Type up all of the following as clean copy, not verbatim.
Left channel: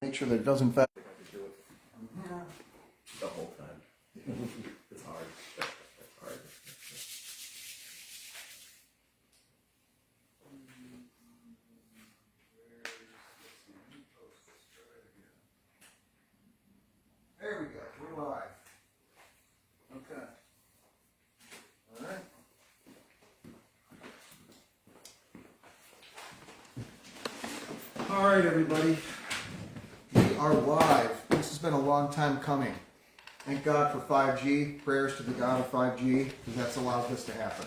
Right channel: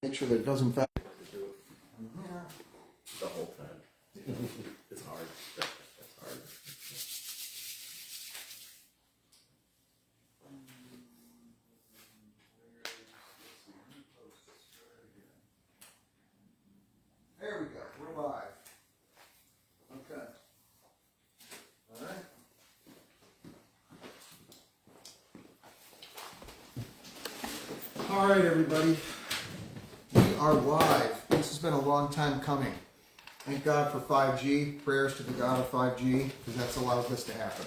Make sure that it doesn't affect. The whole time. It's hard. It's hard. There we go. We're live. Okay. All right. All right, everybody. We are live. This has been a long time coming. Thank God for 5G. Prayers to the God of 5G, because that's allowed this to happen.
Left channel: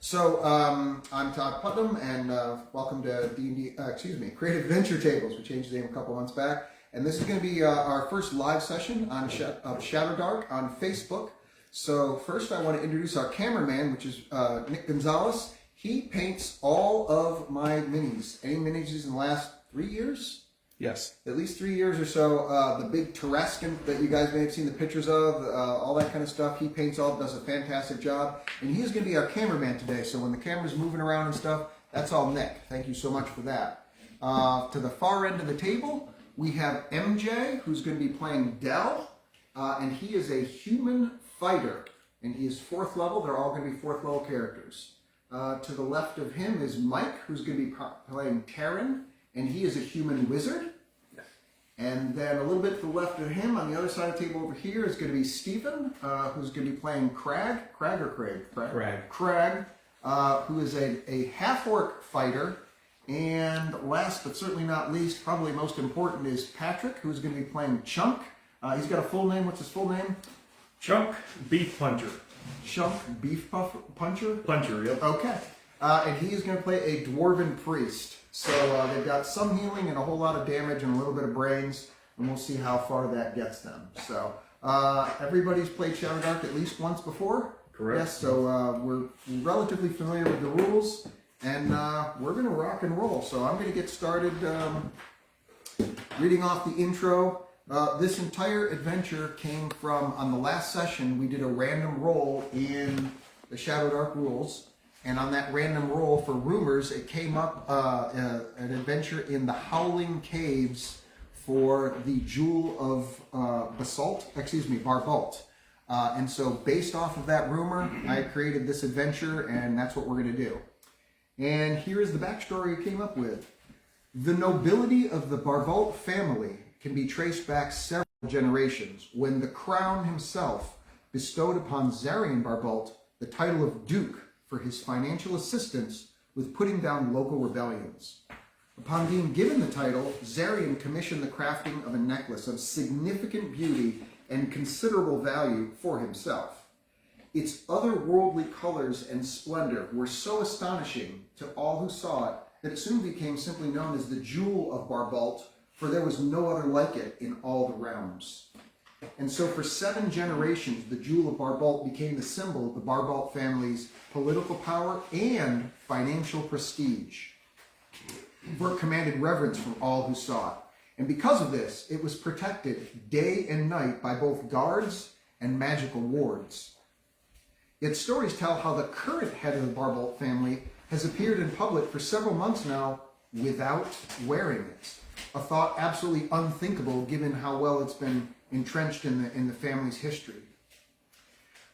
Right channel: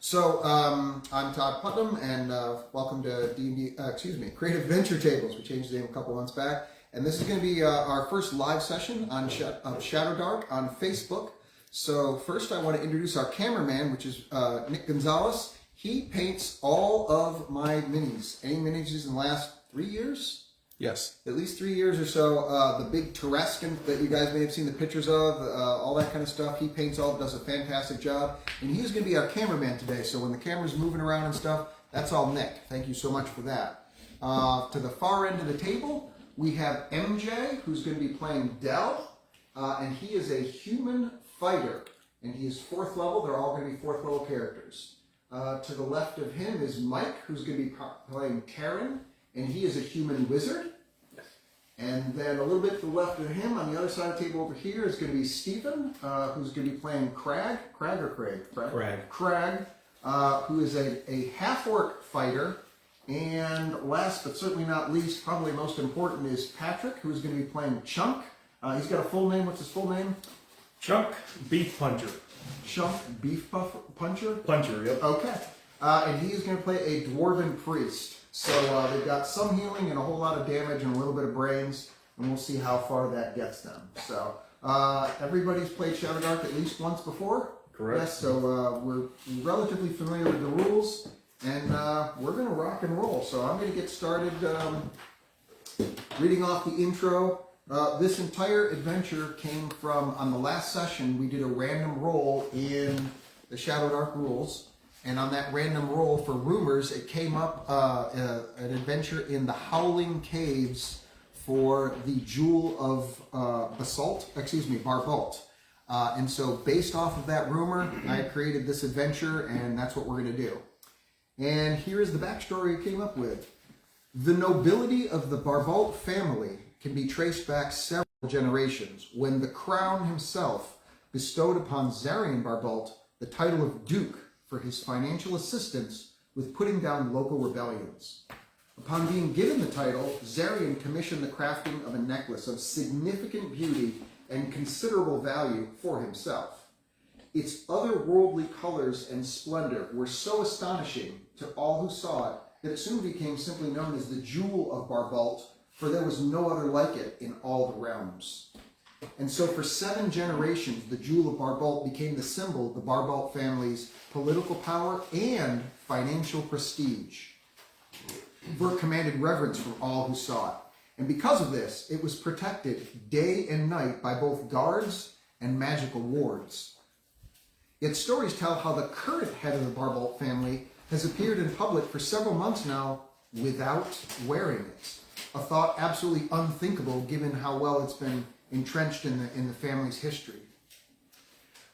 So, I'm Todd Putnam, and welcome to Creative Adventure Tables. We changed the name a couple months back. And this is going to be our first live session on Shadowdark on Facebook. So first I want to introduce our cameraman, which is Nick Gonzalez. He paints all of my minis. Any minis in the last 3 years? Yes. At least 3 years or so. The big Tarascan that you guys may have seen the pictures of, all that kind of stuff. He paints all, does a fantastic job. And he is going to be our cameraman today. So when the camera's moving around and stuff, that's all Nick. Thank you so much for that. To the far end of the table, we have MJ, who's going to be playing Dell, and he is a human fighter, and he is 4th level. They're all going to be 4th level characters. To the left of him is Mike, who's going to be playing Karen, and he is a human wizard. Yes. And then a little bit to the left of him, on the other side of the table over here, is going to be Stephen, who's going to be playing Crag, who is a half-orc fighter. And last but certainly not least, probably most important, is Patrick, who's going to be playing Chunk. He's got a full name. What's his full name? Chunk Beef Puncher. Chunk Beef Puncher? Puncher, yep. Okay. And he is going to play a Dwarven Priest. So they've got some healing and a whole lot of damage and a little bit of brains, and we'll see how far that gets them. So everybody's played Shadowdark at least once before? Correct. Yes, so we're relatively familiar with the rules. And we're going to rock and roll. So I'm going to get started reading off the intro. This entire adventure came from, on the last session, we did a random roll in the Shadowdark rules. And on that random roll for rumors, it came up an adventure in the Howling Caves for the Jewel of Barbalt. And so based off of that rumor, I created this adventure, and that's what we're going to do. And here is the backstory I came up with. The nobility of the Barbalt family can be traced back several generations, when the crown himself bestowed upon Zarian Barbalt the title of Duke for his financial assistance with putting down local rebellions. Upon being given the title, Zarian commissioned the crafting of a necklace of significant beauty and considerable value for himself. Its otherworldly colors and splendor were so astonishing to all who saw it that it soon became simply known as the Jewel of Barbalt, for there was no other like it in all the realms. And so for 7 generations, the Jewel of Barbalt became the symbol of the Barbalt family's political power and financial prestige. For it commanded reverence from all who saw it. And because of this, it was protected day and night by both guards and magical wards. Yet stories tell how the current head of the Barbalt family has appeared in public for several months now without wearing it. A thought absolutely unthinkable given how well it's been entrenched in the family's history.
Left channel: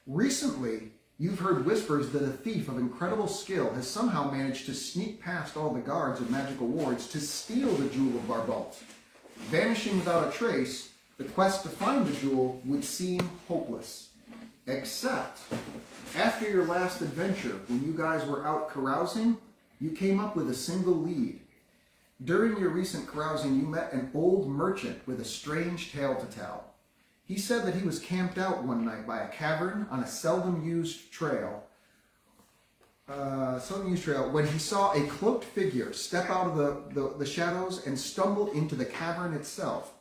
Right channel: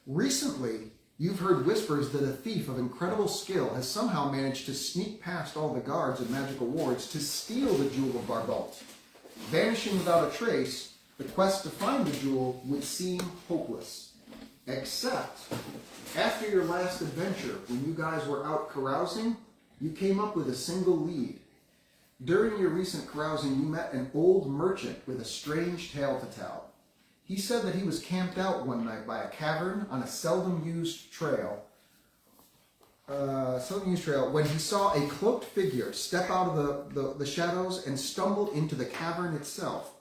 Recently, you've heard whispers that a thief of incredible skill has somehow managed to sneak past all the guards and magical wards to steal the Jewel of Barbalt. Vanishing without a trace, the quest to find the jewel would seem hopeless. Except, after your last adventure, when you guys were out carousing, you came up with a single lead. During your recent carousing, you met an old merchant with a strange tale to tell. He said that he was camped out one night by a cavern on a seldom used trail when he saw a cloaked figure step out of the shadows and stumble into the cavern itself.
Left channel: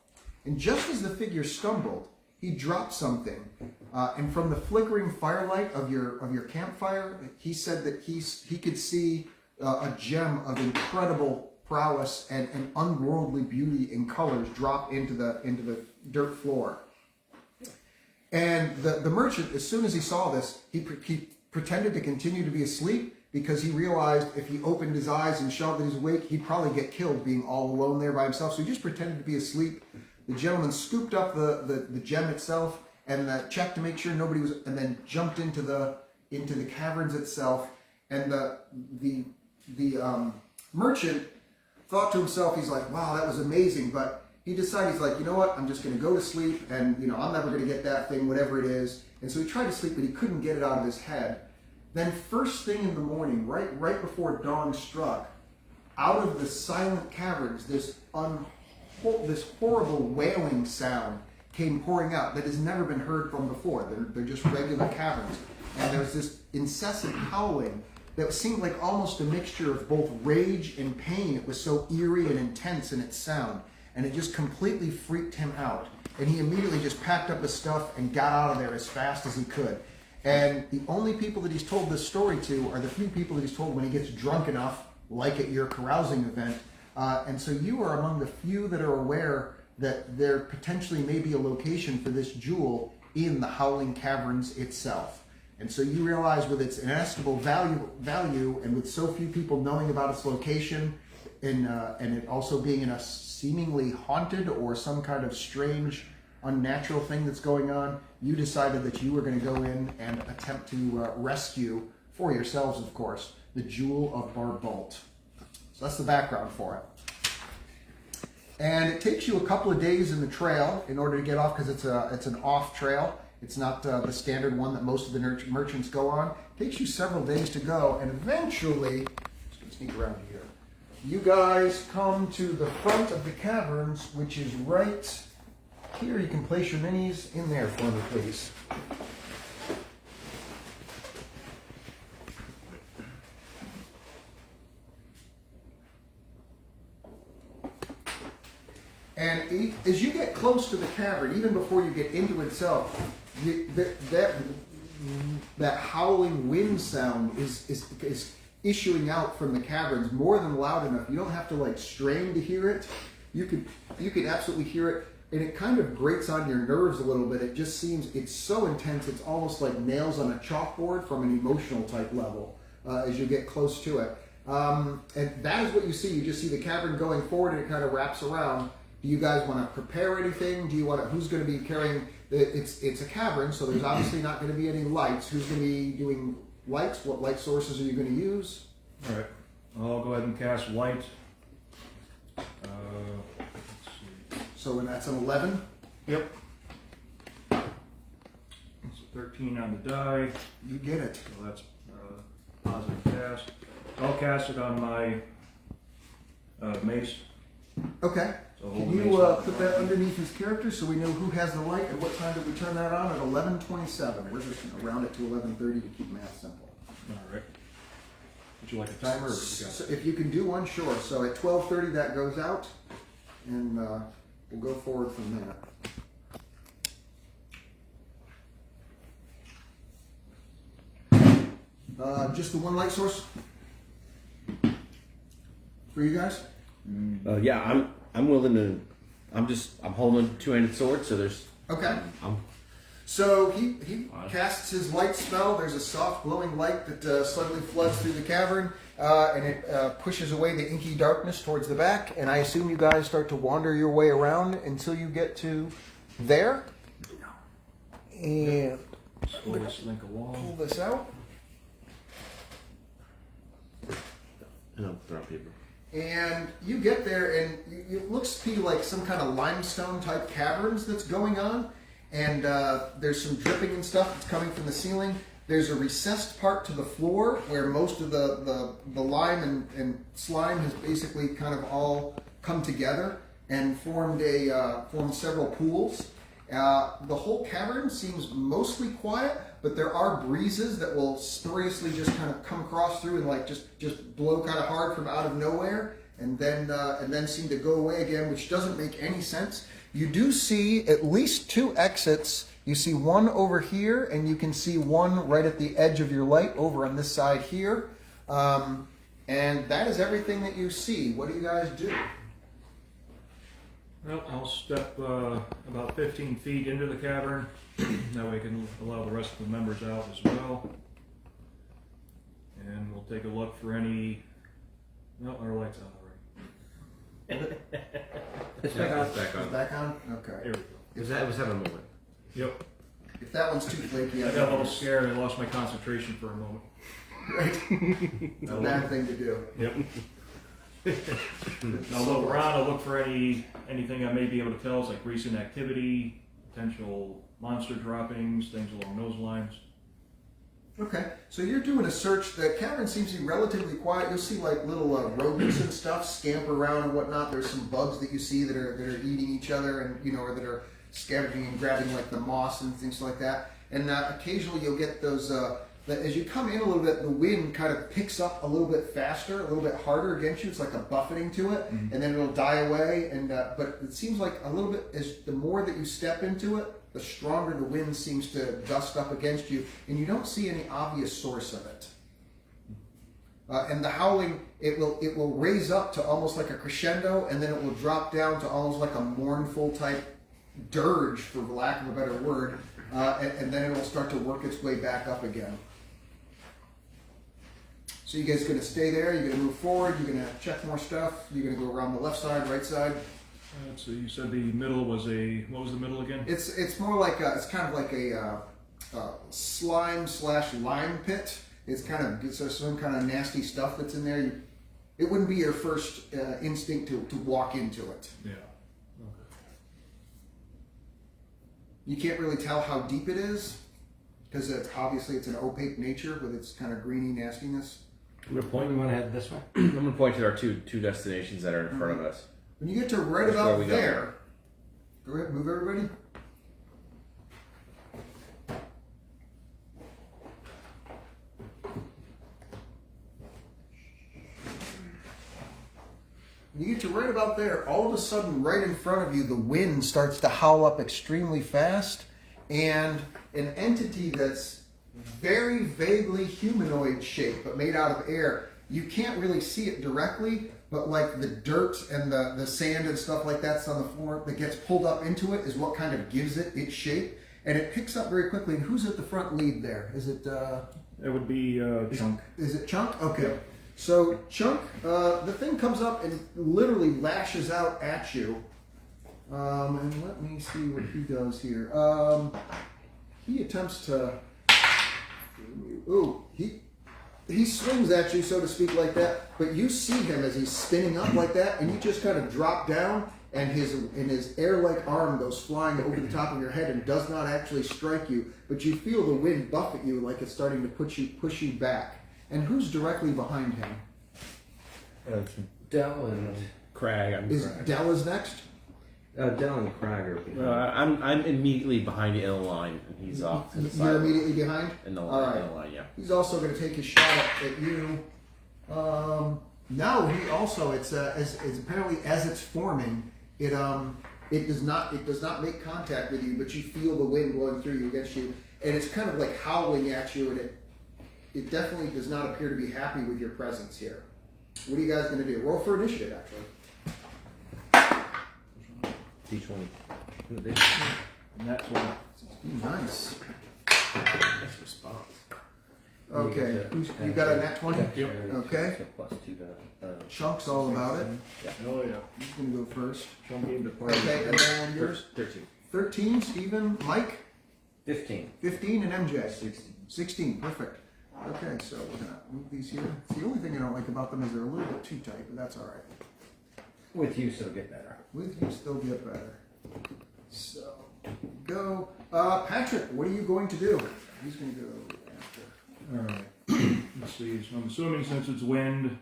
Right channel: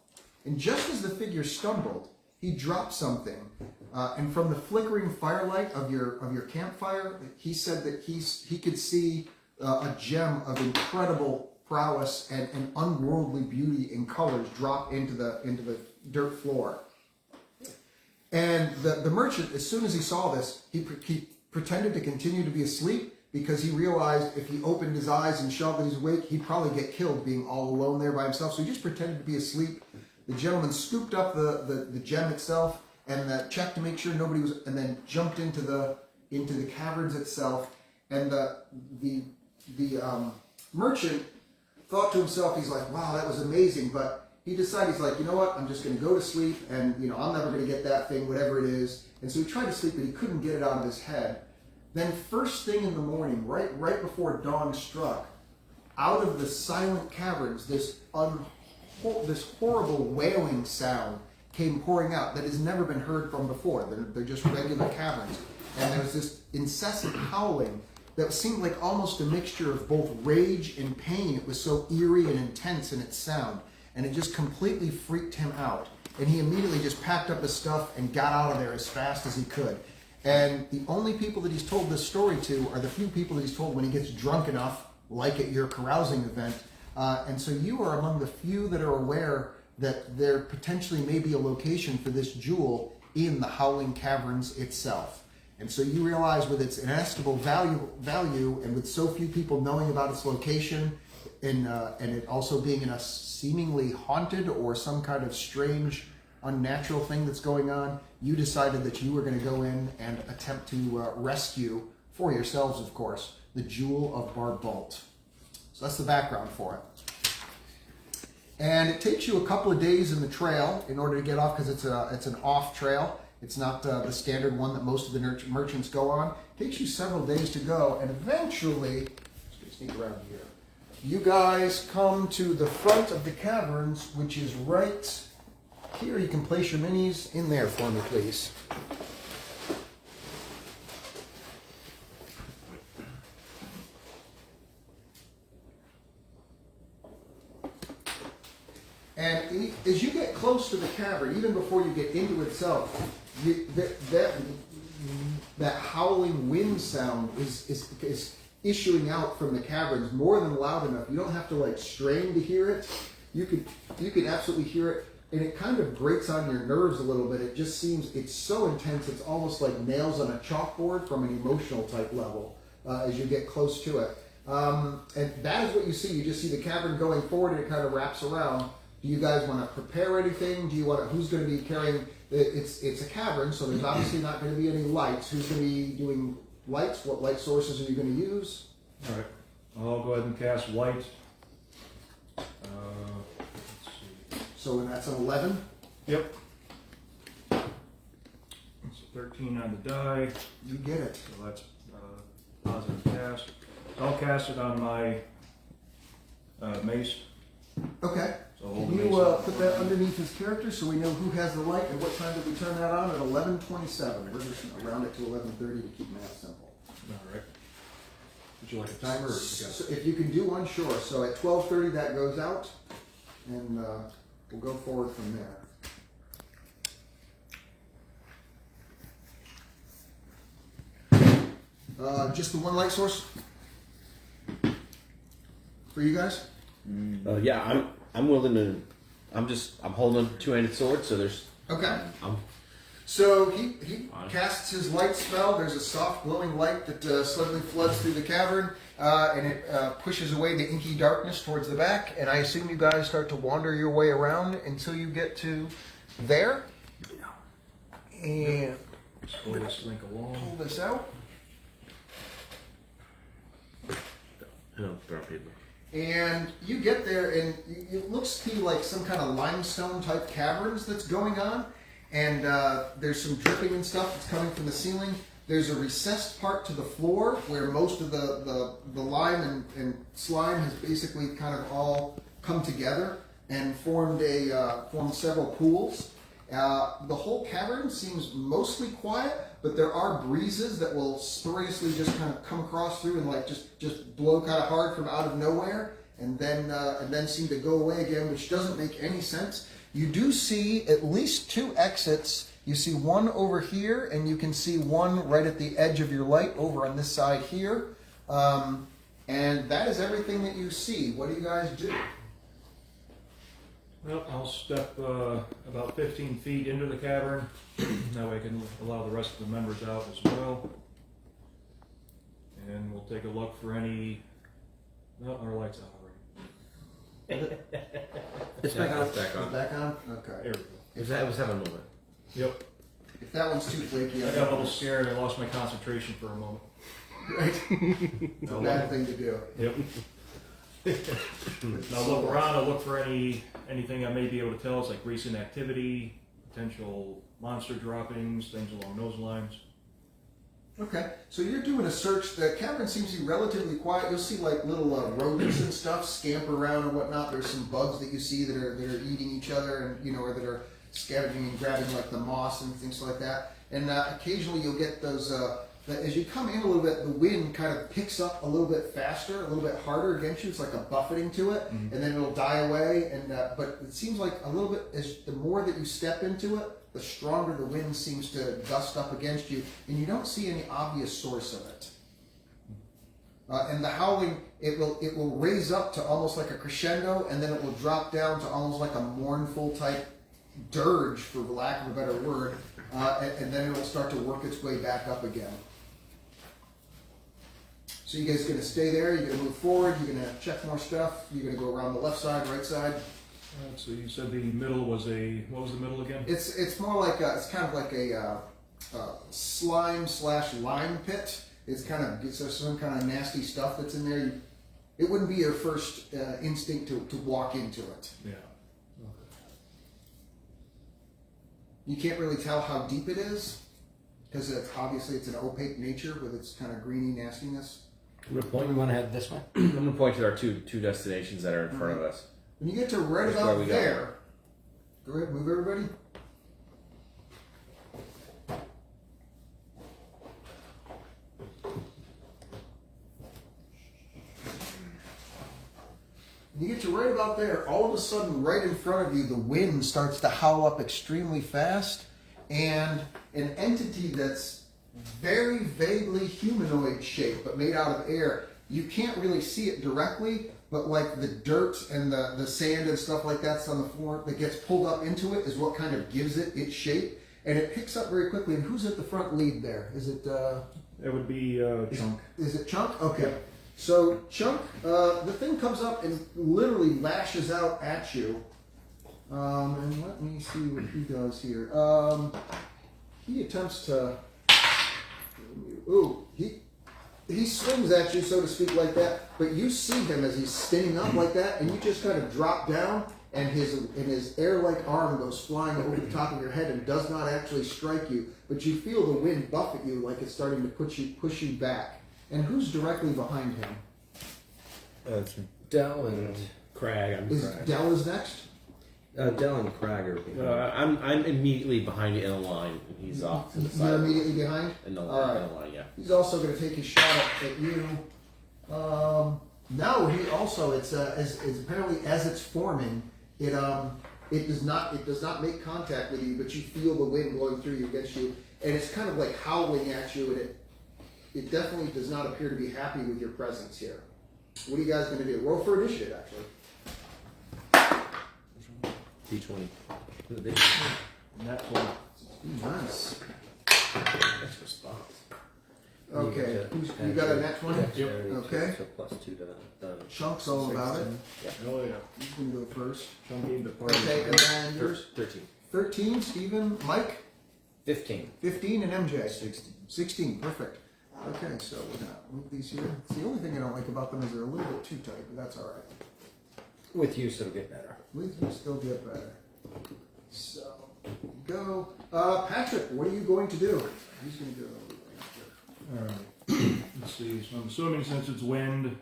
And just as the figure stumbled, he dropped something, and from the flickering firelight of your campfire, he said that he could see a gem of incredible prowess and unworldly beauty and colors drop into the dirt floor. And the merchant, as soon as he saw this, he pretended to continue to be asleep because he realized if he opened his eyes and shouted that he's awake, he'd probably get killed being all alone there by himself. So he just pretended to be asleep. The gentleman scooped up the gem itself and checked to make sure nobody was, and then jumped into the caverns itself. And the merchant thought to himself, he's like, wow, that was amazing. But he decided, he's like, you know what, I'm just going to go to sleep, and I'm never going to get that thing, whatever it is. And so he tried to sleep, but he couldn't get it out of his head. Then first thing in the morning, right before dawn struck, out of the silent caverns, this horrible wailing sound came pouring out that has never been heard from before. They're just regular caverns. And there was this incessant howling that seemed like almost a mixture of both rage and pain. It was so eerie and intense in its sound. And it just completely freaked him out. And he immediately just packed up his stuff and got out of there as fast as he could. And the only people that he's told this story to are the few people that he's told when he gets drunk enough, like at your carousing event. And so you are among the few that are aware that there potentially may be a location for this jewel in the Howling Caverns itself. And so you realize with its inestimable value and with so few people knowing about its location and it also being in a seemingly haunted or some kind of strange unnatural thing that's going on, you decided that you were going to go in and attempt to rescue, for yourselves of course, the Jewel of Barbalt. So that's the background for it. And it takes you a couple of days in the trail in order to get off, because it's an off trail. It's not the standard one that most of the merchants go on. It takes you several days to go, and eventually, just gonna sneak around here, you guys come to the front of the caverns, which is right here. You can place your minis in there for me, please. And as you get close to the cavern, even before you get into itself, that howling wind sound is issuing out from the caverns more than loud enough. You don't have to like strain to hear it. You could absolutely hear it, and it kind of grates on your nerves a little bit. It just seems, it's so intense, it's almost like nails on a chalkboard from an emotional type level as you get close to it. And that is what you see. You just see the cavern going forward, and it kind of wraps around. Do you guys want to prepare anything? Do you want to, who's going to be carrying, it's a cavern, so there's obviously not going to be any lights. Who's going to be doing lights? What light sources are you going to use? All right, I'll go ahead and cast light. Let's see. So that's an 11? Yep. It's a 13 on the die. You get it. So that's positive cast. I'll cast it on my mace. Okay. So hold Can the you mace up. put that underneath his character so we know who has the light and what time did we turn that on? At 11:27. We're just going to round it to 11:30 to keep math simple. All right. Would you like a timer, or you got So if you can do one, sure. So at 12:30 that goes out, and we'll go forward from there. Just the one light source for you guys? Yeah, I'm willing to. I'm holding a two-handed sword, so there's. Okay. I'm So he casts his light spell. There's a soft glowing light that suddenly floods through the cavern, and it pushes away the inky darkness towards the back. And I assume you guys start to wander your way around until you get to there. And pull this link along? pull this out. I don't throw people. And you get there, and it looks to you like some kind of limestone type caverns that's going on. And there's some dripping and stuff that's coming from the ceiling. There's a recessed part to the floor where most of the lime and slime has basically kind of all come together and formed several pools. The whole cavern seems mostly quiet, but there are breezes that will spuriously just kind of come across through and like just blow kind of hard from out of nowhere, and then seem to go away again, which doesn't make any sense. You do see at least two exits. You see one over here, and you can see one right at the edge of your light over on this side here. And that is everything that you see. What do you guys do? Well, I'll step about 15 feet into the cavern. That way I can allow the rest of the members out as well. and we'll take a look for any. No, our light's on already. It's back on. Back on. Back on? Okay. There we go. It was having a moment. Yep. If that one's too flaky, I got a little scared. I lost my concentration for a moment. it's a bad thing to do. Yep. I'll look around. I'll look for anything I may be able to tell us, like recent activity, potential monster droppings, things along those lines. Okay, so you're doing a search. The cavern seems to be relatively quiet. You'll see like little rodents and stuff scamper around and whatnot. There's some bugs that you see that are eating each other, and or that are scavenging and grabbing like the moss and things like that. And occasionally you'll get those. As you come in a little bit, the wind kind of picks up a little bit faster, a little bit harder against you. It's like a buffeting to it, and then it'll die away. And but it seems like a little bit as the more that you step into it, the stronger the wind seems to gust up against you, and you don't see any obvious source of it. And the howling, it will raise up to almost like a crescendo, and then it will drop down to almost like a mournful type dirge, for lack of a better word, and then it will start to work its way back up again. So you guys going to stay there? You're going to move forward? You're going to check more stuff? You're going to go around the left side, right side? Let's see. You said the middle was what was the middle again? It's more like it's kind of like a slime/lime pit. It's some kind of nasty stuff that's in there. It wouldn't be your first instinct to walk into it. Yeah. You can't really tell how deep it is because obviously it's an opaque nature with its kind of greeny nastiness. I'm gonna point. You want to head this way? I'm gonna point to our two destinations that are in front of us. When you get to right That's where about we go. there, go ahead, move everybody. When you get to right about there, all of a sudden, right in front of you, the wind starts to howl up extremely fast, and an entity that's very vaguely humanoid shaped, but made out of air. You can't really see it directly, but like the dirt and the sand and stuff like that's on the floor that gets pulled up into it is what kind of gives it its shape, and it picks up very quickly. And who's at the front lead there? Is it? It would be Chunk. Is it Chunk? Okay. So Chunk, the thing comes up and literally lashes out at you. And let me see what he does here. He attempts to. Ooh, he swings at you, so to speak, like that. But you see him as he's spinning up like that, and you just kind of drop down, and his air-like arm goes flying over the top of your head and does not actually strike you. But you feel the wind buffet you like it's starting to push you back. And who's directly behind him? It's Dell and Crag. Dell is next? Dell and Crag are behind. I'm immediately behind you in a line, and he's off to the side. You're immediately behind? In the All right. line, yeah. He's also going to take his shot at you. No, he also it's apparently as it's forming, it does not make contact with you, but you feel the wind blowing through you against you, and it's kind of like howling at you, and it definitely does not appear to be happy with your presence here. What are you guys going to do? Roll for initiative, actually. D20. Nat 20. Nice. Nice response. Okay, you got a nat 20? Yep. Okay. So plus 2 to Chunk's all about it. Oh yeah. He's going to go first. Chunk gave the party. Okay, and then yours? 13. 13, Stephen, Mike, 15. 15, and MJ. 16. 16, perfect. Okay, so we're going to move these here. The only thing I don't like about them is they're a little bit too tight, but that's all right. With use, it'll get better. With you, still get better. So, go. Patrick, what are you going to do? Who's going to go after? Alright. Let's see. So I'm assuming since it's wind,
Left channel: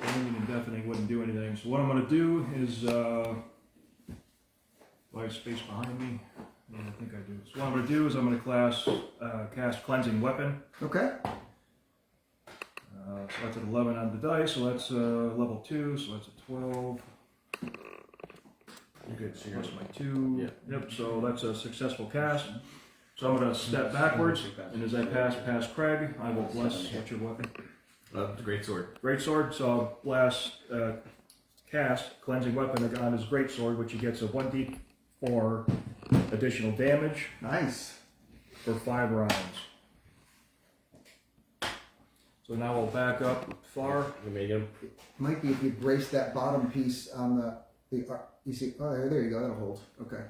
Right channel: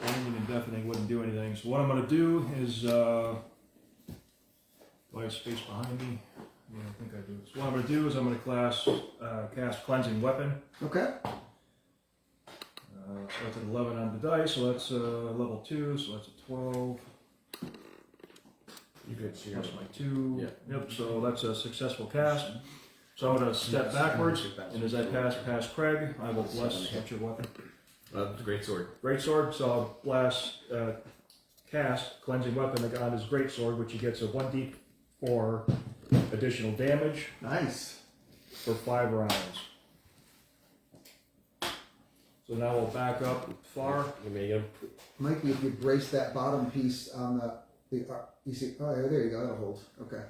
ringing and deafening wouldn't do anything. So what I'm going to do is, do I have space behind me? Yeah, I think I do. So what I'm going to do is I'm going to cast Cleansing Weapon. Okay. That's at 11 on the dice, so that's level 2, so that's a 12. You're good. So you're Plus my 2. Yeah. Yep, so that's a successful cast. So I'm going to step backwards, and as I pass past Craig, I will bless. What's your weapon? the great sword. Great sword, so I'll blast, cast Cleansing Weapon on his great sword, which he gets a 1d4 additional damage Nice. for 5 rounds. So now we'll back up far. Let me go. Might be if you brace that bottom piece on you see, oh, there you go, that'll hold. Okay.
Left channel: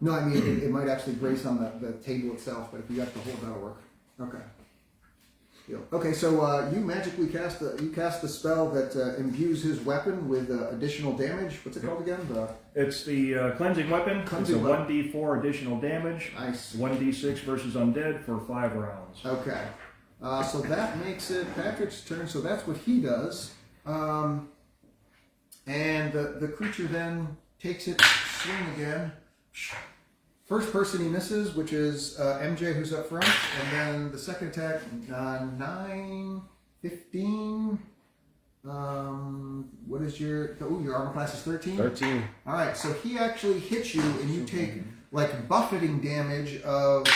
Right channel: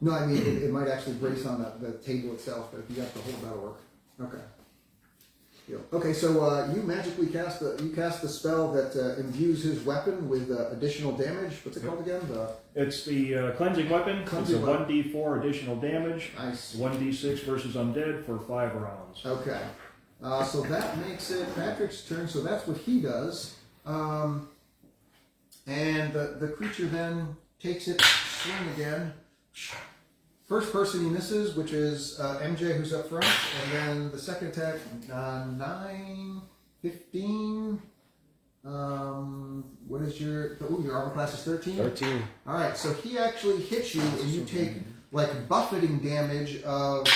No, I mean, it might actually brace on the table itself, but if you have to hold, that'll work. Okay. Deal. Okay, so you magically cast the spell that imbues his weapon with additional damage. What's it called again? It's the cleansing weapon. Cleansing It's a weapon. 1d4 additional damage. Nice. 1d6 versus undead for 5 rounds. Okay. So that makes it Patrick's turn, so that's what he does. And the creature then takes its swing again. First person he misses, which is MJ, who's up front, and then the second attack, 9, 15. What is your armor class is 13? 13. All right, so he actually hits you, and you take like buffeting damage of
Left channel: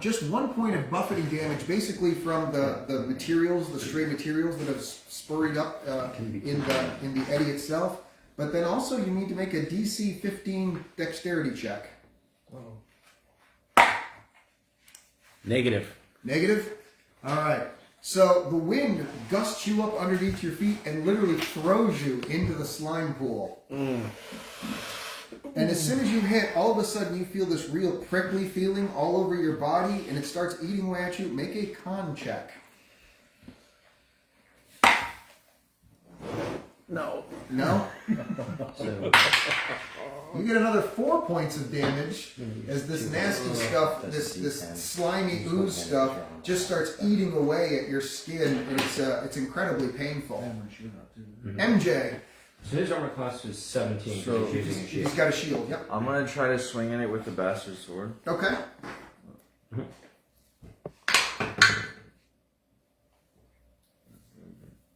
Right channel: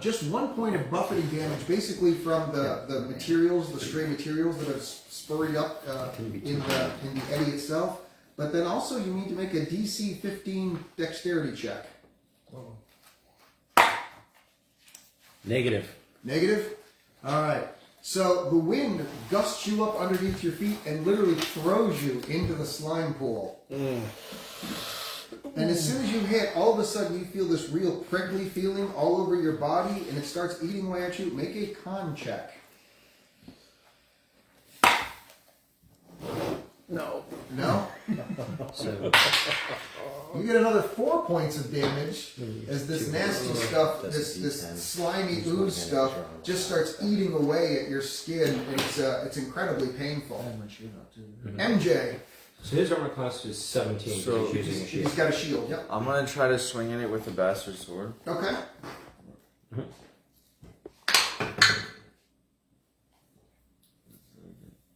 just 1 point of buffeting damage, basically from the materials, the stray materials that have spurred up in the eddy itself. But then also you need to make a DC 15 dexterity check. Negative. Negative? All right. So the wind gusts you up underneath your feet and literally throws you into the slime pool. And as soon as you hit, all of a sudden you feel this real prickly feeling all over your body, and it starts eating away at you. Make a con check. No. No? So, You get another 4 points of damage as this nasty stuff, this slimy ooze stuff, just starts eating away at your skin, and it's incredibly painful. MJ, So his armor class is 17. So- he's using a shield. he's got a shield. Yep. I'm gonna try to swing at it with the bastard sword. Okay.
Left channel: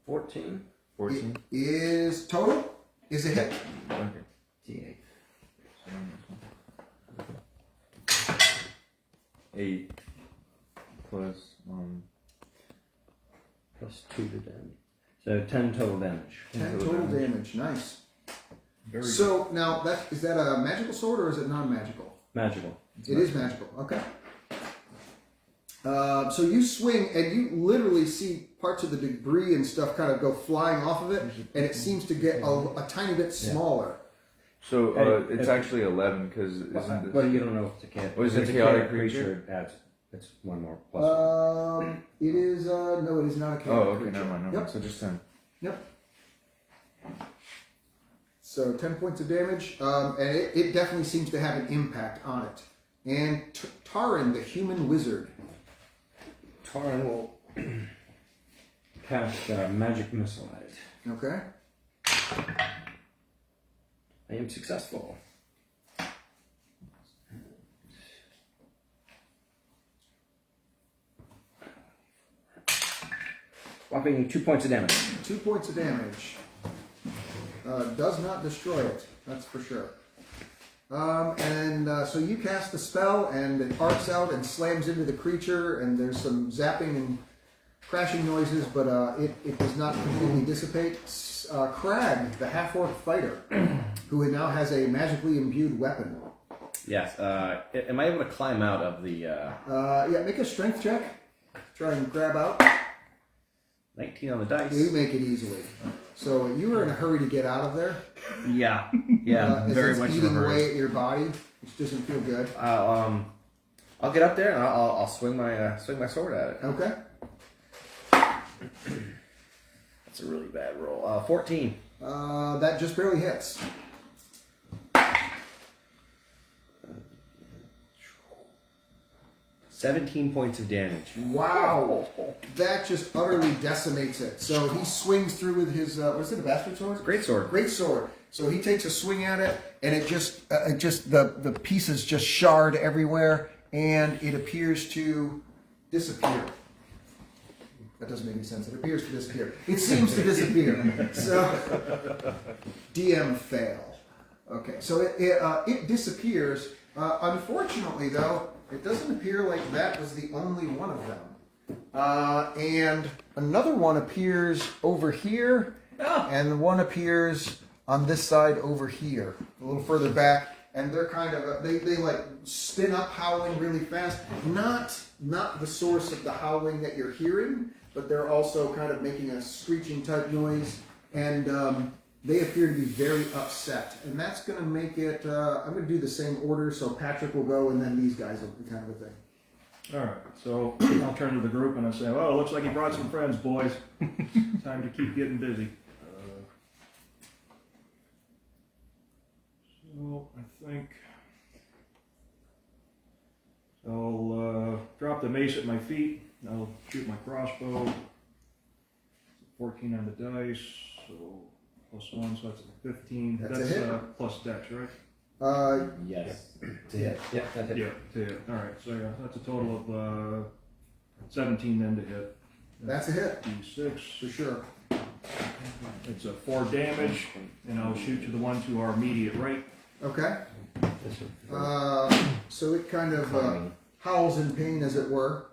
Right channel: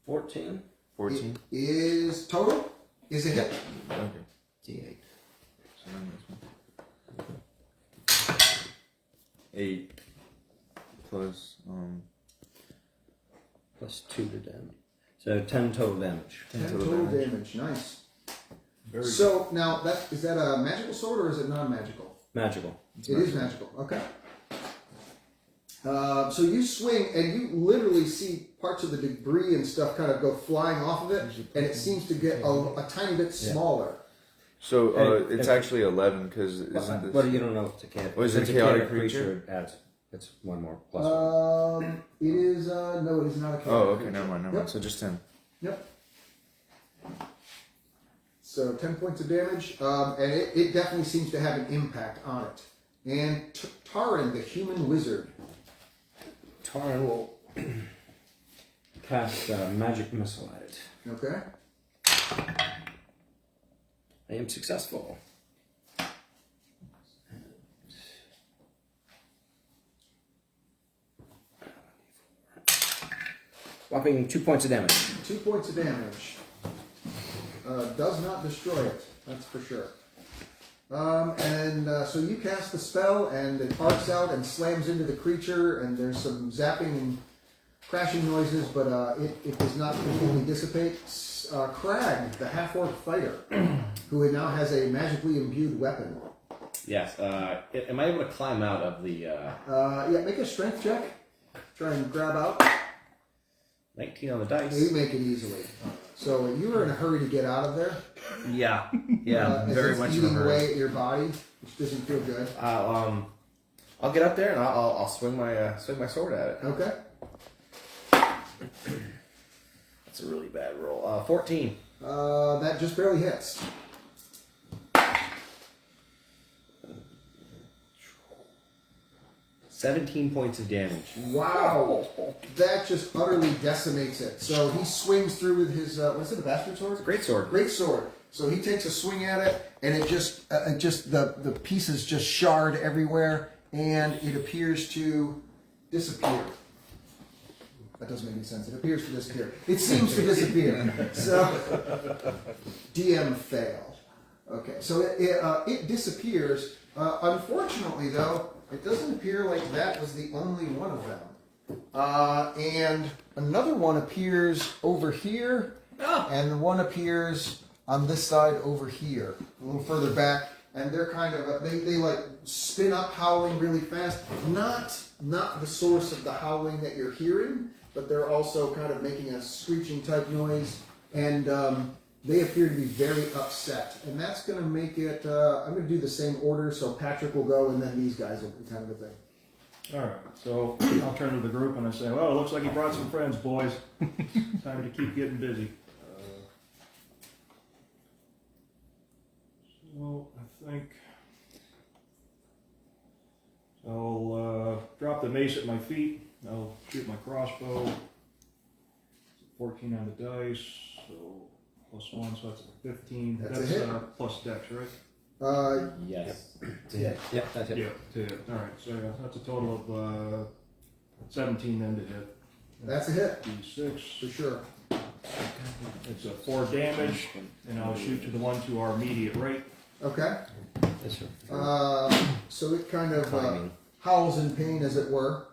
$14. It is total. Is a hit. Okay. D8. 8 plus Plus 2 to damage. So 10 total damage. 10 total damage. Nice. So now is that a magical sword or is it non-magical? Magical. It is magical. Okay. So you swing and you literally see parts of the debris and stuff kind of go flying off of it, and it seems to get a tiny bit smaller. So it's actually 11 because isn't this? Well, you don't know if it's a chaotic. Was it a chaotic creature? That's one more plus. It is no, it is not a chaotic Oh, okay, creature. never mind. Yep. So just 10. Yep. So 10 points of damage, and it definitely seems to have an impact on it. And Taran, the human wizard. Taran will cast magic missile at it. Okay. I am successful. Whopping 2 points of damage. 2 points of damage. Does not destroy it, that's for sure. So you cast the spell, and it arcs out and slams into the creature, and there's some zapping and crashing noises, but it does not completely dissipate. Crag, the half-orc fighter, who now has a magically imbued weapon. yes. Am I able to climb out of the... Yeah, make a strength check. Try and grab out. 19 on the dice? You make it easily. So you were in a hurry to get out of there. Yeah. As Very it's much of a eating hurry. away at your body, which doesn't feel good. I'll get up there and I'll swing my sword at it. Okay. That's a really bad roll. 14. That just barely hits. $17 points of damage. Wow. That just utterly decimates it. So he swings through with his, what's it, a bastard sword? Great sword. Great sword. So he takes a swing at it, and it just the pieces just shard everywhere, and it appears to disappear. That doesn't make any sense. It appears to disappear. It seems to disappear. So, DM fail. Okay, so it disappears. Unfortunately, though, it doesn't appear like that was the only one of them. And another one appears over here, and one appears on this side over here, a little further back. and they're kind of they like spin up howling really fast. Not the source of the howling that you're hearing, but they're also kind of making a screeching type noise, and they appear to be very upset. And that's going to make it. I'm going to do the same order, so Patrick will go, and then these guys will be kind of a thing. All right, so I'll turn to the group and I say, "Well, it looks like you brought some friends, boys. Time to keep getting busy." So I think I'll drop the mace at my feet. I'll shoot my crossbow. 14 on the dice, so +1, so that's a 15. That's a hit. Plus dex, right? Yes. Yeah, that's it. Yeah, to hit. All right, so yeah, that's a total of 17 then to hit. That's a hit D6. for sure. It's a 4 damage, and I'll shoot to the one to our immediate right. Okay. This one. So it kind of howls in pain, as it were.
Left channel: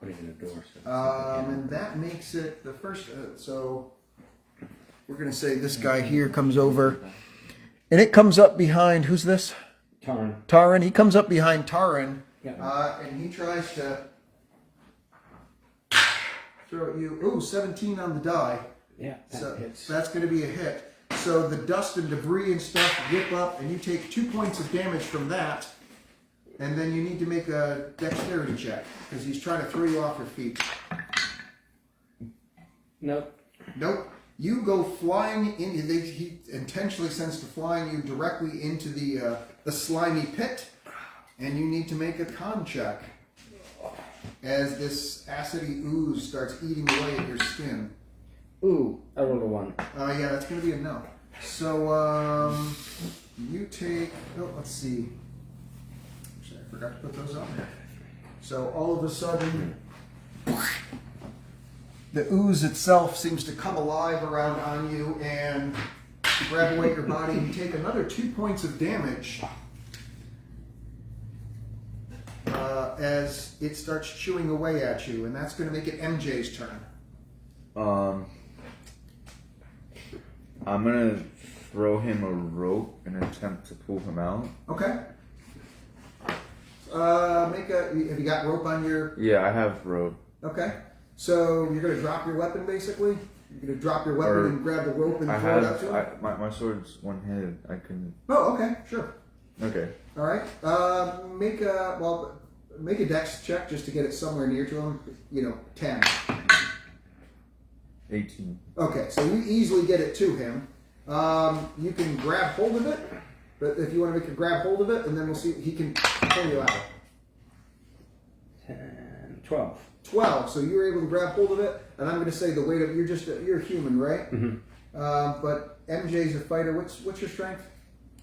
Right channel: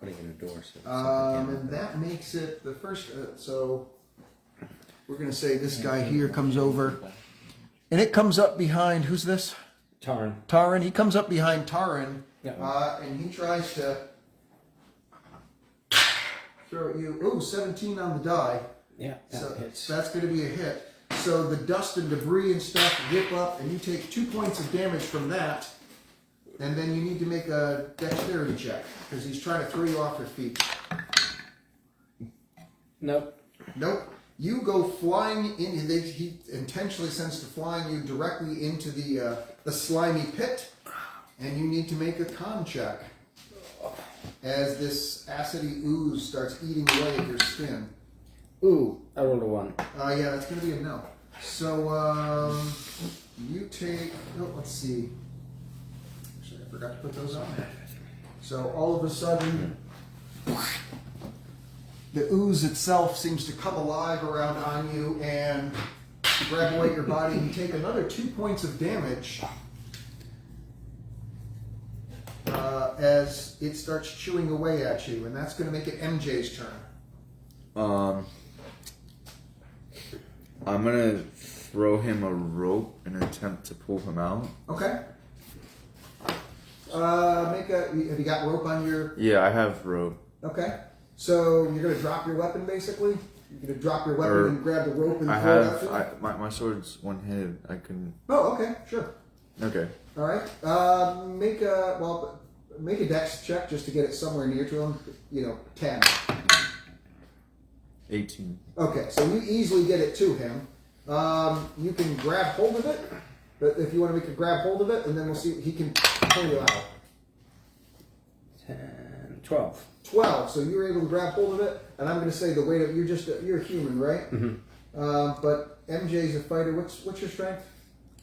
Putting in a door. So And that makes it the first. So we're going to say this guy here comes over. And it comes up behind, who's this? Tarn. Taran. He comes up behind Taran. Yeah. And he tries to throw at you. Ooh, 17 on the die. Yeah, that So hits. that's going to be a hit. So the dust and debris and stuff rip up, and you take 2 points of damage from that. And then you need to make a dexterity check, because he's trying to throw you off your feet. Nope. Nope. You go flying in. He intentionally sends to flying you directly into the slimy pit, and you need to make a con check as this acidy ooze starts eating away at your skin. Ooh, I rolled a 1. Yeah, that's going to be a no. So you take. Oh, let's see. Actually, I forgot to put those on there. So all of a sudden, the ooze itself seems to come alive around on you and grab away your body. You take another 2 points of damage as it starts chewing away at you, and that's going to make it MJ's turn. I'm gonna throw him a rope in an attempt to pull him out. Okay. Have you got rope on your? Yeah, I have rope. Okay. So you're gonna drop your weapon, basically. You're gonna drop your weapon and grab the rope and I throw it out have. to him. My sword's one-handed. I can. Oh, okay, sure. Okay. All right. Make a dex check just to get it somewhere near to him. 10. 18. Okay, so you easily get it to him. You can grab hold of it, but if you want to make a grab hold of it, and then we'll see he can pull you out. 10, 12. 12. So you're able to grab hold of it, and I'm going to say the weight of you're human, right? Mm-hmm. But MJ's a fighter. What's your strength?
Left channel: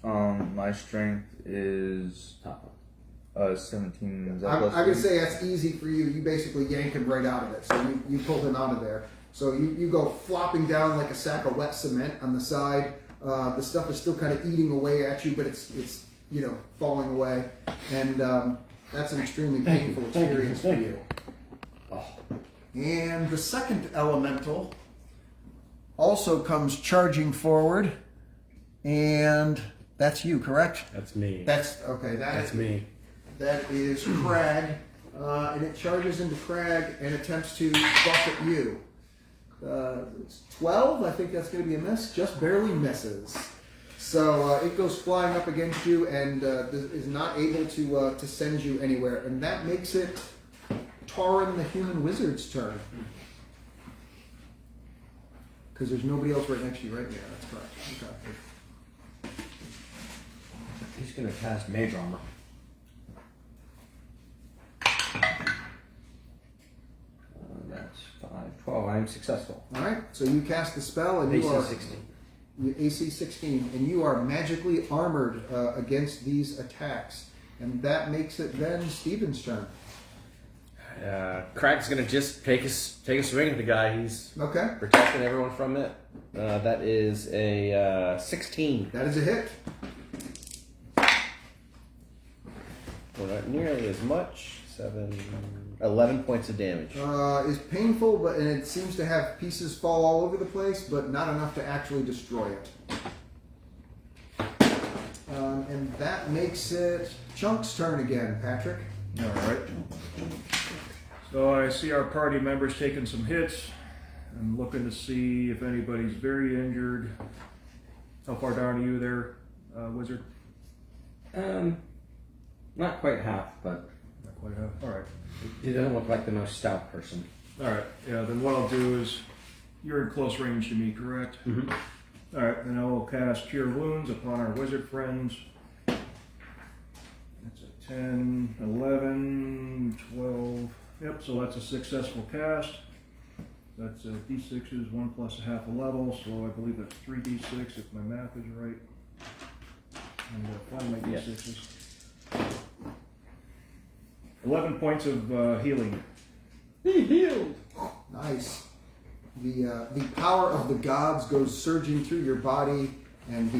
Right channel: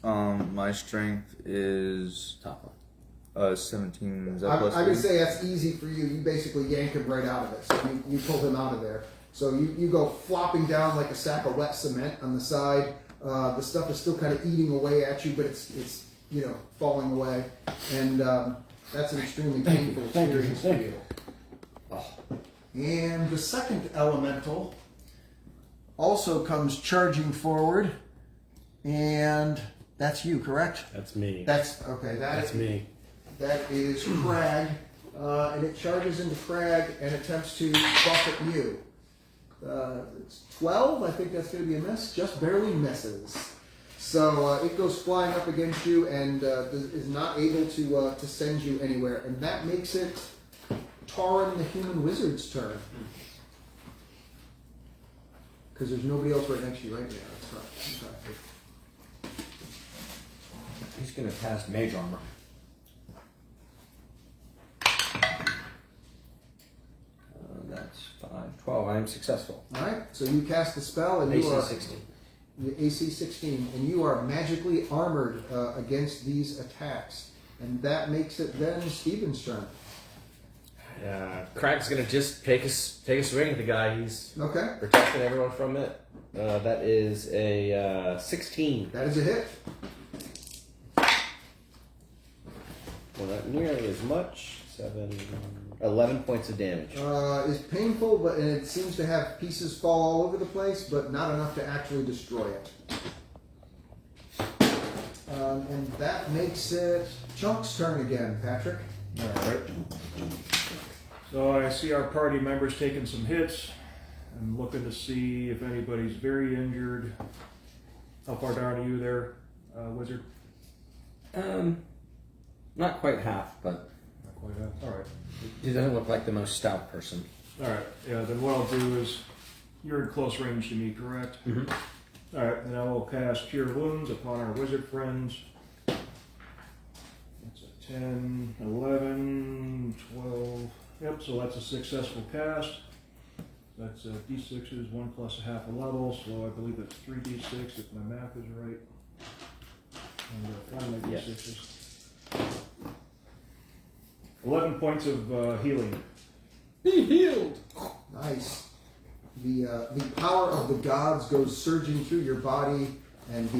My strength is Top 17. Is that I'm plus going to 3? say that's easy for you. You basically yank him right out of it. So you pull him out of there. So you go flopping down like a sack of wet cement on the side. The stuff is still kind of eating away at you, but it's falling away, and that's an extremely painful experience for you. And the second elemental also comes charging forward, and that's you, correct? That's me. That's okay. That's me. That is Crag, and it charges into Crag and attempts to buffet you. It's 12. I think that's going to be a miss. Just barely misses. So it goes flying up against you and is not able to send you anywhere. And that makes it Taran the Human Wizard's turn. Because there's nobody else right next to you right there. That's correct. Okay. He's going to cast Mage Armor. That's 5, 12. I am successful. All right. So you cast the spell and AC you are 16. AC 16, and you are magically armored against these attacks. And that makes it then Stephen's turn. Crack's gonna just take a swing at the guy. He's Okay. protecting everyone from it. That is a 16. That is a hit. Well, not nearly as much. 11 points of damage. Is painful, but and it seems to have pieces fall all over the place, but not enough to actually destroy it. And that makes it Chunk's turn again, Patrick. Alright. So I see our party members taking some hits. I'm looking to see if anybody's very injured. How far down are you there, Wizard? Not quite half, but Not quite half. Alright. he doesn't look like the most stout person. Alright, yeah, then what I'll do is, you're in close range to me, correct? Mm-hmm. Alright, then I will cast Cure Wounds upon our wizard friends. That's a 10, 11, 12. Yep, so that's a successful cast. That's D6s, 1 plus a half a level, so I believe that's 3D6 if my math is right. And find my Yes. D6s. 11 points of healing. Be healed! Nice. The power of the gods goes surging through your body, and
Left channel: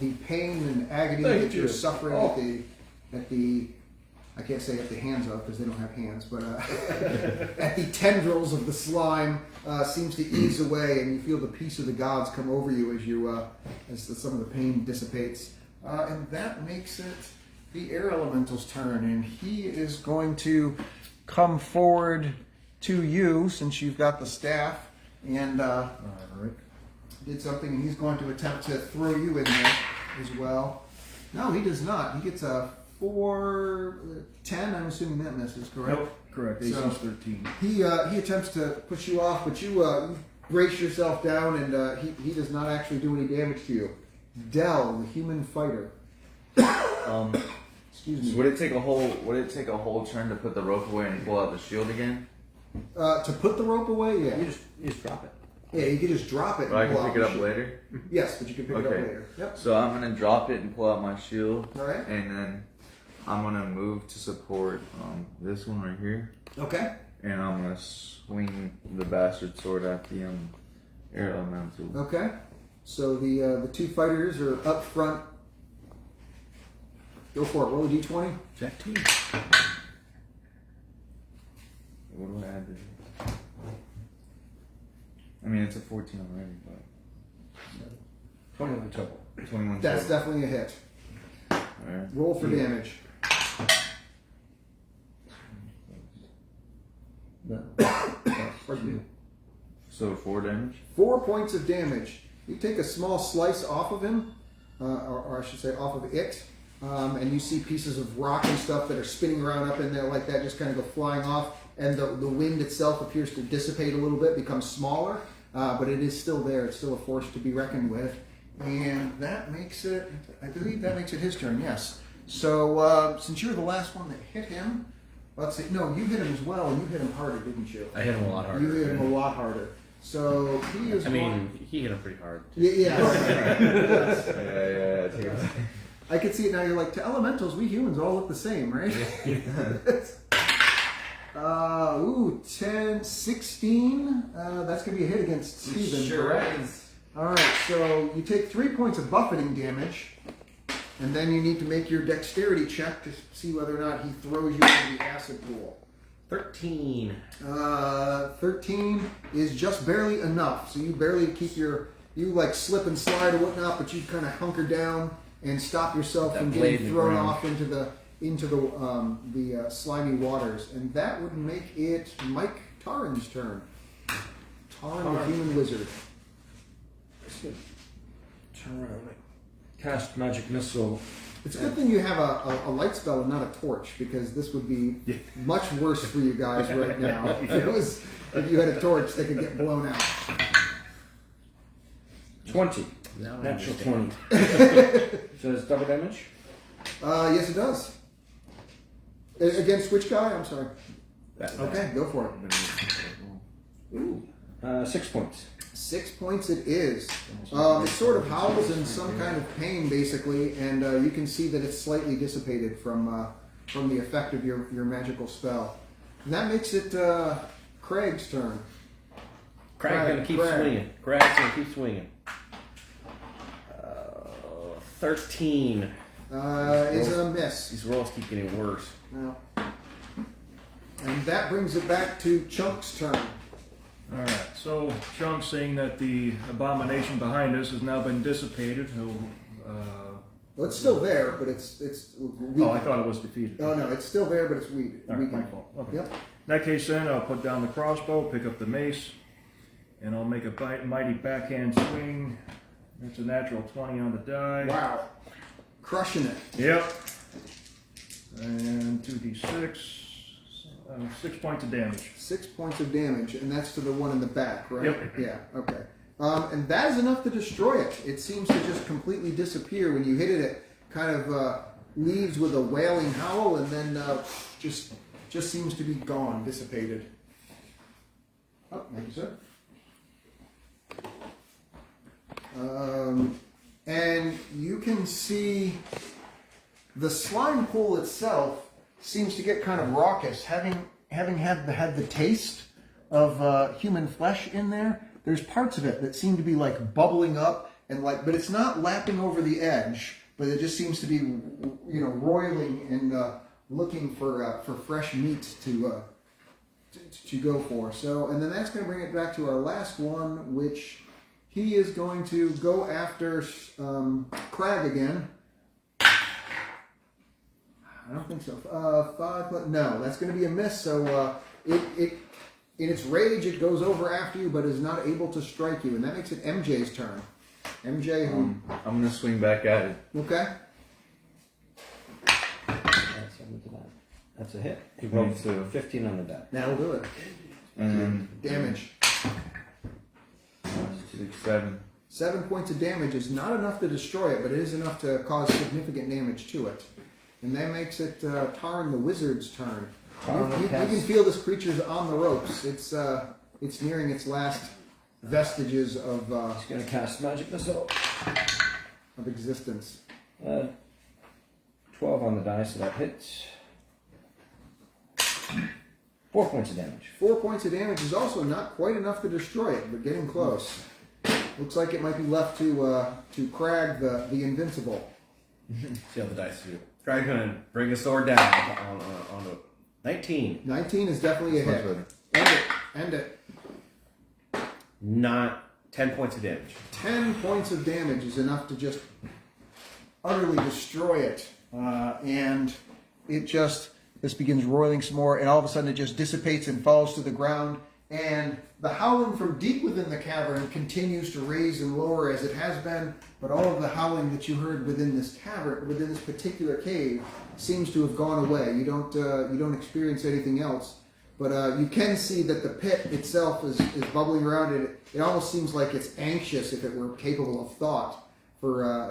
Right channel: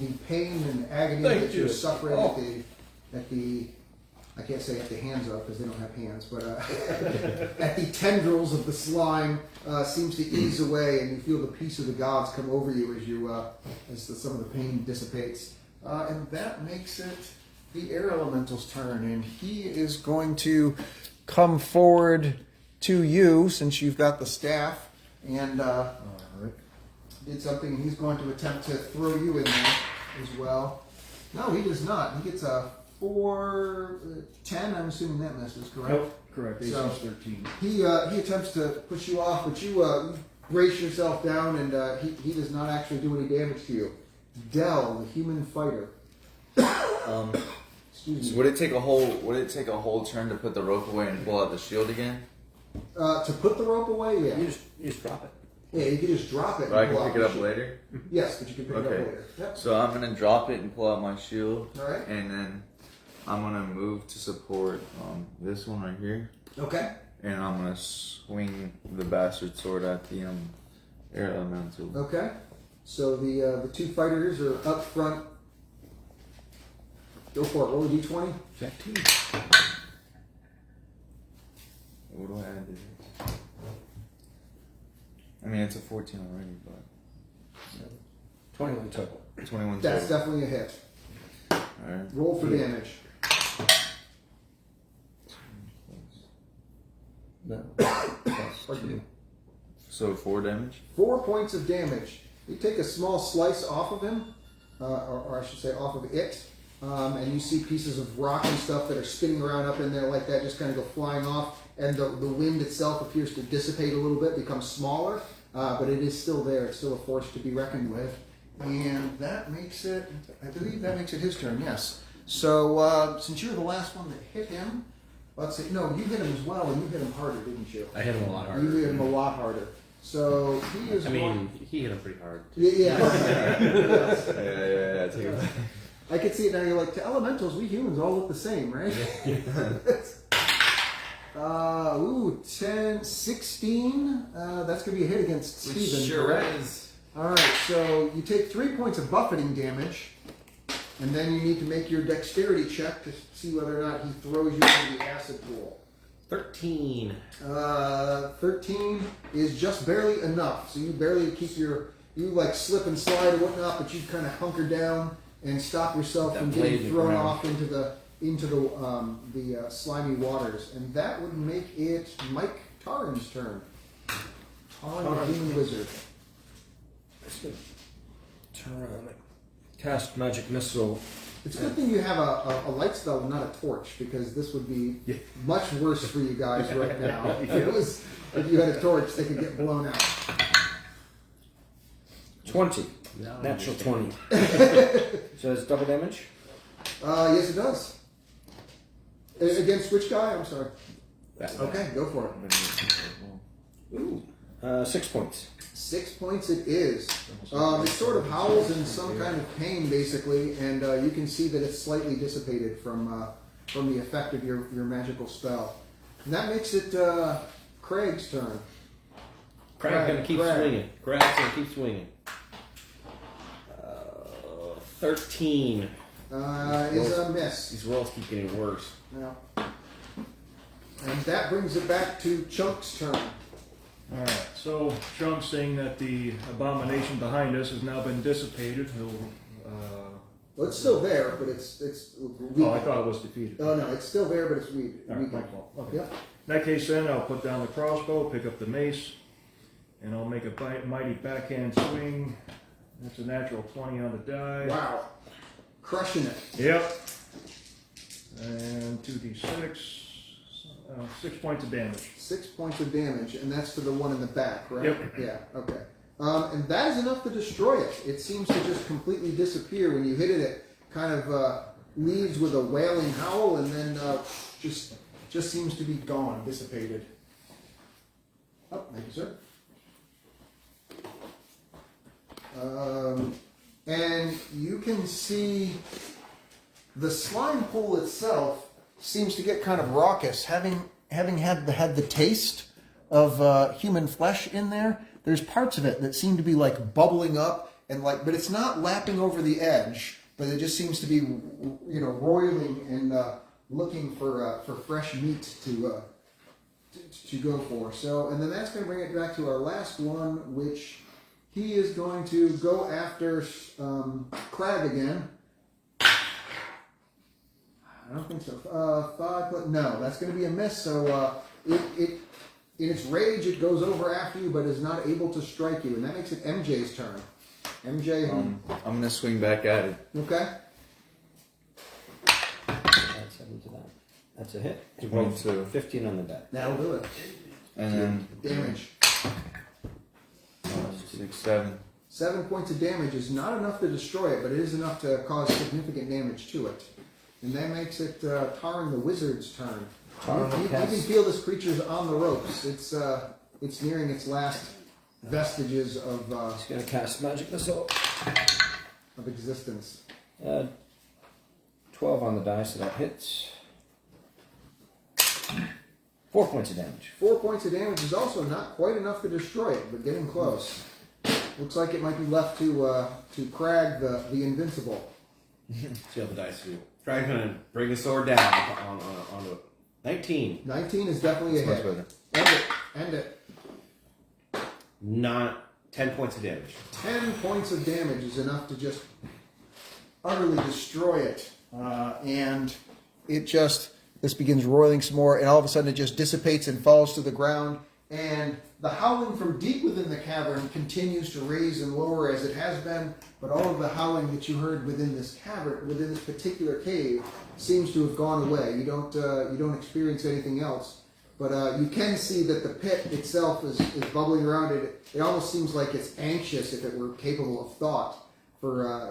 the pain and agony Thank that you're you. suffering Oh. at the I can't say at the hands of because they don't have hands, but at the tendrils of the slime seems to ease away, and you feel the peace of the gods come over you as some of the pain dissipates, and that makes it the air elemental's turn, and he is going to come forward to you since you've got the staff and did something, and he's going to attempt to throw you in there as well. No, he does not. He gets a 4, 10. I'm assuming that misses, correct? Nope, correct. AC's So- 13. He attempts to push you off, but you brace yourself down, and he does not actually do any damage to you. Dell, the human fighter. Excuse So me. would it take a whole turn to put the rope away and pull out the shield again? To put the rope away, yeah. You just drop it. Yeah, you can just drop it. But I and can pull pick it out up the later. shield. Yes, but you can pick it up Okay. later. Yep. So I'm gonna drop it and pull out my shield, All right. and then I'm gonna move to support this one right here, Okay. and I'm gonna swing the bastard sword at the air elemental. Okay. So the two fighters are up front. Go for it. Roll a d20. Jack 2. What do I add to this? I mean, it's a 14 already, but 21 total. 21 That's total. definitely a hit. Alright. Roll for damage. No. Plus 2. So 4 damage. 4 points of damage. You take a small slice off of him, or I should say off of it, and you see pieces of rock and stuff that are spinning around up in there like that, just kind of go flying off, and the wind itself appears to dissipate a little bit, become smaller, but it is still there. It's still a force to be reckoned with. And that makes it, I believe that makes it his turn, yes. So since you're the last one that hit him, let's see, no, you hit him as well, and you hit him harder, didn't you? I hit him a lot harder. You hit him a lot harder. So he is I mean, he hit him pretty hard. yeah. Yes. Yeah. Take it. I can see it now. You're like, to elementals, we humans all look the same, right? 10, 16. That's going to be a hit against Steven. Sure is. All right, so you take 3 points of buffeting damage, and then you need to make your dexterity check to see whether or not he throws you into the acid pool. 13. 13 is just barely enough. So you barely keep you like slip and slide or whatnot, but you kind of hunker down and stop yourself from That blade getting is thrown around. off into the slimy waters. And that would make it Mike Taran's turn. Taran, the human wizard. Cast magic missile. It's a good thing you have a light spell and not a torch, because this would be much worse for you guys right now. If you had a torch, they could get blown out. 20. Natural 20. So it's double damage? Yes, it does. Against which guy? I'm sorry. Right. Okay, go for it. Ooh. 6 points. 6 points it is. It sort of howls in some kind of pain, basically, and you can see that it's slightly dissipated from the effect of your magical spell. And that makes it Craig's turn. Craig's gonna keep swinging. Craig's gonna keep swinging. 13. Is a miss. These rolls keep getting worse. No. And that brings it back to Chunk's turn. Alright, so Chunk, saying that the abomination behind us has now been dissipated, he'll Well, it's still there, but it's weak. Oh, I thought it was defeated. Oh no, it's still there, but it's weak. All right, my fault. Okay. Yep. In that case, then I'll put down the crossbow, pick up the mace, and I'll make a mighty backhand swing. That's a natural 20 on the die. Wow, crushing it. Yep. And 2d6, 6 points of damage. 6 points of damage, and that's to the one in the back, right? Yep. Yeah. Okay. And that is enough to destroy it. It seems to just completely disappear when you hit it. It kind of leaves with a wailing howl, and then just seems to be gone, dissipated. Oh, thank you, sir. And you can see the slime pool itself seems to get kind of raucous, having had the taste of human flesh in there. There's parts of it that seem to be like bubbling up and but it's not lapping over the edge, but it just seems to be, roiling and looking for fresh meat to go for. So, and then that's going to bring it back to our last one, which he is going to go after Crag again. I don't think so. 5 foot. No, that's going to be a miss. So it in its rage, it goes over after you, but is not able to strike you, and that makes it MJ's turn. MJ, I'm gonna swing back at it. okay. That's 7 to 9. That's a hit. He rolled 22. 15 on the die. That'll do it. And then Damage. 6, 7. 7 points of damage is not enough to destroy it, but it is enough to cause significant damage to it, and that makes it Tarn the Wizard's turn. You can feel this creature's on the ropes. It's nearing its last vestiges of He's going to cast Magic Missile. of existence. 12 on the die, so that hits. 4 points of damage. 4 points of damage is also not quite enough to destroy it, but getting close. Looks like it might be left to Crag the Invincible. See how the dice do. Crag's gonna bring his sword down on a 19. 19 is definitely a Much hit. better. End it. Not 10 points of damage. 10 points of damage is enough to just utterly destroy it. And it just, this begins roiling some more, and all of a sudden it just dissipates and falls to the ground. And the howling from deep within the cavern continues to raise and lower as it has been, but all of the howling that you heard within this cavern, within this particular cave, seems to have gone away. You don't experience anything else, but you can see that the pit itself is bubbling around it. It almost seems like it's anxious, if it were capable of thought.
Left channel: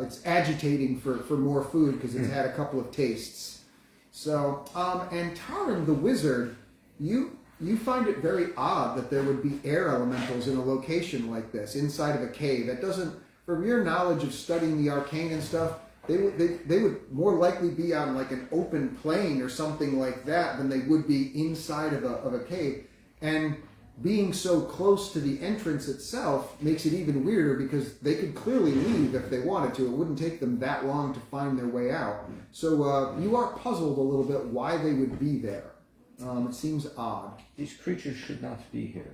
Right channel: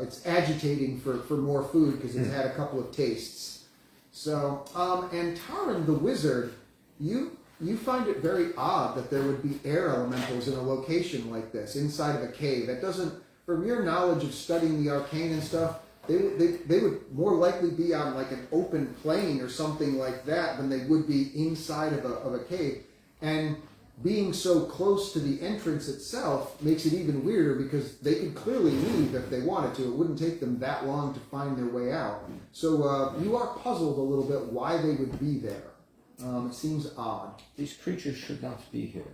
It's agitating for more food because it's had a couple of tastes. So, and Taran the Wizard, you find it very odd that there would be air elementals in a location like this, inside of a cave. That doesn't, from your knowledge of studying the arcane and stuff, they would more likely be on like an open plain or something like that than they would be inside of a cave. And being so close to the entrance itself makes it even weirder because they could clearly leave if they wanted to. It wouldn't take them that long to find their way out. So you are puzzled a little bit why they would be there. It seems odd. These creatures should not be here.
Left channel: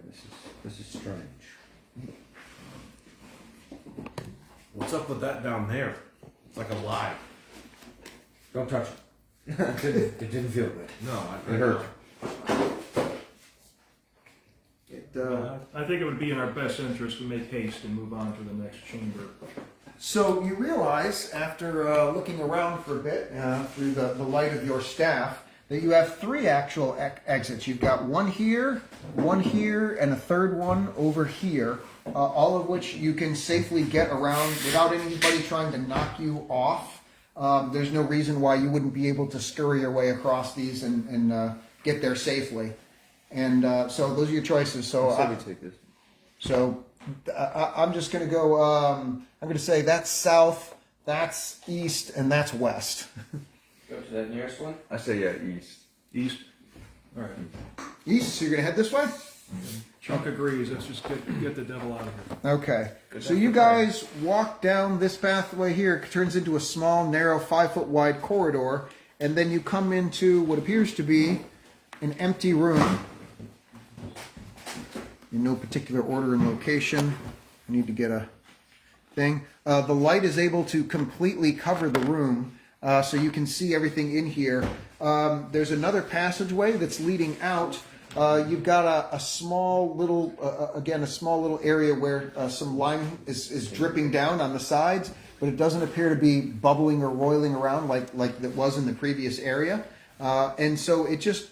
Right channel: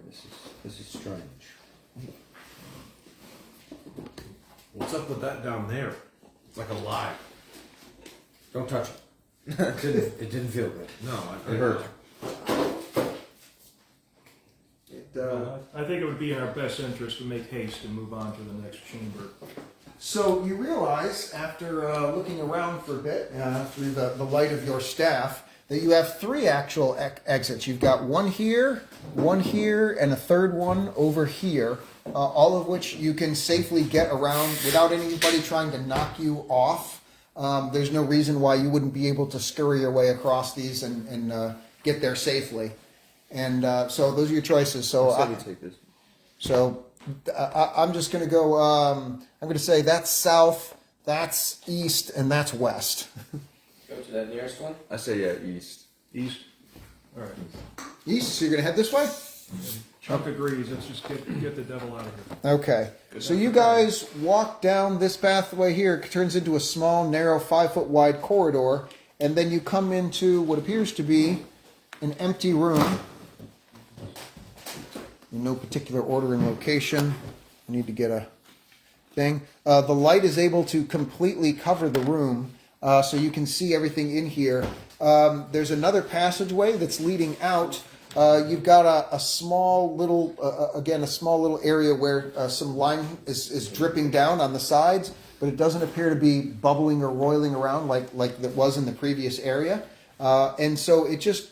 This is strange. What's up with that down there? It's like a lie. Don't touch it. It didn't feel good. No, It hurt. I think it would be in our best interest to make haste and move on to the next chamber. So you realize, after looking around for a bit through the light of your staff, that you have 3 actual exits. You've got one here, and a third one over here, all of which you can safely get around without anybody trying to knock you off. There's no reason why you wouldn't be able to scurry your way across these and get there safely. And so those are your choices. So I'm just going to go, I'm going to say that's south, that's east, and that's west. Go to that nearest one. I say east. East? All right. East, so you're going to head this way? Chuck agrees. Let's just get the devil out of here. Okay. So you guys walk down this pathway here. It turns into a small, narrow, 5-foot wide corridor. And then you come into what appears to be an empty room. In no particular order and location. I need to get a thing. The light is able to completely cover the room, so you can see everything in here. There's another passageway that's leading out. You've got a small little, again, a small little area where some lime is dripping down on the sides, but it doesn't appear to be bubbling or roiling around like it was in the previous area. And so it just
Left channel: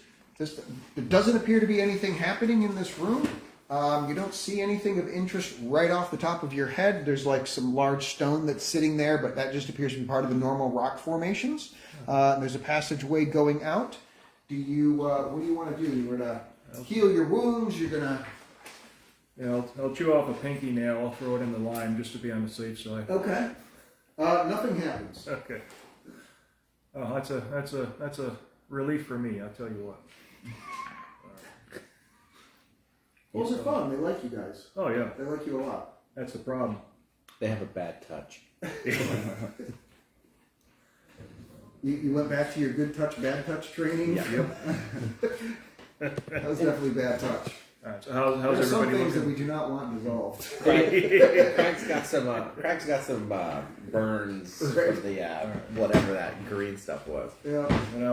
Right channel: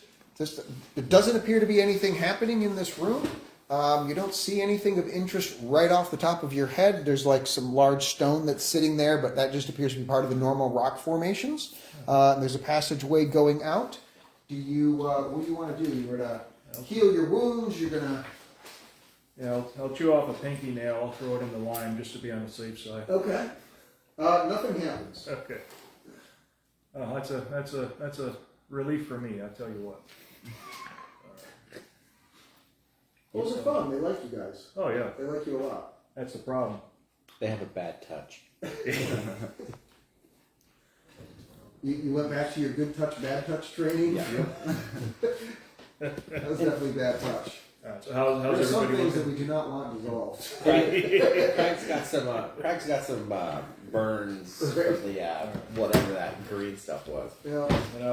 it doesn't appear to be anything happening in this room. You don't see anything of interest right off the top of your head. There's like some large stone that's sitting there, but that just appears to be part of the normal rock formations. There's a passageway going out. What do you want to do? You want to heal your wounds? You're gonna. Yeah, I'll chew off a pinky nail. I'll throw it in the lime just to be on the safe side. Okay. Nothing happens. Okay. Oh, that's a relief for me. I tell you what. Those are fun. They like you guys. Oh yeah, They like you a lot. that's the problem. They have a bad touch. You went back to your good touch, bad touch training? Yeah. That was definitely bad touch. All right, so how's There's some everybody things that looking? we do not want dissolved. Craig's got some burns from the whatever that green stuff was. Yeah. And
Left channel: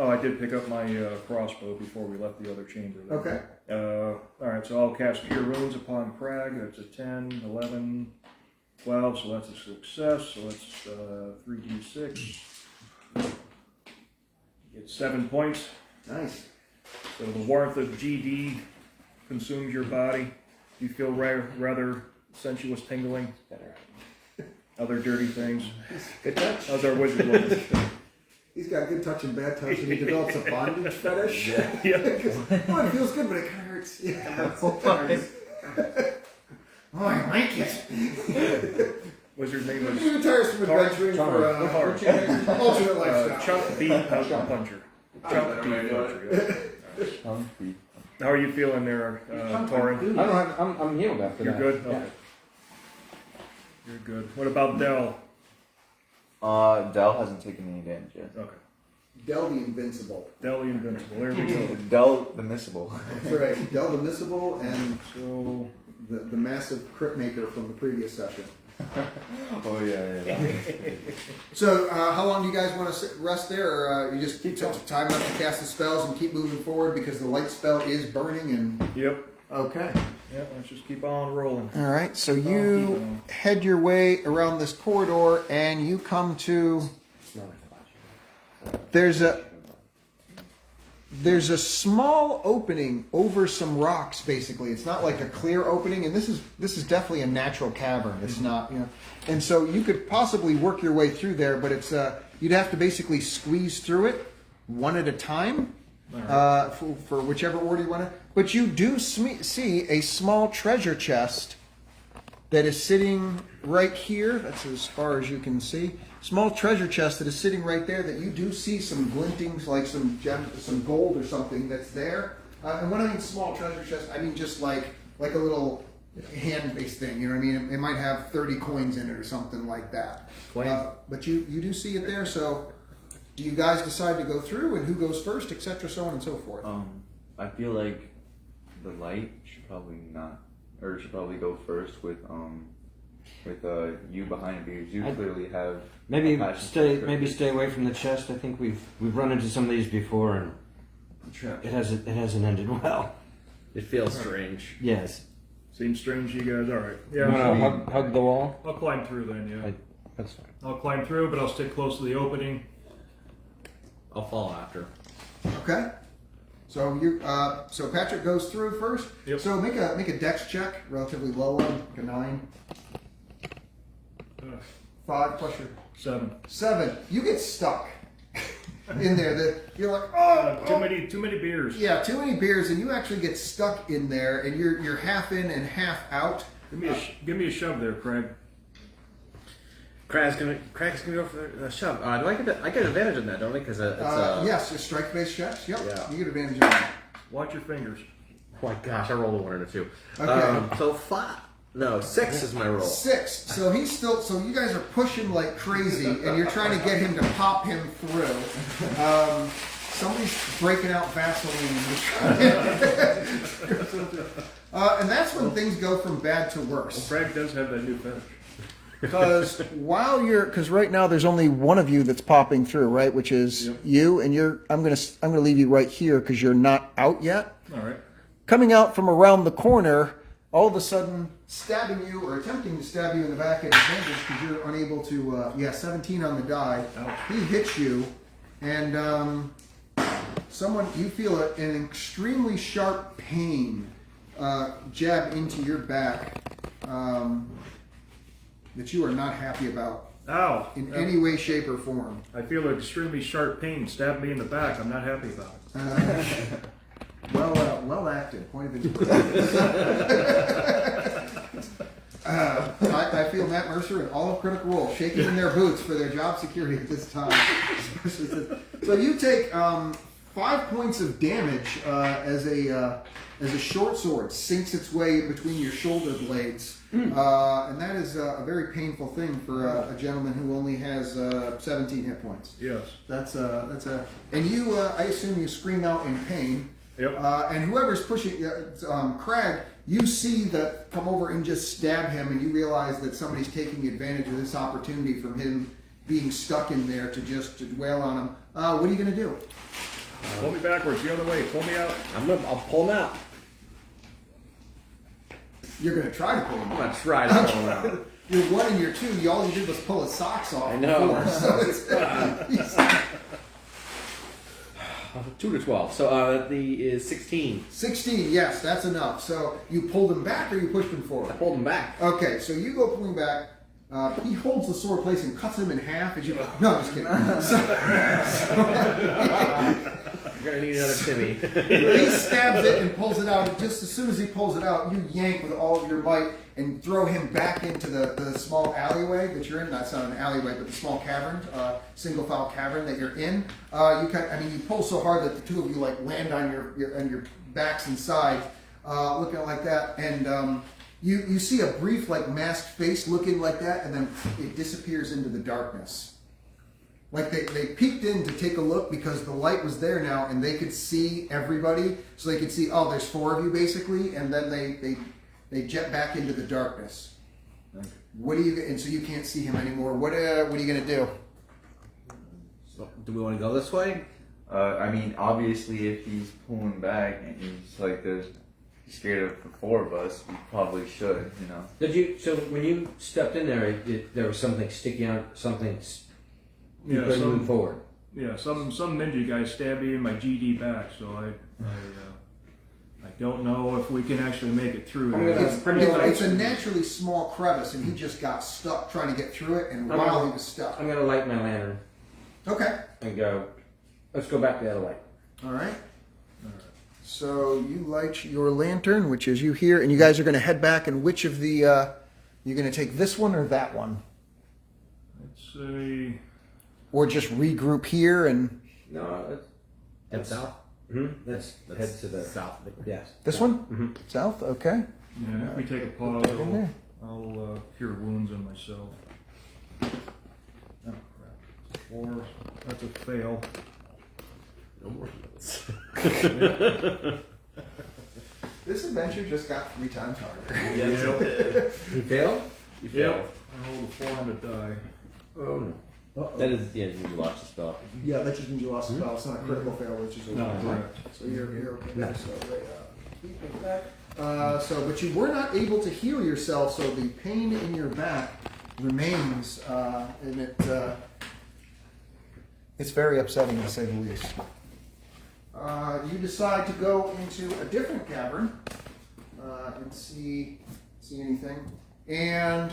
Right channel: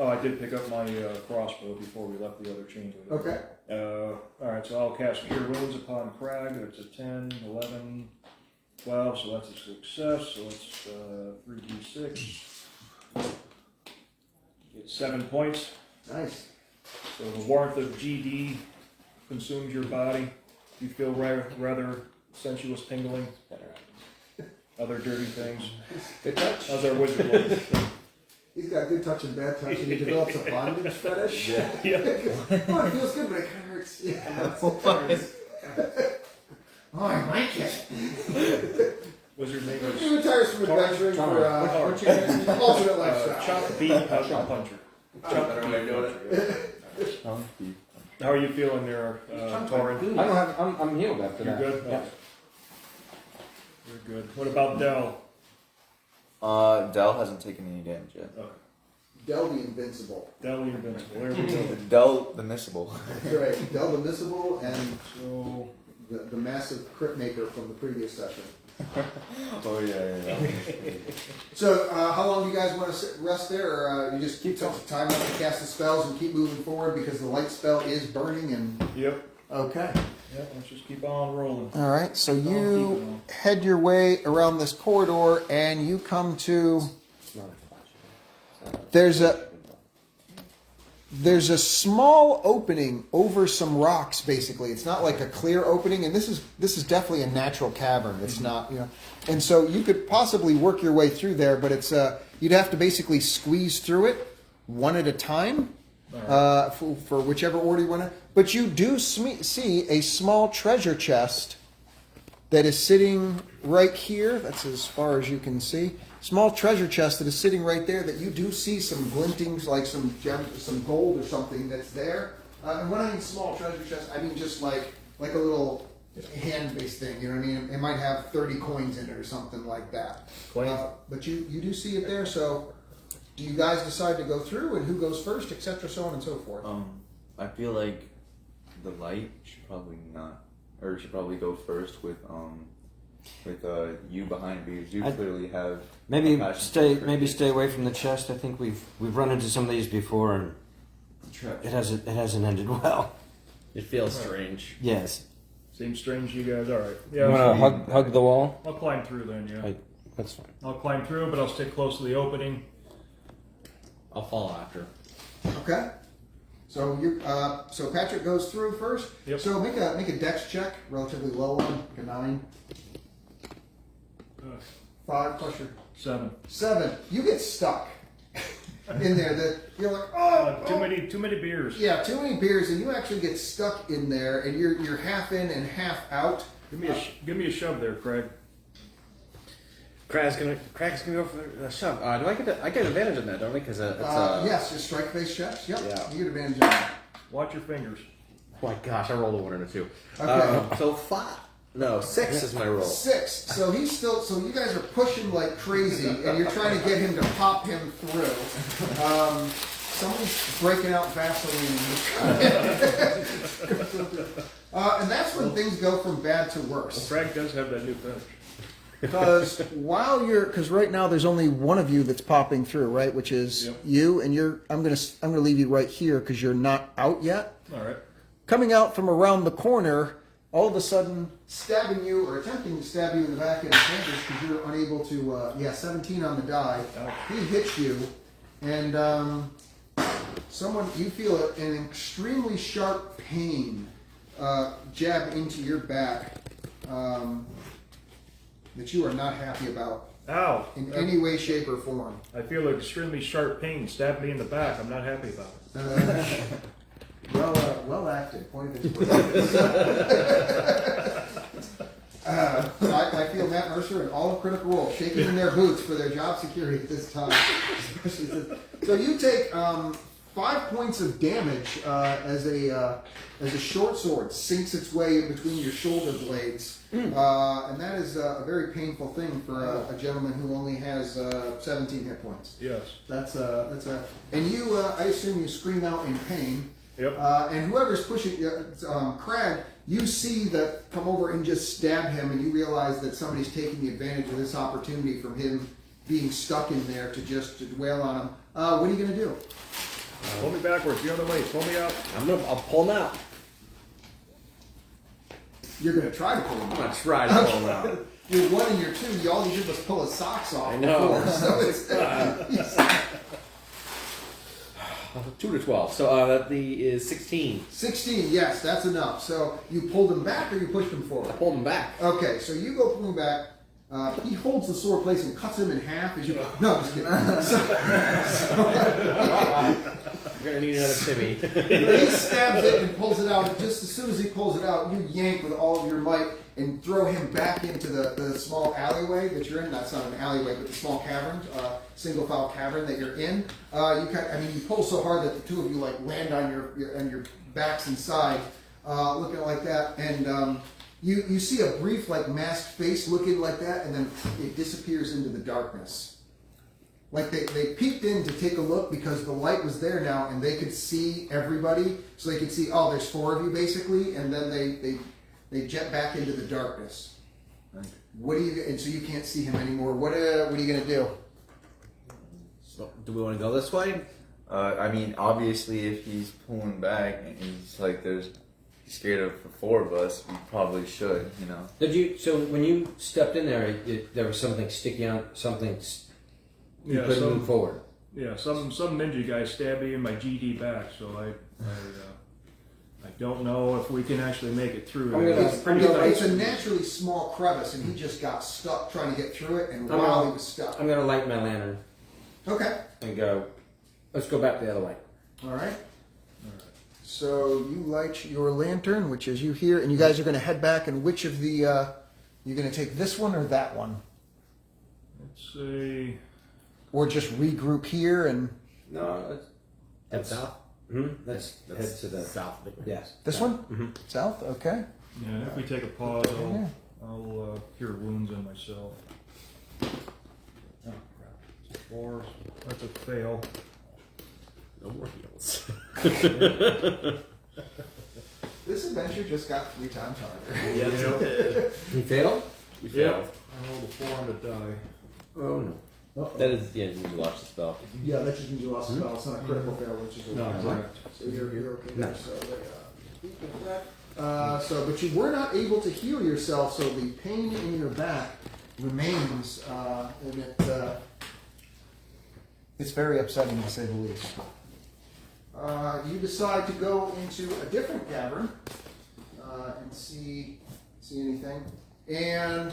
I did pick up my crossbow before we left the other chamber. Okay. All right, so I'll cast Cure Wounds upon Crag. That's a 10, 11, 12, so that's a success. So that's 3d6. Get 7 points. Nice. So the warmth of GD consumes your body. You feel rather sensuous tingling. Other dirty things. Good touch. How's our wizard looking? He's got good touch and bad touch, and he develops a bondage fetish. Yeah. Oh, it feels good, but it kind of hurts. Yeah. Oh, I like it. Wizard name He is retires from adventuring for what's your name? Alternate lifestyle. Chuck B. Puncher. Chuck B. Puncher. How are you feeling there, Torin? I don't have. I'm healed after You're that. good? Yeah. Okay. You're good. What about Dell? Dell hasn't taken any damage yet. Okay. Del the Invincible. Dell the Invincible. There we go. Dell the Missable. That's right. Del the Missable and So, the massive crit maker from the previous session. Oh yeah. So, how long do you guys want to rest there, or you just keep time up to cast the spells and keep moving forward because the light spell is burning and... yep. Okay. Yep, let's just keep on rolling. All right, so you head your way around this corridor and you come to... There's a small opening over some rocks, basically. It's not like a clear opening, and this is definitely a natural cavern. It's not, and so you could possibly work your way through there, but it's you'd have to basically squeeze through it one at a time for whichever order you want to. But you do see a small treasure chest that is sitting right here. That's as far as you can see. Small treasure chest that is sitting right there that you do see some glintings, like some gems, some gold or something that's there. And when I mean small treasure chest, I mean just like a little hand-based thing. You know what I mean? It might have 30 coins in it or something like that. But you do see it there. So do you guys decide to go through, and who goes first, etc., so on and so forth? I feel like the light should probably go first with you behind me, because you clearly have Maybe a passion for stay away from the chest. I think we've run into some of these before, and it hasn't ended well. It feels strange. Yes. Seems strange to you guys. All right. You Yeah, want to hug the wall? I'll climb through then, yeah. That's fine. I'll climb through, but I'll stick close to the opening. I'll follow after. Okay. So so Patrick goes through first. Yep. So make a dex check, relatively low one, like a 9. 5 plus your 7. 7. You get stuck in there. You're like, Too many beers. Yeah, too many beers, and you actually get stuck in there, and you're half in and half out. Give me a shove there, Craig. Craig's gonna go for the shove. I get advantage on that, don't I? Because it's yes, your strike based checks. Yep, Yeah. you get advantage on that. Watch your fingers. oh my gosh, I rolled a 1 and a 2. Okay. So 6 is my roll. 6. So so you guys are pushing like crazy, and you're trying to get him to pop him through. Somebody's breaking out Vaseline. And that's when things go from bad to worse. Craig does have that new finish. Because because right now there's only one of you that's popping through, right? Which is you, and I'm gonna leave you right here because you're not out yet. All right. Coming out from around the corner, all of a sudden stabbing you or attempting to stab you in the back at advantage because you're unable to. 17 on the die. Ouch. He hits you, and you feel an extremely sharp pain jab into your back that you are not happy about Ow. in any way, shape, or form. I feel an extremely sharp pain. Stabbed me in the back. I'm not happy about it. Well acted. Point of inspiration. I feel Matt Mercer and all of Critical Role shaking in their boots for their job security at this time. So you take 5 points of damage as a short sword sinks its way between your shoulder blades, and that is a very painful thing for a gentleman who only has 17 hit points. Yes. And you, I assume you scream out in pain. Yep. And whoever's pushing, Crag, you see that come over and just stab him, and you realize that somebody's taking advantage of this opportunity from him being stuck in there to wail on him. What are you going to do? Pull me backwards, the other way. Pull me out. I'll pull him out. You're going to try to pull him I'm out. gonna try to pull him out. You're 1 and you're 2. All you did was pull his socks off. I know. Before, so it's, 2 to 12. So that is 16. 16, yes, that's enough. So you pulled him back or you pushed him forward? I pulled him back. Okay, so you go pulling back. He holds the sword place and cuts him in half as you go. No, I'm just kidding. We're gonna need another Timmy. He stabs it and pulls it out. And just as soon as he pulls it out, you yank with all of your might and throw him back into the small alleyway that you're in. That's not an alleyway, but the small cavern, single file cavern that you're in. You pull so hard that the two of you like land on your backs inside, looking like that, and. You see a brief, like, masked face looking like that, and then it disappears into the darkness. Like, they peeked in to take a look because the light was there now, and they could see everybody. So they could see, oh, there's 4 of you, basically, and then they jet back into the darkness. And so you can't see him anymore. What are you going to do? So, do we want to go this way? Obviously, if he's pulling back and he's like, he's scared of the 4 of us, we probably should, Did you? So when you stepped in there, there was something sticking out. Something. You couldn't move forward. Yeah, some ninja guy stabbed me in my GD back, so I don't know if we can actually make it through. It's a naturally small crevice, and he just got stuck trying to get through it, and while he was stuck. I'm going to light my lantern. Okay. And go. Let's go back the other way. All right. So you light your lantern, which is you here, and you guys are going to head back. And which of the you're going to take this one or that one, Let's say, or just regroup here and No, Head south. let's head to the south. Yes. this one south. Okay. yeah, if we take a pause, in there. I'll cure wounds on myself. Oh crap! 4. That's a fail. No more heals. This adventure just got 3 times harder. Yes, it did. You failed? You Yeah. failed. I rolled a 4 on the die. Oh no. That is, you need to watch the spell. Yeah, that just means you lost a spell. It's not a critical fail, which is No, okay. correct. So you're okay. There. But you were not able to heal yourself, so the pain in your back remains, and it's very upsetting to say the least. You decide to go into a different cavern and see anything, and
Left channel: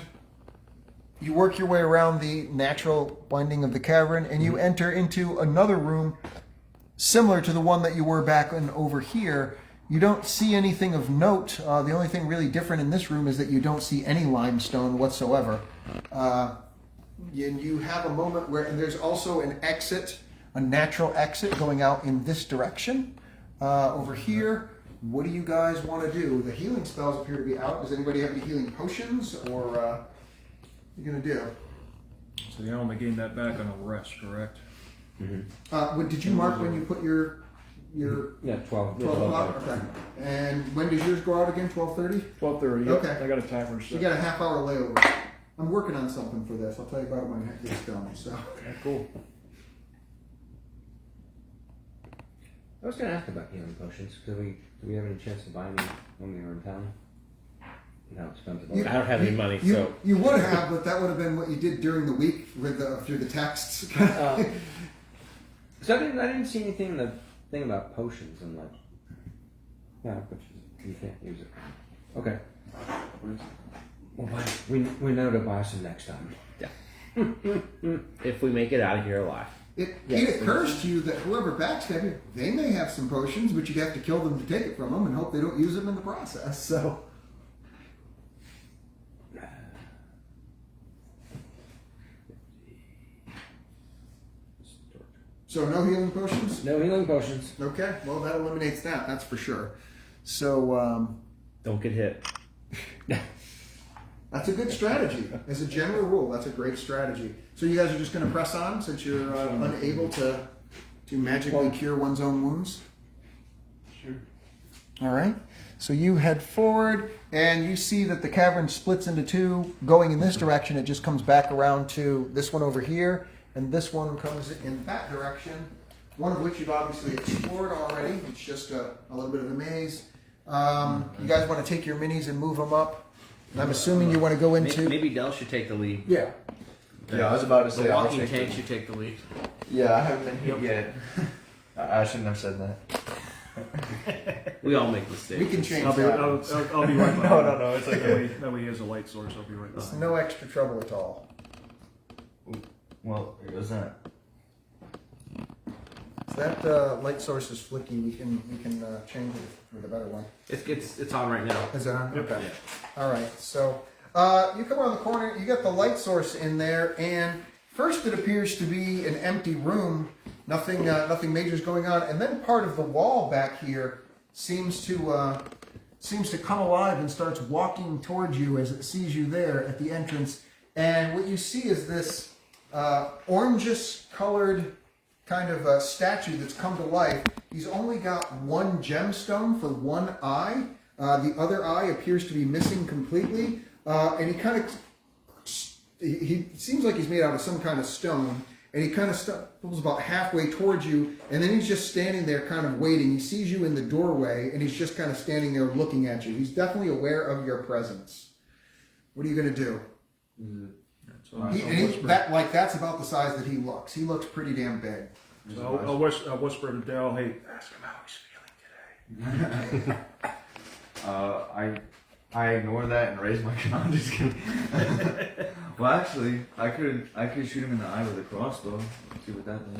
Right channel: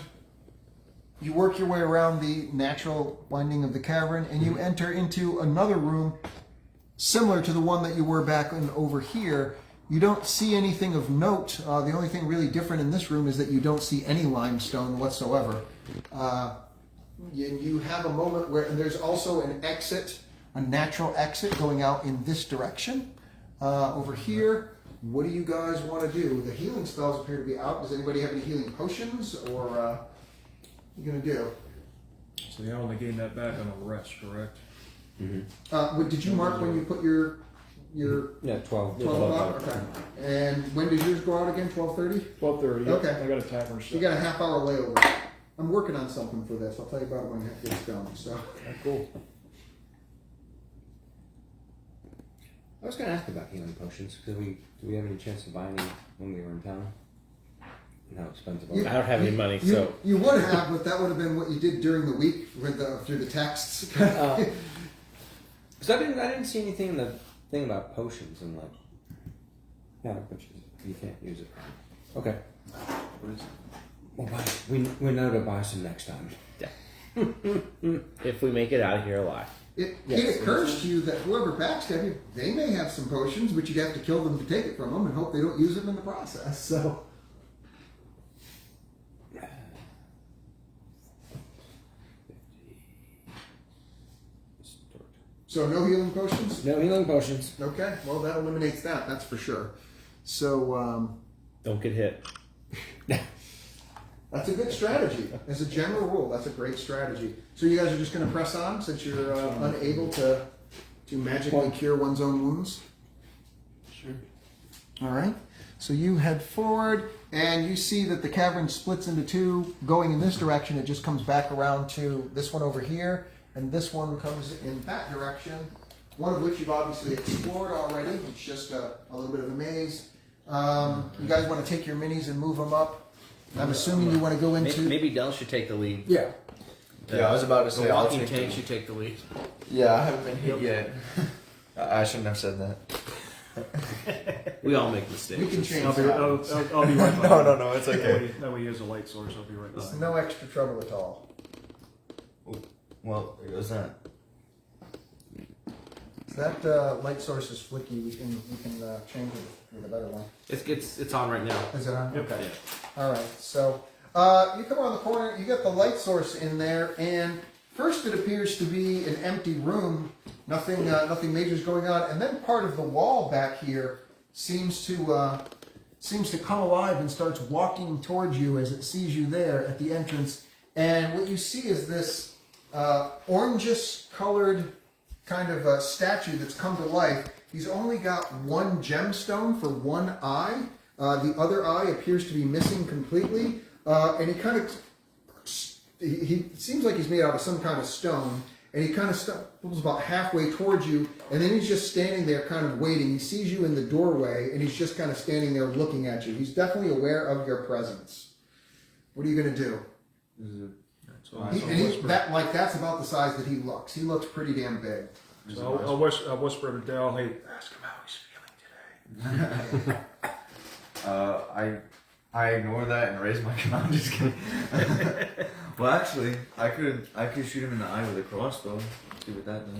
you work your way around the natural winding of the cavern, and you enter into another room similar to the one that you were back in over here. You don't see anything of note. The only thing really different in this room is that you don't see any limestone whatsoever. And you have a moment where, and there's also an exit, a natural exit going out in this direction. Over here, what do you guys want to do? The healing spells appear to be out. Does anybody have any healing potions, or what are you going to do? So I only gained that back on a rest, correct? Did you mark when you put your Yeah, 12. 12 o'clock? Okay. And when does yours go out again? 12:30? 12:30. Okay. I got a timer set. You got a half-hour layover. I'm working on something for this. I'll tell you about it when it gets done. So. Cool. I was going to ask about healing potions. Do we have any chance to buy any when we were in town? You know, expensive. You- I don't have any money, You, so you would have, but that would have been what you did during the week with through the texts. Because I didn't see anything in the thing about potions and like, yeah, but you can't use it. Okay. We'll buy, we know to buy some next time. if we make it out of here alive. It occurs to you that whoever backstabbed you, they may have some potions, but you'd have to kill them to take it from them and hope they don't use them in the process. So no healing potions? No healing potions. Okay, well that eliminates that, that's for sure. So Don't get hit. that's a good strategy. As a general rule, that's a great strategy. So you guys are just going to press on since you're unable to magically cure one's own wounds? Sure. All right. So you head forward, and you see that the cavern splits into two. Going in this direction, it just comes back around to this one over here, and this one comes in that direction, one of which you've obviously explored already. It's just a little bit of a maze. You guys want to take your minis and move them up? And I'm assuming you want to go into... Maybe Del should take the lead. Yeah. Yeah, I was about to say. The I'll walking take tank it. should take the lead. Yeah, I haven't been hit yet. I shouldn't have said that. We all make mistakes. We can change I'll be that. I'll be right behind. No, it's okay. That way he has a light source. I'll be right It's behind. no extra trouble at all. Well, there goes that. If that light source is flicky, we can change it for the better one. It's on right now. Is it on? Okay. Yeah. All right. So you come around the corner. You got the light source in there, and first it appears to be an empty room. Nothing major is going on, and then part of the wall back here seems to come alive and starts walking towards you as it sees you there at the entrance. And what you see is this orangish-colored kind of statue that's come to life. He's only got one gemstone for one eye. The other eye appears to be missing completely, and he kind of he seems like he's made out of some kind of stone. And he kind of pulls about halfway towards you, and then he's just standing there kind of waiting. He sees you in the doorway, and he's just kind of standing there looking at you. He's definitely aware of your presence. What are you going to do? That's about the size that he looks. He looks pretty damn big. So I'll whisper to Dell, hey, ask him how he's feeling today. I ignore that and raise my gun. I'm just kidding. Well, actually, I could shoot him in the eye with a crossbow. See what that does.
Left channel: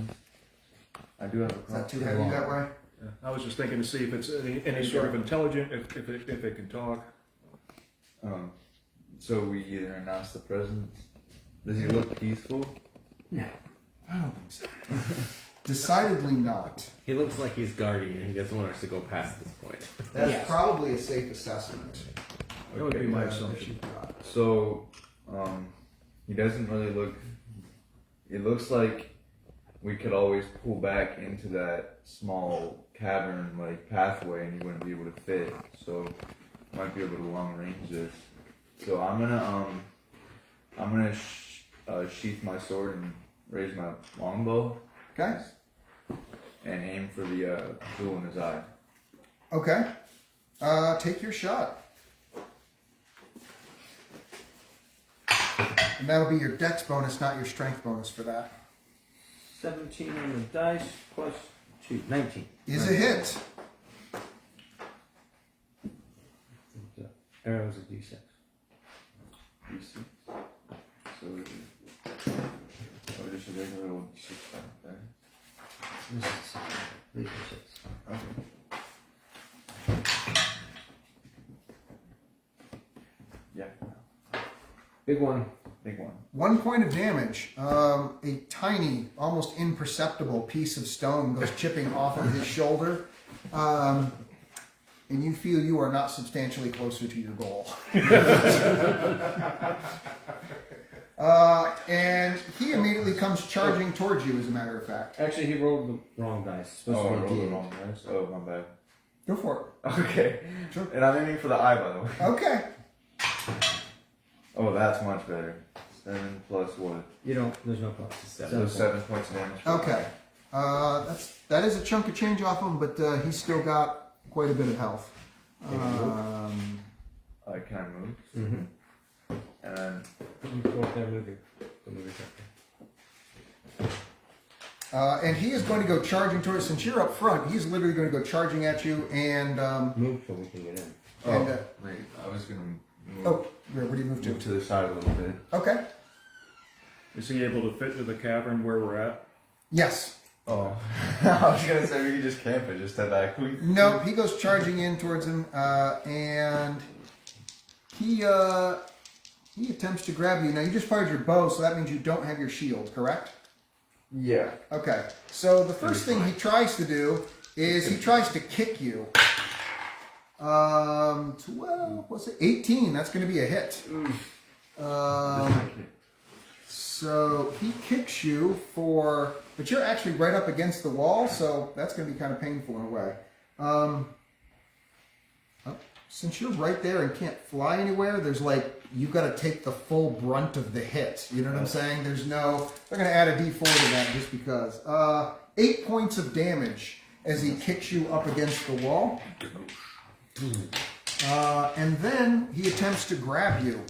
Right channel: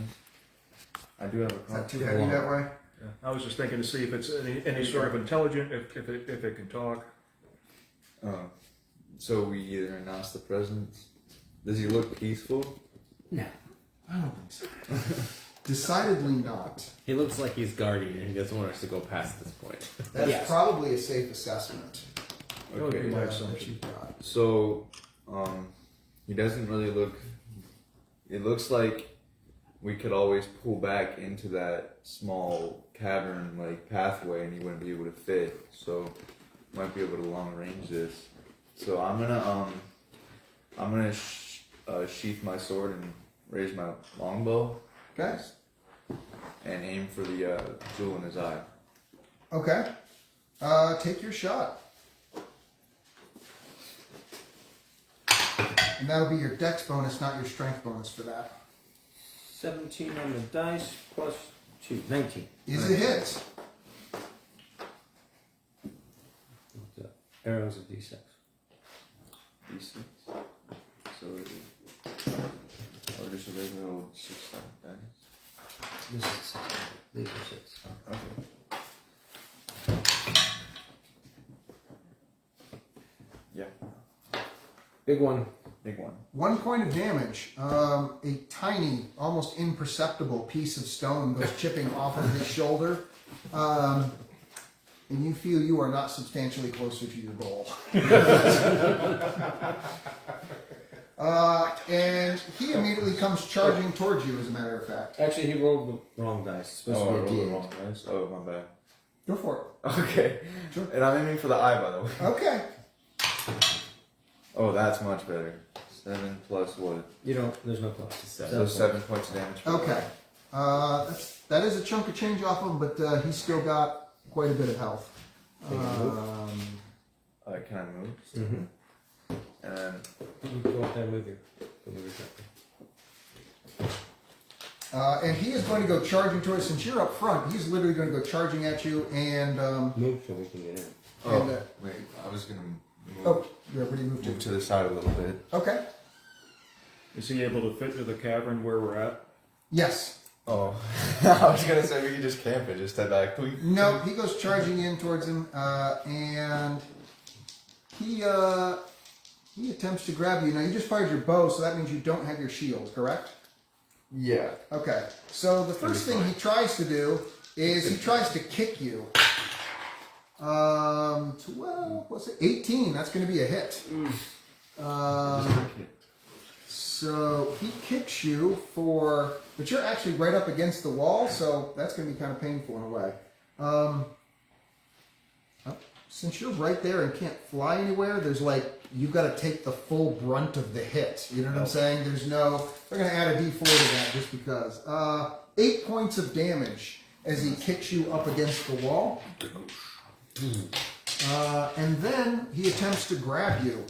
I do have a Is that crossbow. too heavy that way? Yeah. I was just thinking to see if it's any sort of intelligent, if it can talk. So we either announce the presence. Does he look peaceful? No. I don't think so. Decidedly not. He looks like he's guarding, and he doesn't want us to go past this point. That's probably a safe assessment. That would be my that assumption. you've got. So, he doesn't really look. It looks like we could always pull back into that small cavern like pathway, and he wouldn't be able to fit. So, might be able to long range this. So I'm gonna sheath my sword and raise my longbow. Okay. And aim for the jewel in his eye. Okay. Take your shot. And that'll be your dex bonus, not your strength bonus for that. 17 on the dice plus 2. 19. Is a hit. Arrows of D6. D6. So just a regular old 6 dice. This is 6. These are 6. Okay. Yeah. Big one. Big one. 1 point of damage. A tiny, almost imperceptible piece of stone goes chipping off of his shoulder. And you feel you are not substantially closer to your goal. And he immediately comes charging towards you, as a matter of fact. Actually, he rolled the wrong dice. It's supposed Oh, I to rolled be the a D8. wrong dice. Oh, my bad. Go for it. Okay. Sure. And I'm aiming for the eye, by the way. Okay. Oh, that's much better. 7 plus what? You don't. There's no cost. So 7 points of damage. Okay. That is a chunk of change off him, but he's still got quite a bit of health. Can I move? Mm-hmm. And then You go up there with you. Go move your character. And he is going to go charging towards. Since you're up front, he's literally going to go charging at you. And Move so we can get in. wait, I was gonna move, oh, where do you move move to? to the side a little bit. Okay. Is he able to fit to the cavern where we're at? Yes. Oh, I was gonna say we could just camp it, just step back. No, he goes charging in towards him, and he attempts to grab you. Now you just fired your bow, so that means you don't have your shield, correct? Yeah. Okay. So the first thing he tries to do is he tries to kick you. 12, what's it? 18. That's going to be a hit. So he kicks you but you're actually right up against the wall, so that's going to be kind of painful in a way. Since you're right there and can't fly anywhere, there's you've got to take the full brunt of the hit. You know what I'm saying? They're going to add a D4 to that just because. 8 points of damage as he kicks you up against the wall. And then he attempts to grab you.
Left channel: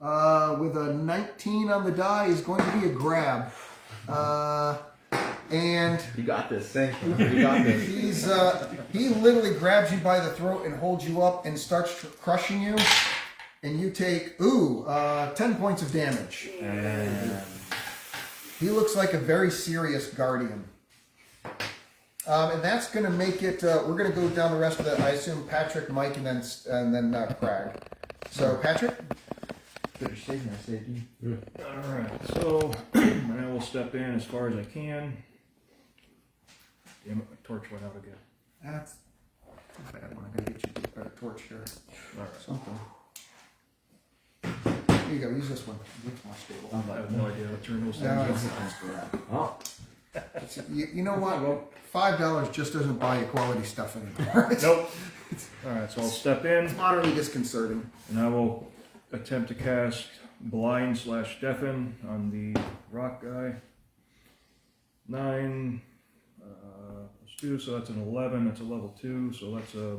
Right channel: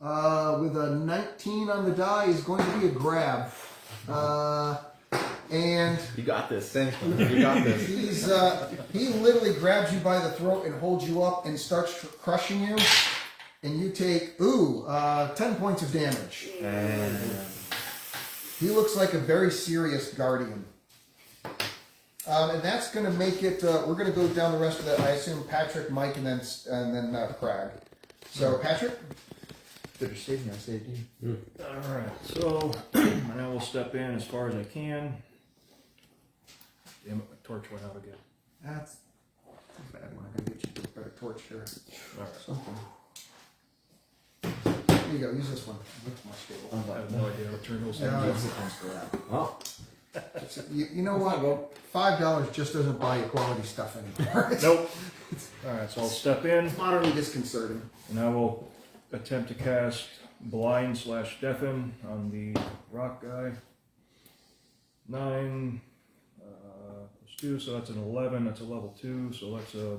With a 19 on the die is going to be a grab. And You got this. Thank you. You got this. he literally grabs you by the throat and holds you up and starts crushing you. And you take 10 points of damage. And He looks like a very serious guardian. And that's going to make it. We're going to go down the rest of the. I assume Patrick, Mike, and then Crag. So Patrick. better save than I saved you. Alright, so and I will step in as far as I can. Damn it, my torch went out again. That's a bad one. I gotta get you a better torch here. Alright. Something. Here you go. Use this one. With my stable. I have no idea how to turn those No, things it's- off. Oh, You know what? $5 just doesn't buy you quality stuff anymore. It's Nope. Alright, so I'll step in utterly disconcerting. and I will attempt to cast blind/deafen on the rock guy. 9 plus 2, so that's an 11. That's a level 2, so that's a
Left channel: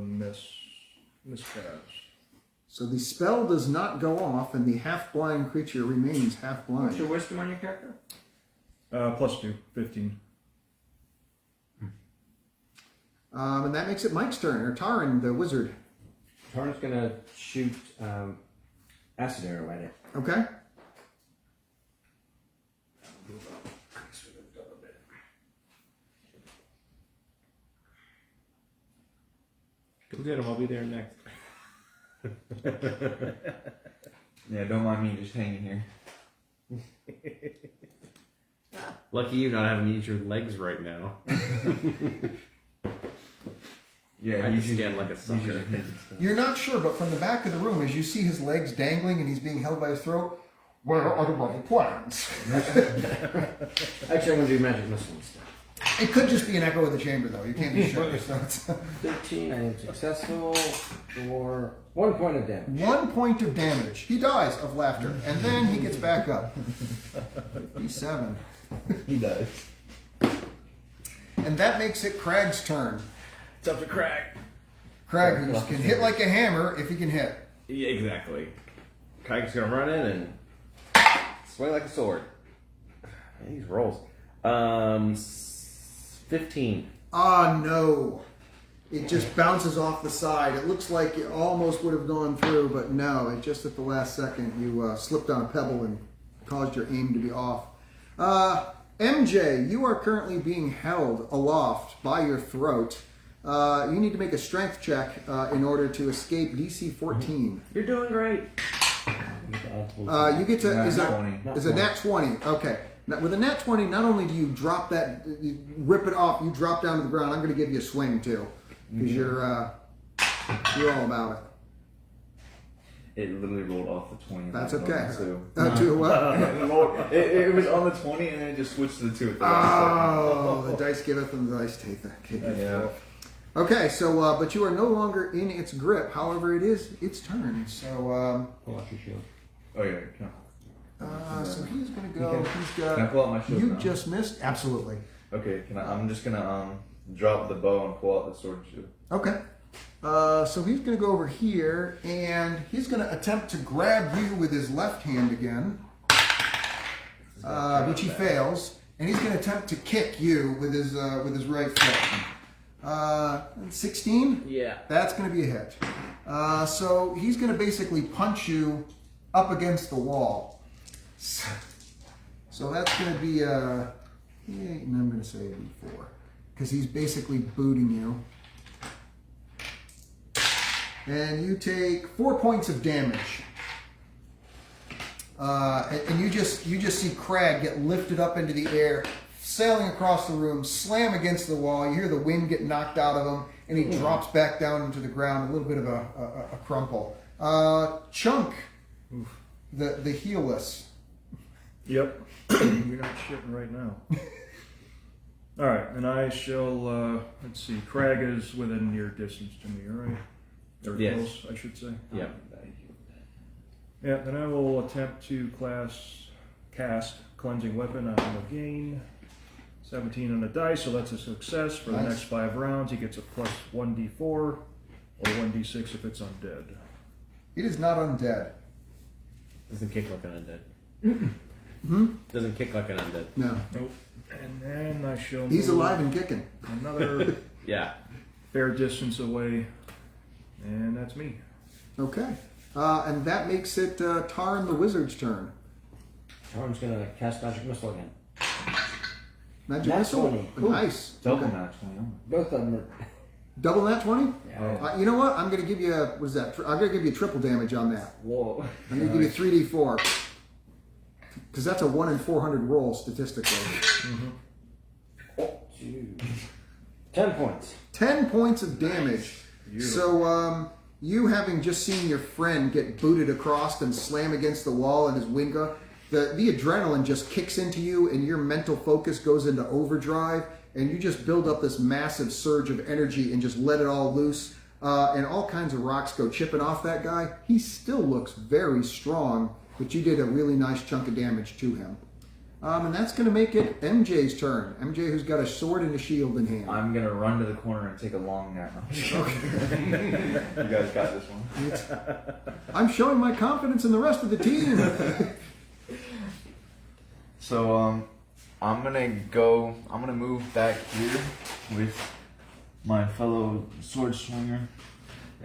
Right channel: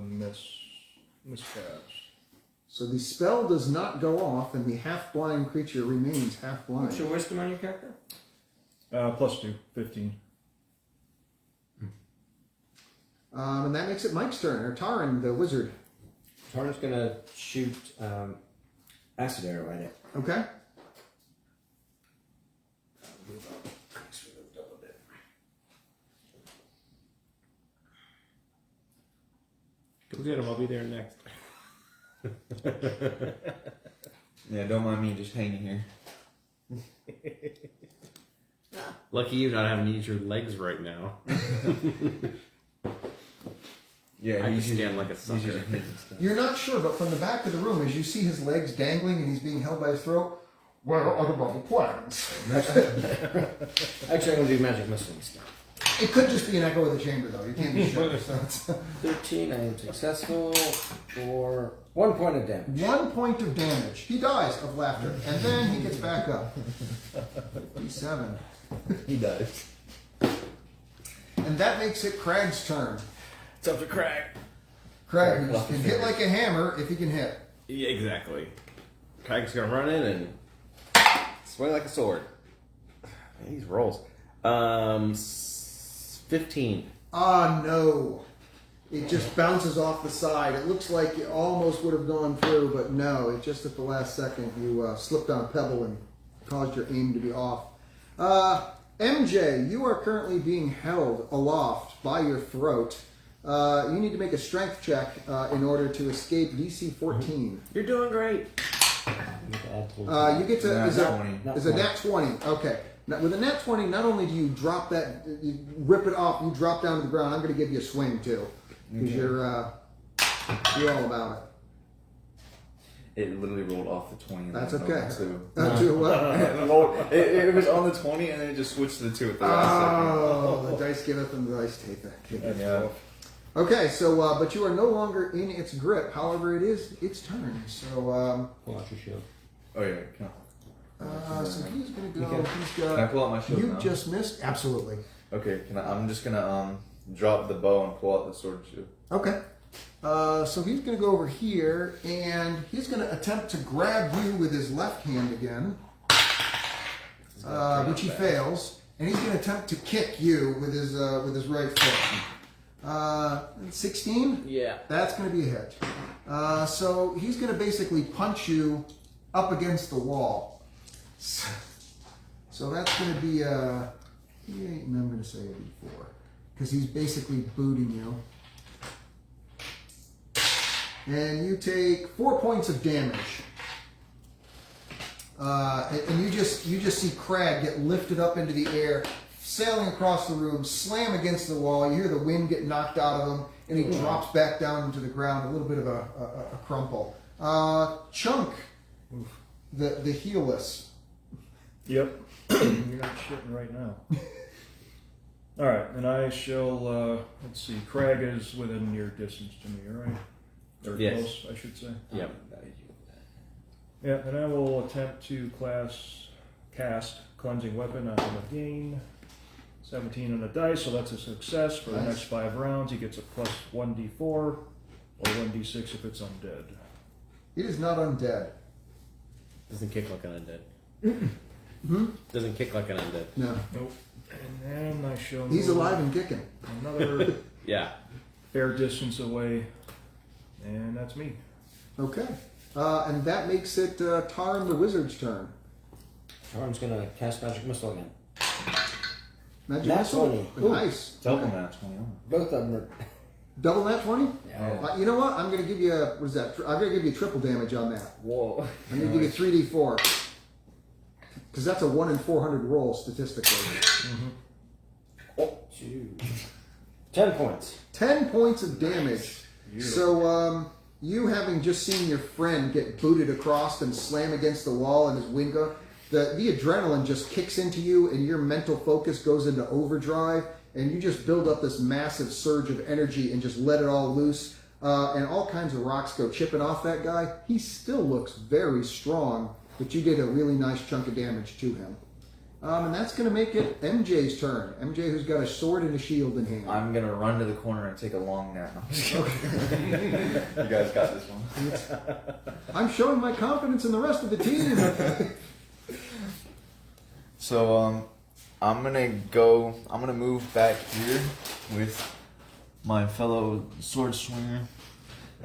miscast. So the spell does not go off, and the half-blind creature remains half-blind. what's your wisdom on your character? Plus 2, 15. And that makes it Mike's turn, or Taran, the wizard. Tarn's gonna shoot acid arrow at it. Okay. Go get him. I'll be there next. Yeah, don't mind me just hanging here. Lucky you not having to use your legs right now. Yeah, I he's just usually- stand like a he's sucker. usually making stuff. You're not sure, but from the back of the room, as you see his legs dangling and he's being held by his throat, where are the rubber plans? Actually, I'm gonna do magic missile instead. It could just be an echo of the chamber, though. You can't be sure. So it's 13, I am successful for 1 point of damage. 1 point of damage. He dies of laughter, and then he gets back up. He's 7. He does. And that makes it Crag's turn. It's up to Crag. Crag, who can hit like a hammer if he can hit. Yeah, exactly. Crag's gonna run in and Swing like a sword. man, these rolls. 15. Ah, no. It just bounces off the side. It looks like it almost would have gone through, but no. It just at the last second, you slipped on a pebble and caused your aim to be off. MJ, you are currently being held aloft by your throat. You need to make a strength check in order to escape DC 14. You're doing great. You get to is Nat a 20. is a nat 20. Okay. Now, with a nat 20, not only do you drop that, you rip it off, you drop down to the ground. I'm going to give you a swing too, because you're all about It literally rolled off the 20. That's and okay. over it. Do well. It was on the 20 and then it just switched to the 2 at the last second. Oh, the dice giveth and the dice taketh. Yeah. Okay, so but you are no longer in its grip. However, it is its turn. So Pull out your shield. Oh yeah, so he's gonna go. He's can I got. pull out my shield You now? just missed. Absolutely. Okay, I'm just gonna drop the bow and pull out the sword and shield. Okay. So he's gonna go over here and he's gonna attempt to grab you with his left hand again, which he fails, and he's gonna attempt to kick you with his right foot. 16? Yeah. That's going to be a hit. So he's going to basically punch you up against the wall. So that's going to be a 8, and I'm going to say a D4. Because he's basically booting you. And you take 4 points of damage. And you just see Crag get lifted up into the air, sailing across the room, slam against the wall. You hear the wind get knocked out of him, and he drops back down into the ground, a little bit of a crumple. Chunk, the heelless. Yep. You're not shitting right now. All right, and I shall. Let's see. Crag is within your distance to me, all right? Or Yes. close, I should say. Yep. Yeah, then I will attempt to cast Cleansing Weapon on him again. 17 on the dice, so that's a success. For the next 5 rounds, he gets a plus 1d4 or 1d6 if it's undead. It is not undead. Doesn't kick like an undead. Doesn't kick like an undead. No. Nope. And then I shall He's move alive and kicking. another Yeah. fair distance away, and that's me. Okay. And that makes it Tarn the Wizard's turn. Arm's gonna cast magic missile again. Magic Nat missile. 20. Nice. Double match, man. Both of them are. Double nat 20? Yeah. You know what? I'm going to give you what is that? I'm going to give you triple damage on that. Whoa. I'm going to give you 3d4. Because that's a 1 in 400 roll statistically. 10 points. 10 points of damage. So, you having just seen your friend get booted across and slam against the wall and his wing go, the adrenaline just kicks into you and your mental focus goes into overdrive and you just build up this massive surge of energy and just let it all loose. And all kinds of rocks go chipping off that guy. He still looks very strong, but you did a really nice chunk of damage to him. And that's going to make it MJ's turn. MJ, who's got a sword and a shield in hand. I'm gonna run to the corner and take a long nap. You guys got this one. I'm showing my confidence in the rest of the team. So I'm gonna move back here with my fellow sword swinger,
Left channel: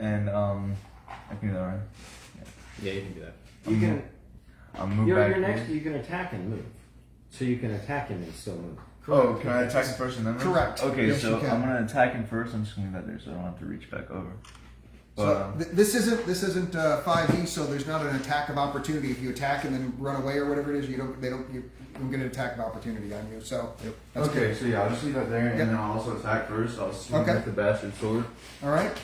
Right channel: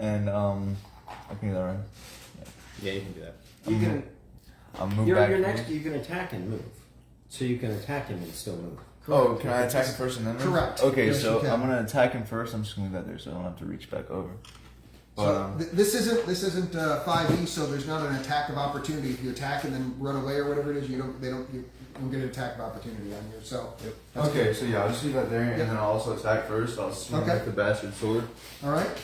and I can do that, right? Yeah, you can do that. You can. I'll move You're back next. here. You can attack and move. So you can attack him and still move. Oh, can I attack him first and then move? Correct. Okay, Yes, so you can. I'm gonna attack him first. I'm just gonna leave that there so I don't have to reach back over. So this isn't 5e, so there's not an attack of opportunity. If you attack and then run away or whatever it is, you don't get an attack of opportunity on you. So that's Okay, good. so yeah, I'll just leave that there, and Yep. then I'll also attack first. I'll swing Okay. with the bastard sword. All right.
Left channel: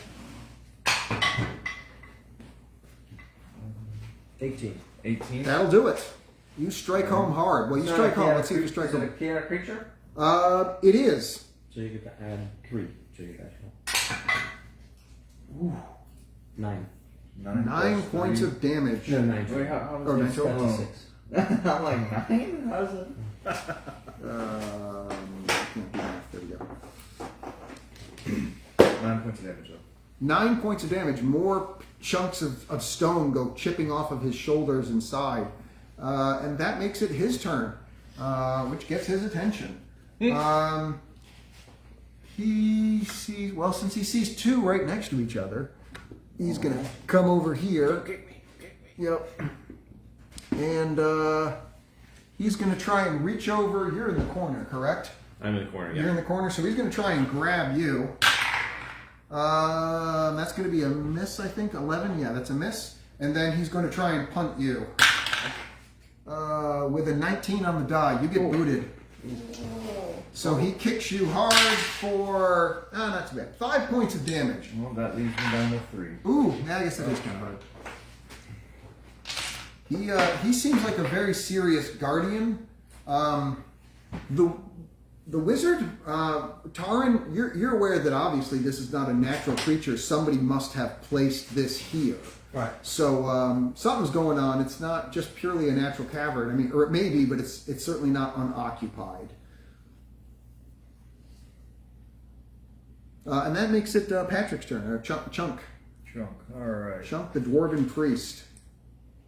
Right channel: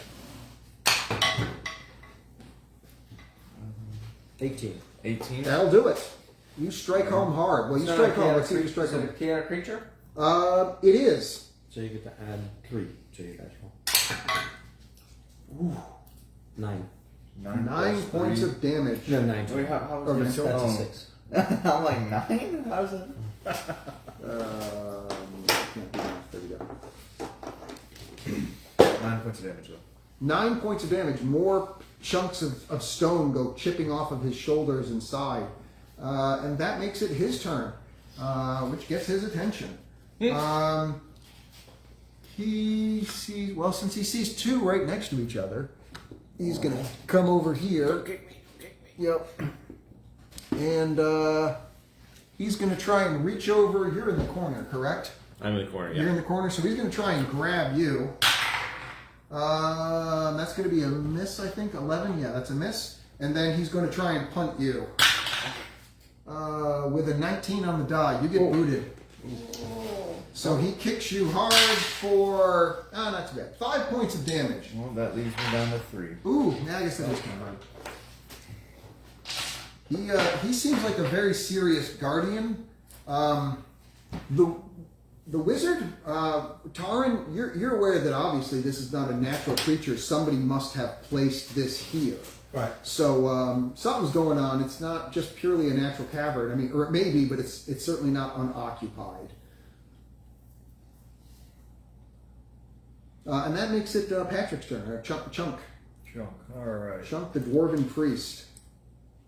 18. 18. That'll do it. You strike home hard. Well, you strike home. Let's see if you strike Is it a home. chaotic creature? It is. So you get to add 3 to your dice roll. 9. 9 plus points 3. of damage. No, 9. Wait, how Oh, does no. That's a oh. 6. I'm like 9? How's that? Can't do math. There we go. 9 points of damage though. 9 points of damage. More chunks of stone go chipping off of his shoulders and side. And that makes it his turn, which gets his attention. He sees, well, since he sees 2 right next to each other, he's going to come over here. Yep. And he's going to try and reach over. You're in the corner, correct? I'm in the corner, You're yeah. in the corner, so he's going to try and grab you. That's going to be a miss, I think. 11, yeah, that's a miss. And then he's going to try and punt you. With a 19 on the die, you get booted. So he kicks you hard for, not too bad, 5 points of damage. Well, that leaves me down to 3. Ooh, yeah, I guess that is kind of hard. He seems like a very serious guardian. The The wizard, Taran, you're aware that obviously this is not a natural creature. Somebody must have placed this here. Right. So something's going on. It's not just purely a natural cavern. I mean, or it may be, but it's certainly not unoccupied. And that makes it Patrick's turn. Chunk. Chunk. All right. Chunk, the dwarven priest.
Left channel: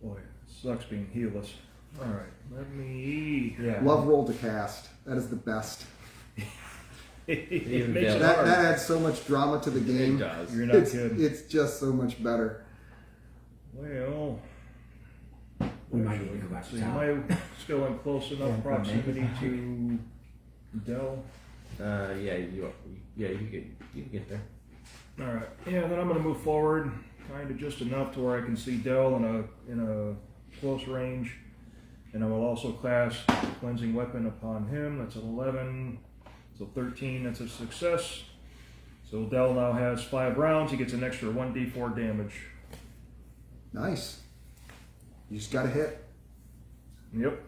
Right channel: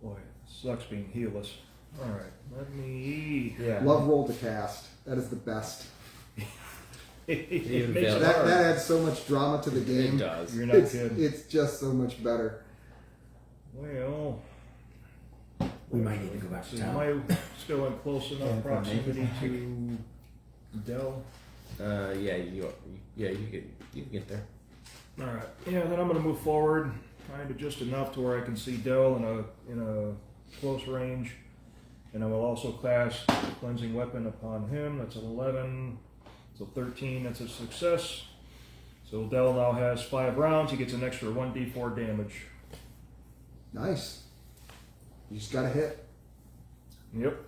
Boy, it sucks being heelless. All right. Let me. Yeah. Love roll to cast. That is the best. Even Makes fail. it That hard. adds so much drama to the game. It does. You're not It's, kidding. it's just so much better. Well, We might need to go back so to you town. might still in close enough proximity to Dell. Yeah, you get there. All right. Yeah. Then I'm going to move forward, kind of just enough to where I can see Dell in a close range, and I will also cast cleansing weapon upon him. That's an 11. So 13. That's a success. So Dell now has 5 rounds. He gets an extra 1d4 damage. Nice. You just got to hit. Yep.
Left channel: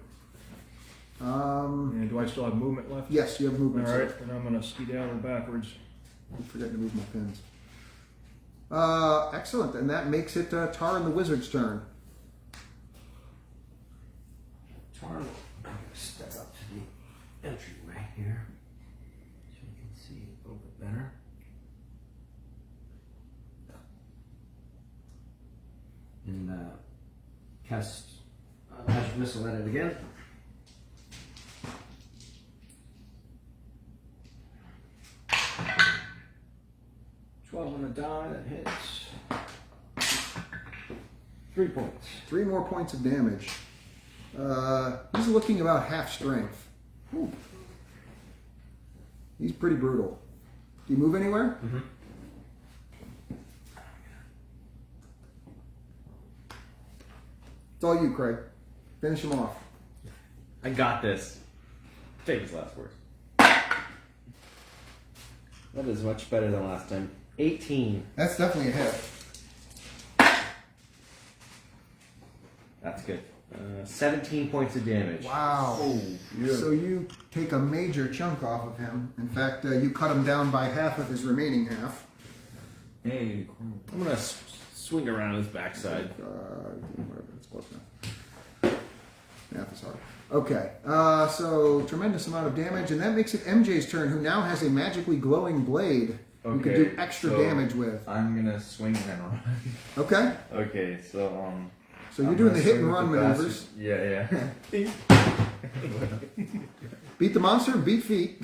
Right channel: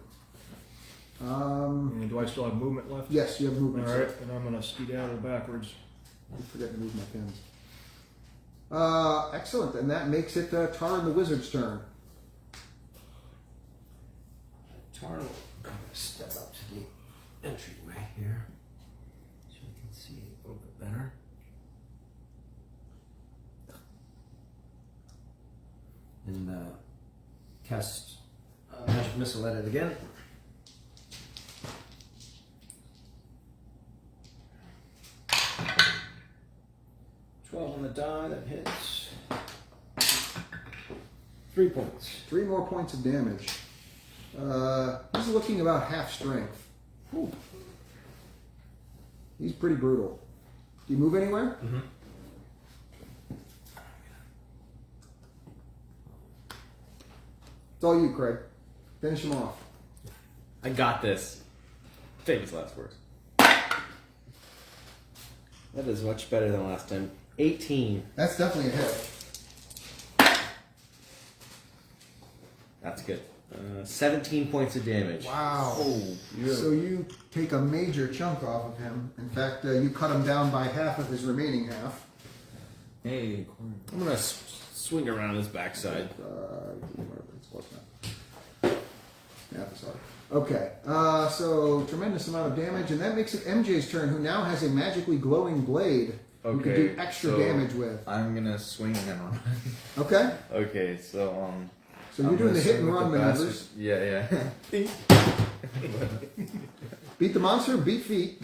And do I still have movement left? Yes, you have All movement. right. sir. And I'm going to skedaddle backwards. I forgot to move my pins. Excellent. And that makes it Taran the wizard's turn. Tar will step up to the entryway here so we can see a little bit better. And cast magic missile at it again. On the die, that hits. 3 points. 3 more points of damage. He's looking about half strength. Ooh. He's pretty brutal. Do you move anywhere? Mm-hmm. It's all you, Craig. Finish him off. I got this. Famous last words. That is much better than last time. 18. That's definitely a hit. That's good. 17 points of damage. Wow. So you take a major chunk off of him. In fact, you cut him down by half of his remaining half. Hey, I'm gonna swing around his backside. It's close enough. Math is hard. Okay, so tremendous amount of damage, and that makes it MJ's turn, who now has a magically glowing blade you can do extra so damage with. I'm gonna swing and run. Okay, Okay, so so you're I'm doing gonna the hit swing and with run the maneuvers. bastard. Yeah. Beat the monster, beat feet.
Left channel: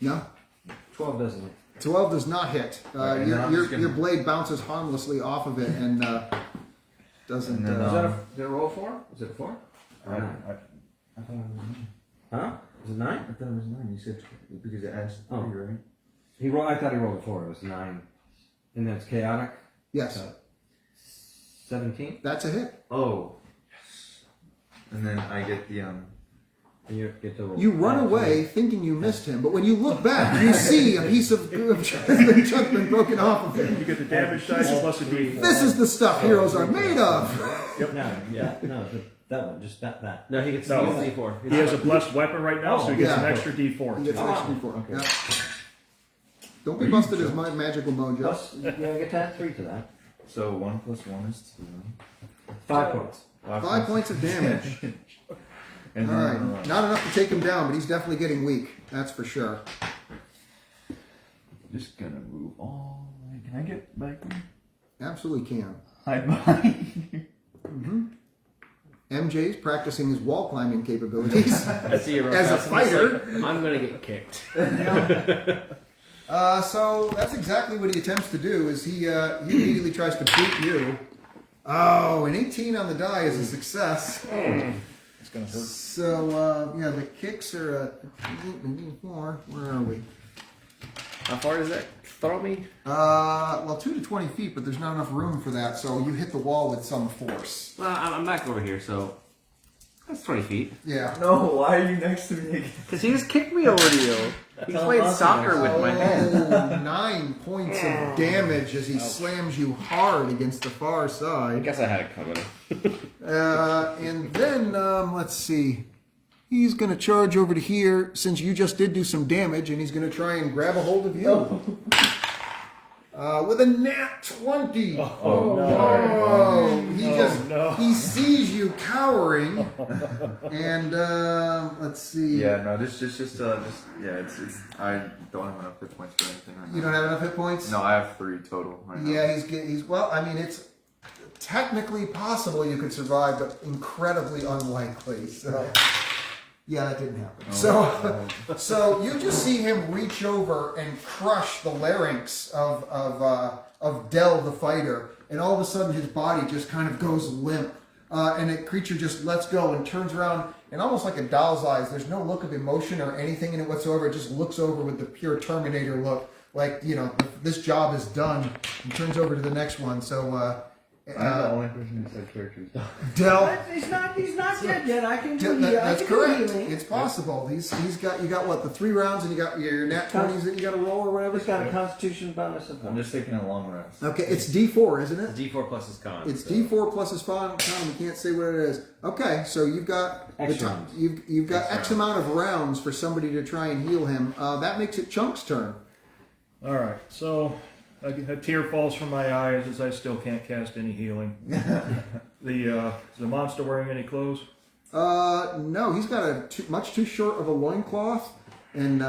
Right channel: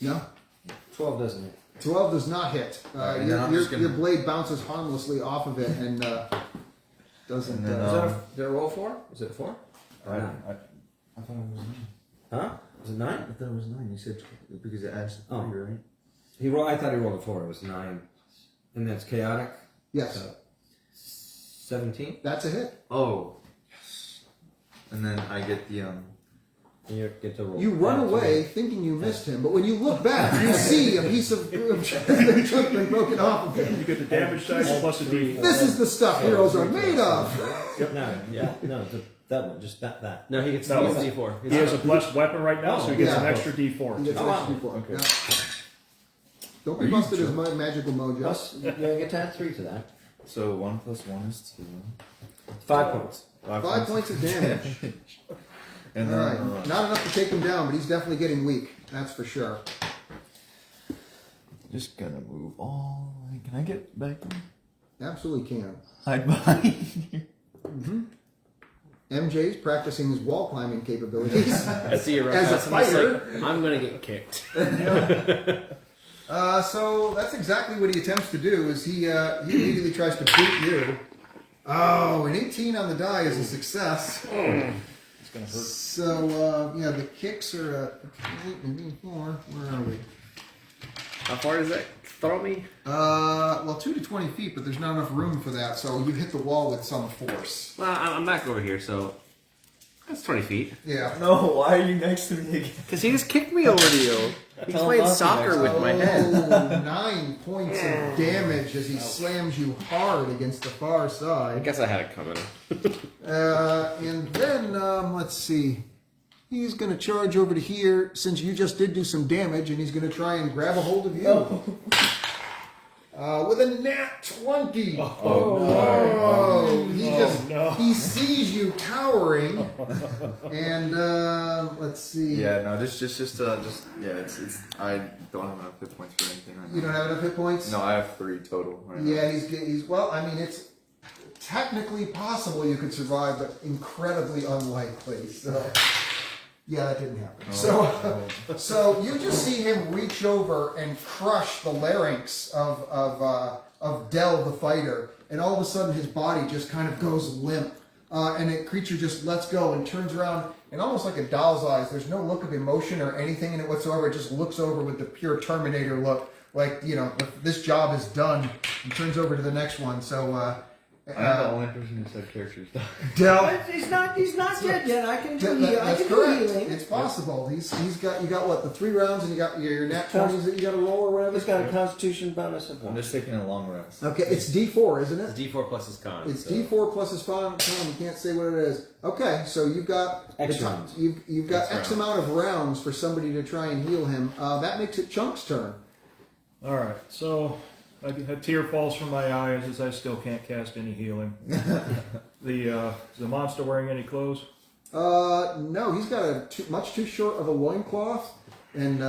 No, 12 doesn't hit. 12 does not hit. Alright, and then I'm just gonna- Your blade bounces harmlessly off of it and doesn't. And then, Did I roll 4? Is it 4? I thought it was 9. Huh? Was it 9? I thought it was 9. You said because it adds 3, right? I thought he rolled a 4. It was 9. And that's chaotic? Yes, 17? that's a hit. Oh. And then I get the You get to roll. You run away thinking you missed him, but when you look back, you see a piece of chunk been broken off of him. You get the damage dice plus a d4. This is the stuff heroes are made of. No, that one, just that. No, he gets No. no. D4. He has a blessed weapon right now, so he gets Yeah. an extra d4. He gets an extra D4. Yeah. Don't be busted as magical mojo. Plus, you get to add 3 to that. so 1 plus 1 is 2. 5 points. 5 points of damage. And All then right, not enough to take him down, but he's definitely getting weak. That's for sure. just gonna move all. Can I get back there? Absolutely can. Hide behind. MJ's practicing his wall climbing capabilities. I see you run As a past him, it's fighter. like, I'm gonna get kicked. So that's exactly what he attempts to do. Is he immediately tries to beat you? Oh, an 18 on the die is a success. It's gonna hurt. So yeah, the kicks are 4. Where are we? How far does that throw me? Well, 2 to 20 feet, but there's not enough room for that. So you hit the wall with some force. Well, I'm back over here, so that's 20 feet. Yeah. No, why are you next to me again? Because he just kicked me over to you. He's playing soccer with my head. Oh, 9 points of damage as he slams you hard against the far I side. guess I had it coming. And then, let's see. He's going to charge over to here since you just did do some damage, and he's going to try and grab a hold of you. With a nat 20. He sees you cowering, and let's see. Yeah, no, it's I don't have enough hit points for anything right now. You don't have enough hit points? No, I have 3 total right now. Yeah, he's well. I mean, it's technically possible you could survive, but incredibly unlikely. So, yeah, that didn't happen. So you just see him reach over and crush the larynx of Del the fighter, and all of a sudden his body just kind of goes limp, and the creature just lets go and turns around, and almost like a doll's eyes. There's no look of emotion or anything in it whatsoever. It just looks over with the pure Terminator look, like this job is done, and turns over to the next one. So. I'm the only person who said characters die. Del, He's not dead yet. I can do that's correct. healing. It's possible. You got what, the 3 rounds, and you got your nat 20s that you got to roll or whatever. He's got a constitution bonus of I'm 1. just taking a long rest. Okay, it's D4, isn't it? D4 plus his con. It's D4 plus his con. We can't say what it is. Okay, so you've got X rounds. You've got X amount of rounds for somebody to try and heal him. That makes it Chunk's turn. All right, so a tear falls from my eye as I still can't cast any healing. Is the monster wearing any clothes? No, he's got much too short of a loincloth, and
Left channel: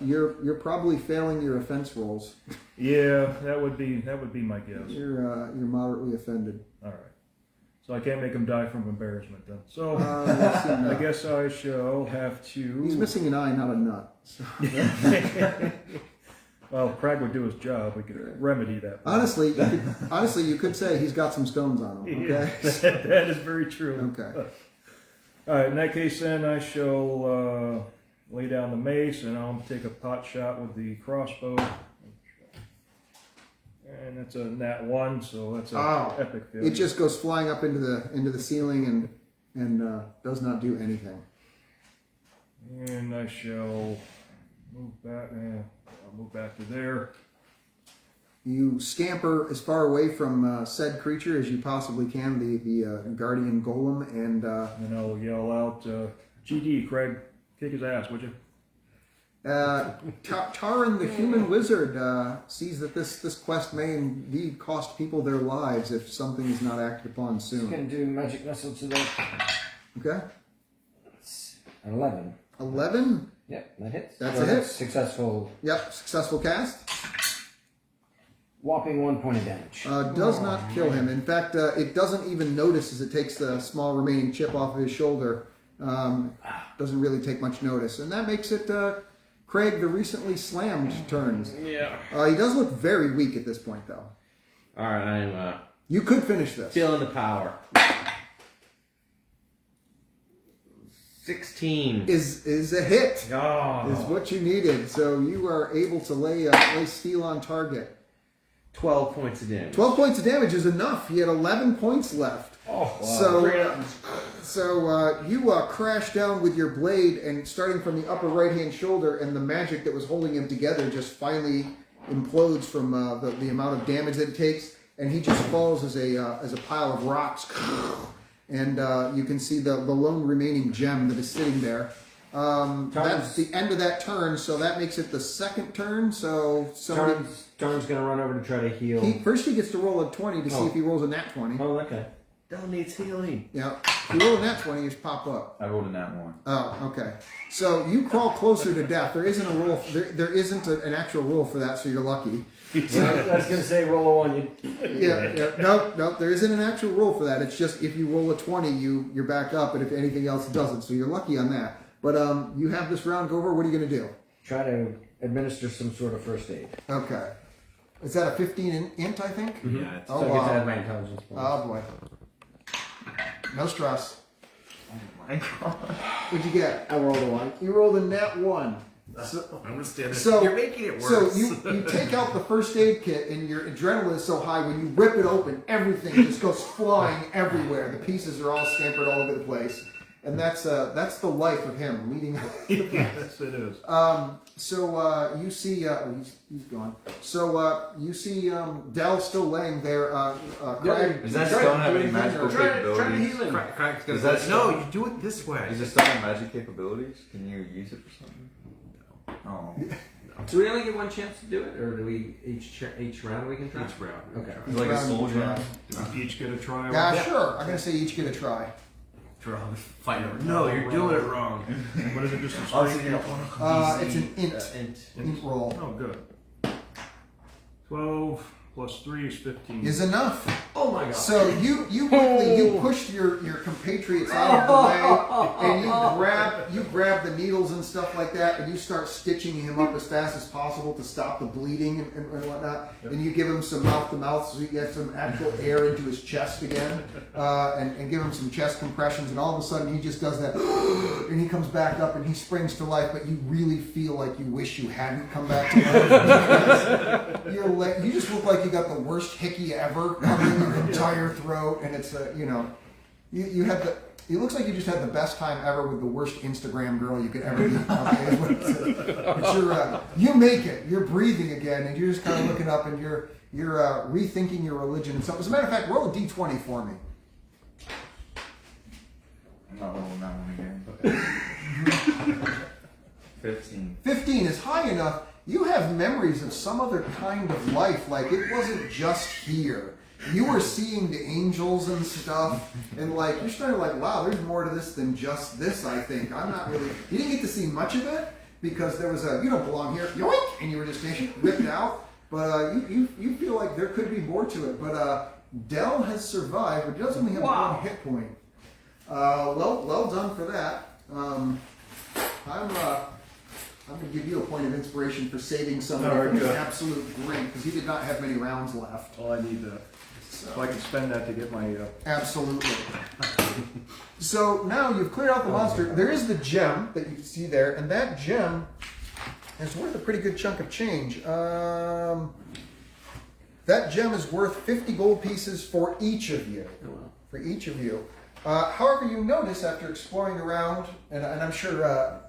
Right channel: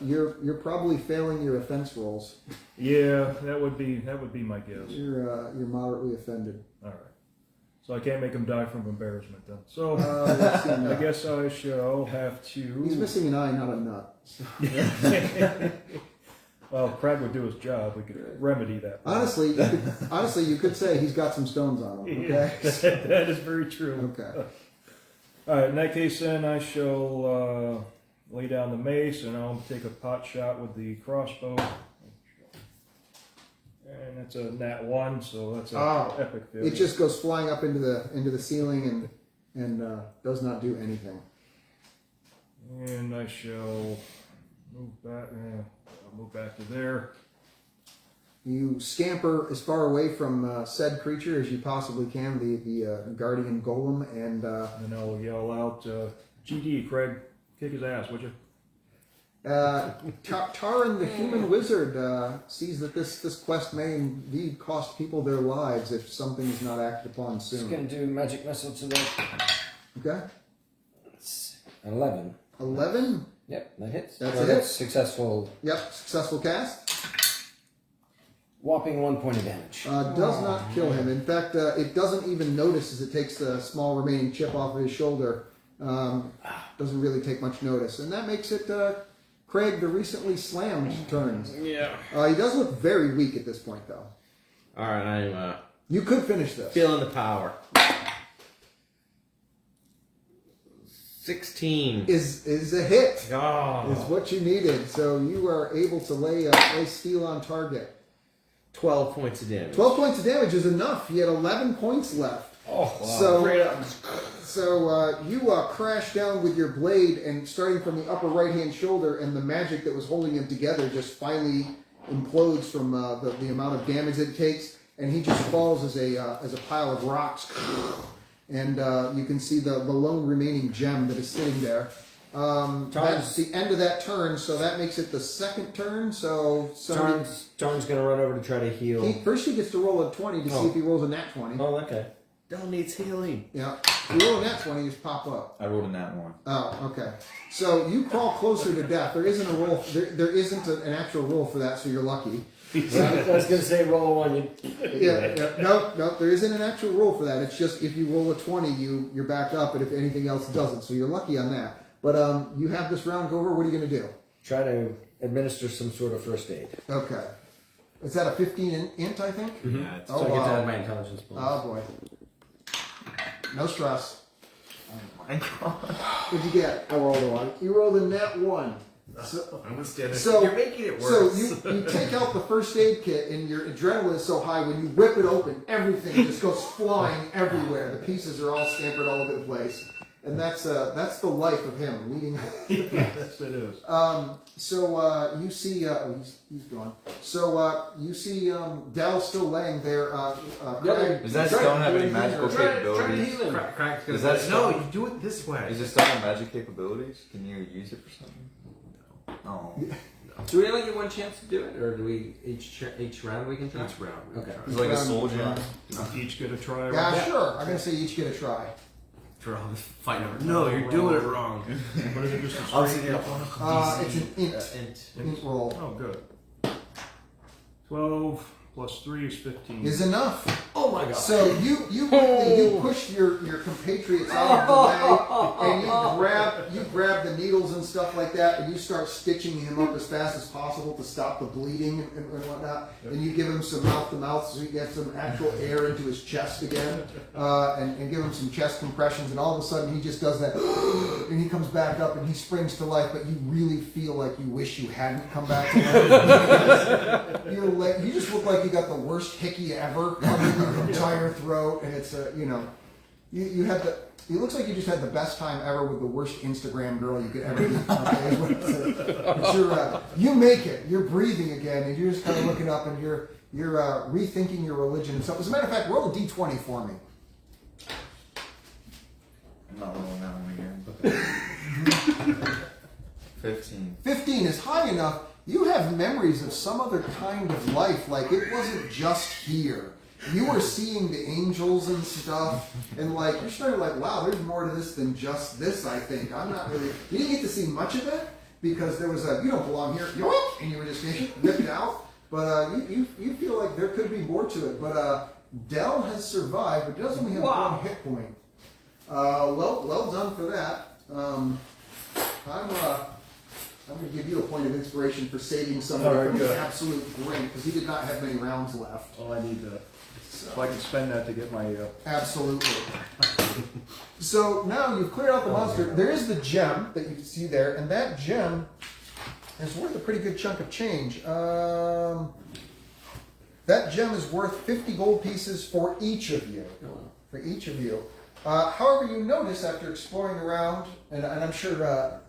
you're probably failing your offense rolls. Yeah, that would be my guess. You're moderately offended. All right, so I can't make him die from embarrassment then. So Let's see now. I guess I shall have to. He's missing an eye, not a nut. Well, Craig would do his job. We could remedy that. Honestly, you could say he's got some stones on him. Okay. Yeah, that is very true. Okay. All right. In that case, then I shall lay down the mace, and I'll take a pot shot with the crossbow. And that's a nat 1, so that's an epic failure. It just goes flying up into the ceiling and does not do anything. And I shall move back. I'll move back to there. You scamper as far away from said creature as you possibly can, the guardian golem, and I'll yell out, "GG, Craig, kick his ass, would you?" Taran, the human wizard, sees that this quest may indeed cost people their lives if something is not acted upon He's soon. going to do magic missile to the Okay. 11. 11. Yep, that hits. That's a hit. Successful. Yep, successful cast. Whopping 1 point of damage. Does not kill him. In fact, it doesn't even notice as it takes the small remaining chip off of his shoulder. Doesn't really take much notice. And that makes it Craig, the recently slammed, turns. Yeah. He does look very weak at this point, though. All right, I'm You could finish this. feeling the power. 16 Is a hit. Oh. Is what you needed. So you are able to lay steel on target. 12 points of damage. 12 points of damage is enough. He had 11 points left. Oh, So you crash down with your blade, and starting from the upper right-hand shoulder, and the magic that was holding him together just finally implodes from the amount of damage that it takes, and he just falls as a pile of rocks. And you can see the lone remaining gem that is sitting there. That's the end of that turn, so that makes it the second turn. So Tarn's going to run over to try to heal. First he gets to roll a 20 to see if he rolls a nat 20. Oh, okay. Don't need healing. Yeah. If you roll a nat 20, you just pop up. I rolled a nat 1. Oh, okay. So you crawl closer to death. There isn't a roll. There isn't an actual roll for that, so you're lucky. I was going to say roll a 1. Yeah. No. There isn't an actual roll for that. It's just if you roll a 20, you're back up, and if anything else doesn't, so you're lucky on that. But you have this round go over. What are you going to do? Try to administer some sort of first aid. Okay. Is that a 15 int, I think? Yeah, it's So I get to add my intelligence bonus. Oh, boy. No stress. my God. What'd you get? I rolled a 1. You rolled a net 1. So You're making it worse. So you take out the first aid kit, and your adrenaline is so high, when you rip it open, everything just goes flying everywhere. The pieces are all scampered all over the place. And that's the life of him leading. Yes, it is. So you see, he's gone. So you see Dell still laying there. Does that stone have any magical Try to capabilities? heal him. Crack's Is gonna that No, stone? you do it this way. Does it stone have magic capabilities? Can you use it for something? Oh. Do we only get one chance to do it, or do we each round we can try? Each round. Okay. It's like a soul gem. Do we each get a try? Yeah, sure. I'm gonna say each get a try. Draw the fight over. No, you're doing it wrong. What is it? Just a Oh, straight so you're- one? It's an int roll. Oh, good. 12 plus 3 is 15. Is enough. Oh my god. So you pushed your compatriots out of the way, and you grab the needles and stuff like that, and you start stitching him up as fast as possible to stop the bleeding and whatnot. And you give him some mouth to mouth so he gets some actual air into his chest again, and give him some chest compressions. And all of a sudden he just does that, and he comes back up and he springs to life. But you really feel like you wish you hadn't come back to life. You just look like you got the worst hickey ever coming in your entire throat, and it's you had the. It looks like you just had the best time ever with the worst Instagram girl you could ever meet. Okay? You make it. You're breathing again, and you're just kind of looking up, and you're rethinking your religion and stuff. As a matter of fact, roll a d20 for me. I'm not rolling that one again. 15. 15 is high enough. You have memories of some other kind of life. Like, it wasn't just here. You were seeing the angels and stuff, and like, you're starting to like, wow, there's more to this than just this, I think. I'm not really, you didn't get to see much of it, because there was you don't belong here, yoink, and you were just ripped out. But you feel like there could be more to it. But Dell has survived, but he does only have one hit point. Well done for that. I'm going to give you a point of inspiration for saving somebody from an absolute great, because he did not have many rounds left. Well, I need to. So I can spend that to get my. Absolutely. So now you've cleared out the monster. There is the gem that you can see there, and that gem is worth a pretty good chunk of change. That gem is worth 50 gold pieces for each of you. For each of you. However, you notice after exploring around, and I'm sure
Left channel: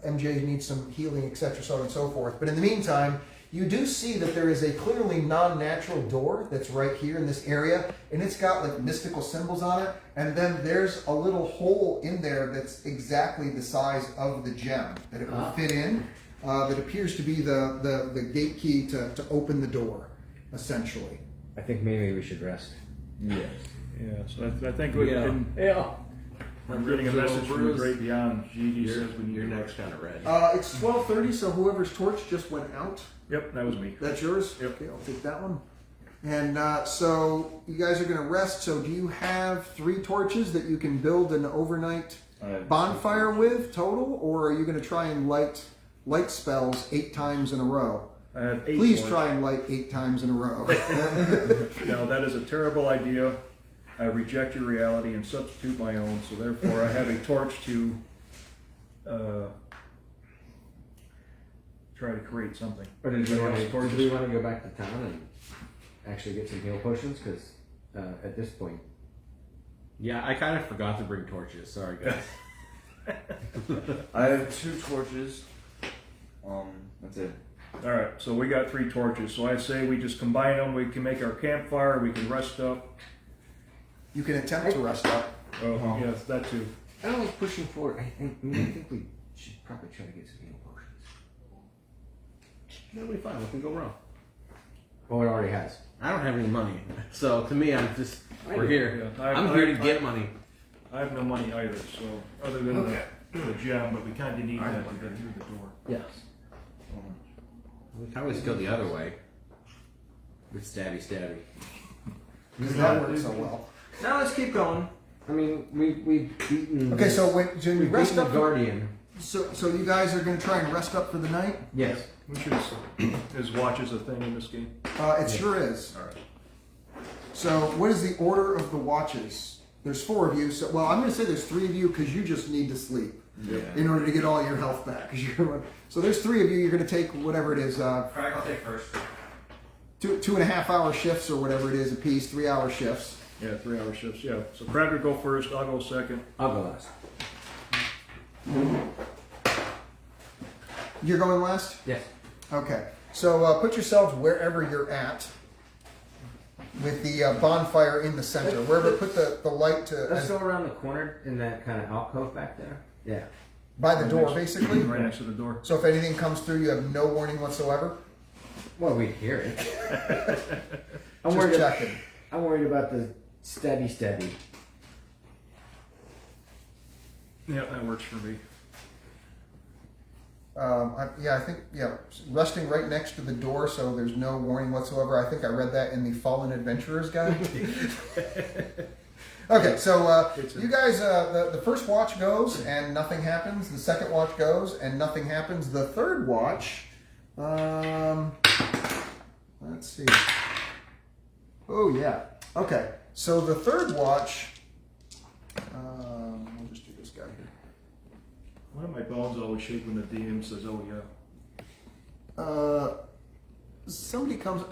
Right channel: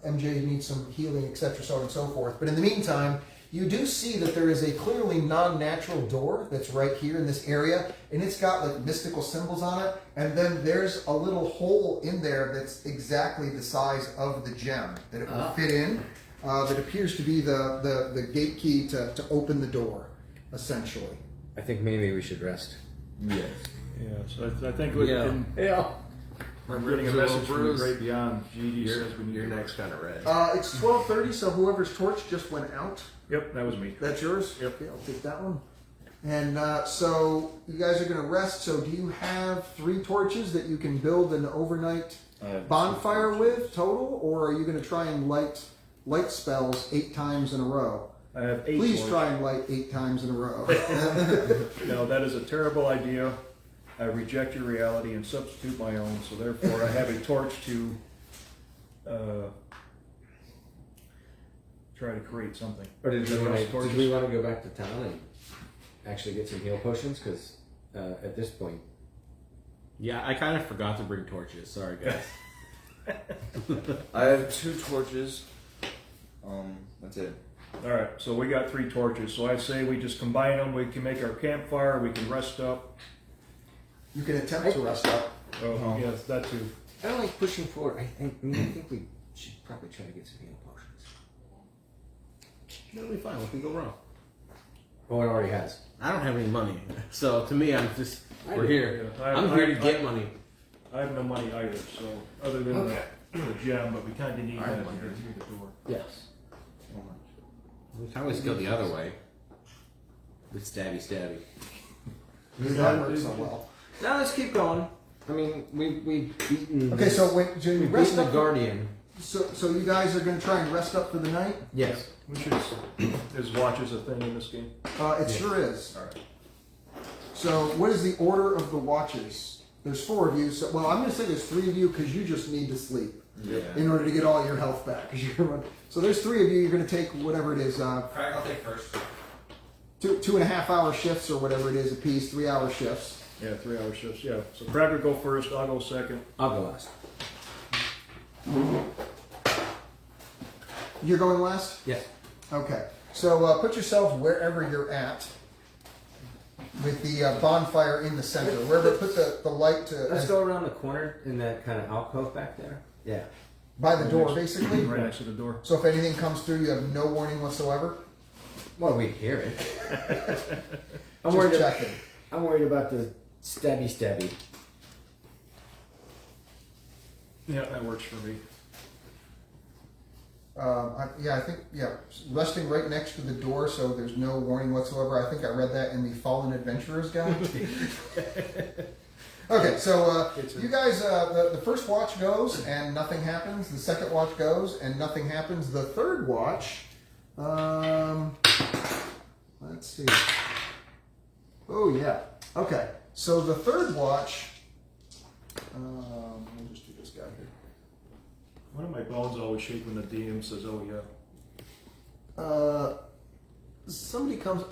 MJ needs some healing, etc., so on and so forth, but in the meantime, you do see that there is a clearly non-natural door that's right here in this area, and it's got like mystical symbols on it, and then there's a little hole in there that's exactly the size of the gem that it would fit in, that appears to be the gate key to open the door, essentially. I think maybe we should rest. Yes. Yeah, so I think we can. Yeah. I'm getting a message from the great beyond. GD says we need Your to- neck's kind of red. It's 12:30, so whoever's torch just went out. Yep, that was me. That's yours? Yep. Okay, I'll take that one. And so you guys are going to rest. So do you have 3 torches that you can build an overnight bonfire with total? Or are you going to try and light spells 8 times in a row? I have 8 Please points. try and light 8 times in a row. No, that is a terrible idea. I reject your reality and substitute my own, so therefore I have a torch to try to create something. Or did we want to Torches. go back to town and actually get some heal potions? Because at this point, Yeah, I kind of forgot to bring torches. Sorry, guys. I have 2 torches. That's it. All right, so we got 3 torches. So I say we just combine them. We can make our campfire. We can rest up. You can attempt to rest up. Oh, yes, that too. I don't like pushing forward. I think we should probably try to get some heal potions. It'll be fine. What can go wrong? Oh, it already has. I don't have any money, so to me, I'm just we're here. Yeah, I'm here to get money. I have no money either, so other than the gem, but we kind of need that to get through the door. Yes. I always go the other way. With stabby. Does that work so well? Now let's keep going. I mean, we've beaten. Okay, so when so you we've rest beaten the up. guardian. So you guys are going to try and rest up for the night? Yes. We should. Is watches a thing in this game? It sure is. All right. So what is the order of the watches? There's 4 of you. So well, I'm going to say there's 3 of you because you just need to sleep in order to get all your health back. So there's 3 of you. You're going to take whatever it is. Craig, I'll take first. 2.5 hour shifts or whatever it is a piece. 3 hour shifts. Yeah, 3 hour shifts. Yeah. So Brad will go first. I'll go second. I'll go last. You're going last? Yes. Okay. So put yourselves wherever you're at with the bonfire in the center. Wherever put the light to... Let's go around the corner in that kind of alcove back there. Yeah. By the door, basically? Right next to the door. So if anything comes through, you have no warning whatsoever? Well, we hear it. I'm Just worried. checking. I'm worried about the steady. Yeah, that works for me. I think, resting right next to the door so there's no warning whatsoever. I think I read that in the Fallen Adventurer's Guide. Okay, so you guys, the first watch goes and nothing happens. The second watch goes and nothing happens. The third watch, let's see. Oh, yeah. Okay, so the third watch, we'll just do this guy here. One of my bones always shake when the DM says, "Oh yeah."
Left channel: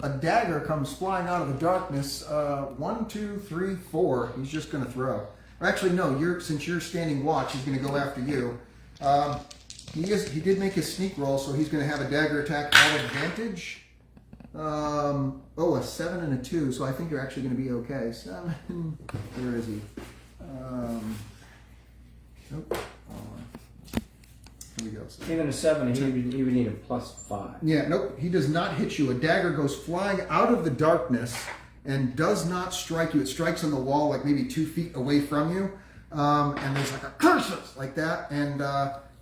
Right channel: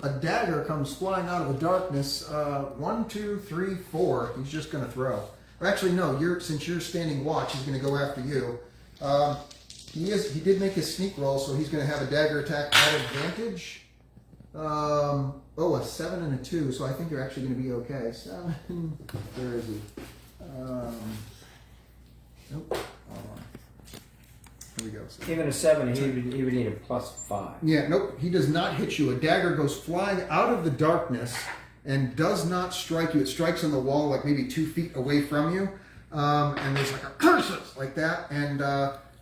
A dagger comes flying out of the darkness. 1, 2, 3, 4. He's just going to throw. Or actually, no. Since you're standing watch, he's going to go after you. He did make his sneak roll, so he's going to have a dagger attack at advantage. A 7 and a 2. So I think you're actually going to be okay. 7. Where is he? Nope. Here we go. So. Even a 7, he would need a +5. Yeah, nope, he does not hit you. A dagger goes flying out of the darkness and does not strike you. It strikes on the wall like maybe 2 feet away from you. And there's like a curses like that. And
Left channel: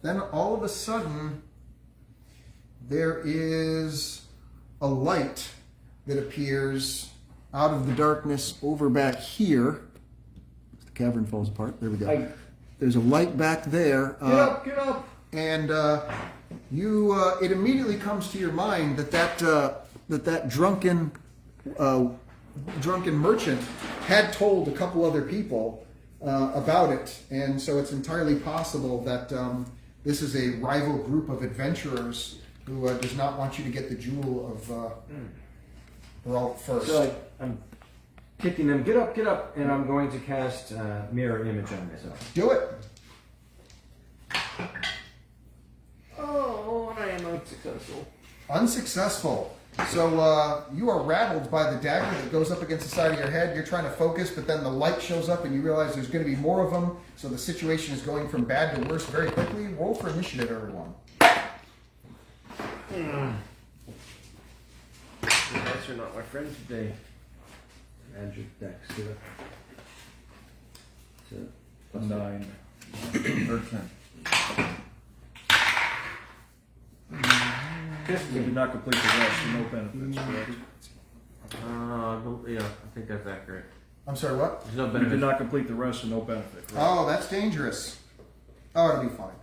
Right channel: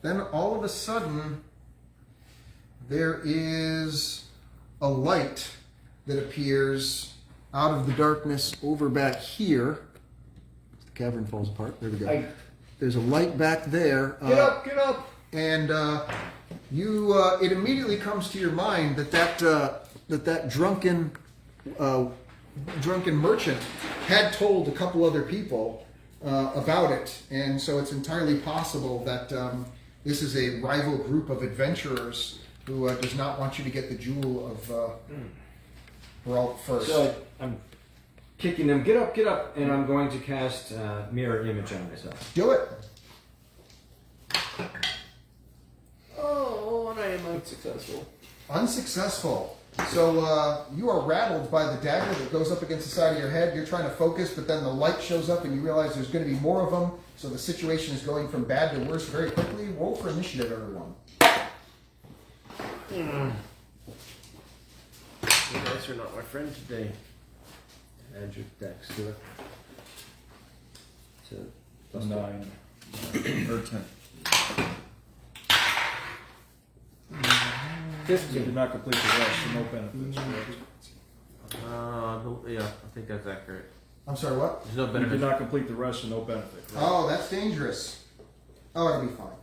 then all of a sudden, there is a light that appears out of the darkness over back here. The cavern falls apart. There we go. There's a light back there. Get up! And it immediately comes to your mind that drunken merchant had told a couple other people about it, and so it's entirely possible that this is a rival group of adventurers who does not want you to get the jewel of Barbalt first. So I'm kicking them. Get up! And I'm going to cast mirror image on myself. Do it. Oh, I am unsuccessful. Unsuccessful. So you are rattled by the dagger that goes up against the side of your head. You're trying to focus, but then the light shows up and you realize there's going to be more of them. So the situation is going from bad to worse very quickly. Roll for initiative, everyone. You guys are not my friend today. Add your dex to it. Plus 9. Or 10. 15. You did not complete the rest, so no benefits. Correct? Yeah, I think that's accurate. I'm sorry, what? There's no You benefit. did not complete the rest, so no benefit. Correct? Oh, that's dangerous. Oh, it'll be fine.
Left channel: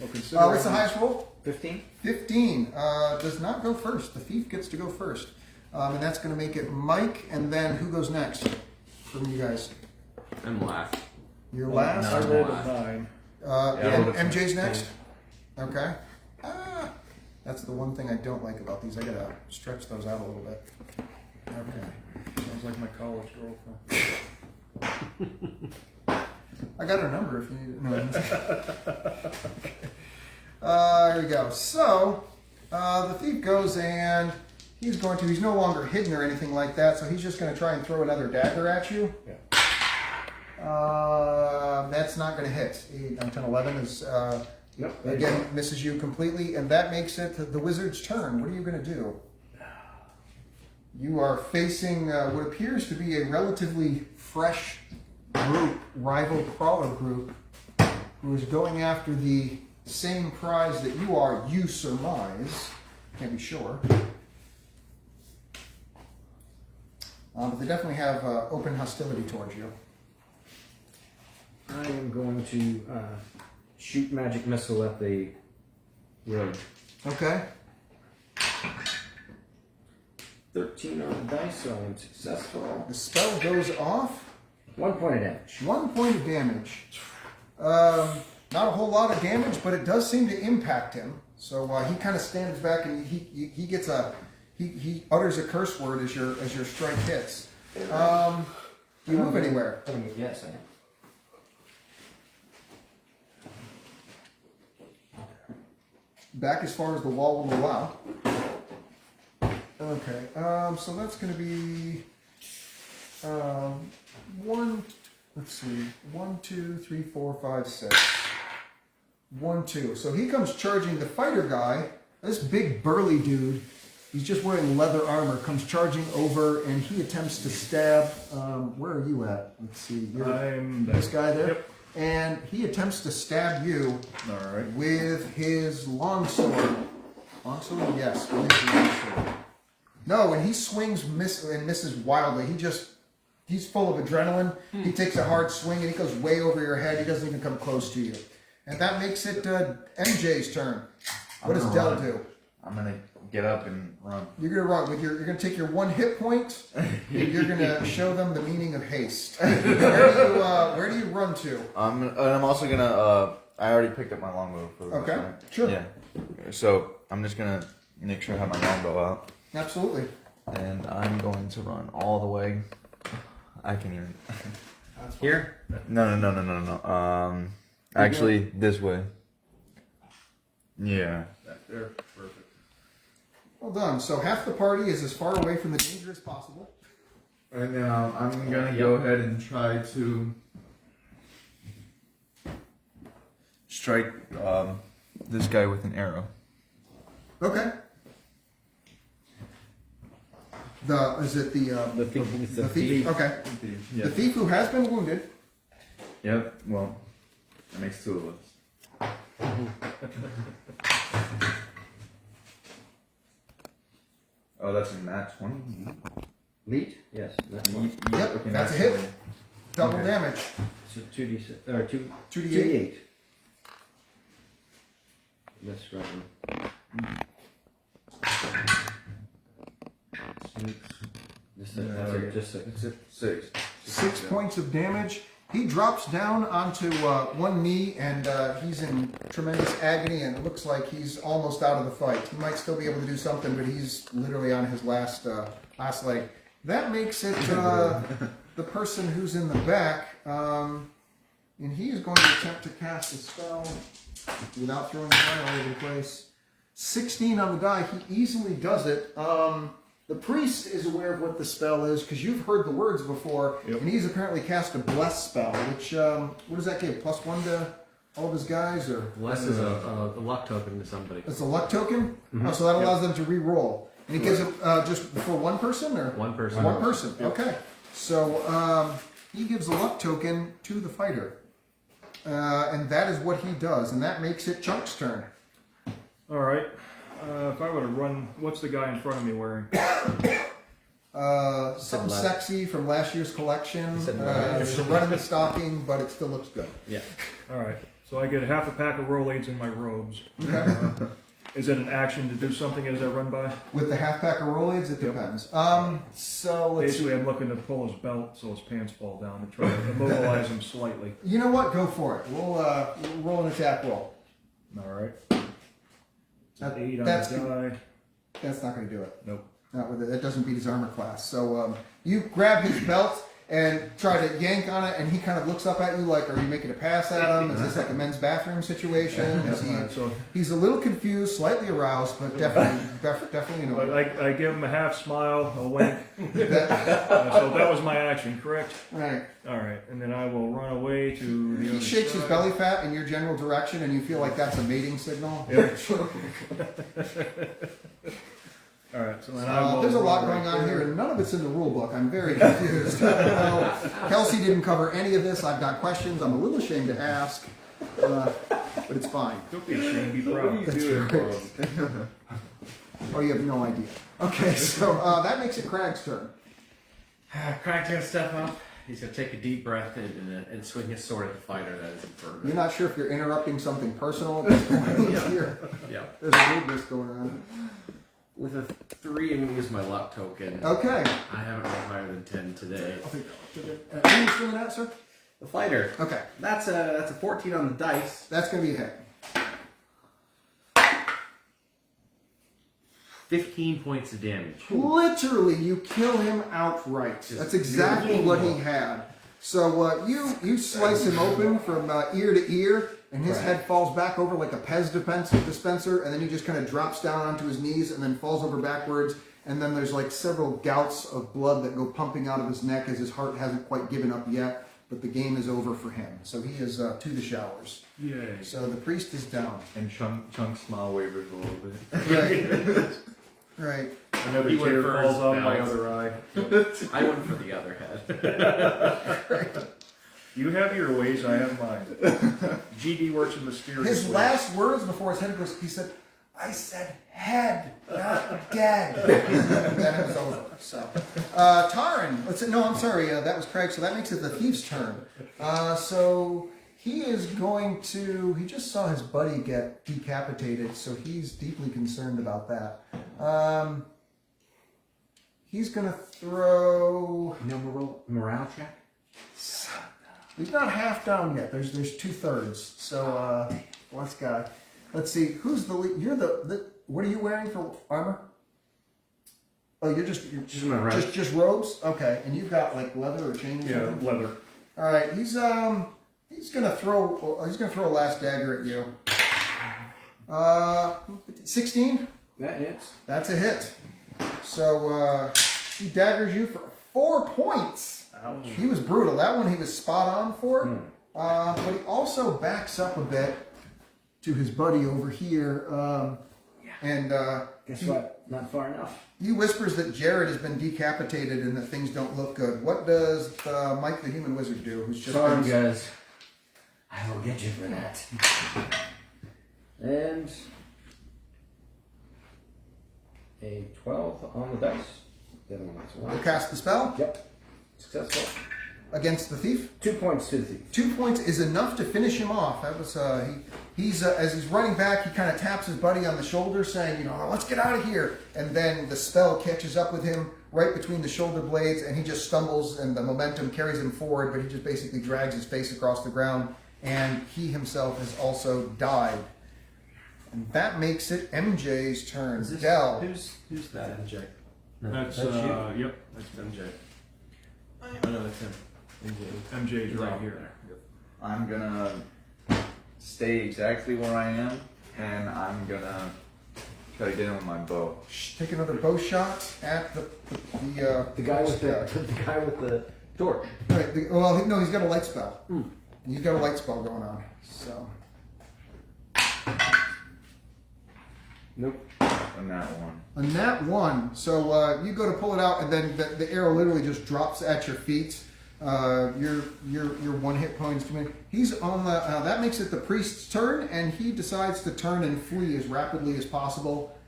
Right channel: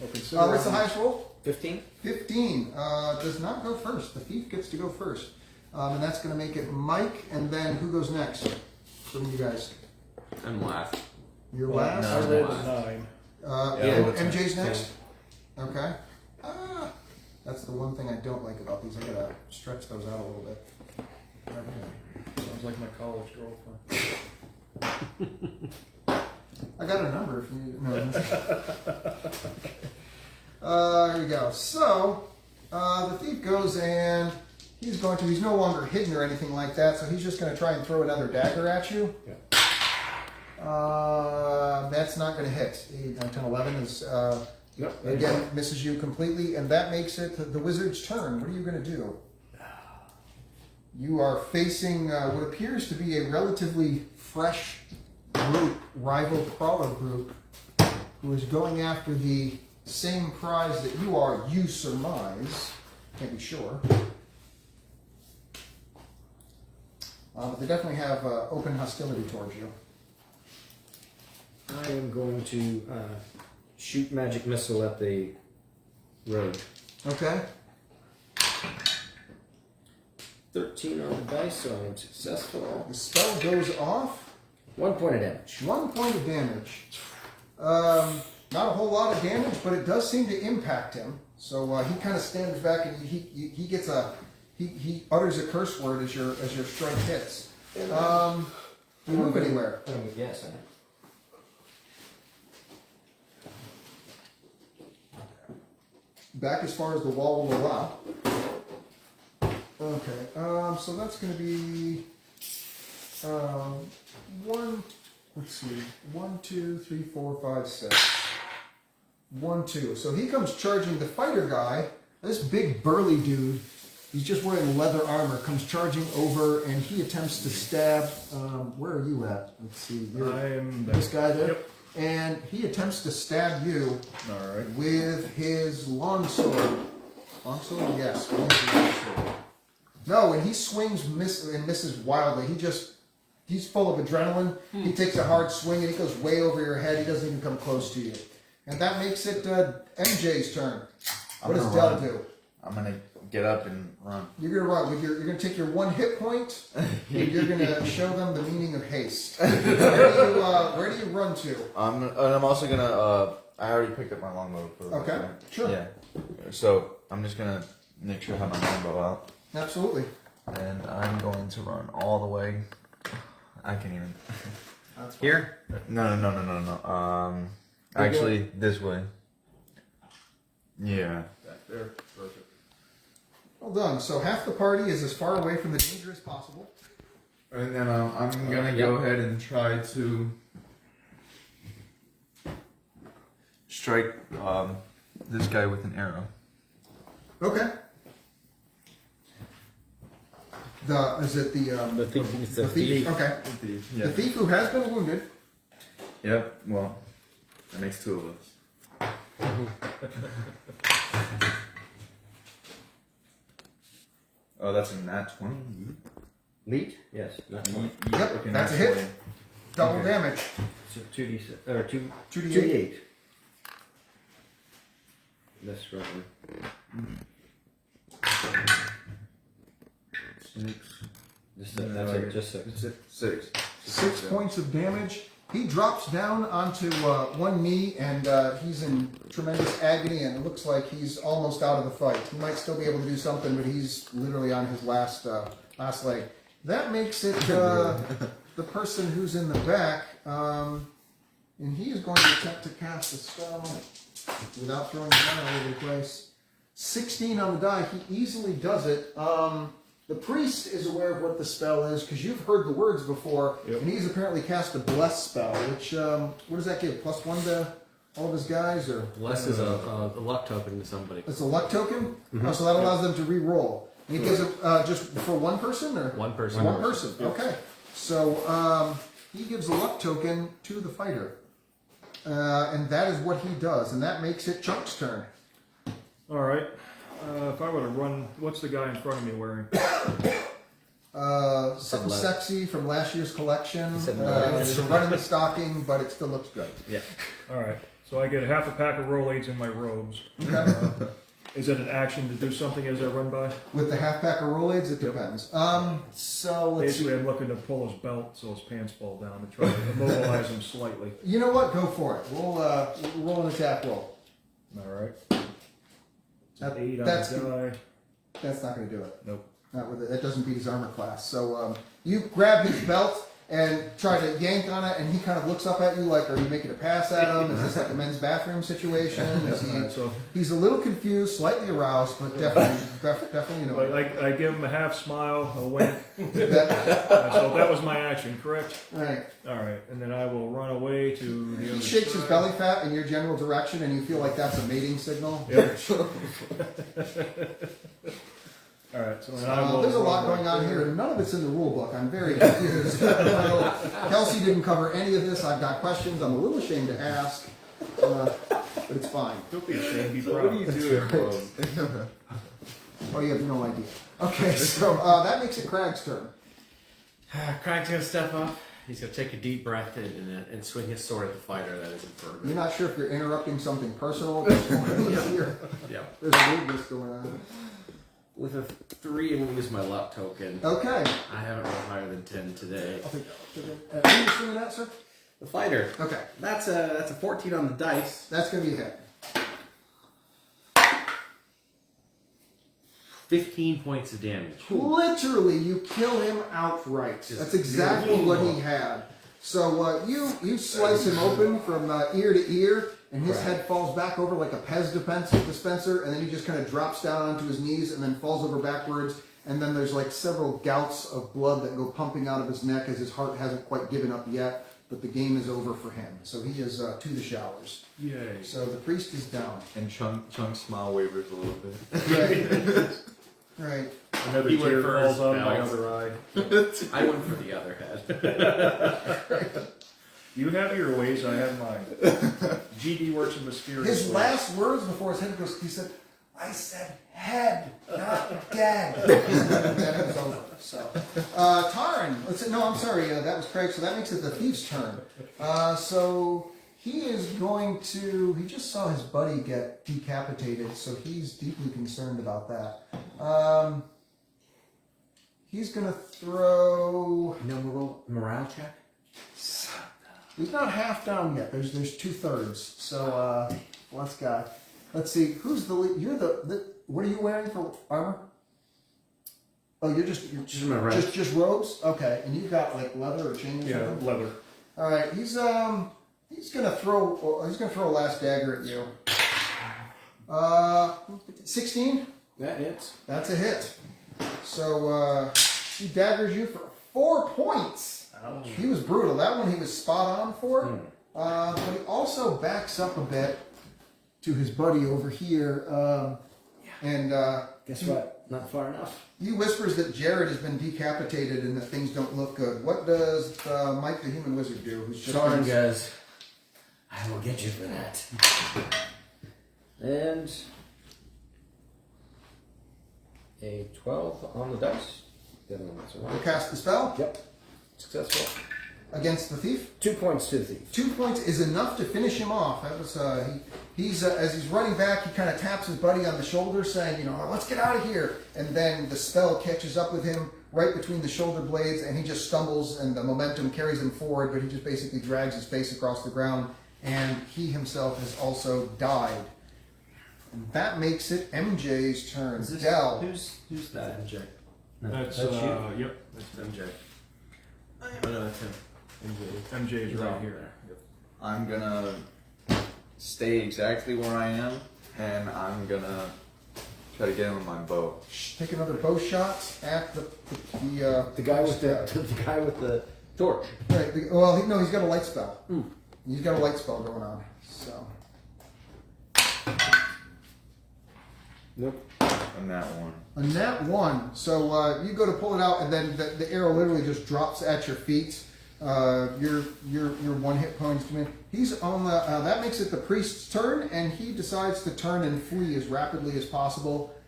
Well, consider What's the highest roll? 15. 15. Does not go first. The thief gets to go first. And that's going to make it Mike, and then who goes next? For you guys. I'm last. You're Well, last? I rolled a 9. And MJ's next? Okay. That's the one thing I don't like about these. I gotta stretch those out a little bit. Okay. Sounds like my college girlfriend. I got her number if you need it. No. Here we go. So, the thief goes and he's no longer hidden or anything like that, so he's just going to try and throw another dagger at you. Yeah. That's not going to hit. 10, 11 is, Yep. again, misses you completely, and that makes it the wizard's turn. What are you going to do? You are facing what appears to be a relatively fresh group, rival crawler group, who is going after the same prize that you are, you surmise. Can't be sure. But they definitely have open hostility towards you. I am going to shoot magic missile at the rogue. Okay. 13 on the dice, so I'm successful. The spell goes off. 1 point of damage. 1 point of damage. Not a whole lot of damage, but it does seem to impact him. So he kind of stands back and he gets he utters a curse word as your strike hits. Do you move anywhere? Yes, I am. back as far as the wall will allow. Okay, so that's going to be let's see, 1, 2, 3, 4, 5, 6. 1, 2. So he comes charging the fighter guy. This big burly dude, he's just wearing leather armor, comes charging over and he attempts to stab. Where are you at? Let's see. I'm This guy there? Yep. And he attempts to stab you with his longsword. Longsword? Yes. I think it's a longsword. No, and he swings and misses wildly. He's full of adrenaline. He takes a hard swing and he goes way over your head. He doesn't even come close to you. And that makes it MJ's turn. What does Del do? I'm gonna get up and run. You're gonna run. You're gonna take your 1 hit point, and you're gonna show them the meaning of haste. Where do you run to? I'm also gonna. I already picked up my longbow for this. Okay, Right? sure. Yeah. So I'm just gonna make sure I have my longbow out, Absolutely. and I'm going to run all the way. I can even. Here? No. Actually, this way. Yeah. Back there. Perfect. Well done. So half the party is as far away from the danger as possible. And then I'm gonna go ahead and try to strike this guy with an arrow. Okay. Is it The thing is the thief? Okay. Yeah. The thief who has been wounded. Yep. Well, that makes 2 of us. Oh, that's a nat 20. Leet? Yes. That's one. Yep, Okay, that's a nat hit. 20. Double Okay. damage. So 2d6 or 2d8. 2d8. Let's run. 6. That's it. Just 6. That's it. 6. 6 points of damage. He drops down onto one knee and he's in tremendous agony and it looks like he's almost out of the fight. He might still be able to do something, but he's literally on his last leg. That makes it the person who's in the back, and he is going to attempt to cast a spell without throwing the die all over the place. 16 on the die. He easily does it. The priest is aware of what the spell is because you've heard the words before, and he's apparently cast a bless spell. Which what does that give? +1 to all of his guys, or Bless is a luck token to somebody. it's a luck token. Oh, so that allows them to re-roll. And he gives it just for one person, or One person. One person. Okay. So he gives a luck token to the fighter, and that is what he does, and that makes it Chuck's turn. All right. If I were to run, what's the guy in front of me wearing? Something sexy from last year's collection. said There's a run in the stocking, but it still looks good. Yeah. All right. So I get half a pack of Rolaids in my robes. Okay. Is it an action to do something as I run by? With the half pack of Rolaids, it depends. So let's see. Basically, I'm looking to pull his belt so his pants fall down to try to immobilize him slightly. You know what? Go for it. We'll roll an attack roll. All right. That- 8 on that's the die. That's not going to do it. Nope. Not with it. That doesn't beat his armor class. So you grab his belt and try to yank on it, and he kind of looks up at you like, "Are you making a pass at him? Is this like a men's bathroom situation?" Is he, So he's a little confused, slightly aroused, but definitely annoyed. I give him a half smile, a wink. That- So that was my action, correct? right. All right. And then I will run away to the He other shakes side. his belly fat in your general direction, and you feel like that's a mating signal. Yep. All right. So then I will. There's a run lot right going on there. here, and none of it's in the rule book. I'm very confused. I don't know. Kelsey didn't cover any of this. I've got questions. I'm a little ashamed to ask, but it's fine. Don't be ashamed. Be What are proud. you doing, bro? Oh, you have no idea. Okay, so that makes it Crag's turn. Crack's gonna step up. He's gonna take a deep breath and swing his sword at the fighter that is in front of You're him. not sure if you're interrupting something personal at this point. Here. Yeah. There's a weirdness going on. With a 3, I'm gonna use my luck token. Okay. I haven't rolled higher than 10 today. I'll take that. Who are you swinging at, sir? The fighter. Okay, That's a 14 on the dice. that's going to be a hit. 15 points of damage. Literally, you kill him outright. That's exactly what he had. So you slice him open from ear to ear, and his head falls back over like a Pez dispenser, and then he just kind of drops down onto his knees and then falls over backwards. And then there's like several gouts of blood that go pumping out of his neck as his heart hasn't quite given up yet. But the game is over for him, so he is to the showers. Yay. So the priest is down. And Chunk's smile wavers a little bit. Right. Another He went tear for falls his on my belt. other eye. I went for the other head. You have your ways, I have mine. GD works in mysterious His ways. last words before his head goes, he said, "I said head, not dead." Then it was over. So, Taran. I'm sorry. That was Craig. So that makes it the thief's turn. So he is going to. He just saw his buddy get decapitated, so he's deeply concerned about that. He's going to throw. No morale check? He's not half down yet. There's 2/3. So let's see. Who's the lead? You're the. What are you wearing for armor? Oh, you're just my right. just robes. Okay, and you've got like leather or chain. Yeah, leather. All right. He's gonna throw a last dagger at you. 16. That hits. That's a hit. So he daggers you for 4 points. Ouch. He was brutal. That one he was spot on for. But he also backs up a bit to his buddy over here. And Guess what? Not far enough. he whispers that Jared has been decapitated and that things don't look good. What does Mike the Human Wizard do? Who's just Soren been- goes, I will get you for that. And a 12 on the dice. The other one's a We'll 1. cast the spell Yep. Successful. against the thief. 2 points to the thief. 2 points is enough to finish him off. That was he's as he's running back, he kind of taps his buddy on the shoulder, saying, "Let's get out of here." And then the spell catches up with him right between the shoulder blades, and he just stumbles, and the momentum carries him forward. But he just basically drags his face across the ground, and he himself has also died. And that makes it MJ's turn. Dell. Who's that? MJ. That's, That's you. Yep. That's MJ. Oh no, it's him. MJ's He's right off here. there. I'm gonna stay exactly where I am, and I'm gonna try to get him with my bow. Take another bow shot at the The guy with the torch. Right. No, he's got a light spell. He's got a light spell going on. So Nope. On that one. a nat 1. So you go to pull it out, and then the arrow literally just drops at your feet. Your 1 hit points come in. He's on the. That makes it the priest's turn, and he decides to turn and flee as rapidly as possible,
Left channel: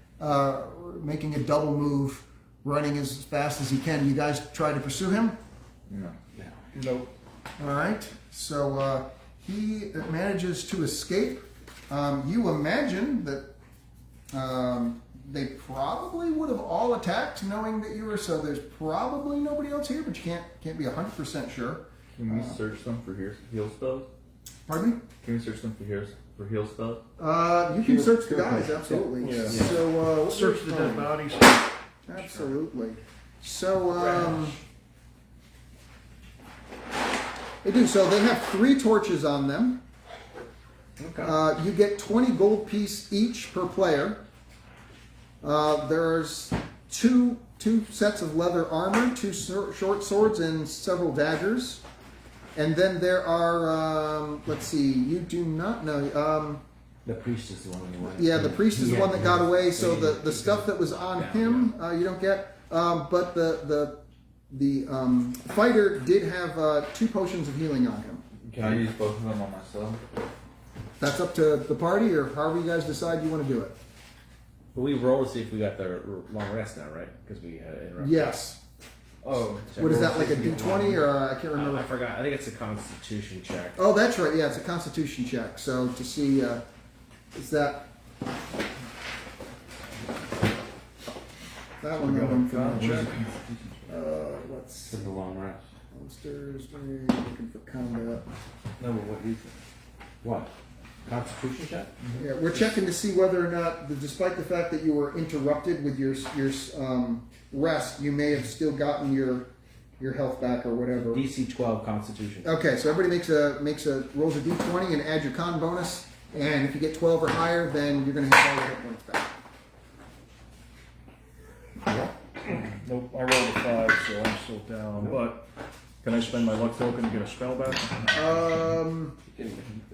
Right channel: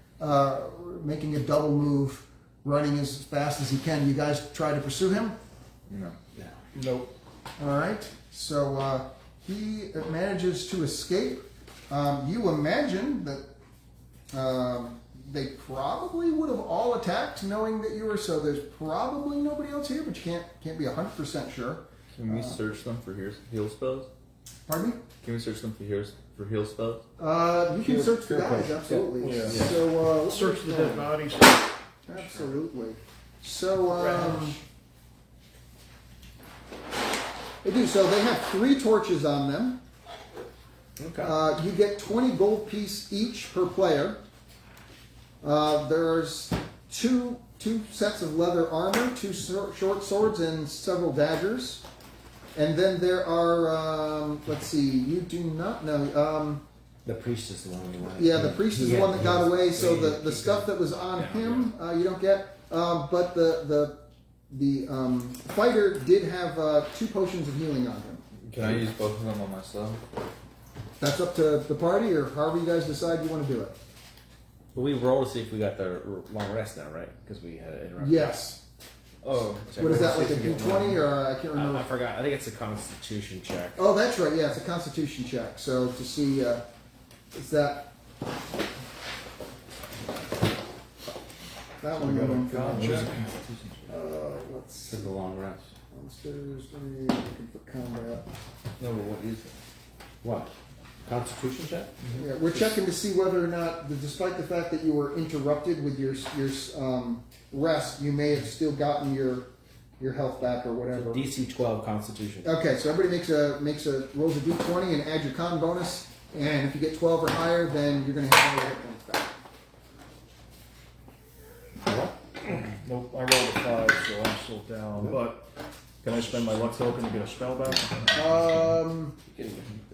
making a double move, running as fast as he can. You guys try to pursue him. No. Nope. All right. So he manages to escape. You imagine that they probably would have all attacked, knowing that you were. So there's probably nobody else here, but you can't be 100% sure. Can we search them for heal spells? Pardon me? Can we search them for heal spells? You can search the guys, absolutely. Yeah. So Search the dead bodies. Absolutely. So they do. So they have 3 torches on them. Okay. You get 20 gold piece each per player. There's two sets of leather armor, 2 short swords, and several daggers. And then there are, let's see, you do not know. The priest is the one who went. Yeah, the priest is the one that got away. So the stuff that was on him, you don't get. But the fighter did have 2 potions of healing on him. Can I use both of them on myself? That's up to the party, or however you guys decide you want to do it. But we roll to see if we got the long rest now, right? Because we had interrupted. Yes. Oh. What is that, like a D20, or I can't remember? I forgot. I think it's a Constitution check. Oh, that's right. Yeah, it's a Constitution check. So to see, is that one going for Con check. let's For the long rest. monsters. Looking for combat. No, but what is it? What? Constitution check? Yeah, we're checking to see whether or not, despite the fact that you were interrupted with your rest, you may have still gotten your your health back or whatever. DC 12 Constitution. Okay, so everybody rolls a d20 and add your con bonus, and if you get 12 or higher, then you're going to have all your hit points back. Nope, I rolled a 5, so I'm still down. But can I spend my luck token to get a spell back? I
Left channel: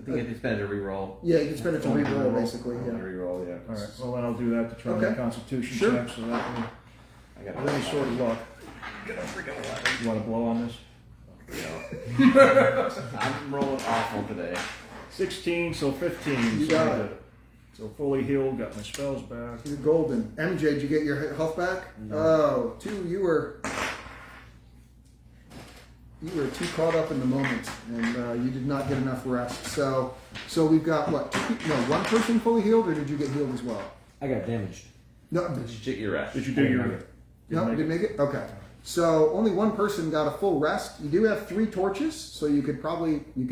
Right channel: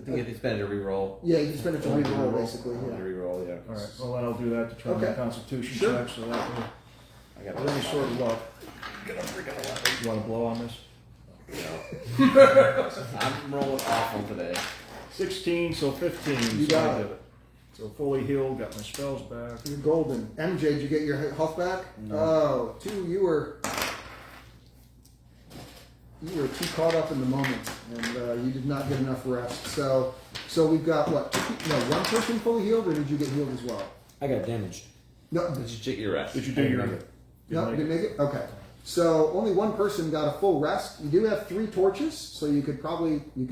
think you can spend it to reroll. Yeah, you can spend it to reroll, basically. Yeah. Reroll, yeah. All right. Well, then I'll do that to try Okay. my Constitution Sure. check. So that will, I got with any sort of luck. You want to blow on this? No. I'm rolling awful today. 16, so 15. You so got I it. did it. So fully healed, got my spells back. You're golden. MJ, did you get your health back? No. Oh, you were too caught up in the moment, and you did not get enough rest. So we've got what? One person fully healed, or did you get healed as well? I got damaged. No, Did you get your rest? Did you do your? no, didn't make it. Okay, so only one person got a full rest. You do have 3 torches, so you could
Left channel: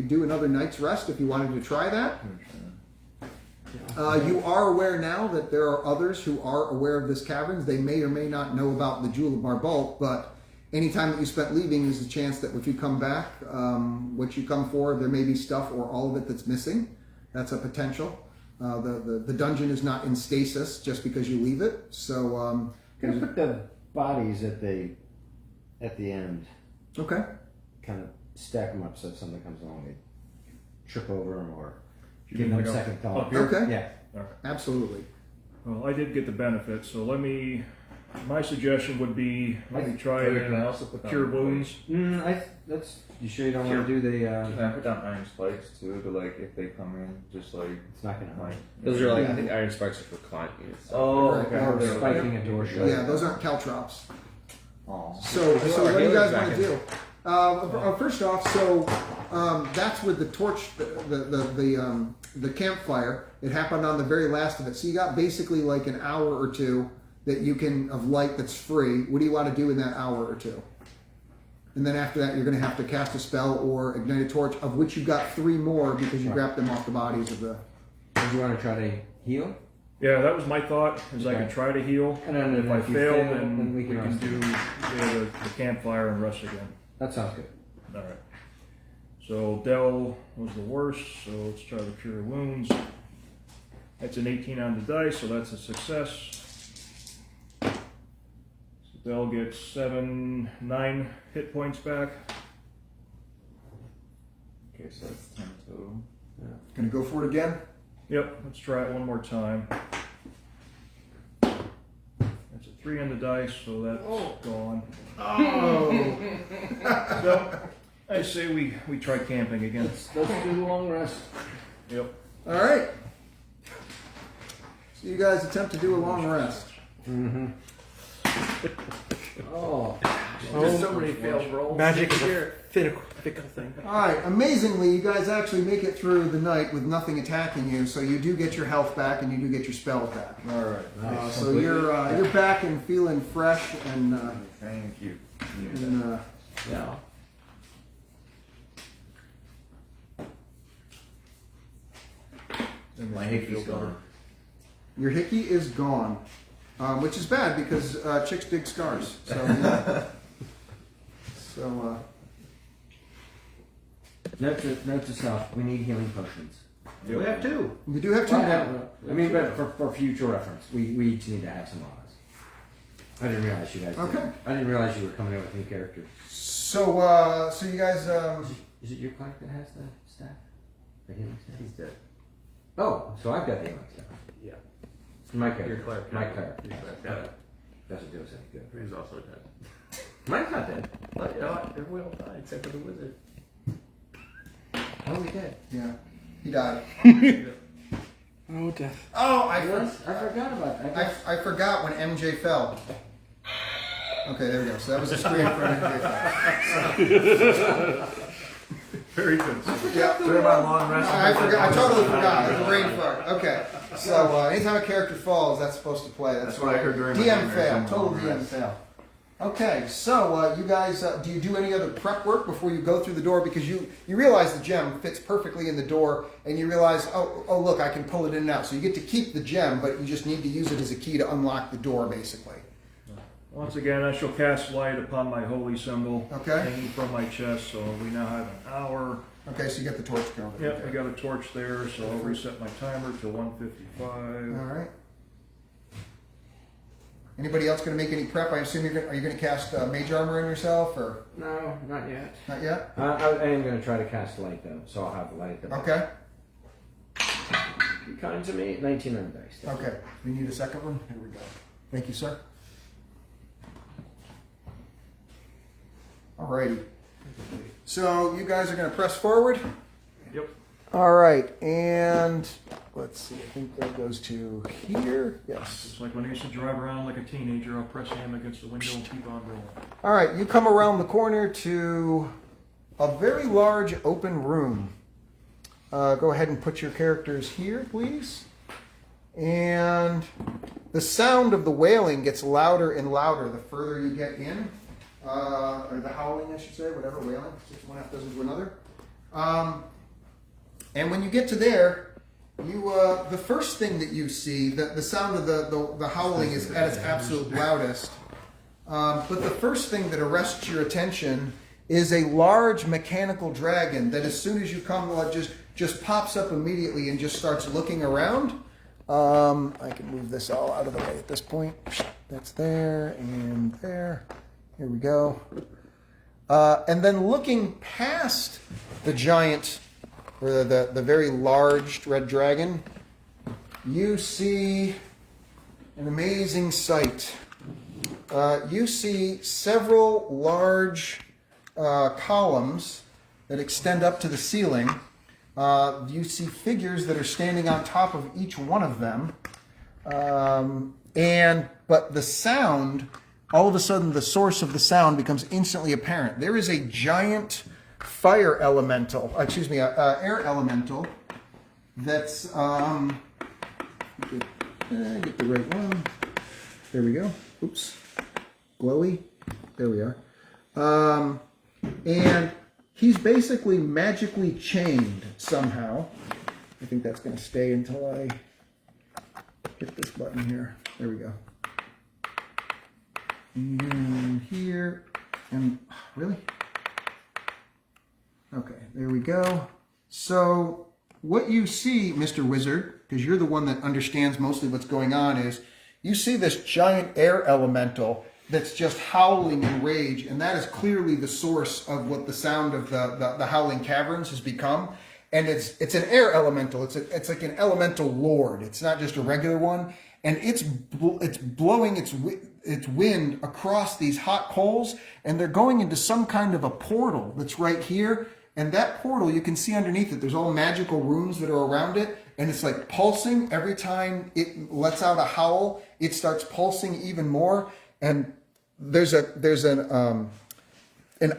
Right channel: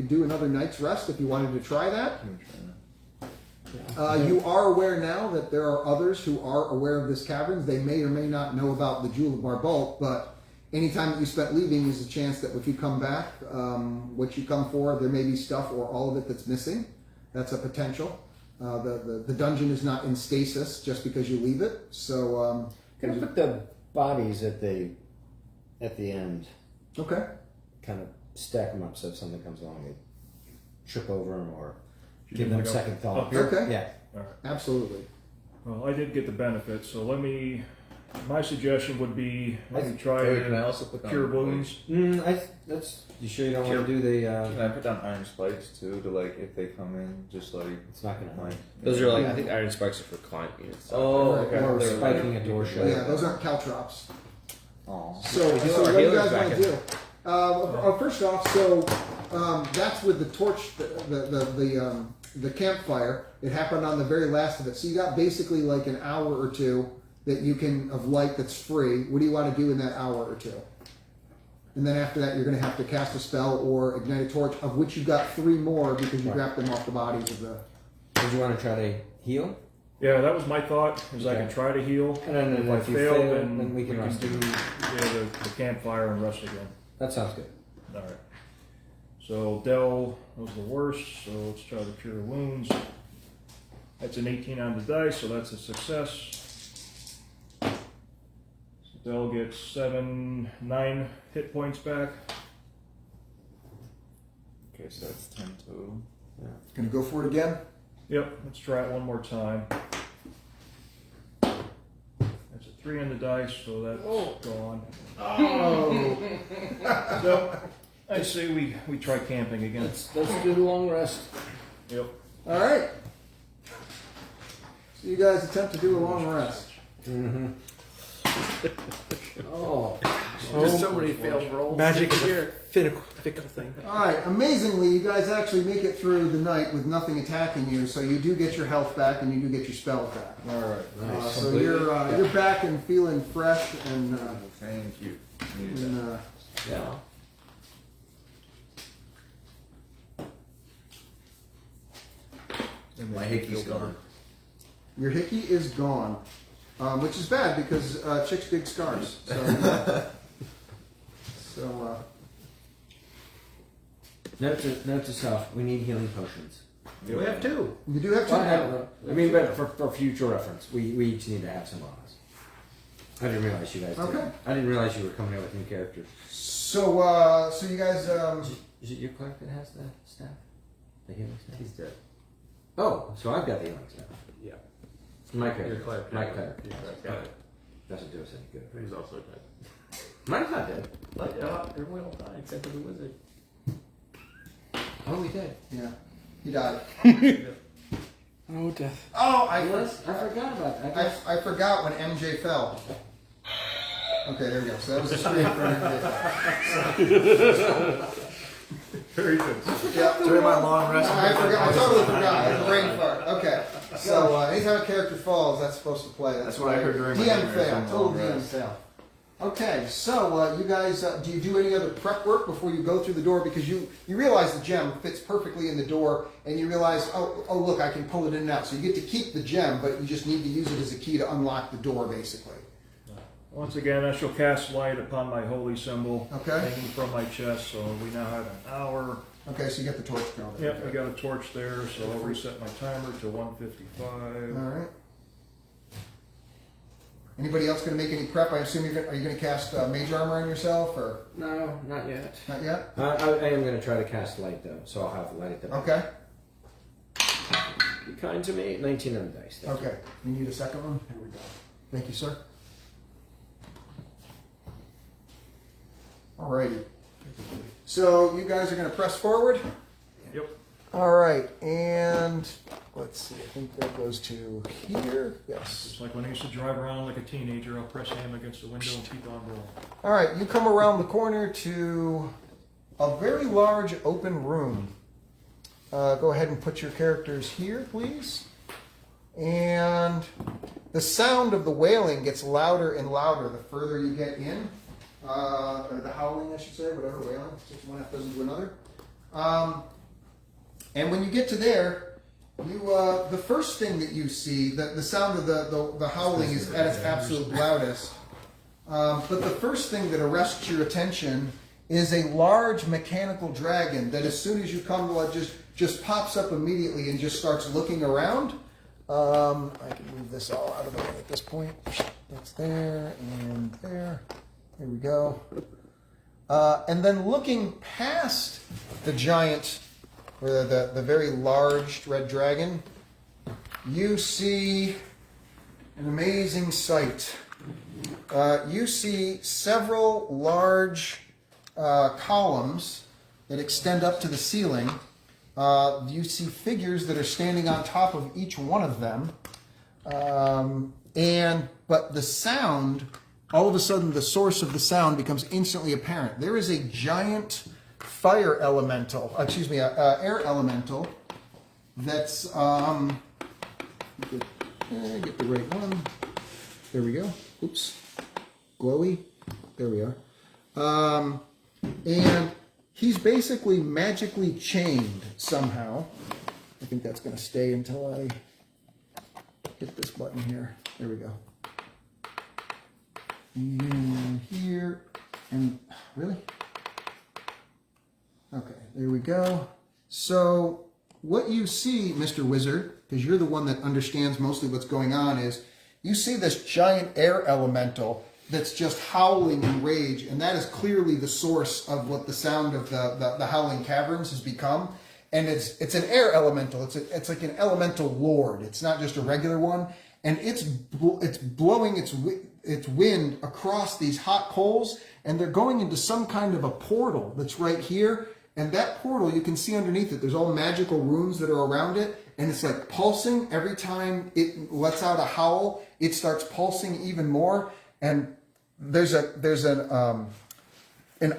do another night's rest if you wanted to try that. You are aware now that there are others who are aware of this caverns. They may or may not know about the Jewel of Barbalt, but any time that you spent leaving, there's a chance that if you come back, what you come for, there may be stuff or all of it that's missing. That's a potential. The dungeon is not in stasis just because you leave it. So Can I put the bodies at the end? okay. Kind of stack them up so if something comes along, they trip over them or You give can them pick up- second thought. up here? Okay. Yeah. Absolutely. Well, I did get the benefit, so my suggestion would be, let me try Wait, can I also put down Cure like, Wounds. That's. You sure you don't want to do the? Can I put down iron spikes too? To like if they come in, just like It's not gonna. like. Those are like, I think iron spikes are for climbing and stuff. Oh, Right, okay. or They're spiking like- a door shut. Yeah, those aren't caltrops. Oh. So what do you guys want to do? First off, that's with the torch, the campfire. It happened on the very last of it. So you got basically like an hour or two that you can of light that's free. What do you want to do in that hour or two? And then after that, you're going to have to cast a spell or ignite a torch, of which you got 3 more because you grabbed them off the bodies of the. Did you want to try to heal? Yeah, that was my thought, is I could try to heal, And then if I if you fail, fail, then then we we can can rest. do the campfire and rest again. That sounds good. All right. So Dell was the worst, so let's try the Cure Wounds. That's an 18 on the dice, so that's a success. So Dell gets 9 hit points back. Okay, so that's 10 total. Gonna go for it again? Yep, let's try it one more time. That's a 3 on the dice, so that's gone. Oh. No, I say we try camping again. Let's do the long rest. Yep. All right. So you guys attempt to do a long rest. Mm-hmm. Oh. There's so many failed rolls. Magic is a fickle thing. All right. Amazingly, you guys actually make it through the night with nothing attacking you. So you do get your health back, and you do get your spells back. All right. Nice. So you're back and feeling fresh and. Thank you. and Yeah. And My then hickey's feel better. gone. your hickey is gone, which is bad because chicks dig scars. So, Note to self: we need healing potions. We have 2. you do have 2. I mean, but for future reference, we each need to have some on us. I didn't realize you guys did. Okay. I didn't realize you were coming out with new characters. So you guys. Is it your Clark that has the staff? The healing staff? He's dead. Oh, so I've got the healing staff. Yeah. It's my character. Your Clark. My Clark. Your Clark. Okay. Doesn't do us any good. He's also dead. Mine's not dead. But we all died except for the wizard. Oh, we did. Yeah, he died. Oh, death. Oh, I forgot about that. I forgot when MJ fell. Okay, there we go. So that was the screen for MJ fell. Very good. Yeah, During my long rest. I totally forgot. It was a brain fart. Okay. So anytime a character falls, that's supposed to play. That's what I heard during my DM time. fail. Total DM fail. Okay, so you guys, do you do any other prep work before you go through the door? Because you realize the gem fits perfectly in the door, and you realize, oh look, I can pull it in and out. So you get to keep the gem, but you just need to use it as a key to unlock the door, basically. Once again, I shall cast light upon my holy symbol Okay. hanging from my chest. So we now have an hour. Okay, so you got the torch going. Yep, Okay. we got a torch there, so I'll reset my timer to 1:55. All right. Anybody else going to make any prep? I assume are you going to cast mage armor on yourself, or No, not yet. not yet? I am going to try to cast light though, so I'll have light at the Okay. Be kind to me. 19 on the dice. Thank you. Okay. We need a second one. Here we go. Thank you, sir. Alrighty. So you guys are going to press forward. Yep. All right, and let's see. I think that goes to here. Yes. It's like when I used to drive around like a teenager. I'll press ham against the window and keep on rolling. All right, you come around the corner to a very large open room. Go ahead and put your characters here, please. And the sound of the wailing gets louder and louder the further you get in. Or the howling, I should say, whatever, wailing. Just one half dozen to another. And when you get to there, you the first thing that you see, the sound of the howling is at its absolute loudest. But the first thing that arrests your attention is a large mechanical dragon that, as soon as you come, just pops up immediately and just starts looking around. I can move this all out of the way at this point. That's there and there. Here we go. And then looking past the giant, or the very large red dragon, you see an amazing sight. You see several large columns that extend up to the ceiling. You see figures that are standing on top of each one of them. But the sound, all of a sudden the source of the sound becomes instantly apparent. There is a giant air elemental that's, get the right one. There we go. Oops. Glowy. There we are. And he's basically magically chained somehow. I think that's going to stay until I hit this button here. There we go. And here. And really? Okay, there we go. So what you see, Mr. Wizard, because you're the one that understands mostly what's going on, is you see this giant air elemental that's just howling in rage, and that is clearly the source of what the sound of the howling caverns has become. And it's an air elemental. It's like an elemental lord. It's not just a regular one, and it's blowing its wind across these hot coals, and they're going into some kind of a portal that's right here. And that portal, you can see underneath it, there's all magical runes that are around it, and it's like pulsing every time it lets out a howl. It starts pulsing even more, and there's an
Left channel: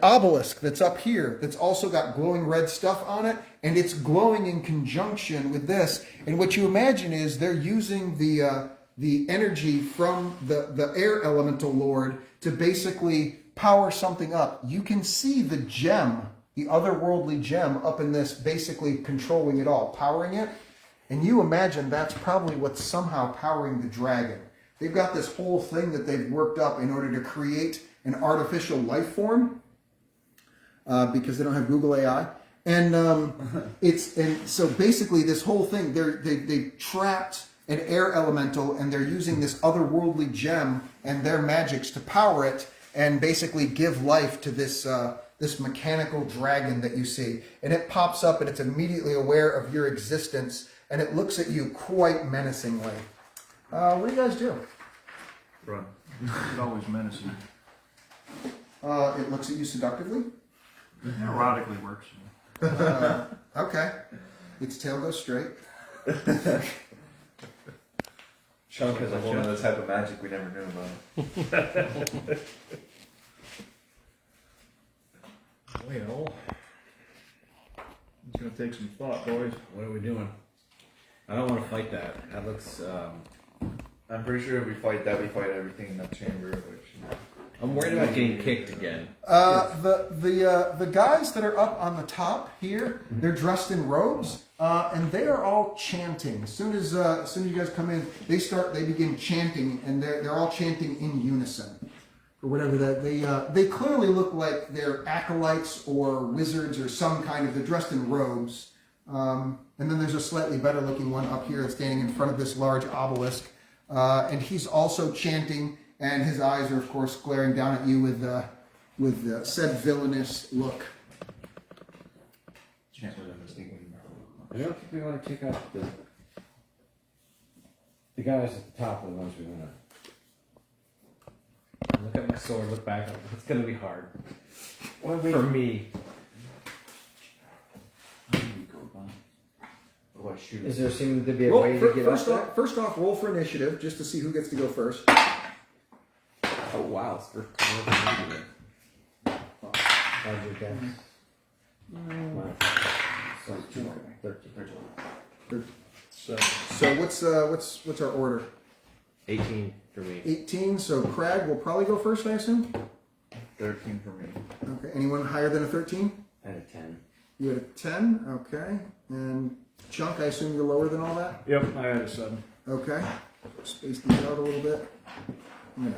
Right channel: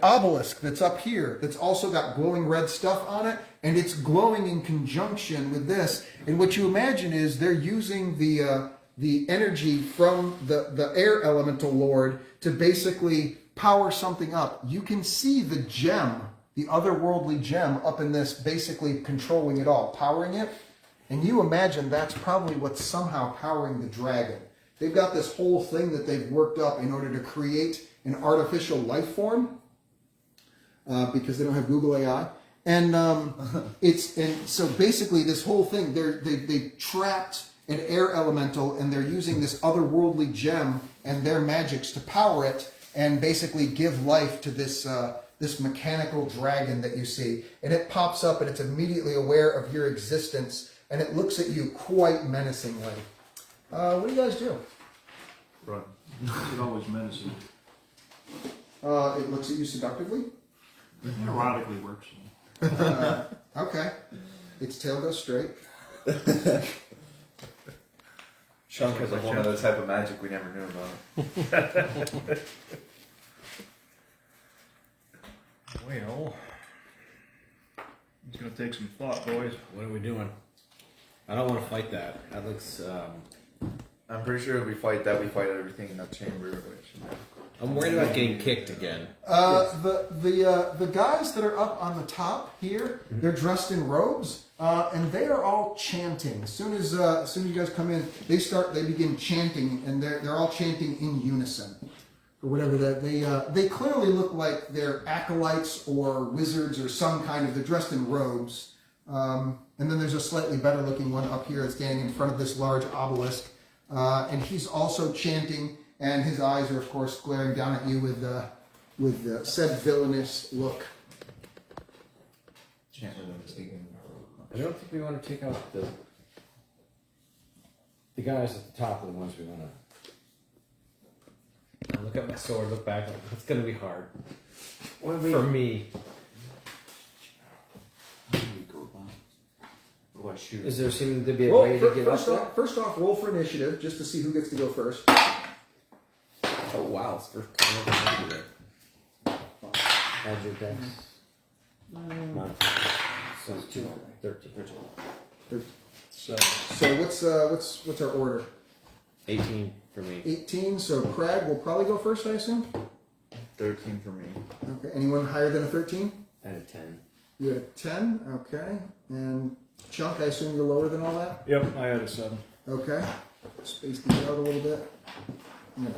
obelisk that's up here that's also got glowing red stuff on it, and it's glowing in conjunction with this. And what you imagine is they're using the energy from the air elemental lord to basically power something up. You can see the gem, the otherworldly gem, up in this, basically controlling it all, powering it. And you imagine that's probably what's somehow powering the dragon. They've got this whole thing that they've worked up in order to create an artificial life form, because they don't have Google AI. And so basically this whole thing, they trapped an air elemental, and they're using this otherworldly gem and their magics to power it and basically give life to this this mechanical dragon that you see. And it pops up, and it's immediately aware of your existence, and it looks at you quite menacingly. What do you guys do? Run. It always menacing. It looks at you seductively. Erotically works. Okay. Its tail goes straight. Chunk has a whole other type of magic we never knew about. Well, it's going to take some thought, boys. What are we doing? I don't want to fight that. That looks. I'm pretty sure if we fight that, we fight everything in that chamber, which... I'm worried about getting kicked again. The guys that are up on the top here, they're dressed in robes, and they are all chanting. As soon as you guys come in, they begin chanting, and they're all chanting in unison. or whatever that they clearly look like they're acolytes or wizards or some kind of. They're dressed in robes. And then there's a slightly better looking one up here that's standing in front of this large obelisk, and he's also chanting, and his eyes are of course glaring down at you with said villainous look. I don't think we want to take out the guys at the top are the ones we want to. I look at my sword, look back, it's gonna be hard. For me. What shoot? Is there seeming to be a way to get up there? First off, roll for initiative just to see who gets to go first. Oh wow, it's first time. How's your dex? So 13. So what's our order? 18 for me. 18. So Crag will probably go first, I assume. 13 for me. Okay. Anyone higher than a 13? And a 10. You had a 10. Okay. And Chunk, I assume you're lower than all that. Yep, I had a 7. Okay. Space these out a little bit. Yeah.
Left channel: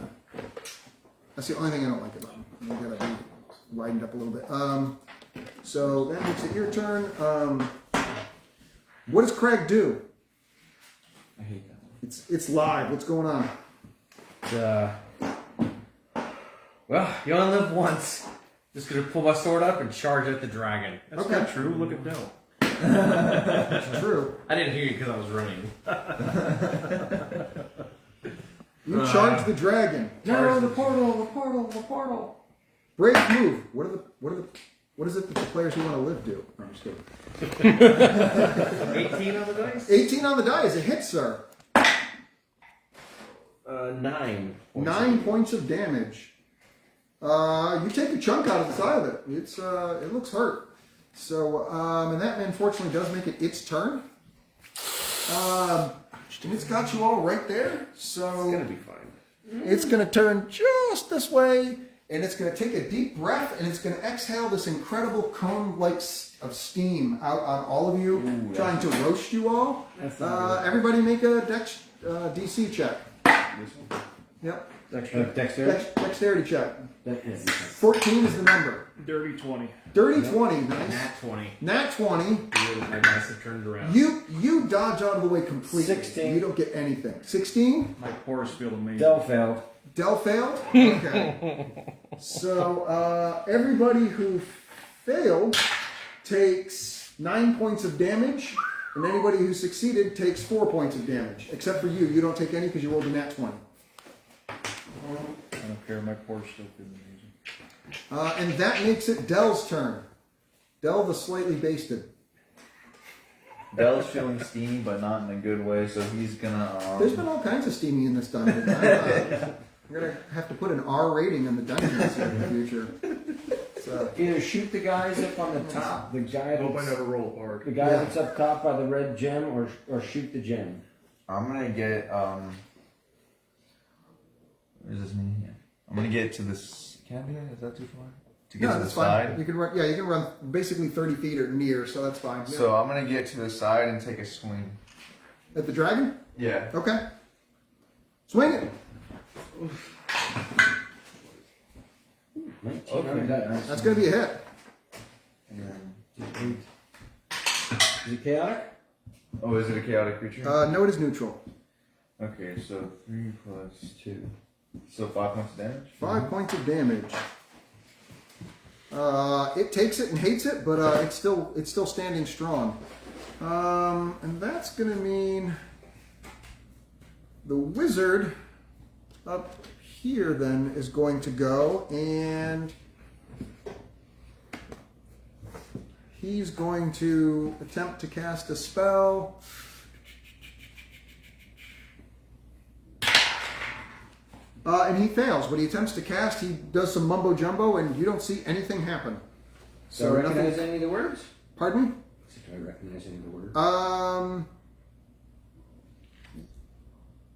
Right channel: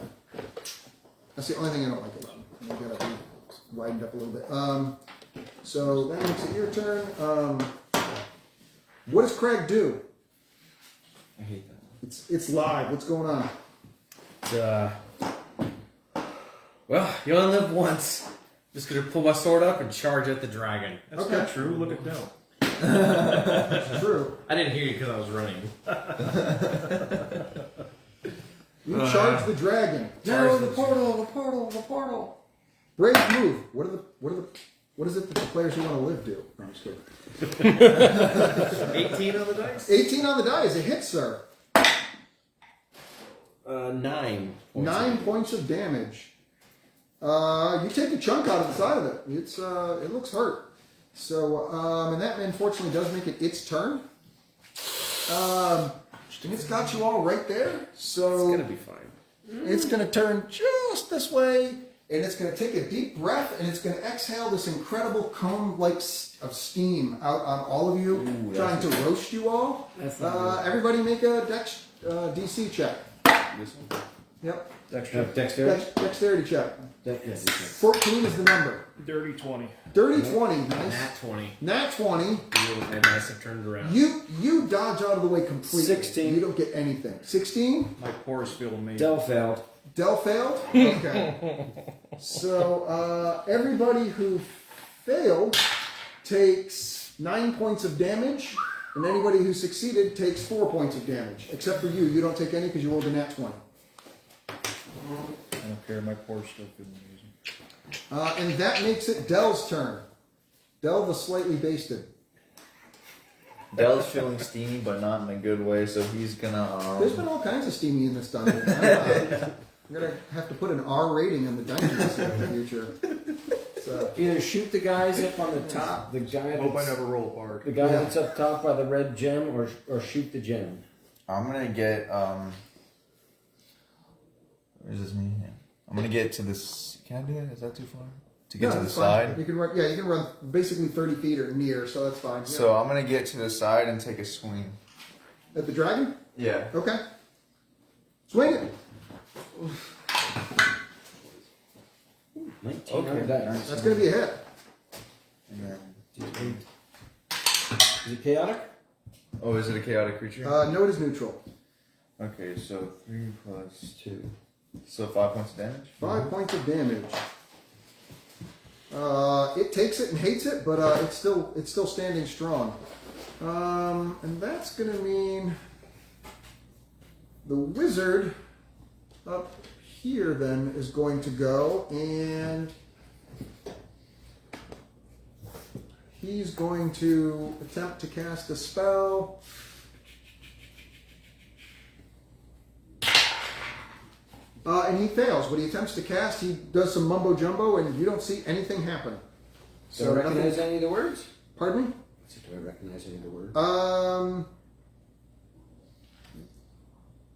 That's the only thing I don't like about them. I gotta be widened up a little bit. So that makes it your turn. What does Craig do? I hate that. It's live. What's going on? Well, you only live once. Just gonna pull my sword up and charge at the dragon. That's Okay. not true. Look at Dell. True. I didn't hear you because I was running. You charge the dragon. No, the portal. Brave move. What is it that the players who want to live do? No, I'm just kidding. 18 on the dice? 18 on the die is a hit, sir. 9. 9 points of damage. You take a chunk out of the side of it. It looks hurt. So, and that unfortunately does make it its turn. And it's got you all right there. So It's gonna be fine. it's going to turn just this way, and it's going to take a deep breath, and it's going to exhale this incredible cone-like of steam out on all of you, trying to roast you all. Everybody make a Dex DC check. This one? Yep. Dexterity? Dexterity check. 14 is the number. Dirty 20. Dirty 20. Nice. Nat 20. Nat 20. You would have nice have turned around. You dodge out of the way completely. 16. You don't get anything. 16. My pores feel amazing. Del failed. Del failed. Okay. So everybody who failed takes 9 points of damage, and anybody who succeeded takes 4 points of damage. Except for you. You don't take any because you rolled a nat 20. I don't care. My pores still feel amazing. And that makes it Dell's turn. Dell the slightly basted. Dell's feeling steamy, but not in a good way, so he's gonna. There's been all kinds of steamy in this dungeon. We're going to have to put an R rating on the dungeons in the future. So, Either shoot the guys up on the top, the guy I hope I that's, never roll hard. the guy that's up top by the red gem, or shoot the gem. I'm gonna get. Where's this me? Yeah. I'm gonna get to this. Can I do that? Is that too far? To get to the that's fine. side? You can run. Yeah, you can run basically 30 feet or near, so that's fine. Yeah. So I'm gonna get to the side and take a swing. At the dragon? Yeah. Okay. Swing it. 19 Okay. on the dice. That's going to be a hit. And then, Is it chaotic? oh, is it a chaotic creature? No, it is neutral. Okay, so 3 plus 2. So 5 points of damage? 5 points of damage. It takes it and hates it, but it's still standing strong. And that's going to mean the wizard up here then is going to go, and he's going to attempt to cast a spell. And he fails. When he attempts to cast, he does some mumbo jumbo, and you don't see anything happen. Do I recognize any of the words? Pardon me? Do I recognize any of the words?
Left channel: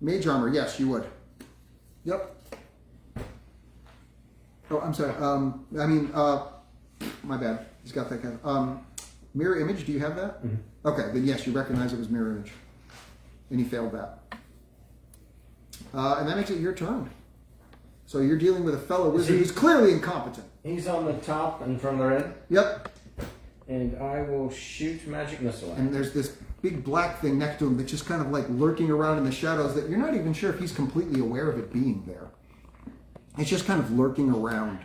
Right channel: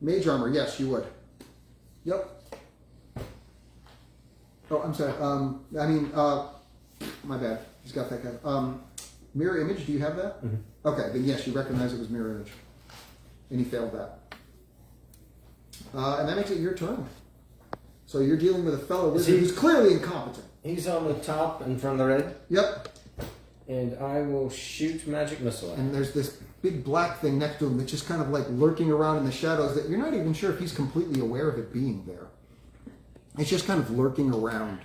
Mage armor, yes, you would. Yep. Oh, I'm sorry. My bad. Just got that kind. Mirror image, do you have that? Mm-hmm. Okay, then yes, you recognize it was mirror image. And he failed that. And that makes it your turn. So you're dealing with a fellow wizard who's clearly incompetent. He's on the top in front of the red, Yep. and I will shoot magic missile at him. And there's this big black thing next to him that's just kind of like lurking around in the shadows that you're not even sure if he's completely aware of it being there. It's just kind of lurking around.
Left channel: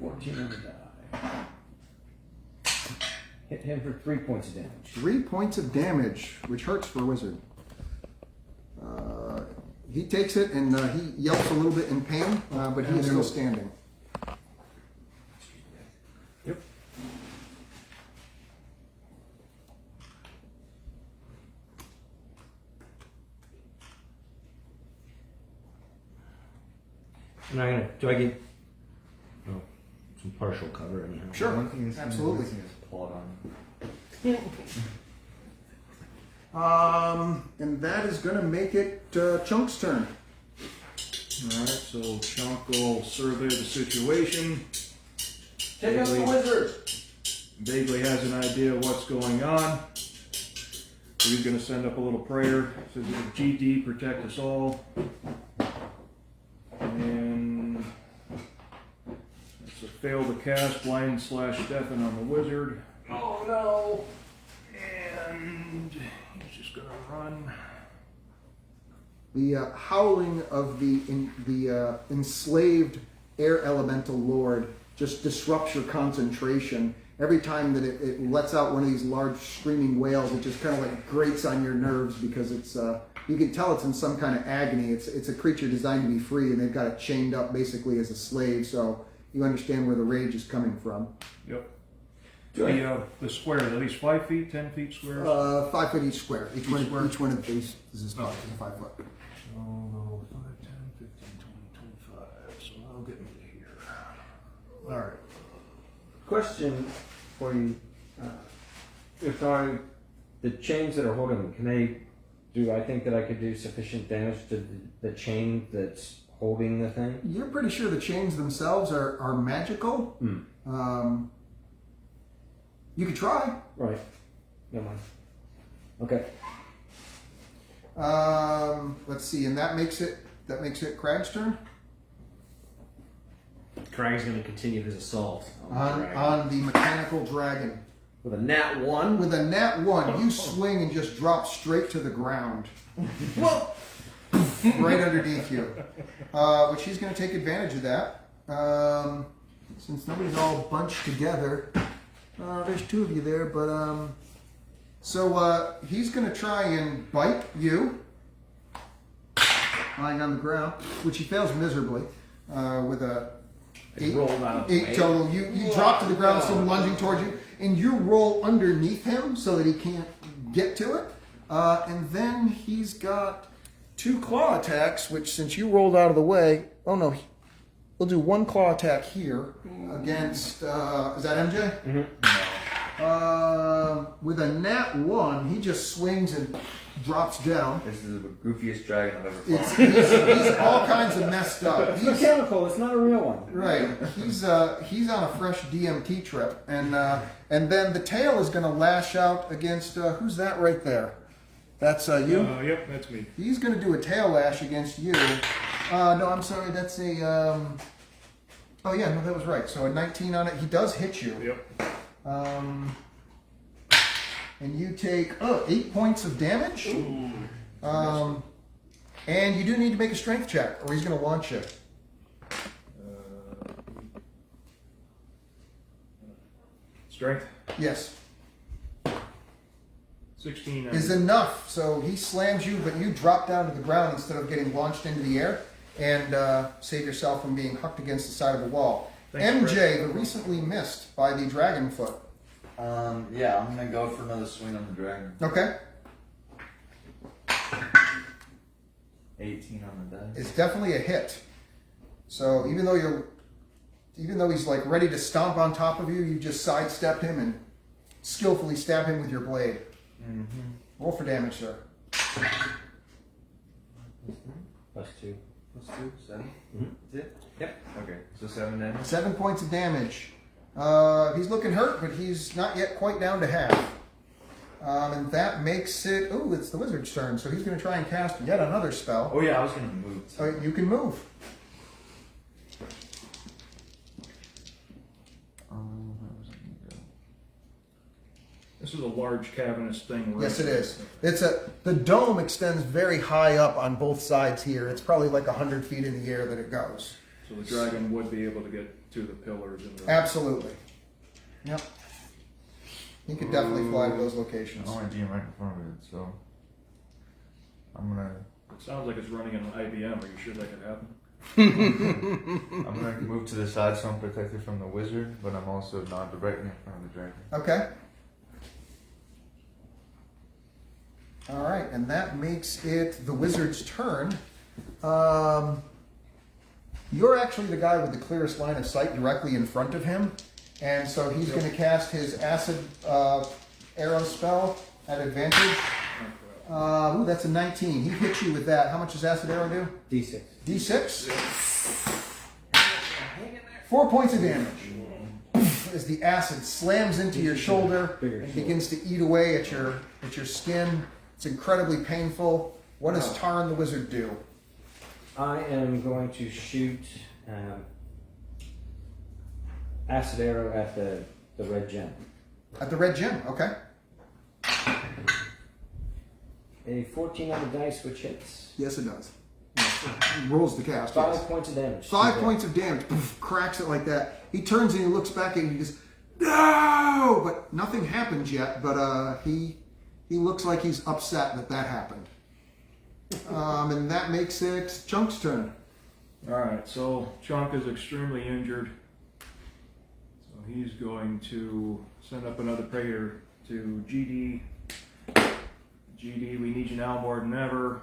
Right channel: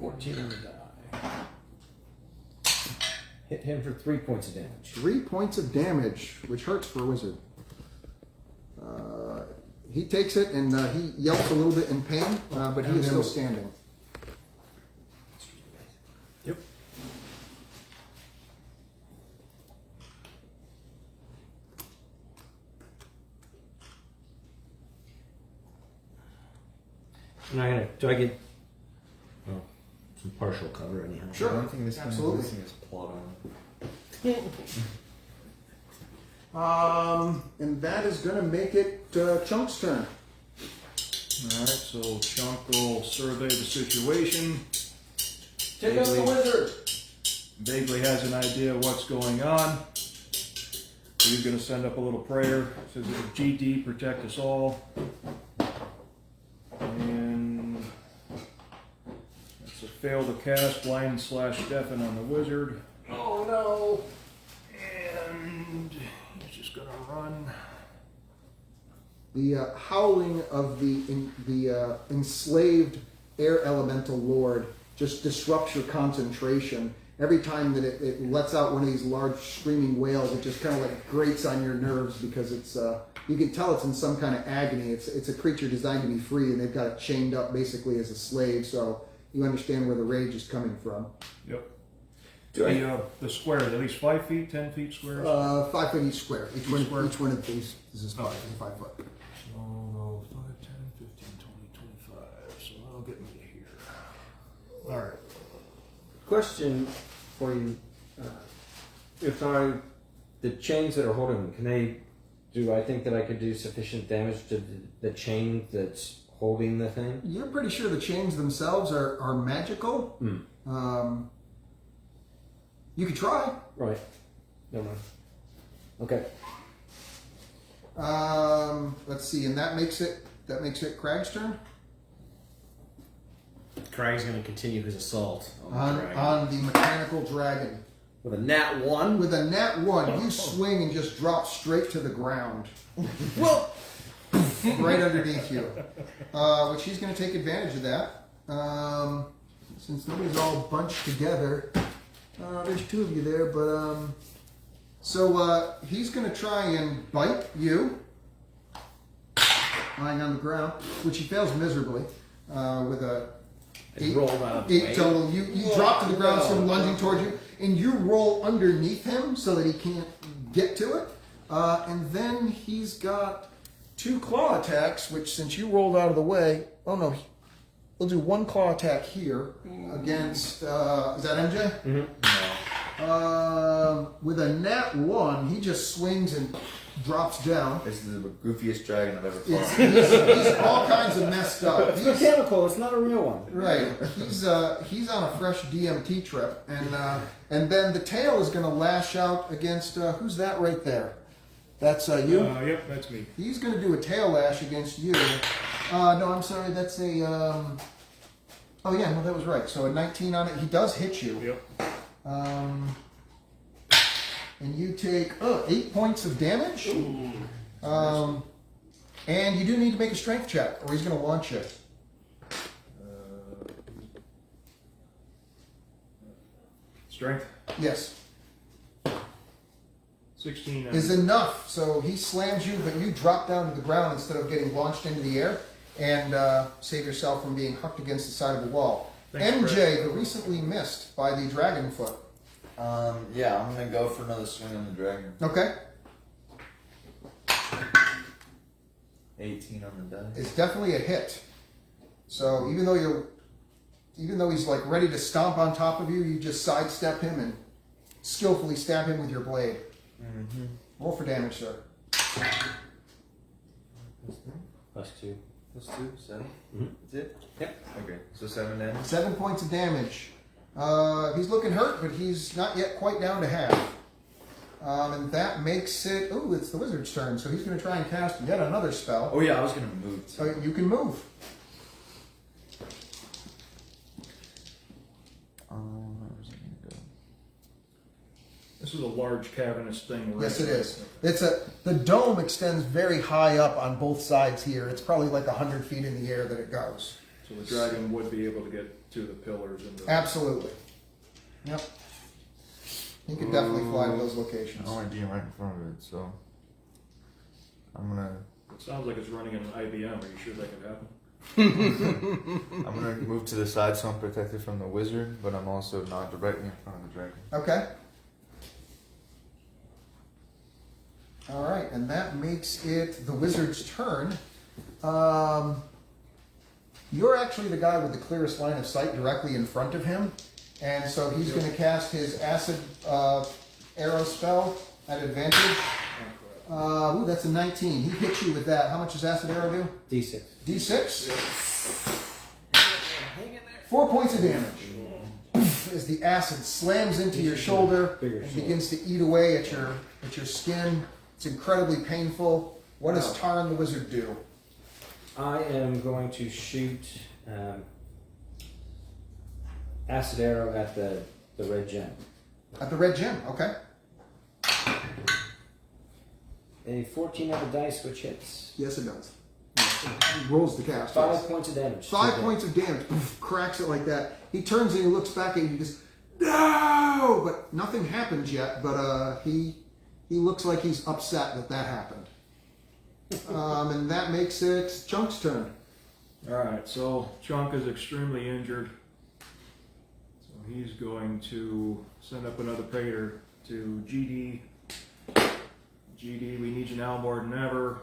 On the die. Hit him for 3 points of damage. 3 points of damage, which hurts for a wizard. He takes it and he yelps a little bit in pain, but he is still standing. Yep. Do I get some partial cover anyhow? Sure. One thing this Absolutely. missing is plot And that is going to make it Chunk's turn. Alright, so Chunk will survey the situation. Take out the wizard! Vaguely has an idea of what's going on. So he's going to send up a little prayer. Says, GD, protect us all. And that's a fail to cast blind/deafen on the wizard. Oh no! And he's just going to run. The howling of the enslaved air elemental lord just disrupts your concentration. Every time that it lets out one of these large screaming wails, it just kind of like grates on your nerves because it's you can tell it's in some kind of agony. It's a creature designed to be free, and they've got it chained up basically as a slave. So you understand where the rage is coming from. Yep. The square is at least 5 feet, 10 feet square. 5 foot each square. Each one of these is 5 foot. So I'll go 5, 10, 15, 20, 25. So that'll get me to here. Alright. Question for you. If the chains that are holding them, do I think that I could do sufficient damage to the chain that's holding the thing? You're pretty sure the chains themselves are magical. You could try. Right. Never mind. Okay. Let's see, and that makes it Crag's turn Crag's going to continue his assault on the dragon. on the mechanical dragon. With a nat 1. With a nat 1, you swing and just drop straight to the ground. Whoa! Right underneath you. Which he's going to take advantage of that. Since nobody's all bunched together. There's 2 of you there, but so he's going to try and bite you, lying on the ground, which he fails miserably with a 8 total. You drop to the ground, sort of lunging towards you, and you roll underneath him so that he can't get to it. And then he's got 2 claw attacks, which since you rolled out of the way, oh no, we'll do 1 claw attack here against, is that MJ? Mm-hmm. With a nat 1, he just swings and drops down. This is the goofiest dragon I've ever fought. He's all kinds of messed up. It's mechanical. It's not a real one. Right. He's on a fresh DMT trip, and then the tail is going to lash out against who's that right there? That's you. Yep, that's me. He's going to do a tail lash against you. No, I'm sorry. That's a. Oh yeah, no, that was right. So a 19 on it. He does hit you. Yep. And you take 8 points of damage. And you do need to make a strength check, or he's going to launch you. Strength Yes. 16. Is enough. So he slams you, but you drop down to the ground instead of getting launched into the air, and save yourself from being hucked against the side of the wall. Thanks, MJ, the recently missed by the dragon foot. Yeah, I'm gonna go for another swing on the dragon. Okay. 18 on the die. It's definitely a hit. So even though he's like ready to stomp on top of you, you just sidestep him and skillfully stab him with your blade. Mm-hmm. Roll for damage, sir. +2. +2, 7. Mhm. That's it? Yep. Okay, so 7 damage. 7 points of damage. He's looking hurt, but he's not yet quite down to half. And that makes it. Oh, it's the wizard's turn, so he's going to try and cast yet another spell. Oh yeah, I was gonna move. So you can move. Where was I gonna go? This is a large cavernous thing. Right? Yes, it is. The dome extends very high up on both sides here. It's probably like 100 feet in the air that it goes. So the dragon would be able to get to the pillars and the. Absolutely. Yep. He could definitely fly to those locations. I'm only being right in front of it, so I'm gonna It sounds like it's running an IBM. Are you sure that could happen? I'm gonna move to the side so I'm protected from the wizard, but I'm also not directly in front of the dragon. Okay. All right, and that makes it the wizard's turn. You're actually the guy with the clearest line of sight directly in front of him, and so he's going to cast his acid arrow spell at advantage. Ooh, that's a 19. He hits you with that. How much does acid arrow do? D6. D6. 4 points of damage. As the acid slams into your shoulder and begins to eat away at your skin. It's incredibly painful. What does Tarn the Wizard do? I am going to shoot acid arrow at the red gem. At the red gem, okay. A 14 on the dice, which hits. Yes, it does. It rolls the cast. 5 yes. points of damage. 5 points of damage. Cracks it like that. He turns and he looks back and he goes, no! But nothing happens yet, but he looks like he's upset that happened. And that makes it Chunk's turn. Alright, so Chunk is extremely injured. So he's going to send up another prayer to GD. GD, we need you now more than ever.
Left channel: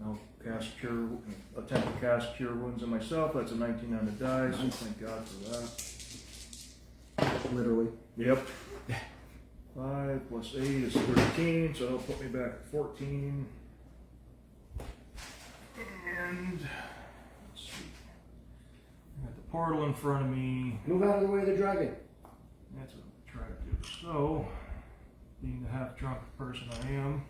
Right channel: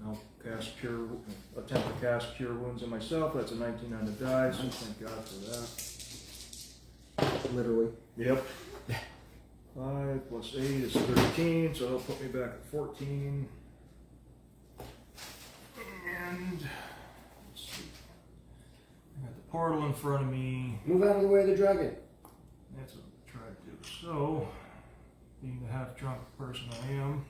Now attempt to cast Cure Wounds on myself. That's a 19 on the die, so thank God for that. Literally. Yep. 5 plus 8 is 13, so it'll put me back at 14. And let's see. I got the portal in front of me. Move out of the way of the dragon. That's what I'm trying to do. So, being the half drunk person I am,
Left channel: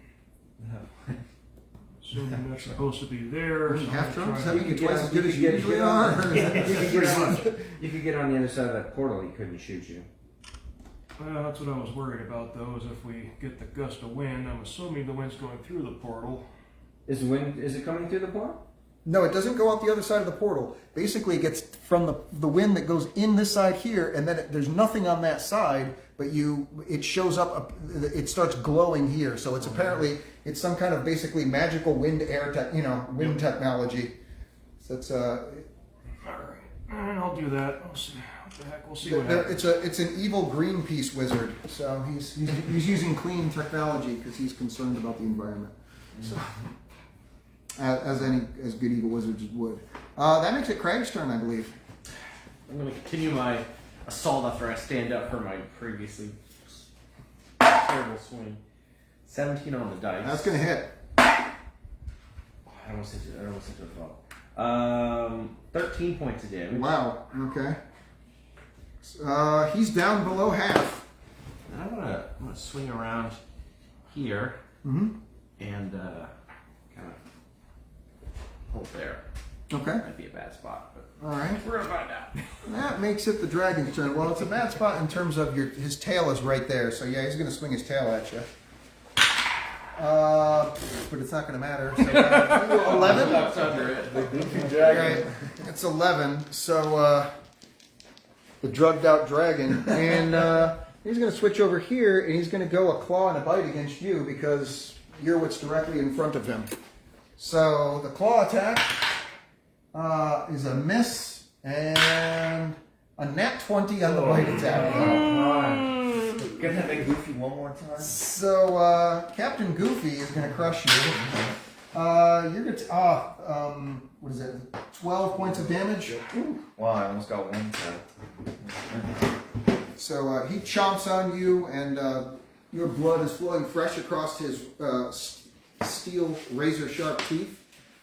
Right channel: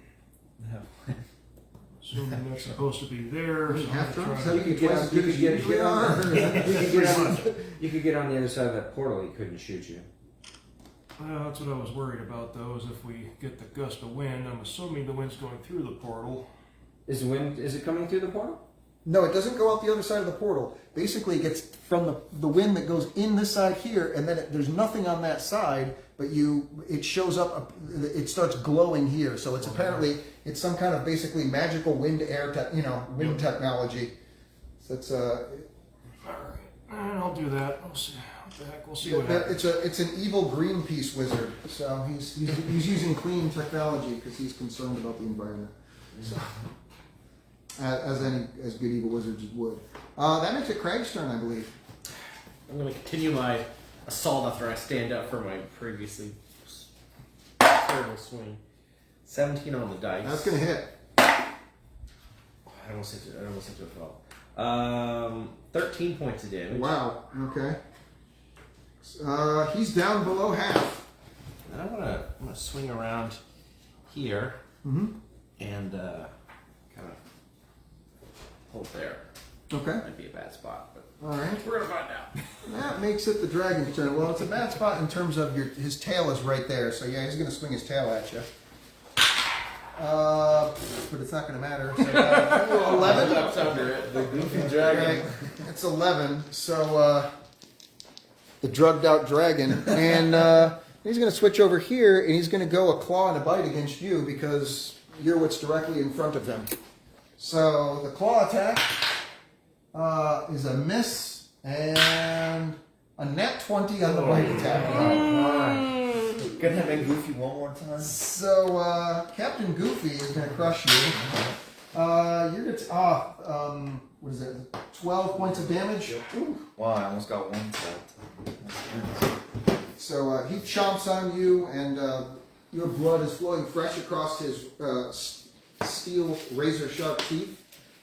assuming that's supposed to be there. So Half I'm drunk? trying So to, you get as good as you usually are? You could get on the other side of that portal. He couldn't shoot you. well, that's what I was worried about, though, is if we get the gust of wind. I'm assuming the wind's going through the portal. Is it coming through the portal? No, it doesn't go out the other side of the portal. Basically, it gets from the wind that goes in this side here, and then there's nothing on that side, but it shows up, it starts glowing here. So it's apparently, it's some kind of basically magical wind technology. So it's Alright, and I'll do that. We'll see. What the heck? We'll see what happens. it's an evil Greenpeace wizard. So he's using clean technology because he's concerned about the environment. So, as good evil wizards would. That makes it Craig's turn, I believe. I'm going to continue my assault after I stand up for my previously terrible swing. 17 on the dice. That's gonna hit. I almost hit to a 12. 13 points of damage. Wow. Okay. He's down below half. And I'm gonna swing around here Mm-hmm. and kind of hold there. Okay. Might be a bad spot, but All right. we're gonna find out. That makes it the dragon's turn. Well, it's a bad spot in terms of his tail is right there. So yeah, he's gonna swing his tail at you. But it's not gonna matter. So, 11. That's under it. The goofy Right. dragon. It's 11. So the drugged out dragon, and he's gonna switch over here, and he's gonna go a claw and a bite against you because you're what's directly in front of him. So the claw attack is a miss and a nat 20 on the bite attack. Can I have Goofy one more time? So Captain Goofy is going to crush you. You're going to what is it? 12 points of damage. Ooh. Wow, I almost got one tap. So he chomps on you, and your blood is flowing fresh across his steel razor sharp teeth.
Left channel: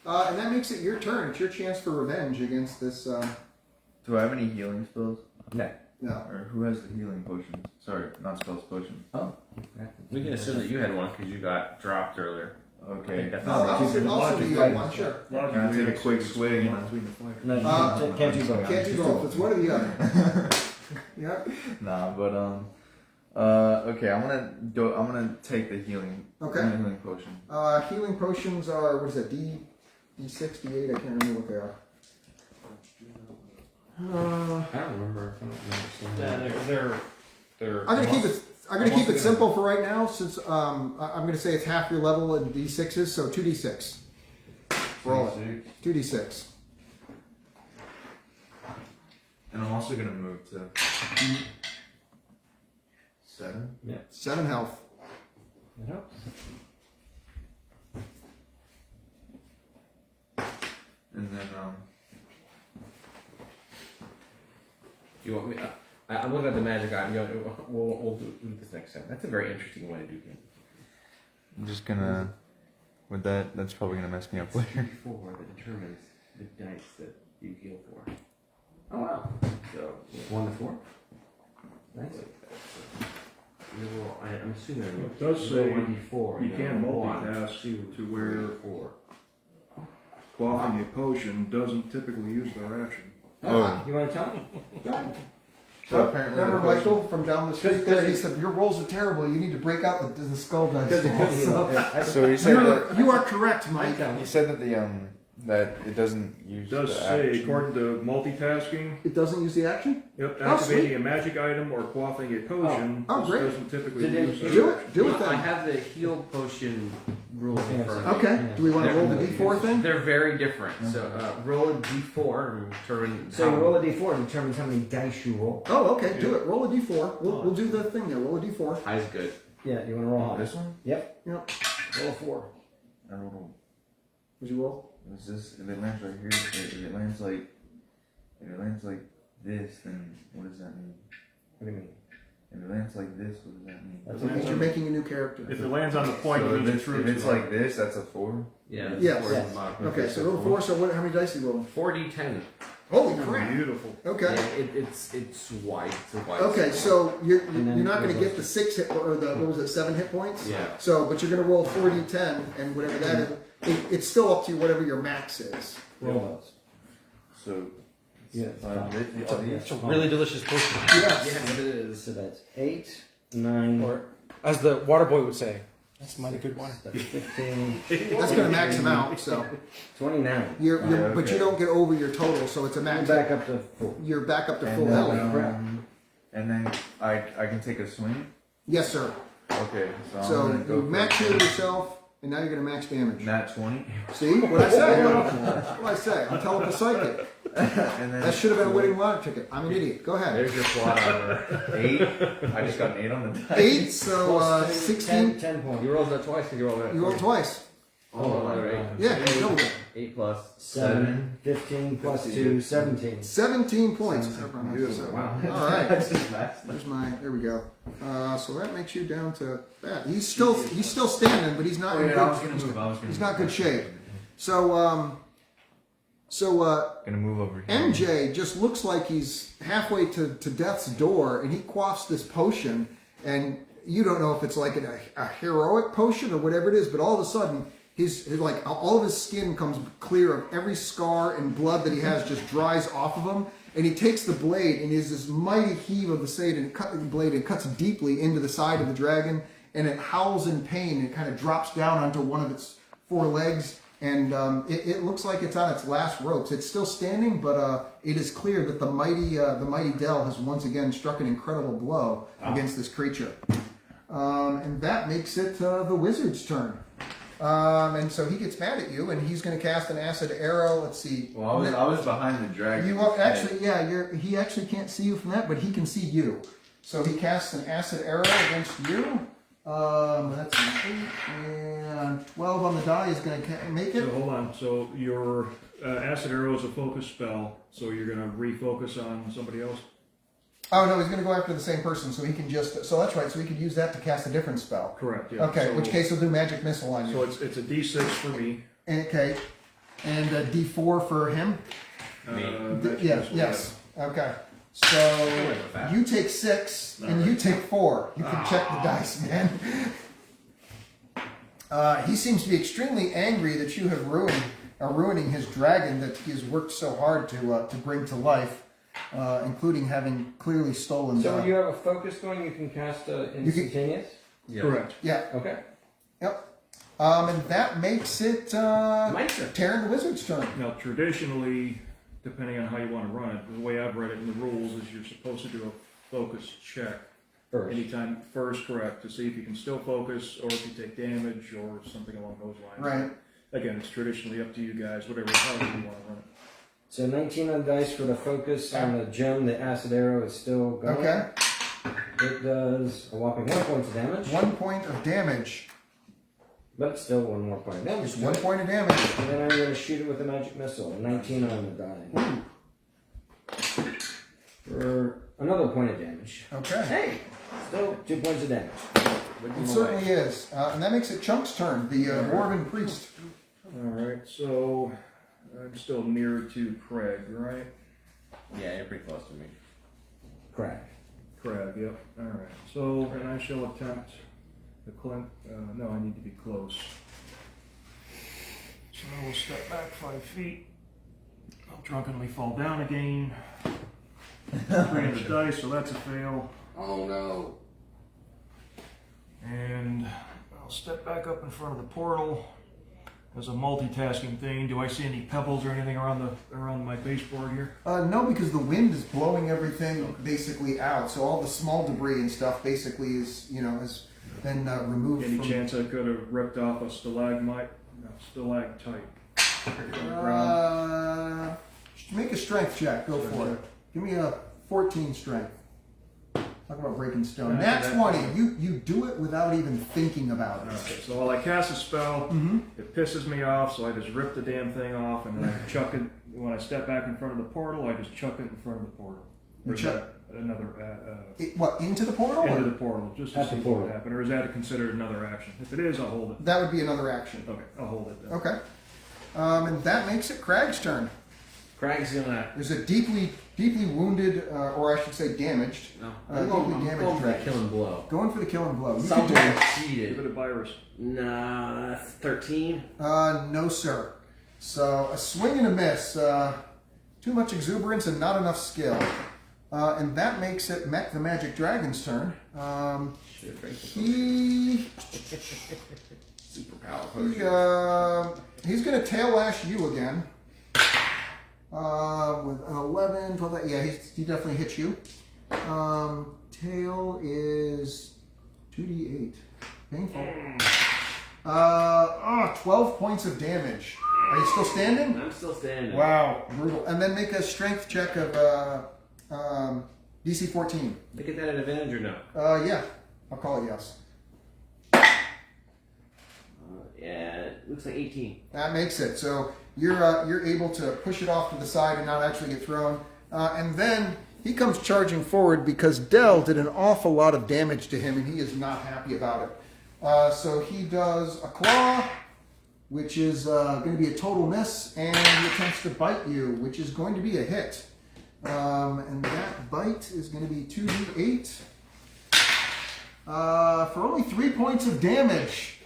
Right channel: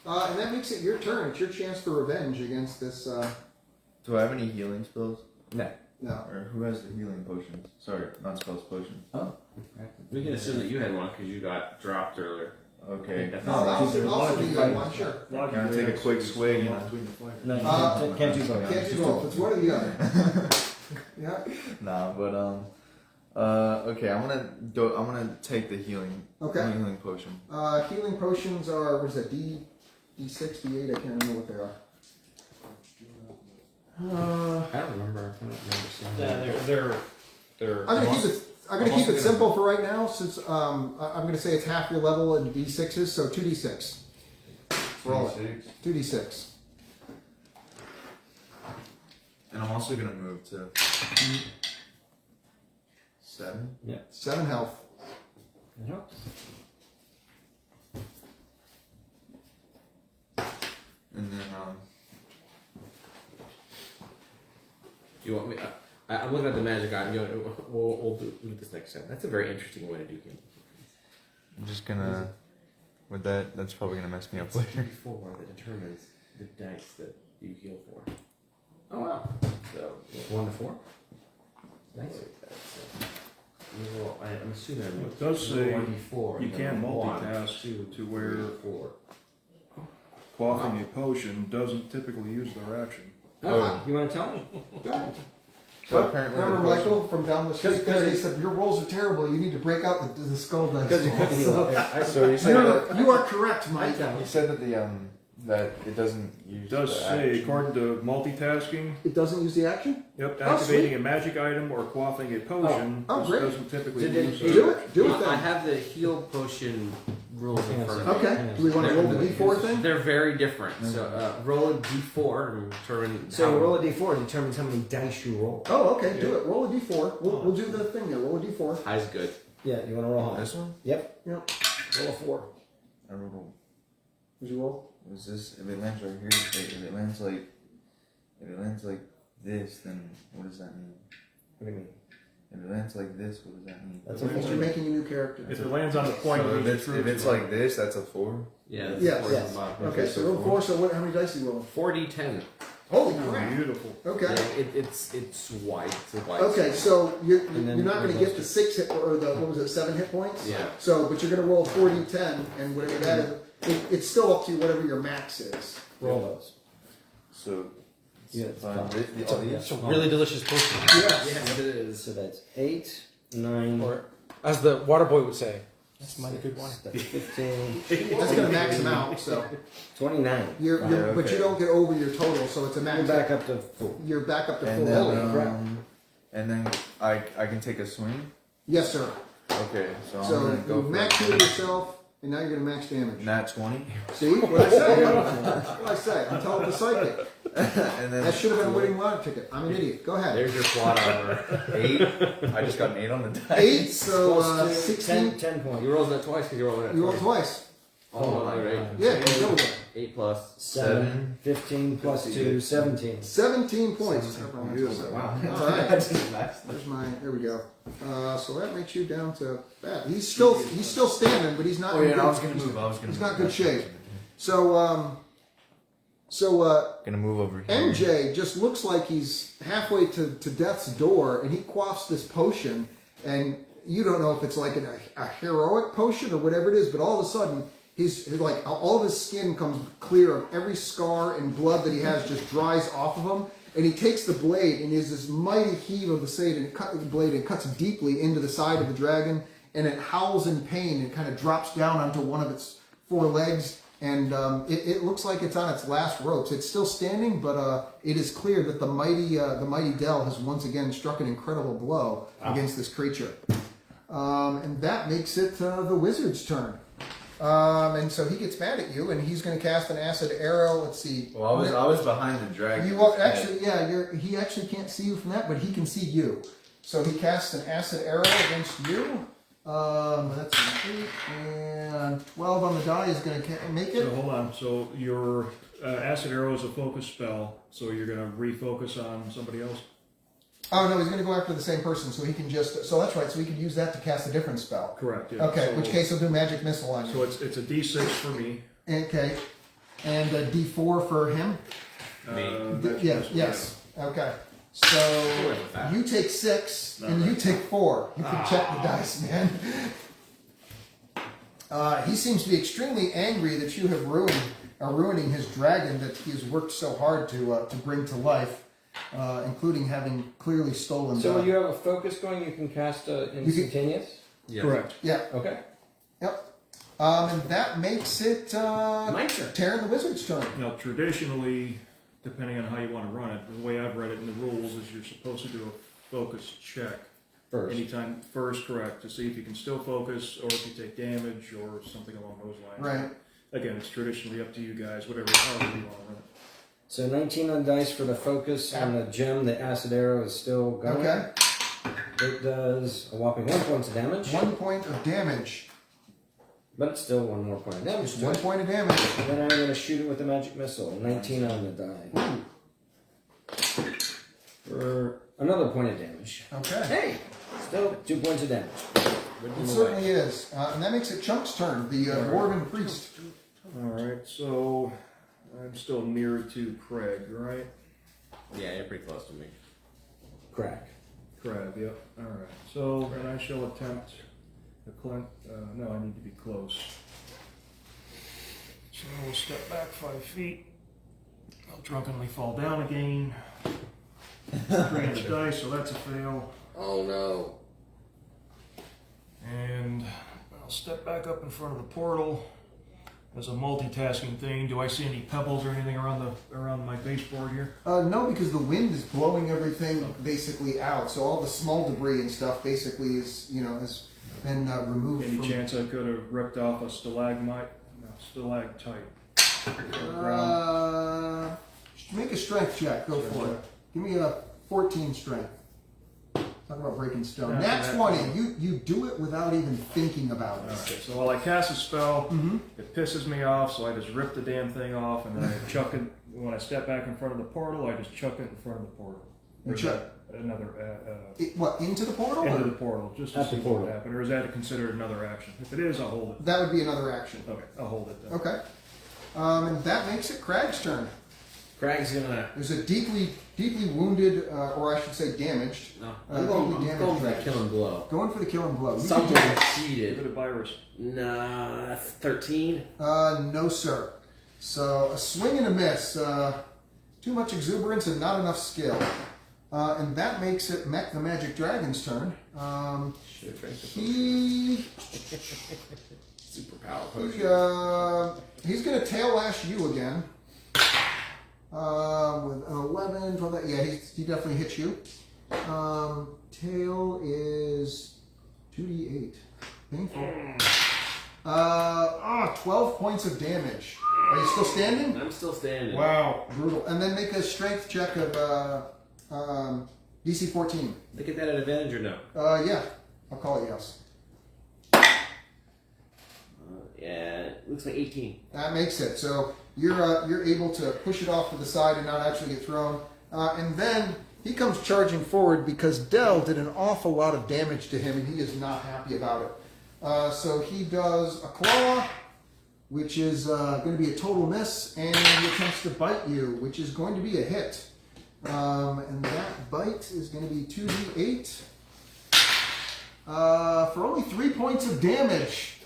And that makes it your turn. It's your chance for revenge against this. Do I have any healing spells? No. Yeah. Or who has the healing potions? Sorry, not spells, potions. We can assume that you had one because you got dropped earlier. Okay. I'll do you one, sure. I'm gonna take a quick swig. No, can't do both. Can't do both. It's one or the other. Yeah. Nah, but okay. I'm gonna take the healing. Okay. Healing potion. Healing potions are, what is that, D6, D8? I can't remember what they are. I don't remember. I don't understand. They're I'm gonna keep it simple for right now, since I'm gonna say it's half your level in D6s, so 2D6. Roll it. 2D6. And I'm also gonna move to 7. 7 health. It helps. And then Do you want me? I'm looking at the magic item. We'll do this next time. That's a very interesting way to do it. I'm just gonna. With that, that's probably gonna mess me up later. D4 that determines the dice that you heal for. Oh wow. So 1 to 4. nice. I'm assuming It does say D4. you can multitask to where 4. quaffing a potion doesn't typically use their action. Oh, you want to tell me? So apparently, Remember the Michael from down the street? Because he said, your rolls are terrible, you need to break out the skull dice. So he said that. You are correct, Mike. He said that that it doesn't use. It does the say, action. according to multitasking, It doesn't use the action? yep, Oh, activating sweet. a magic item or quaffing a potion Oh, great. doesn't typically Did use it- their Do action. it. Do it I then. have the heal potion rules in front of me. Okay. Do we want to roll the D4 then? They're very different. So roll a D4 and determine. So you roll a d4 and determines how many dice you roll. Oh, okay. Do it. Roll a D4. We'll do the thing there. Roll a D4. High's good. Yeah, you want to roll high. This one? Yep. Yep. Roll a 4. I rolled. What'd you roll? Was this? If it lands right here, if it lands like this, then what does that mean? What do you mean? If it lands like this, what does that mean? That's That means you're making a new character. If it lands on the point, So it means if it's like this, that's a 4. Yeah. Yes. Four is Yes. the bottom. Okay, so roll 4. So how many dice are you rolling? 4d10. Holy crap. beautiful. Okay. Yeah, it's white. It's a white. Okay, so you're then not going to it get the 6 hit, or the, what was it, 7 hit points? Yeah. So, but you're going to roll 4d10, and whatever that is, it's still up to you, whatever your max is. Roll those. So Yeah, It's a really delicious potion. Yes. Yeah, it is. So that's 8, 9, Or, as the water boy would say, that's mighty good water. that's 15, That's going to max them out, so. 29. You're, Yeah, But you okay. don't get over your total, so it's a I'm max. back up to 4. You're back up to full and health. then and then I can take a swing. Yes, sir. Okay, so I'm So gonna go you for max heal yourself, and now you're going to max damage. nat 20, See? What I say? What I say? I'm telling the psychic. and then That should have been a winning lottery ticket. I'm an idiot. Go ahead. There's your plot armor. 8. I just got an 8 on the dice. 8, so 16. 10 points. You rolled that twice because you rolled that. You roll twice. Oh, right. Yeah, you know that. 8 plus. 7, 15 plus 2, 17. 17 points. Beautiful. Wow. All right. There's mine. There we go. So that makes you down to that. He's still standing, but he's not. Oh in yeah, good, I was gonna move. He's not good shape. So Gonna move over here. MJ just looks like he's halfway to death's door, and he quaffs this potion, and you don't know if it's like a heroic potion or whatever it is, but all of a sudden he's like all of his skin comes clear of every scar and blood that he has just dries off of him, and he takes the blade and there's this mighty heave of the blade and cuts deeply into the side of the dragon, and it howls in pain and kind of drops down onto one of its 4 legs. And it looks like it's on its last ropes. It's still standing, but it is clear that the mighty Dell has once again struck an incredible blow against this creature. And that makes it the wizard's turn. And so he gets mad at you, and he's going to cast an acid arrow. Let's see. Well, I was behind the dragon. You are actually, yeah. He actually can't see you from that, but he can see you. So he casts an acid arrow against you. That's an 8 and 12 on the die is going to make it. So hold on. So your acid arrow is a focus spell, so you're going to refocus on somebody else. Oh no, he's going to go after the same person, so he can just. So that's right. So he can use that to cast a different spell. Correct. Yeah. Okay, So, in which case he'll do magic missile on you. So it's a D6 for me. Okay, and a D4 for him. Magic Yes. missile, Yes. Okay. So you take 6 and you take 4. You can check the dice, man. He seems to be extremely angry that you have ruining his dragon that he's worked so hard to bring to life, including having clearly stolen. So when you have a focus going, you can cast instantaneous? Correct. Yeah. Okay. Yep. And that makes it My turn. Terran the Wizard's turn. Now, traditionally, depending on how you want to run it, the way I've read it in the rules is you're supposed to do a focus check. First. Anytime first, correct, to see if you can still focus or if you take damage or something along those lines. Right. Again, it's traditionally up to you guys, however you want to run it. So 19 on dice for the focus on the gem. The acid arrow is still going. Okay. It does a whopping 1 point of damage. 1 point of damage. But still 1 more point of damage. Just 1 point of damage. And then I'm going to shoot it with a magic missile. 19 on the die. Ooh. For another point of damage. Okay. Hey! Still 2 points of damage. It certainly is. And that makes it Chunk's turn, the Dwarven Priest. Alright, so I'm still near to Craig, right? Yeah, you're pretty close to me. Crack. Craig, yep. Alright, so, and I shall attempt the no, I need to be close. So I will step back 5 feet. I'll drunkenly fall down again. 3 on the dice, so that's a fail. Oh no. And I'll step back up in front of the portal as a multitasking thing. Do I see any pebbles or anything around my baseboard here? No, because the wind is blowing everything basically out. So all the small debris and stuff basically is, has been removed. Any from... chance I could have ripped off a stalagmite? No, stalactite. From the ground. Make a strength check. Go for it. Give me a 14 strength. Talk about breaking stone. Yeah, Nat 20. You do it without even thinking about it. Alright, so while I cast a spell, it pisses me off, so I just rip the damn thing off, and then I chuck it. When I step back in front of the portal, I just chuck it in front of the portal. Or is that another What, into the portal? into or- the portal, just to see what would happen, or is that considered another action? If it is, I'll hold it. That would be another action. Okay, I'll hold it then. Okay. And that makes it Crag's turn. Craig's gonna. There's a deeply wounded, or I should say damaged. No. Deeply I'm going for the damaged. killing blow. Going for the kill and blow. You can do Someone it. Give cheated. it a virus. Nah, that's 13. No, sir. So a swing and a miss. Too much exuberance and not enough skill. And that makes it Mech the Magic Dragon's turn. Superpower. He's going to tail lash you again. With an 11, 12, yeah, he definitely hits you. Tail is 2d8. Painful. 12 points of damage. Are you still standing? I'm still standing. Wow, brutal. And then make a strength check of DC 14. Look at that at advantage or no? Yeah, I'll call it yes. Yeah, it looks like 18. That makes it. So you're able to push it off to the side and not actually get thrown. And then he comes charging forward because Dell did an awful lot of damage to him, and he is not happy about it. So he does a claw, which is going to be a total miss, and he attempts to bite you, which is going to be a hit. And that bite is going to be 2d8 for only 3 points of damage.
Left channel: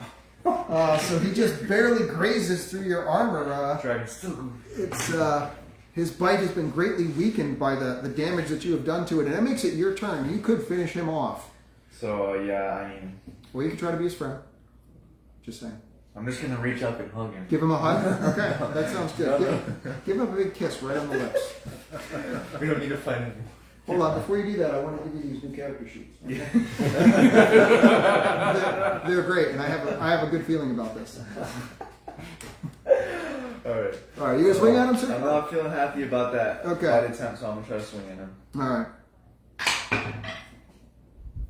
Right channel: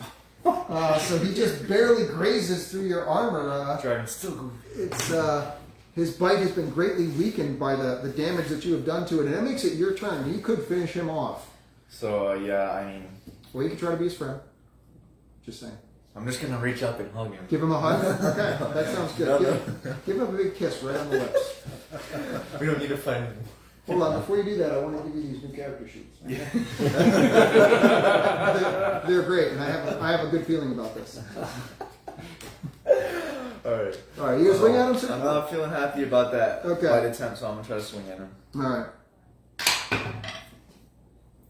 So he just barely grazes through your armor. Dragon's still goofy. It's his bite has been greatly weakened by the damage that you have done to it, and that makes it your turn. You could finish him off. So yeah, I mean, Well, you can try to be his friend. Just saying. I'm just gonna reach up and hug him. Give him a hug. Okay, that sounds good. Give him a big kiss right on the lips. We don't need to find him. Hold on, before you do that, I want to give you these new character sheets. They're great, and I have a good feeling about this. Alright. All right, you gonna swing at him, sir? I'm not feeling happy about that Okay. bite attempt, so I'm gonna try to swing at him. All right.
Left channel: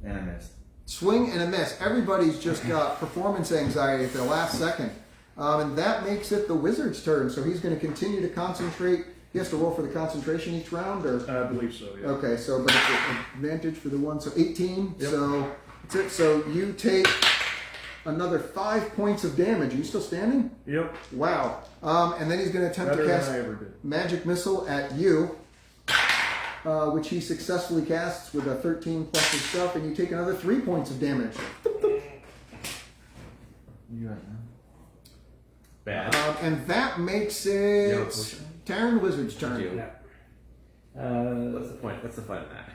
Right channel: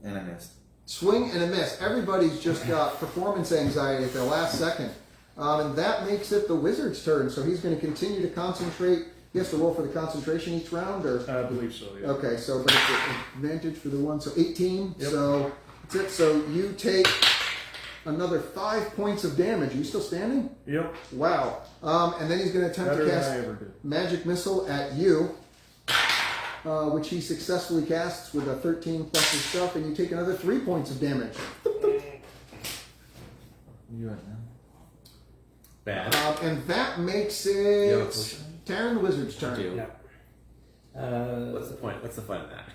And I missed. Swing and a miss. Everybody's just got performance anxiety at the last second. And that makes it the wizard's turn. So he's going to continue to concentrate. He has to roll for the concentration each round? Or? I believe so, yeah. Okay, so but it's an advantage for the one. So 18. Yep. So that's it. So you take another 5 points of damage. Are you still standing? Yep. Wow. And then he's going to attempt Better to than cast I ever did. magic missile at you. which he successfully casts with a 13 plus his stuff, and you take another 3 points of damage. You right now. Bad. And that makes You have a it potion? Taron the Wizard's turn. Do. What's the point? What's the fun of that?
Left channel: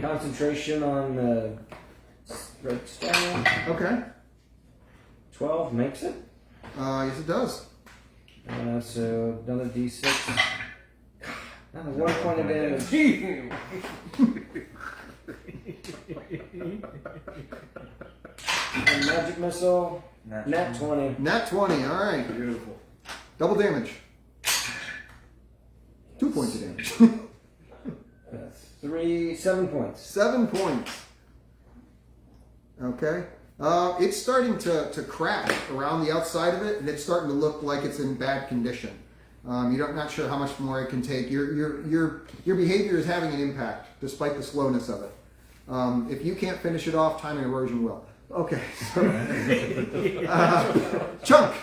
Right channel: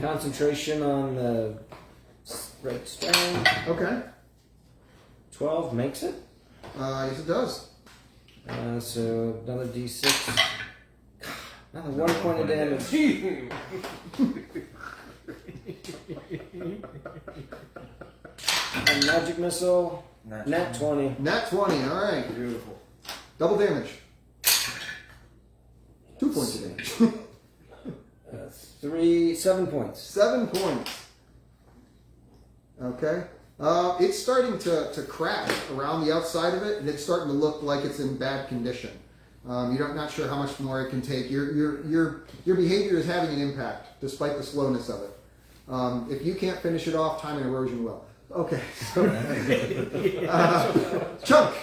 Concentration on the red stone. Okay. 12 makes it. Yes, it does. So another d6. Another 1 point of damage. And magic missile. Nat 20. Nat 20, alright. Beautiful. Double damage. 2 points of damage. 7 points. 7 points. Okay. It's starting to crack around the outside of it, and it's starting to look like it's in bad condition. You're not sure how much more it can take. Your behavior is having an impact, despite the slowness of it. If you can't finish it off, time and erosion will. Okay. Chunk.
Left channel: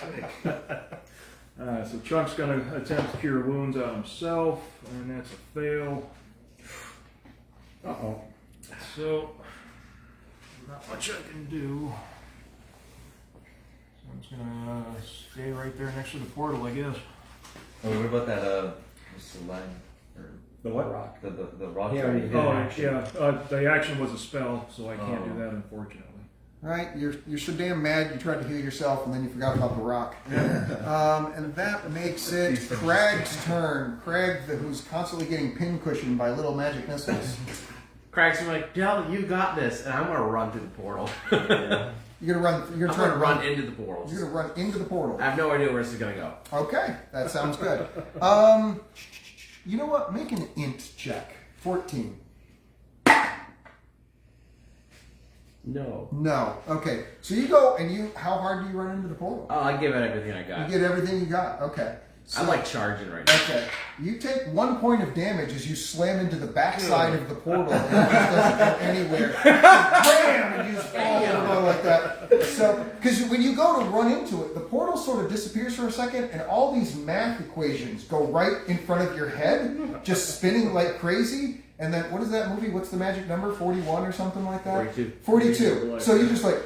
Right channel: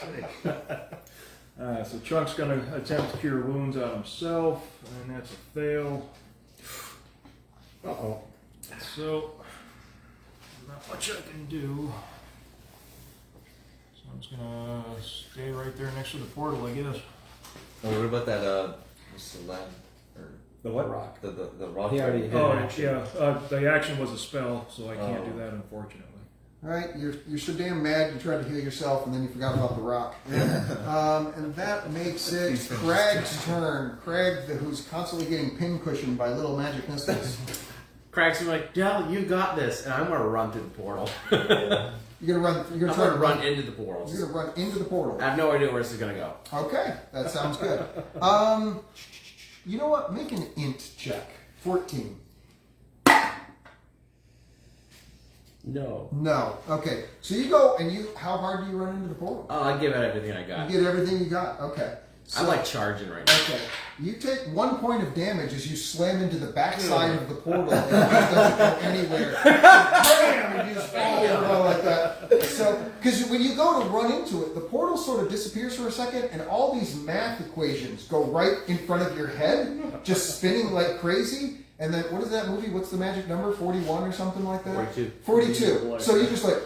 So Chunk's going to attempt to cure wounds on himself, and that's a fail. Uh-oh. So, not much I can do. So I'm just going to stay right there next to the portal, I guess. Oh, what about that? What's the line? Or The what? Rock. the rock? He already did. Oh, yeah. The action was a spell, so I can't do that, unfortunately. Right, you're so damn mad you tried to heal yourself and then you forgot about the rock. And that makes it Crag's turn. Crag, who's constantly getting pincushioned by little magic missiles. Cracks him like, Dell, you got this, and I'm gonna run through the portal. You're gonna run. You're I'm gonna gonna run into the portals. You're gonna run into the portal. I have no idea where this is gonna go. Okay, that sounds good. You know what? Make an int check. 14. No. No. Okay. So you go and how hard do you run into the portal? Oh, I give it everything I got. You get everything you got. Okay. So, I'm like charging right now. okay. You take 1 point of damage as you slam into the backside of the portal and it just doesn't go anywhere. Bam! And you just fall like that. So, because when you go to run into it, the portal sort of disappears for a second, and all these math equations go right in front of your head, just spinning like crazy. And then, what is that movie? What's the magic number? 41 or something like that? 42. 42. So you're just like,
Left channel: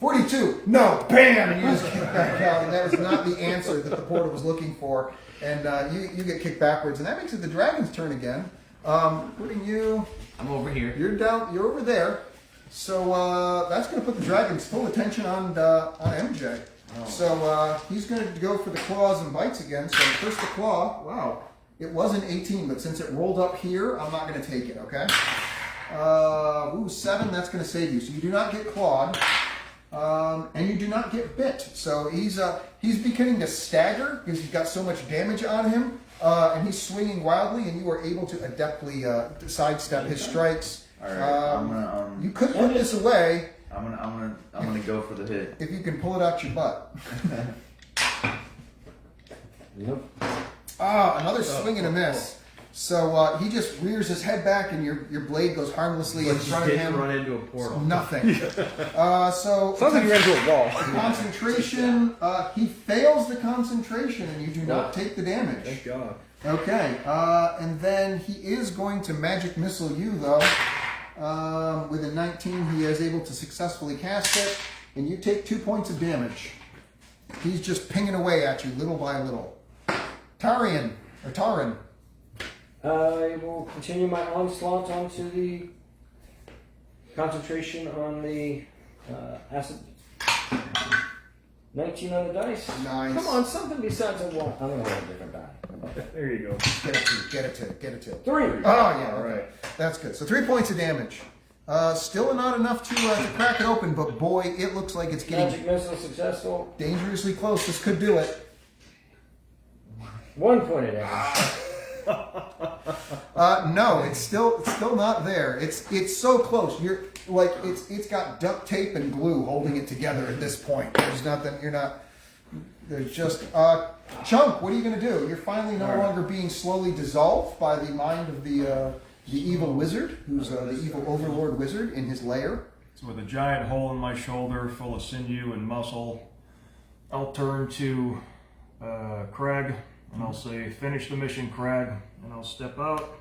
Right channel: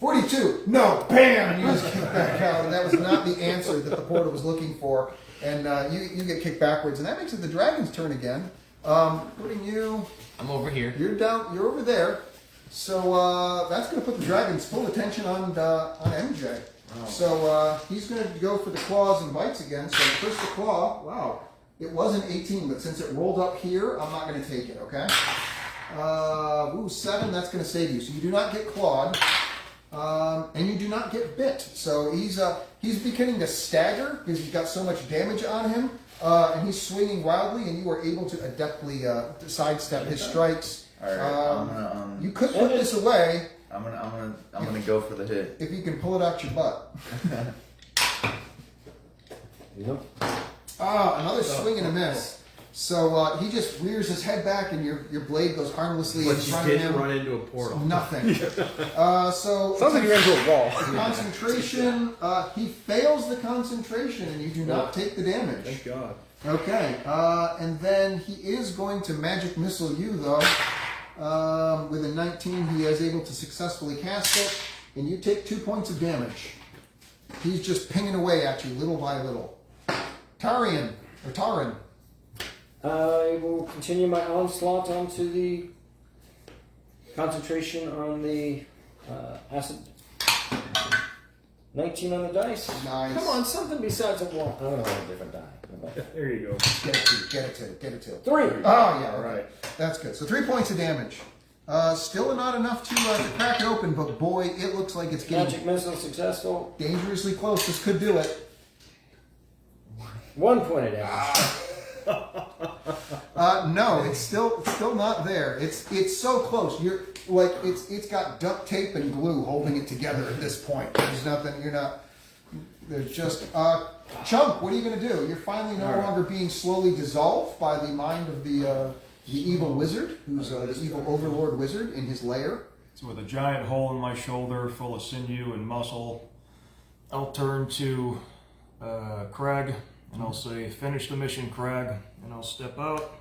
42. No, bam! And you just kick back out. And that was not the answer that the portal was looking for. And you get kicked backwards. And that makes it the dragon's turn again. Putting you... I'm over here. You're down. You're over there. So that's going to put the dragon's full attention on MJ. So he's going to go for the claws and bites again. So first the claw. Wow. It was an 18, but since it rolled up here, I'm not going to take it, okay? 7, that's going to save you. So you do not get clawed, and you do not get bit. So he's beginning to stagger because he's got so much damage on him, and he's swinging wildly, and you are able to adeptly sidestep his strikes. All right, I'm gonna. You could put this away I'm gonna go for the hit. if you can pull it out your butt. Nope. Another swing and a miss. So he just rears his head back, and your blade goes harmlessly in front of Did him. run into a portal. Nothing. So Sounds like you ran into a wall. concentration. He fails the concentration, and you do not take the damage. Thank God. Okay. And then he is going to magic missile you, though. With a 19, he is able to successfully cast it, and you take 2 points of damage. He's just pinging away at you, little by little. Taran. I will continue my onslaught onto the concentration on the acid. 19 on the dice. Nice. Come on, something besides a wall. I'm going to roll a different die. There you go. Get it to. 3. Oh, yeah. All right. That's good. So 3 points of damage. Still not enough to crack it open, but boy, it looks like it's getting Magic missile successful. dangerously close. This could do it. 1 point of damage. No, it's still not there. It's so close. You're like it's got duct tape and glue holding it together at this point. There's nothing. You're not. There's just Chunk. What are you going to do? You're finally no longer being slowly dissolved by the mind of the evil wizard, who's the evil overlord wizard in his lair. So with a giant hole in my shoulder full of sinew and muscle, I'll turn to Crag and I'll say, "Finish the mission, Crag," and I'll step out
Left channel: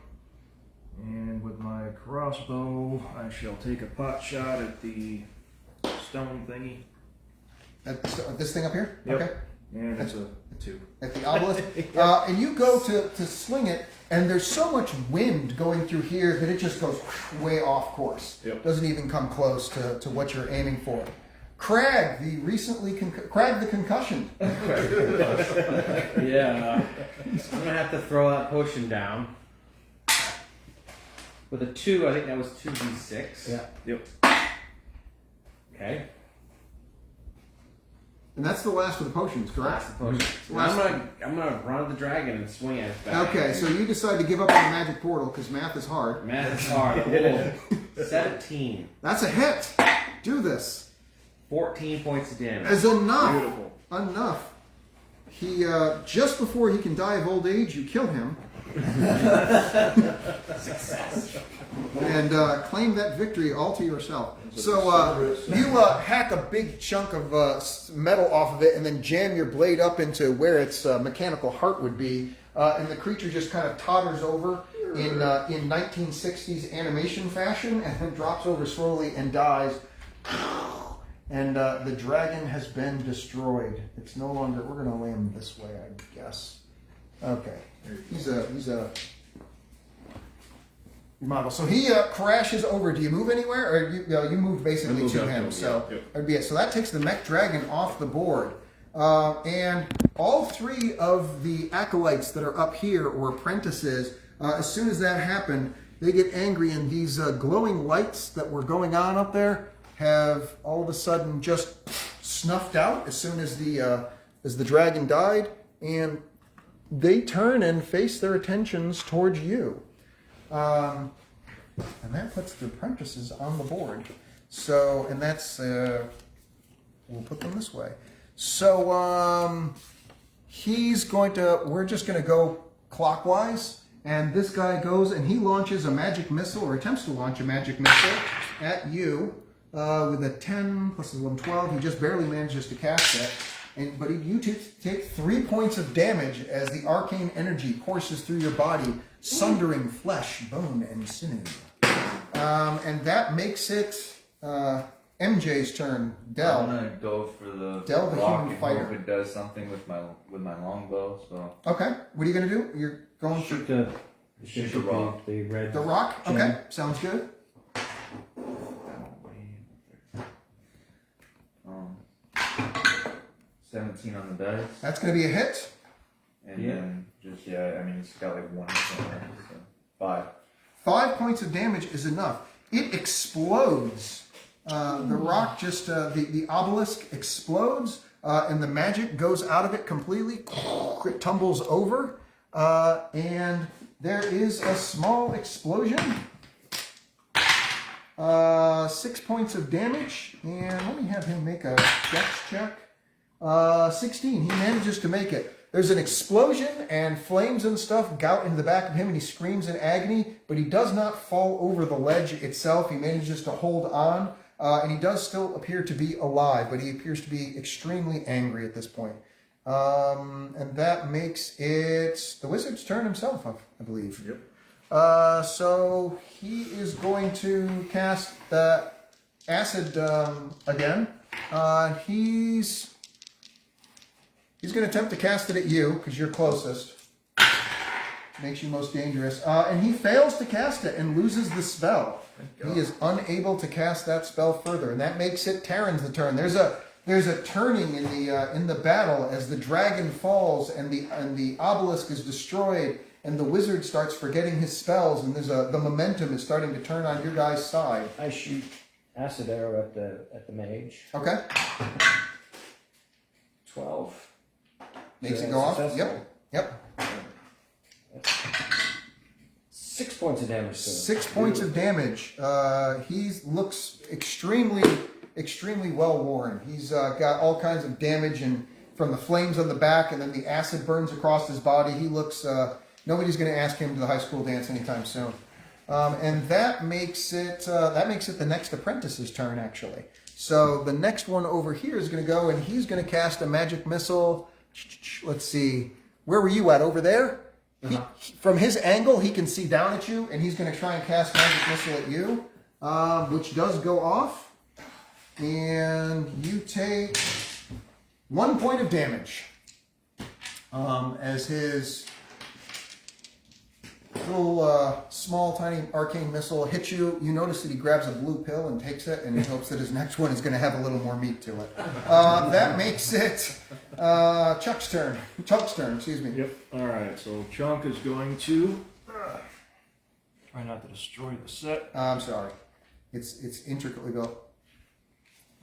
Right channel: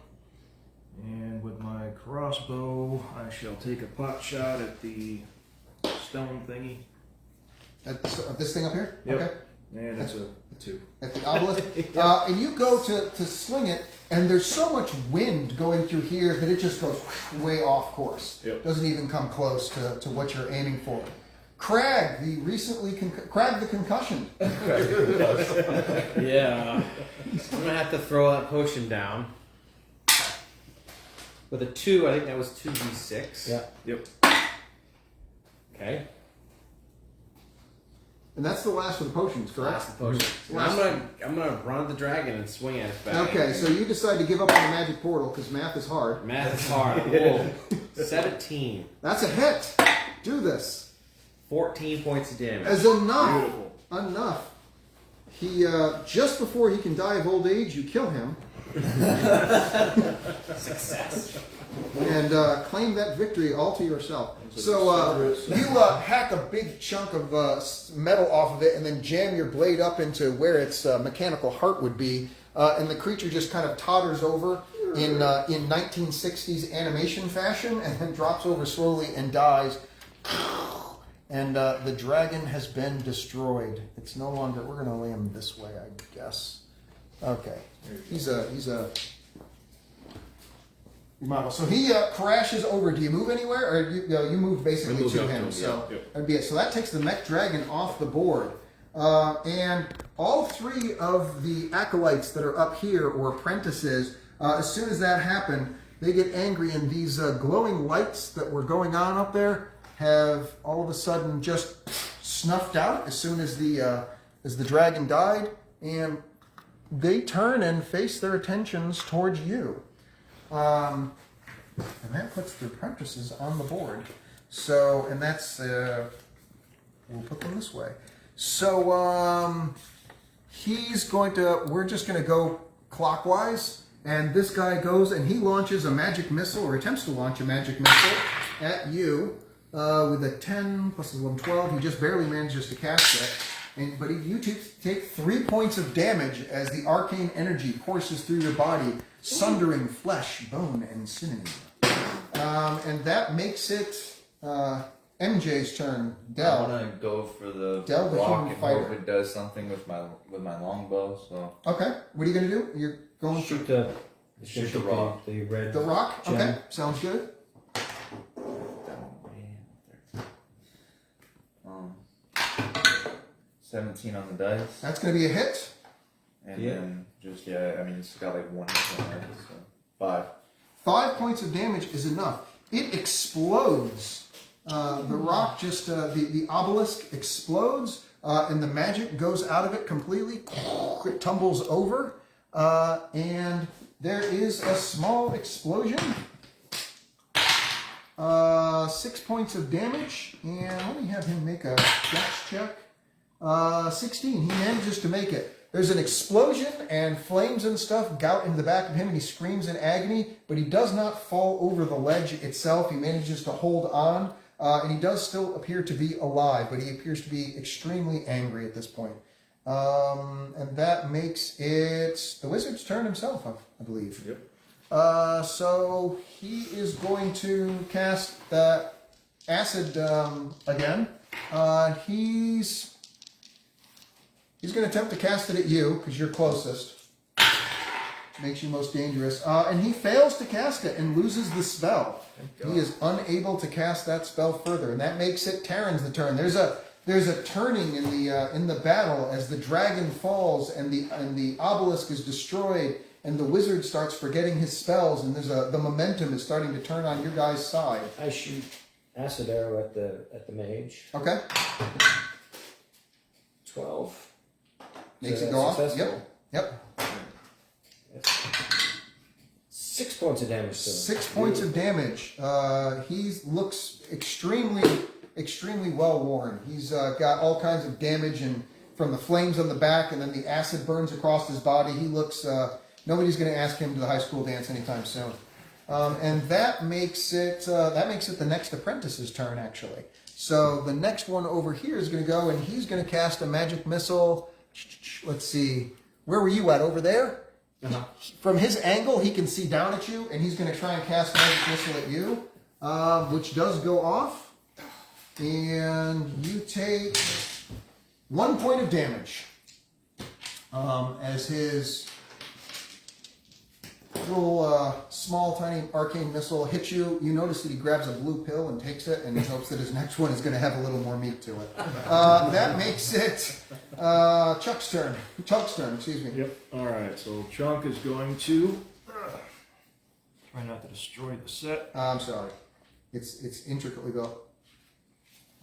And with my crossbow, I shall take a pot shot at the stone thingy. At this thing up here? Yep. Okay. And it's a 2. At the obelisk. And you go to sling it, and there's so much wind going through here that it just goes way off course. Yep. Doesn't even come close to what you're aiming for. Crag, Crag the concussion. Yeah. I'm gonna have to throw that potion down. With a 2, I think that was 2d6. Yeah. Yep. Okay. And that's the last of the potions, correct? Last potion. I'm gonna run the dragon and swing at its back. Okay, so you decide to give up on the magic portal because math is hard. Math is hard. Whoa. 17. That's a hit. Do this. 14 points of damage. As enough. Beautiful. Enough. He just before he can die of old age, you kill him. Success. And claim that victory all to yourself. So you hack a big chunk of metal off of it and then jam your blade up into where its mechanical heart would be. And the creature just kind of totters over in 1960s animation fashion and then drops over slowly and dies. And the dragon has been destroyed. It's no longer. We're going to lay him this way, I guess. Okay. He's a model. So he crashes over. Do you move anywhere, or you move basically move to up him? to him, So yeah. Yep. that'd be it. So that takes the mech dragon off the board, and all 3 of the acolytes that are up here, or apprentices, as soon as that happened, they get angry, and these glowing lights that were going on up there have all of a sudden just snuffed out as soon as the dragon died, and they turn and face their attentions towards you. And that puts the apprentices on the board. So, and that's, we'll put them this way. So, we're just going to go clockwise. And this guy goes and he launches a magic missile, or attempts to launch a magic missile at you with a 10 plus 11, 12. He just barely manages to cast it. But you two take 3 points of damage as the arcane energy courses through your body, sundering flesh, bone, and sinew. And that makes it MJ's turn. I Del. want to go for the Del, the block human and fighter. hope it does something with my longbow. So Okay, what are you going to do? You're going to Shoot the Shoot the rock. The red. the rock? Gem. Okay, sounds good. um, 17 on the dice, That's going to be a hit. and Yeah. then just I mean it's got like 1 hit on it, so 5. 5 points of damage is enough. It explodes. The rock just, the obelisk explodes, and the magic goes out of it completely. It tumbles over, and there is a small explosion. 6 points of damage, and let me have him make a dex check. 16. He manages to make it. There's an explosion and flames and stuff gout into the back of him, and he screams in agony, but he does not fall over the ledge itself. He manages to hold on, and he does still appear to be alive, but he appears to be extremely angry at this point. And that makes it the wizard's turn himself, I believe. Yep. So he is going to cast the acid again. He's going to attempt to cast it at you because you're closest. Makes you most dangerous. And he fails to cast it and loses the spell. He is unable to cast that spell further, and that makes it Terran's the turn. There's a turning in the battle as the dragon falls and the obelisk is destroyed, and the wizard starts forgetting his spells, and the momentum is starting to turn on your guys' side. I shoot acid arrow at the mage. Okay, 12. makes So it go off. successful. Yep. 6 points of damage to him. 6 points of damage. He looks extremely well worn. He's got all kinds of damage and from the flames on the back, and then the acid burns across his body. He looks. Nobody's going to ask him to the high school dance anytime soon. And that makes it the next apprentice's turn, actually. So the next one over here is going to go, and he's going to cast a magic missile. Let's see. Where were you at? Over there? From his angle, he can see down at you, and he's going to try and cast magic missile at you, which does go off, and you take 1 point of damage as his little small, tiny arcane missile hits you. You notice that he grabs a blue pill and takes it, and he hopes that his next one is going to have a little more meat to it. That makes it Chuck's turn. Excuse me. Yep. All right. So Chunk is going to try not to destroy the set. I'm sorry. It's intricately built.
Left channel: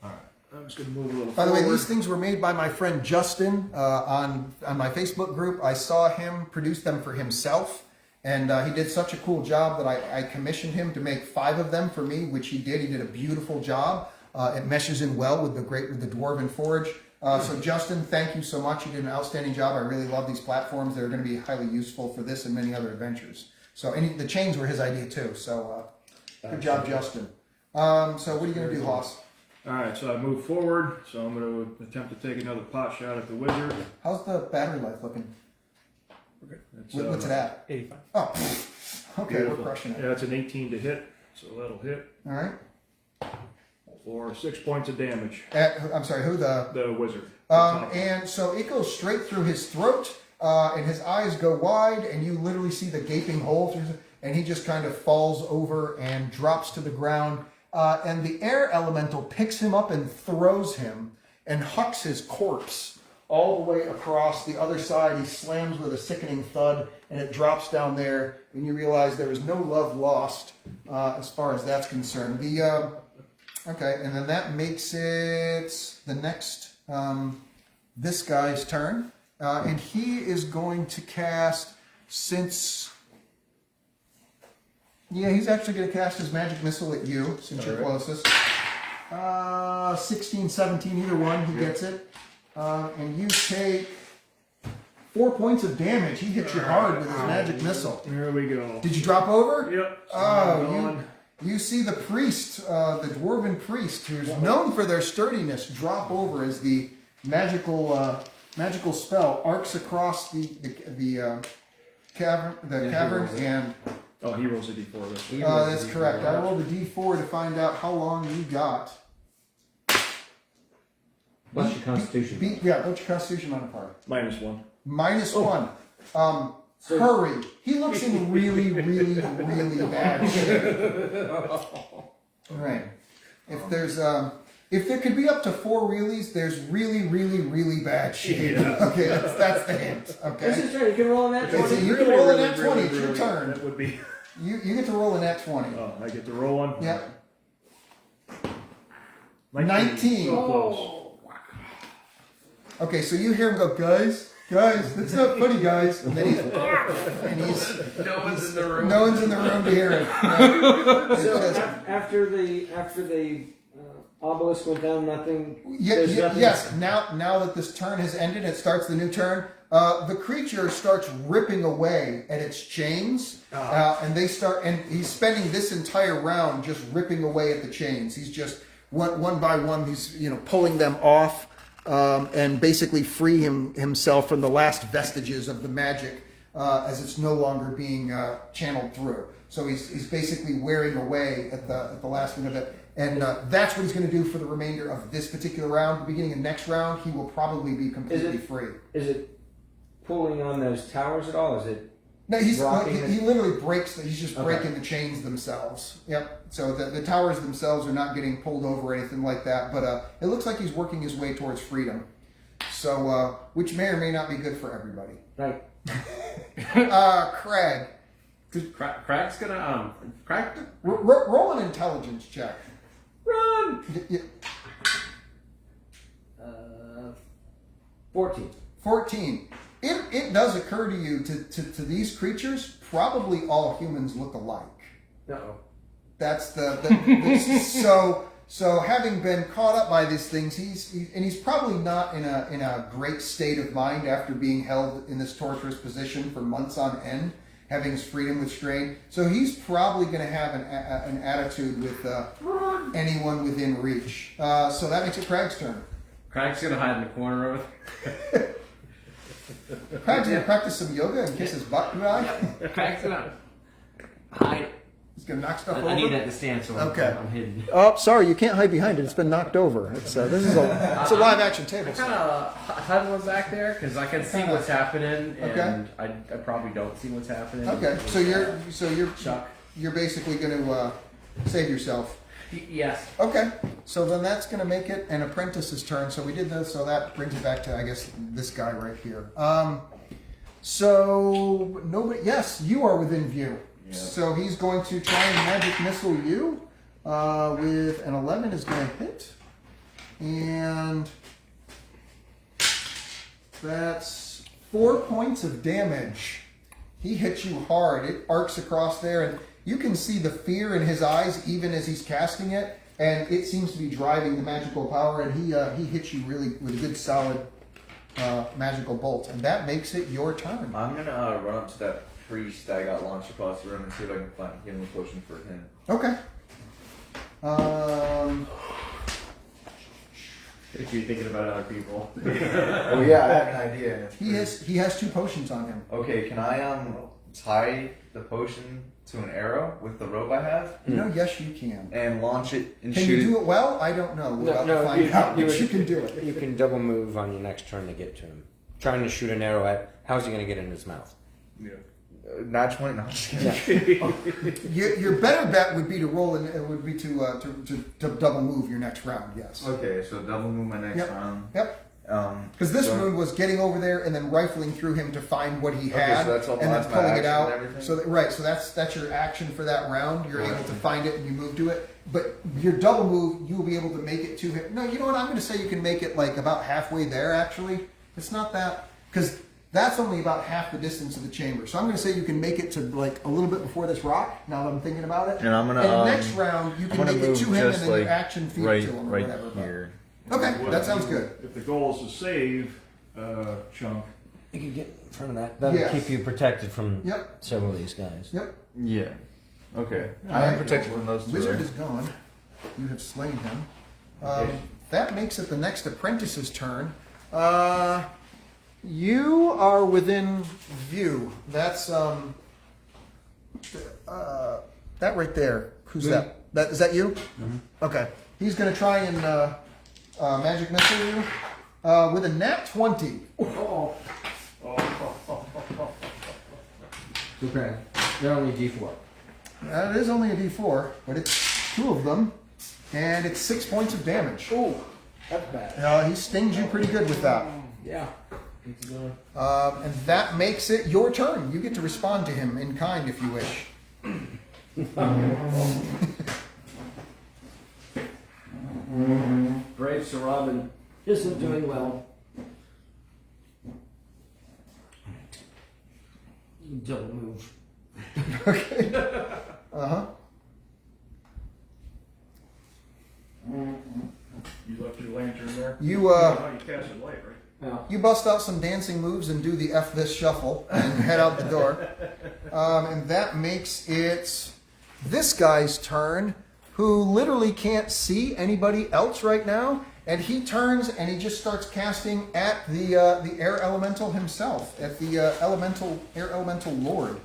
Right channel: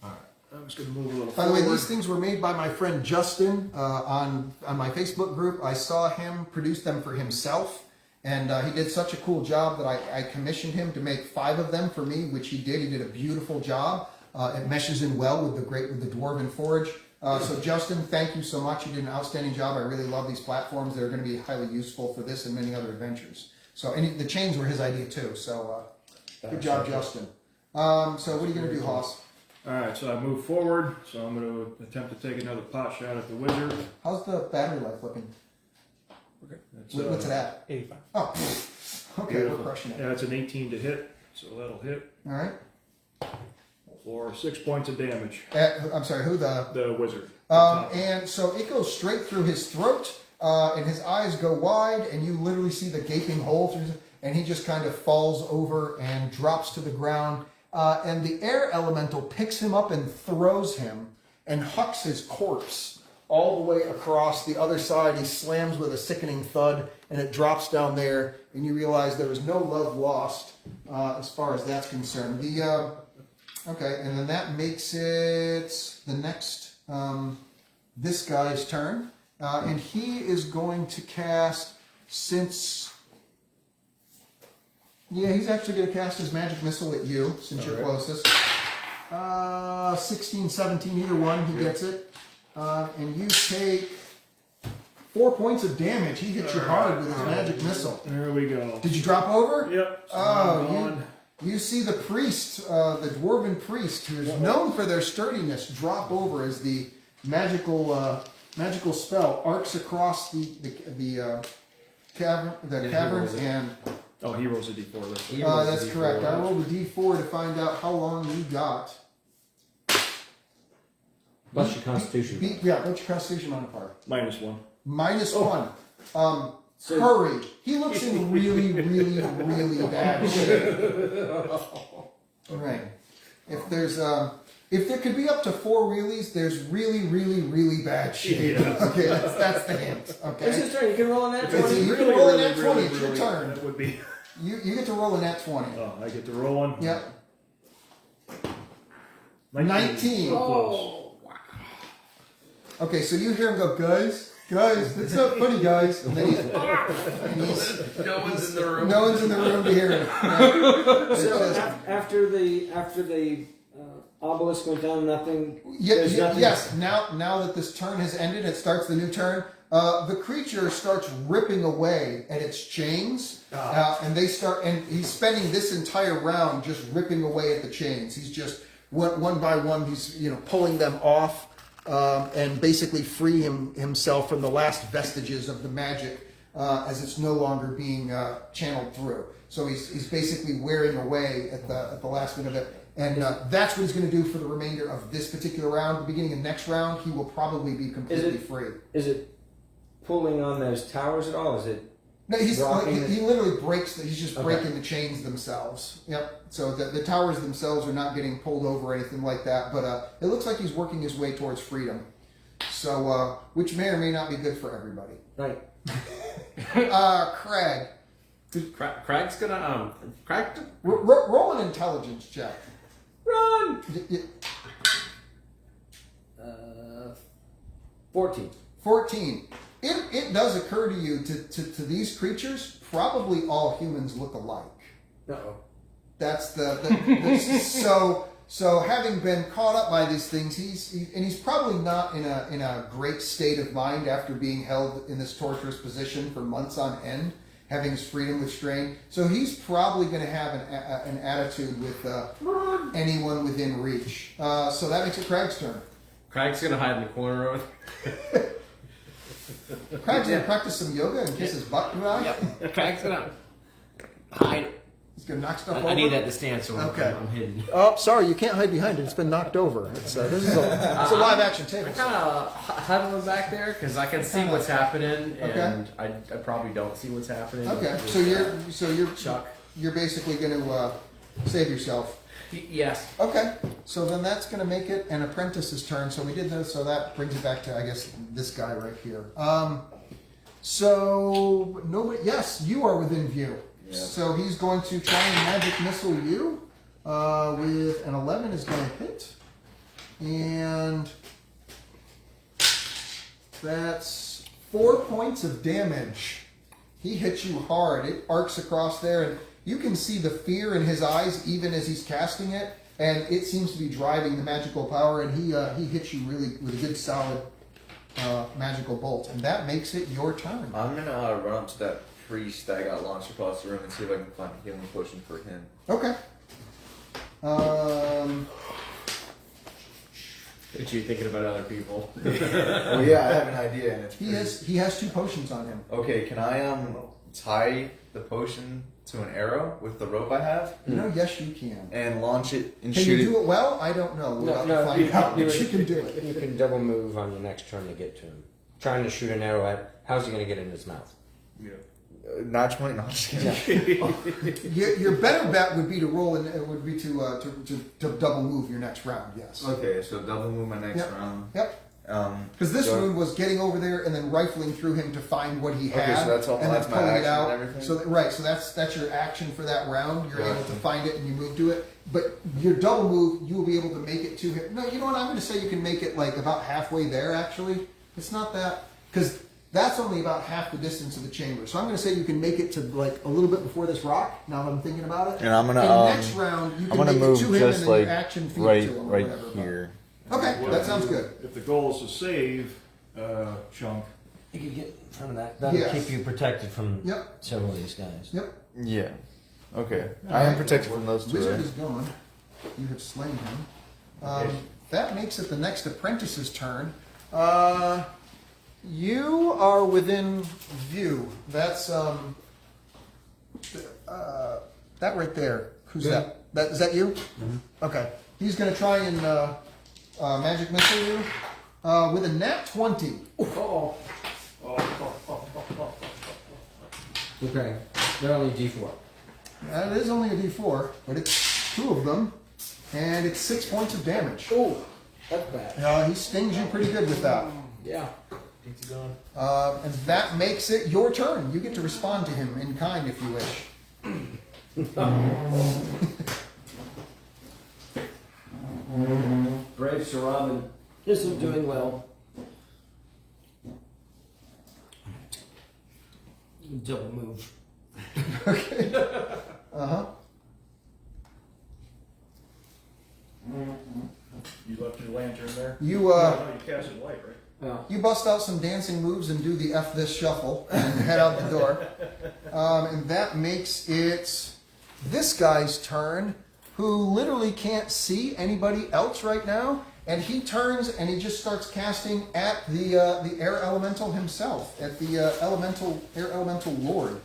All right. I'm just going to move a little By the forward. way, these things were made by my friend Justin on my Facebook group. I saw him produce them for himself, and he did such a cool job that I commissioned him to make 5 of them for me, which he did. He did a beautiful job. It meshes in well with the Dwarven Forge. So Justin, thank you so much. You did an outstanding job. I really love these platforms. They're going to be highly useful for this and many other adventures. So the chains were his idea too. So good job, Justin. So what are you going to do, Hoss? All right. So I move forward. So I'm going to attempt to take another pot shot at the wizard. How's the battery life looking? Okay. That's, What's it at? 85. Oh, okay, beautiful. we're crushing it. Yeah, it's an 18 to hit. So that'll hit All right. for 6 points of damage. I'm sorry, who the? The wizard. And so it goes straight through his throat, and his eyes go wide, and you literally see the gaping hole through, and he just kind of falls over and drops to the ground. And the air elemental picks him up and throws him and hucks his corpse all the way across the other side. He slams with a sickening thud, and it drops down there, and you realize there is no love lost as far as that's concerned. Okay, and then that makes it the next, this guy's turn. And he is going to cast, he's actually going to cast his magic missile at you, since you're closest. 16, 17, either one, he gets it. And you take 4 points of damage. He hits you hard with his magic missile. There we go. Did you drop over? Yep. So Oh, you see the priest, the dwarven priest, who's known for their sturdiness, drop over as the magical spell arcs across the caverns, and he rolls a d4. that's correct. I rolled a d4 to find out how long you got. Plus your constitution. What's your constitution modifier? -1. -1. Hurry. He looks in really, really, really bad shape. All right. If there could be up to 4 reallys, there's really, really, really bad shape. Yeah. Okay, that's the hint. Okay. It's his turn. You can roll on that. If it's So you really, can roll a really, nat 20. really, It's your really, turn. that would be. You get to roll a nat 20. Oh, I get to roll one. Yep. 19. So close. Okay, so you hear him go, guys, that's not funny, guys. And then No one's in the room. no one's in the room to hear it. Yeah. So after the obelisk went down, nothing. There's nothing. Yes. Now that this turn has ended, it starts the new turn. The creature starts ripping away at its chains, and he's spending this entire round just ripping away at the chains. He's just one by one. He's pulling them off, and basically free himself from the last vestiges of the magic as it's no longer being channeled through. So he's basically wearing away at the last minute of it. And that's what he's going to do for the remainder of this particular round. The beginning of next round, he will probably be completely free. Is it pulling on those towers at all? Is it? No, he literally breaks. He's just Okay. breaking the chains themselves. Yep. So the towers themselves are not getting pulled over or anything like that. But it looks like he's working his way towards freedom. So which may or may not be good for everybody. Right. Craig, Craig's gonna Craig. roll an intelligence check. Run. 14. 14. It does occur to you to these creatures, probably all humans look alike. Uh-oh. That's so having been caught up by these things, he's probably not in a great state of mind after being held in this torturous position for months on end, having his freedom restrained. So he's probably going to have an attitude with anyone within reach. So that makes it Craig's turn. Craig's gonna hide in the corner of it. Craig's gonna practice some yoga and kiss his butt dry. Craig's gonna hide. He's gonna knock stuff over. I need that to stand so Okay. I'm hidden. Oh, sorry, you can't hide behind it. It's been knocked over. It's a live action table. Kind of huddling back there because I can see what's happening, and Okay. I probably don't see what's happening. Okay, so Chuck. you're basically gonna save yourself. Yes. Okay, so then that's going to make it an apprentice's turn. So we did this, so that brings it back to, I guess, this guy right here. So nobody. Yes, you are within view. Yeah. So he's going to try and magic missile you with an 11 is going to hit, and that's 4 points of damage. He hits you hard. It arcs across there, and you can see the fear in his eyes even as he's casting it, and it seems to be driving the magical power, and he hits you really with a good solid magical bolt, and that makes it your turn. I'm gonna run up to that priest that got launched across the room and see if I can find a healing potion for him. Okay. Look at you thinking about other people. Oh yeah, I have an idea. And it's He has 2 potions on him. Okay, can I tie the potion to an arrow with the rope I have You know, yes, you can. and launch it and Can shoot you it? do it well? I don't know. We'll have to No, find out, but you can do it. You can double move on your next turn to get to him. Trying to shoot an arrow at. How's he going to get in his mouth? Yeah. Not 20. No, I'm just kidding. Your better bet would be to roll, and it would be to double move your next round. Yes. Okay, so double move my next Yep. round. Yep. Because this so- one was getting over there and then rifling through him to find what he Okay, had, so that's all- and then that's my pulling it action out. and everything? So right, so that's your action for that round. You're able to Gotcha. find it and you move to it. But your double move, you will be able to make it to him. No, you know what? I'm going to say you can make it like about halfway there. Actually, it's not that, because that's only about half the distance of the chamber. So I'm going to say you can make it to like a little bit before this rock. Now that I'm thinking about it. And I'm gonna, And next round you I'm can gonna make it move to him and just then like your action feed right, to him or right whatever. here. Okay, that sounds good. If the goal is to save Chunk, You can get in front of that. That'll Yes. keep you protected from Yep. several of these guys. Yep. Yeah. Okay. I Alright. am protected from those two. Wizard Right? is gone. You have slain him. Okay. That makes it the next apprentice's turn. You are within view. That's that right there. Who's that? That is that you? Mm-hmm. Okay. He's going to try and magic missile you with a nat 20. Okay. They're only D4. It is only a D4, but it's 2 of them, and it's 6 points of damage. Oh, that's bad. He stings you pretty good with that. Yeah. Keeps it going. And that makes it your turn. You get to respond to him in kind if you wish. Brave Sir Robin isn't doing well. Double move. Okay. Uh-huh. you left your lantern there. You No, you cast it light, right? Well, you bust out some dancing moves and do the F this shuffle and head out the door. And that makes it this guy's turn, who literally can't see anybody else right now. And he turns and he just starts casting at the air elemental himself, at the air elemental lord,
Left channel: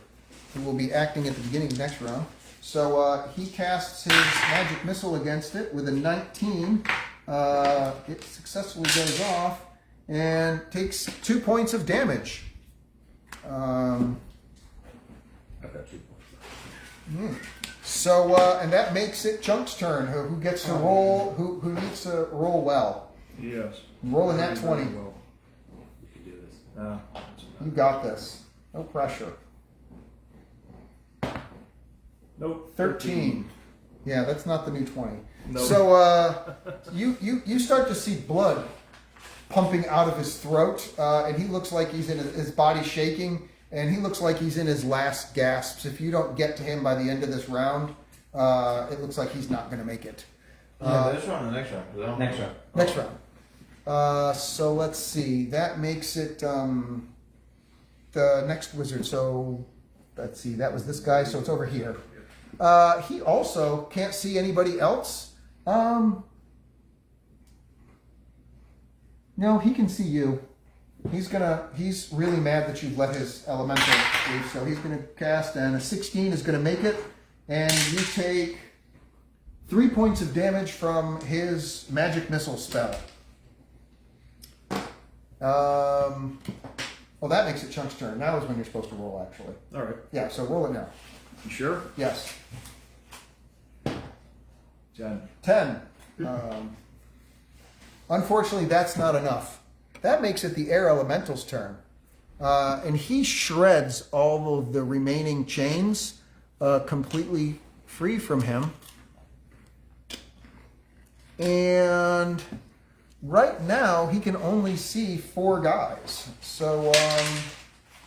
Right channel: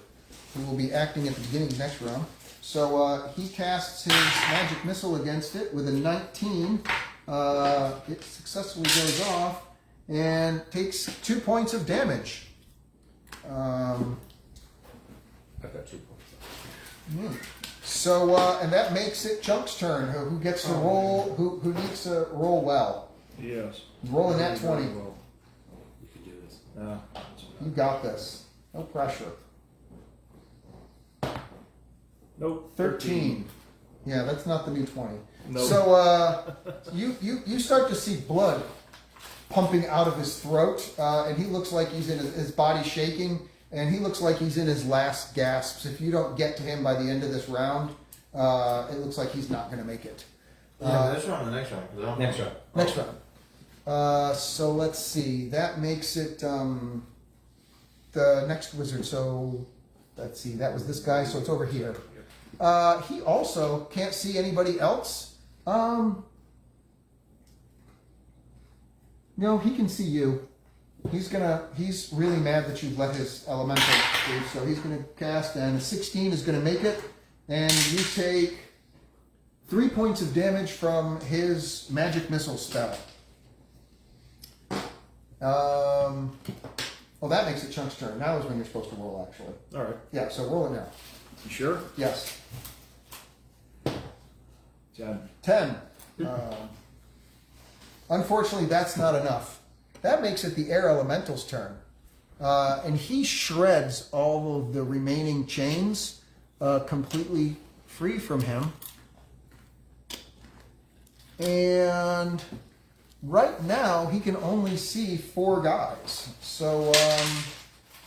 who will be acting at the beginning of next round. So he casts his magic missile against it with a 19. It successfully goes off and takes 2 points of damage. I've got 2 points. So and that makes it Chunk's turn, who gets to roll, who needs to roll well. Yes. Roll in that Very, very 20. well. You can do this. You got this. No pressure. Nope. 13. Yeah, that's not the new 20. Nope. So you start to see blood pumping out of his throat, and he looks like he's in his body shaking, and he looks like he's in his last gasps. If you don't get to him by the end of this round, it looks like he's not going to make it. This round or the next round? 'Cause I don't- Next round. Next round. So let's see. That makes it the next wizard. So let's see. That was this guy. So it's over here. He also can't see anybody else. No, he can see you. He's really mad that you let his elemental through, so he's gonna cast, and a 16 is gonna make it, and you take 3 points of damage from his magic missile spell. Well, that makes it Chunk's turn. Now is when you're supposed to roll, actually. All right. Yeah, so roll it now. You sure? Yes. 10. 10. Unfortunately, that's not enough. That makes it the air elemental's turn. And he shreds all of the remaining chains completely free from him. And right now, he can only see 4 guys. So,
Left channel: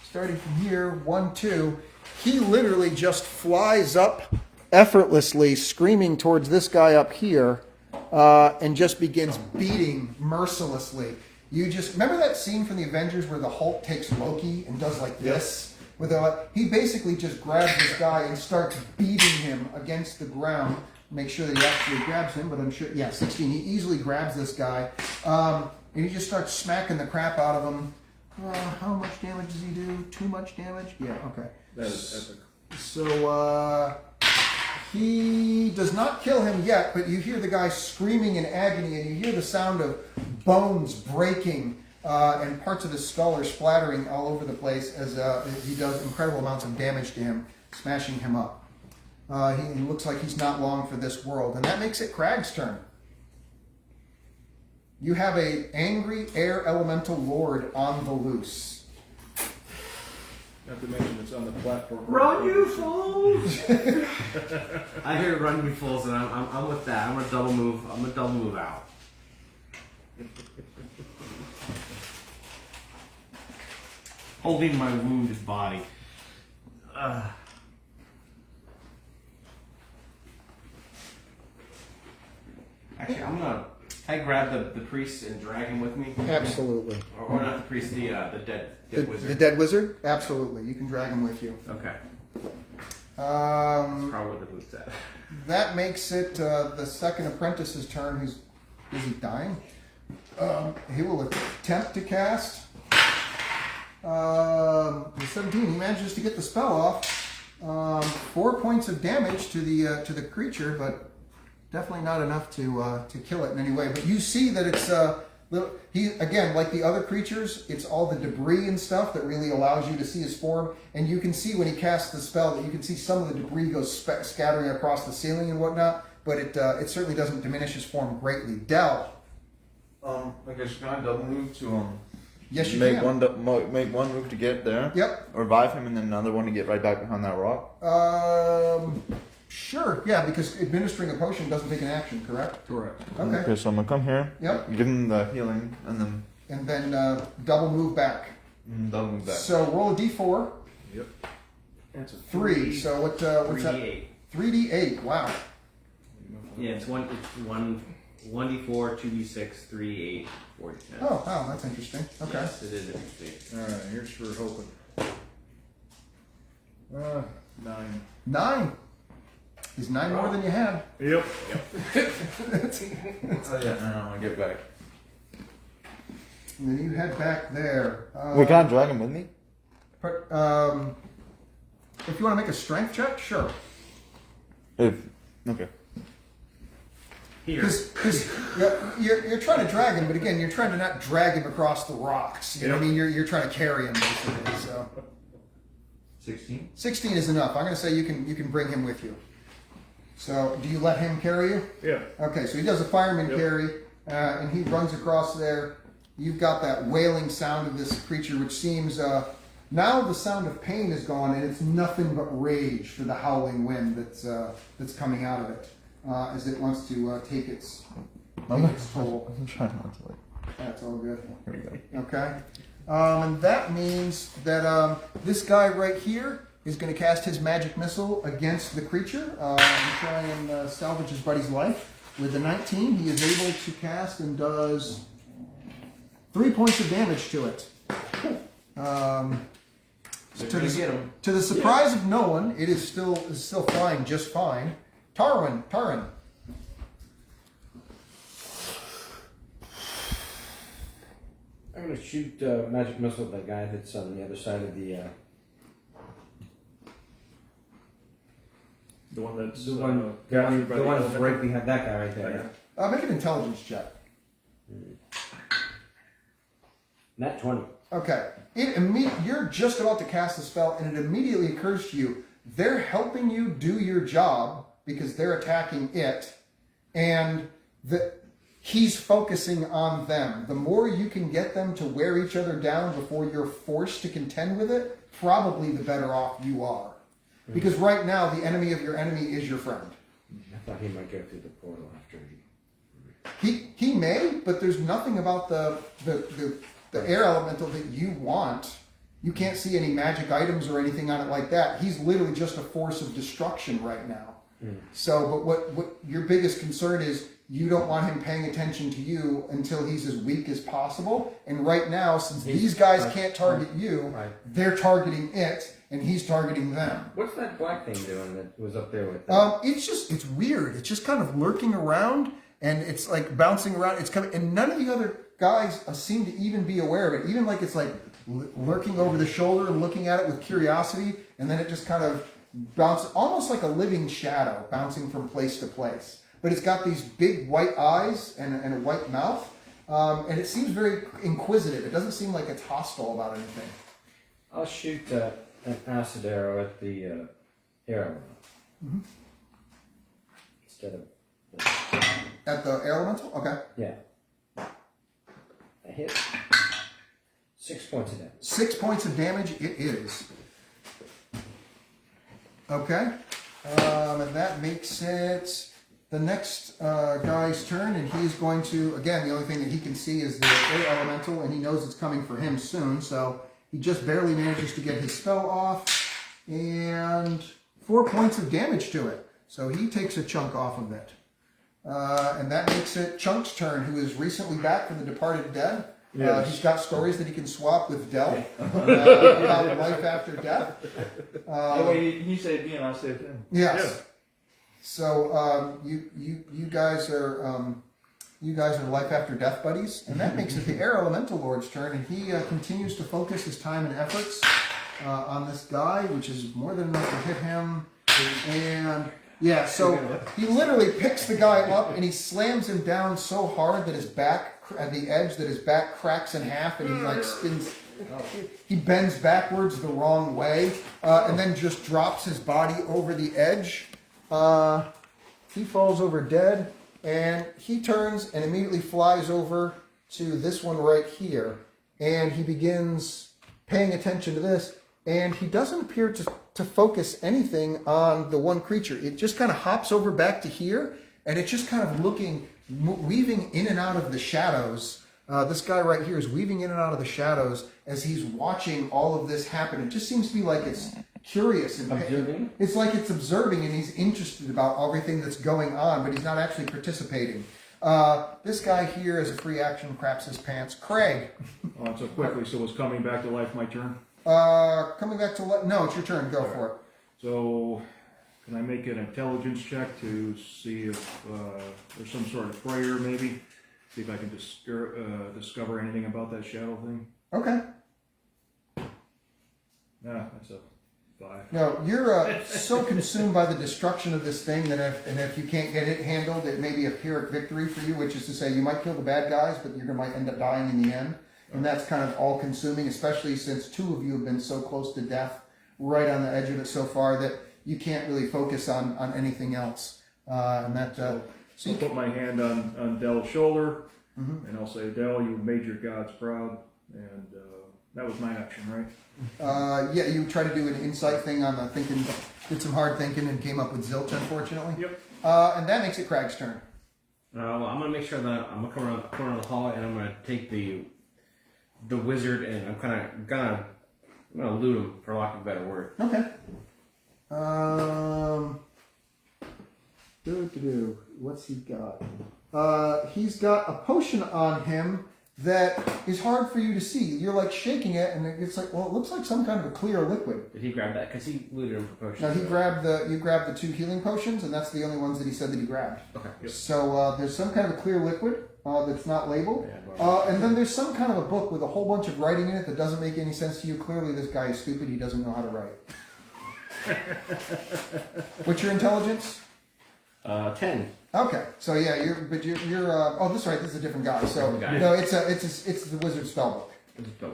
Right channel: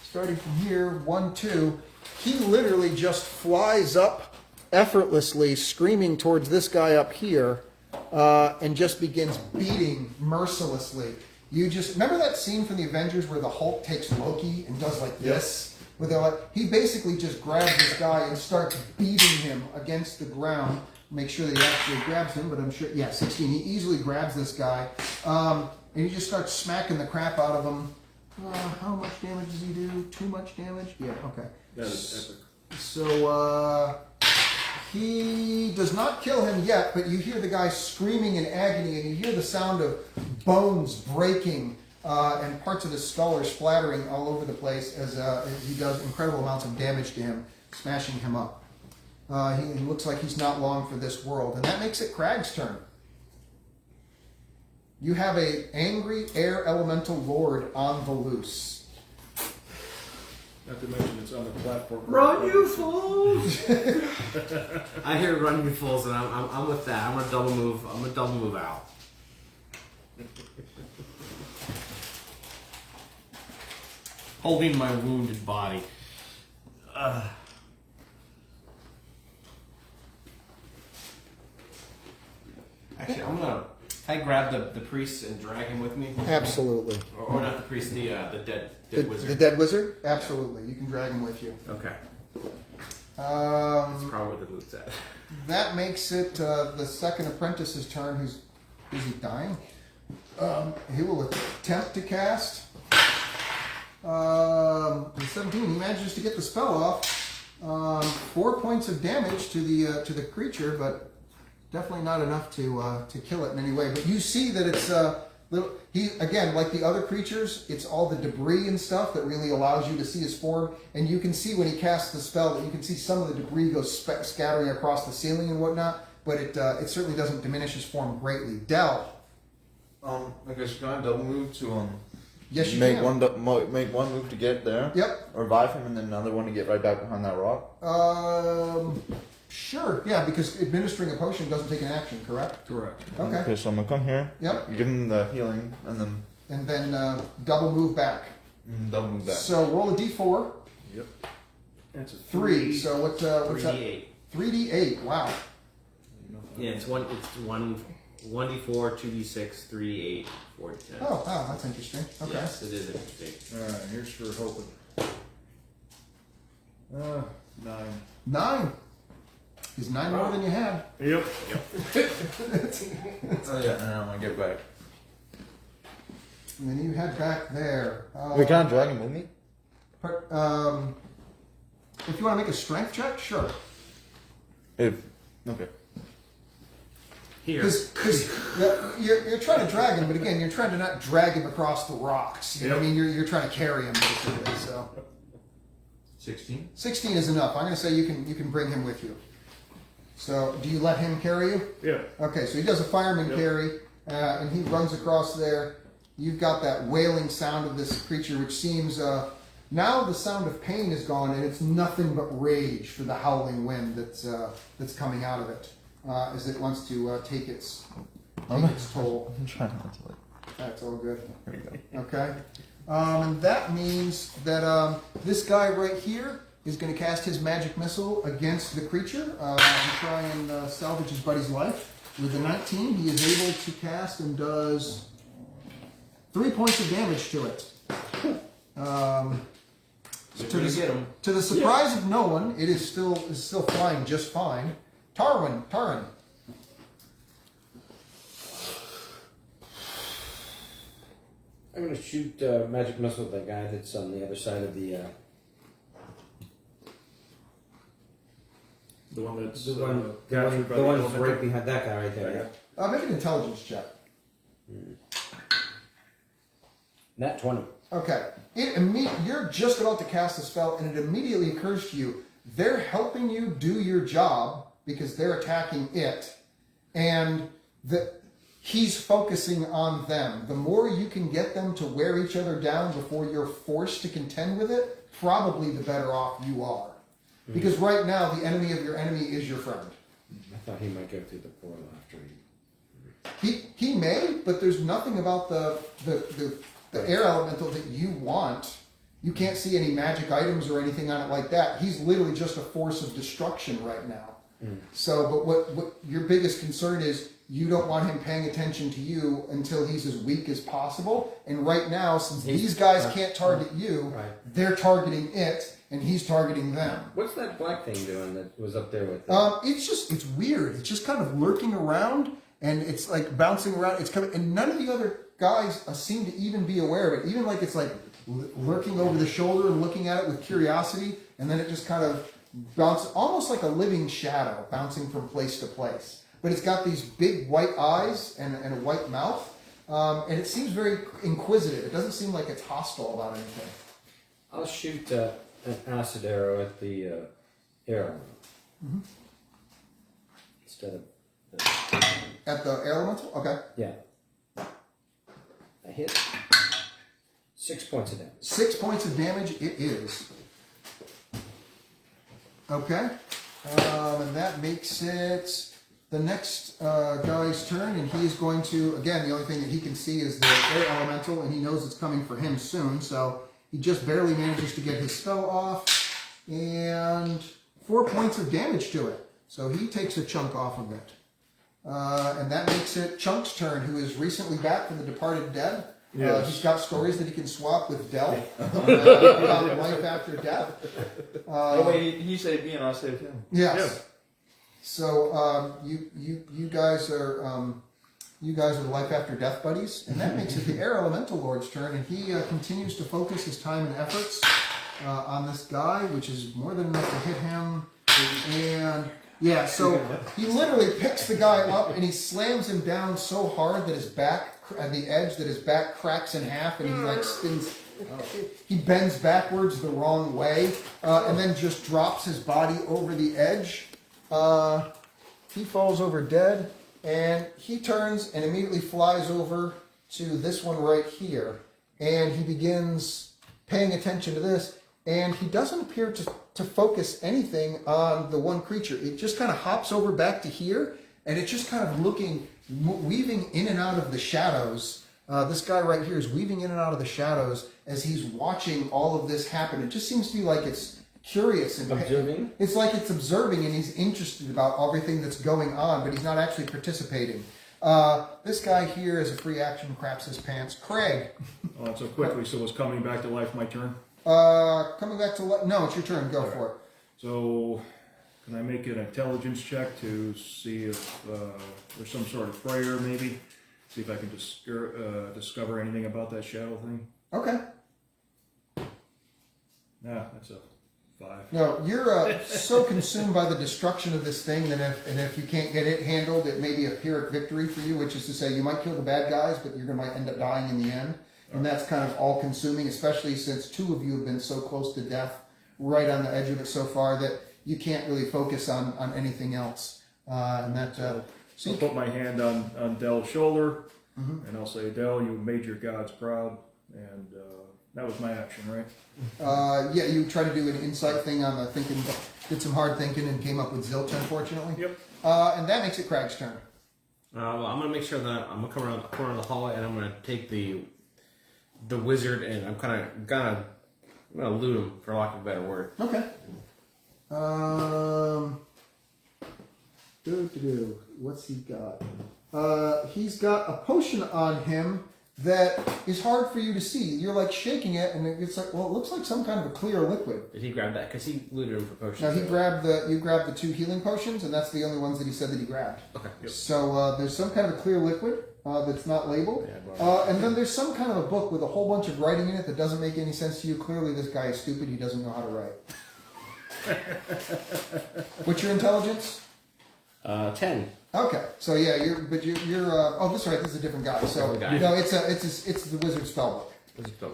starting from here, 1, 2, he literally just flies up effortlessly, screaming towards this guy up here, and just begins beating mercilessly. You just remember that scene from the Avengers where the Hulk takes Loki and does like this with he basically just grabs this guy and starts beating him against the ground. Make sure that he actually grabs him, but I'm sure, 16. He easily grabs this guy, and he just starts smacking the crap out of him. How much damage does he do? Too much damage? Yeah, okay. That is epic. So, he does not kill him yet, but you hear the guy screaming in agony, and you hear the sound of bones breaking, and parts of his skull are splattering all over the place as he does incredible amounts of damage to him, smashing him up. He looks like he's not long for this world, and that makes it Crag's turn. You have a angry air elemental lord on the loose. Not to mention it's on the platform. Run, you fools! I hear "run, you fools," and I'm with that. I'm a double move. I'm a double move out. Holding my wounded body. Actually, I'm gonna. I grab the priest and drag him with me. Absolutely. Or not the priest, the dead wizard. The dead wizard? Absolutely. You can drag him with you. Okay. Um, Probably the loot's at. That makes it the second apprentice's turn. Who's busy dying? He will attempt to cast. 17. He manages to get the spell off. 4 points of damage to the creature, but definitely not enough to kill it in any way. But you see that it's he again, like the other creatures, it's all the debris and stuff that really allows you to see his form. And you can see when he casts the spell that you can see some of the debris goes scattering across the ceiling and whatnot. But it certainly doesn't diminish his form greatly. Del. Okay, so can I double move to Yes, you make can. make one move to get there? Yep. Or revive him and then another one to get right back behind that rock? Sure. Yeah, because administering a potion doesn't take an action, correct? Correct. Okay. Okay, so I'm gonna come here. Yep. Give him the healing and then Double move back. double move back. So roll a d4. Yep. That's a 3. So what's that? 3d8. 3d8. Wow. Yeah, it's 1d4, 2d6, 3d8, 4d10. Oh, wow, that's interesting. Okay. Yes, it is interesting. All right. Here's for hoping. 9. 9. Is 9 more than you had? Yep. Oh yeah, now I'm gonna get back. And then you head back there. Wait, can I drag him with me? If you want to make a strength check, sure. Okay. Here. Because you're trying to drag him, but again, you're trying to not drag him across the rocks. You know what I mean? You're trying to carry him, basically. So 16. 16 is enough. I'm going to say you can bring him with you. So do you let him carry you? Yeah. Okay, so he does a fireman Yep. carry, and he runs across there. You've got that wailing sound of this creature, which seems now the sound of pain is gone, and it's nothing but rage for the howling wind that's coming out of it as it wants to take its toll. I'm trying not to That's all good. There we go. Okay, and that means that this guy right here is going to cast his magic missile against the creature and try and salvage his buddy's life. With the 19, he is able to cast and does 3 points of damage to it. To the surprise of no one, it is still flying just fine. Taran. I'm gonna shoot magic missile at that guy that's on the other side of the. The one that's The one captured by the one's elemental? right behind that guy right there. Make an intelligence check. Nat 20. Okay. You're just about to cast a spell, and it immediately occurs to you they're helping you do your job because they're attacking it, and he's focusing on them. The more you can get them to wear each other down before you're forced to contend with it, probably the better off you are. Because right now, the enemy of your enemy is your friend. I thought he might go through the portal after he. He may, but there's nothing about the air elemental that you want. You can't see any magic items or anything on it like that. He's literally just a force of destruction right now. So, but what your biggest concern is, you don't want him paying attention to you until he's as weak as possible. And right now, since these guys can't target you, they're targeting it, and he's targeting them. What's that black thing doing that was up there with? It's weird. It's just kind of lurking around, and it's like bouncing around. It's kind of, and none of the other guys seem to even be aware of it. Even like it's like lurking over the shoulder, looking at it with curiosity, and then it just kind of bounces, almost like a living shadow, bouncing from place to place. But it's got these big white eyes and a white mouth, and it seems very inquisitive. It doesn't seem like it's hostile about anything. I'll shoot an acid arrow at the arrow. Instead of. At the elemental? Okay. Yeah. I hit 6 points of damage. 6 points of damage it is. Okay. And that makes it the next guy's turn, and he's going to, again, the only thing that he can see is the air elemental, and he knows it's coming for him soon, so he just barely manages to get his spell off, and 4 points of damage to it. So he takes a chunk off of it. And that makes it Chunk's turn, who is recently back from the departed dead. Yes. He's got stories that he can swap with Del about life after death. He saved me and I'll save him. Yes. Yeah. So you guys are life after death buddies, and that makes it the Air Elemental Lord's turn, and he continues to focus his time and efforts on this guy, which is more than enough to hit him. And yeah, so he literally picks the guy up and he slams him down so hard that his back, at the edge, that his back cracks in half, and he like spins. He bends backwards the wrong way, and then just drops his body over the edge. He falls over dead, and he turns and immediately flies over to this one right here, and he begins paying attention to this, and he doesn't appear to focus anything on the one creature. It just kind of hops over back to here, and it's just kind of weaving in and out of the shadows. This guy right here is weaving in and out of the shadows as he's watching all of this happen. It just seems to be like it's curious and Observing? It's like it's observing, and he's interested about everything that's going on, but he's not actually participating. This guy here, as a free action, craps his pants. Craig. Oh, so quickly, so it's coming back to life, my turn? Coming back to no, it's your turn. Go for it. So, can I make an intelligence check to see if there's some sort of prayer, maybe? See if I can discover anything about that shadow thing? Okay. Nah, that's a 5. No, you're so consumed by the destruction of this thing that if you can't get it handled, it may be a Pyrrhic victory for you, which is to say you might kill the bad guys, but you might end up dying in the end. And that's kind of all-consuming, especially since 2 of you have been so close to death, right on the edge of it so far, that you can't really focus on anything else. So I'll put my hand on Del's shoulder, and I'll say, Del, you made your gods proud, and that was my action, right? yeah, you try to do an insight thing on the thinking, did some hard thinking, and came up with zilch, unfortunately. Yep. And that makes it Craig's turn. Well, I'm gonna make sure that I'm gonna come around the corner of the hall, and I'm gonna take the wizard, and I'm gonna loot him, for lack of a better word. Okay. What's he got? He's got a potion on him that is hard for you to see. You're like shaking it, and it's like, well, it looks like some kind of a clear liquid. Did he grab that? Because he looted him for potions. Now you grabbed the 2 healing potions, and that's the only ones that he said that he grabbed. Okay. So there's some kind of a clear liquid that's not labeled. And then there's some kind of a book with a whole bunch of writing in it that doesn't make any sense to you. Clearly, this guy is stupid. He doesn't know how to write. What's your intelligence? 10. Okay, so yeah, you're. Oh, this is right. This is a different guy. So no, it's the wizard spellbook.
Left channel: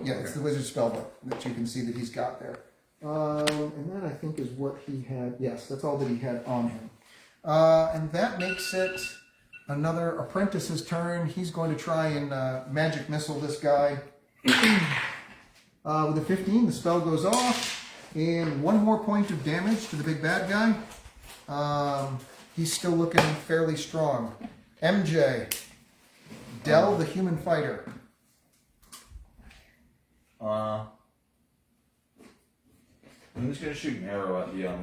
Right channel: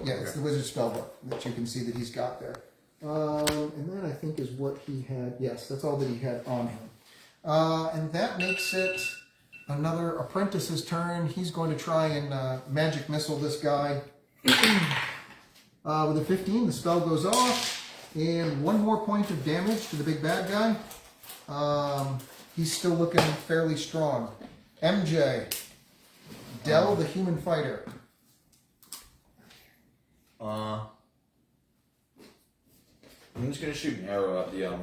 Yeah, it's the wizard spellbook that you can see that he's got there. And that I think is what he had. Yes, that's all that he had on him. And that makes it another apprentice's turn. He's going to try and magic missile this guy. With a 15, the spell goes off. And one more point of damage to the big bad guy. He's still looking fairly strong. MJ. Dell, the human fighter. I'm just gonna shoot an arrow at the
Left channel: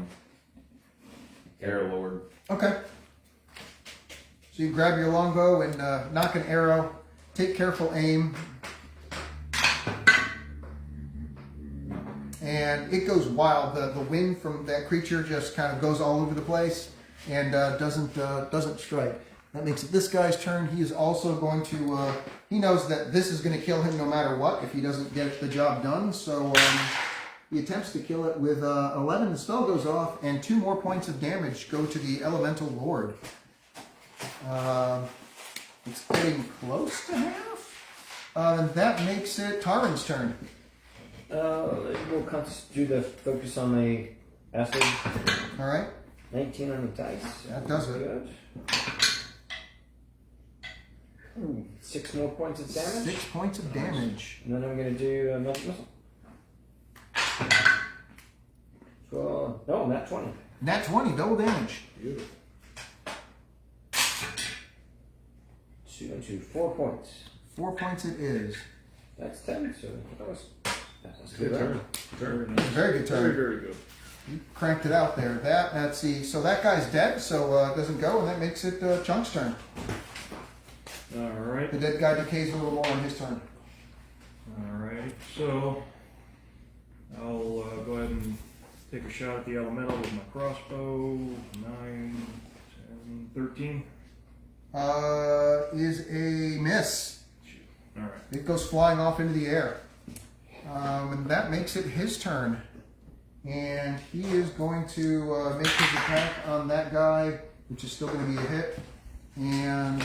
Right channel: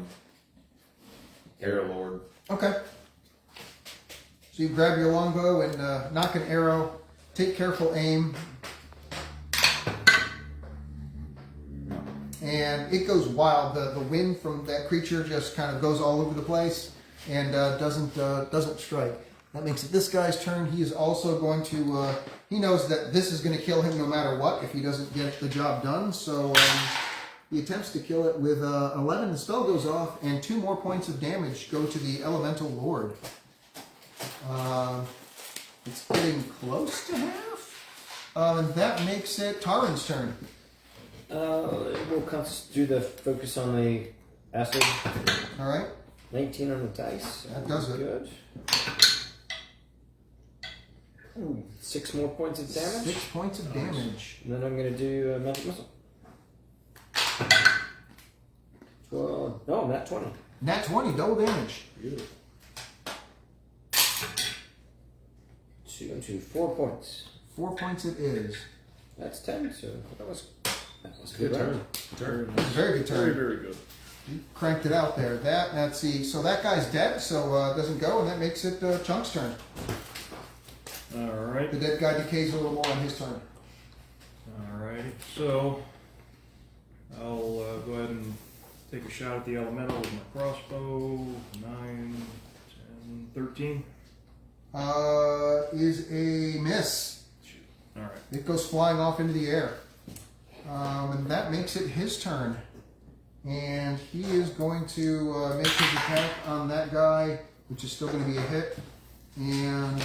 Arrow Lord. Okay. So you grab your longbow and knock an arrow. Take careful aim. And it goes wild. The wind from that creature just kind of goes all over the place and doesn't strike. That makes it this guy's turn. He is also going to. He knows that this is going to kill him no matter what if he doesn't get the job done. So he attempts to kill it with 11. The spell goes off, and 2 more points of damage go to the Elemental Lord. It's getting close to half. And that makes it Taran's turn. We'll do the focus on the acid. All right. 19 on the dice. That does it. Good. Ooh, 6 more points of damage. 6 points of damage. And then I'm going to do a magic missile. 12. Oh, nat 20. Nat 20, double damage. 2 and 2, 4 points. 4 points it is. That's 10, so that was a good turn. Very good turn. Very good. You cranked it out there. Let's see. So that guy's dead, so it doesn't go, and that makes it Chunk's turn. Alright. The dead guy decays a little more on his turn. Alright. So, I'll go ahead and take a shot at the elemental with my crossbow. 9, 10, 13. Is a miss. Alright. It goes flying off into the air. And that makes it his turn. And he is going to make his attack on that guy, which is still going to be a hit. And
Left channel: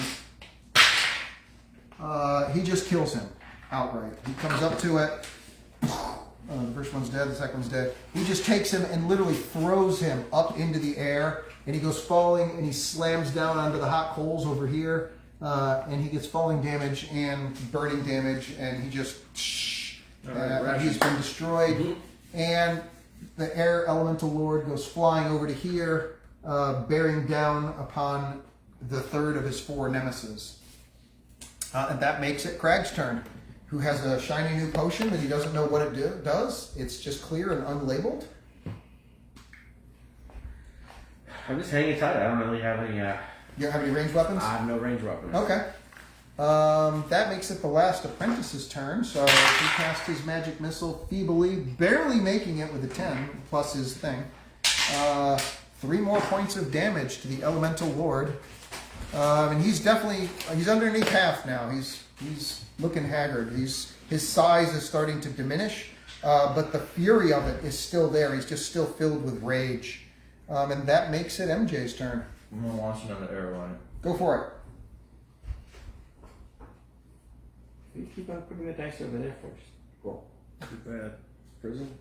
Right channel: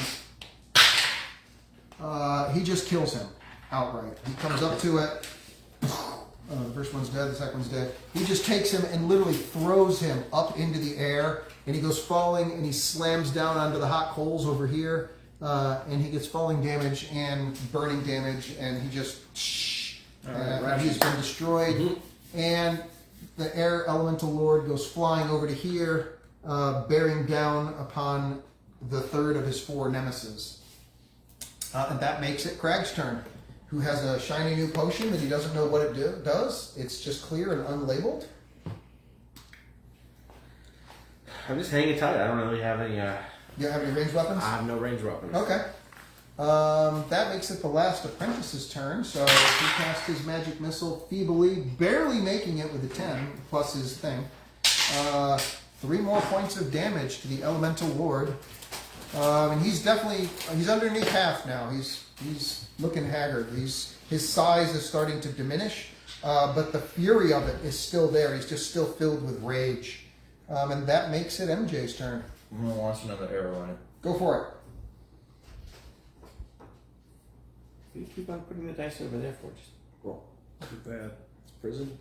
he just kills him outright. He comes up to it. The first one's dead, the second one's dead. He just takes him and literally throws him up into the air. And he goes falling and he slams down onto the hot coals over here. And he gets falling damage and burning damage. And he just... he's been destroyed. And the air elemental lord goes flying over to here, bearing down upon the third of his 4 nemesis. And that makes it Crag's turn, who has a shiny new potion that he doesn't know what it does. It's just clear and unlabeled. I'm just hanging tight. I don't really have any. You don't have any ranged weapons? I have no range weapons. Okay. That makes it the last apprentice's turn, so he casts his magic missile feebly, barely making it with a 10, plus his thing. 3 more points of damage to the elemental lord. And he's underneath half now. He's looking haggard. His size is starting to diminish, but the fury of it is still there. He's just still filled with rage. And that makes it MJ's turn. I'm gonna launch another arrow on it. Go for it. You keep on putting the dice over there for us. Cool. Too bad. Prison.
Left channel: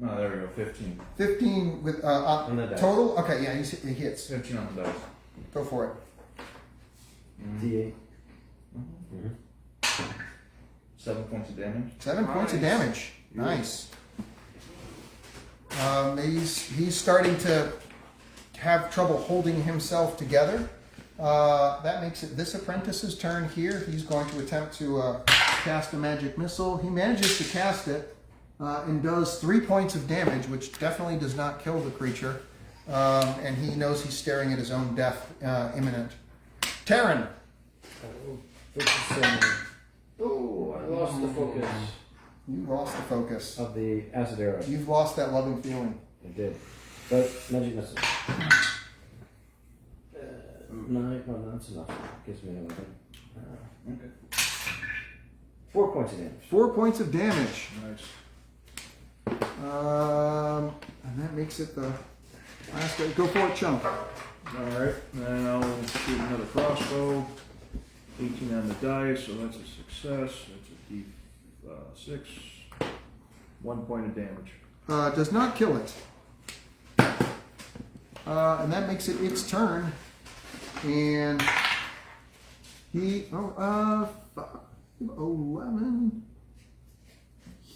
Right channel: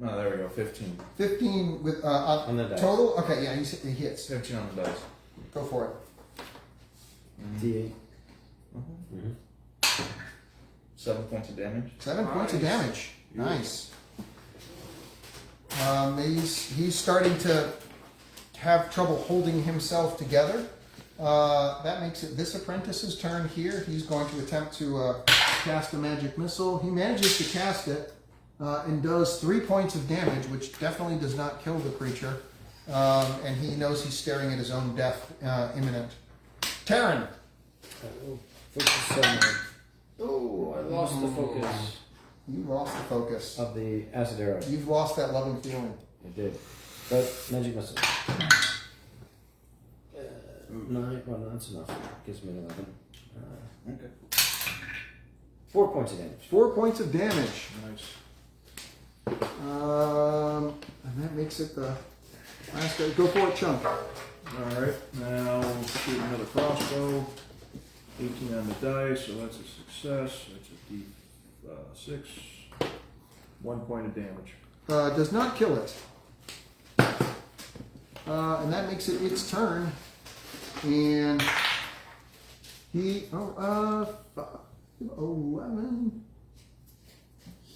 No, there we go. 15. 15 with On the dice. total? Okay, yeah, he hits. 15 on the dice. Go for it. D8. 7 points of damage. 7 points of damage. Nice. He's starting to have trouble holding himself together. That makes it this apprentice's turn here. He's going to attempt to cast a magic missile. He manages to cast it and does 3 points of damage, which definitely does not kill the creature. And he knows he's staring at his own death imminent. Taryn. Focus on. Oh, I lost the focus You lost the focus. of the acid arrow. You've lost that loving feeling. It did. But magic missile. 9. Well, no, that's enough. Gives me 11. Okay. 4 points of damage. 4 points of damage. Nice. And that makes it the last guy. Go for it, Chunk. Alright, then I'll shoot another crossbow. 18 on the dice, so that's a success. That's a D6. 1 point of damage. Does not kill it. And that makes it its turn. And he, 11.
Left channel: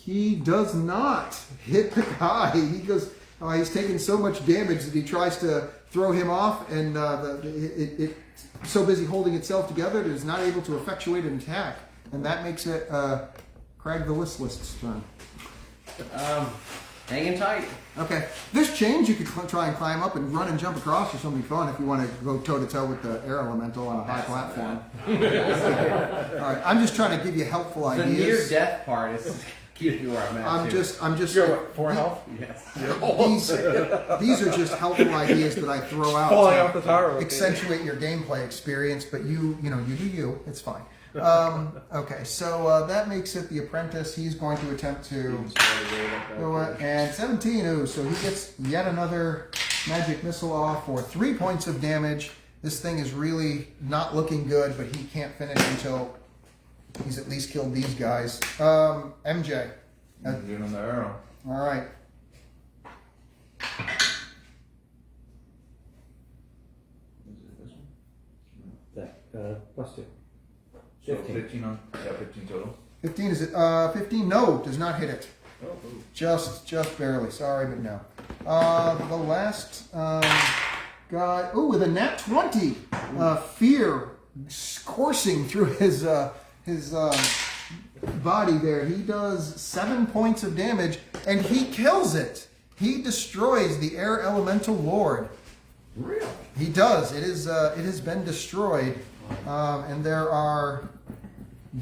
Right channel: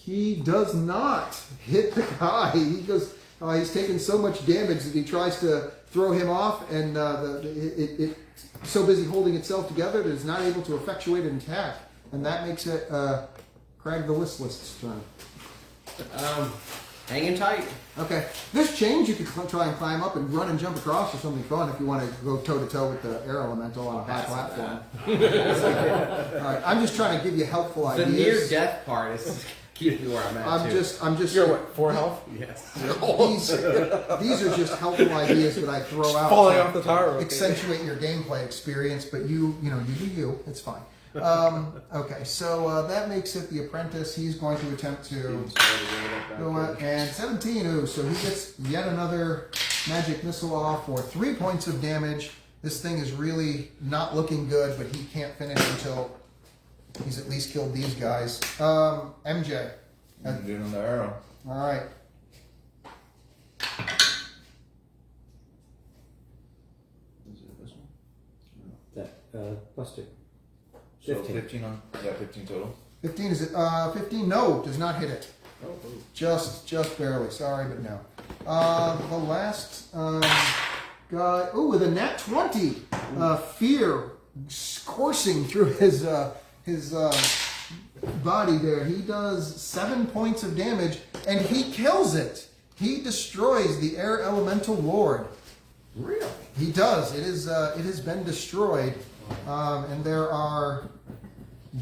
He does not hit the guy. He goes, he's taking so much damage that he tries to throw him off, and it's so busy holding itself together that it's not able to effectuate an attack. And that makes it Crag the Listless's turn. Hanging tight. Okay. This change you could try and climb up and run and jump across or something fun if you want to go toe to toe with the air elemental on a high platform. Alright, I'm just trying to give you helpful The ideas. near death part is cute. You are, Matt. I'm just You're what, 4 health? Yes. these are just helpful ideas that I throw out Falling to off the tower. accentuate your gameplay experience, but you do you. It's fine. Okay, so that makes it the apprentice. He's going to attempt to go and 17. Ooh, so he gets yet another magic missile off for 3 points of damage. This thing is really not looking good, but he can't finish until he's at least killed these guys. MJ. I'm doing the arrow. All right. Is it this one? That, plus 2. So 15 on. Yeah, 15 total. 15 is it? 15. No, does not hit it. Just barely. Sorry, but no. The last guy. Oh, with a nat 20. Fear coursing through his body there. He does 7 points of damage, and he kills it. He destroys the air elemental lord. Really? He does. It has been destroyed, and there are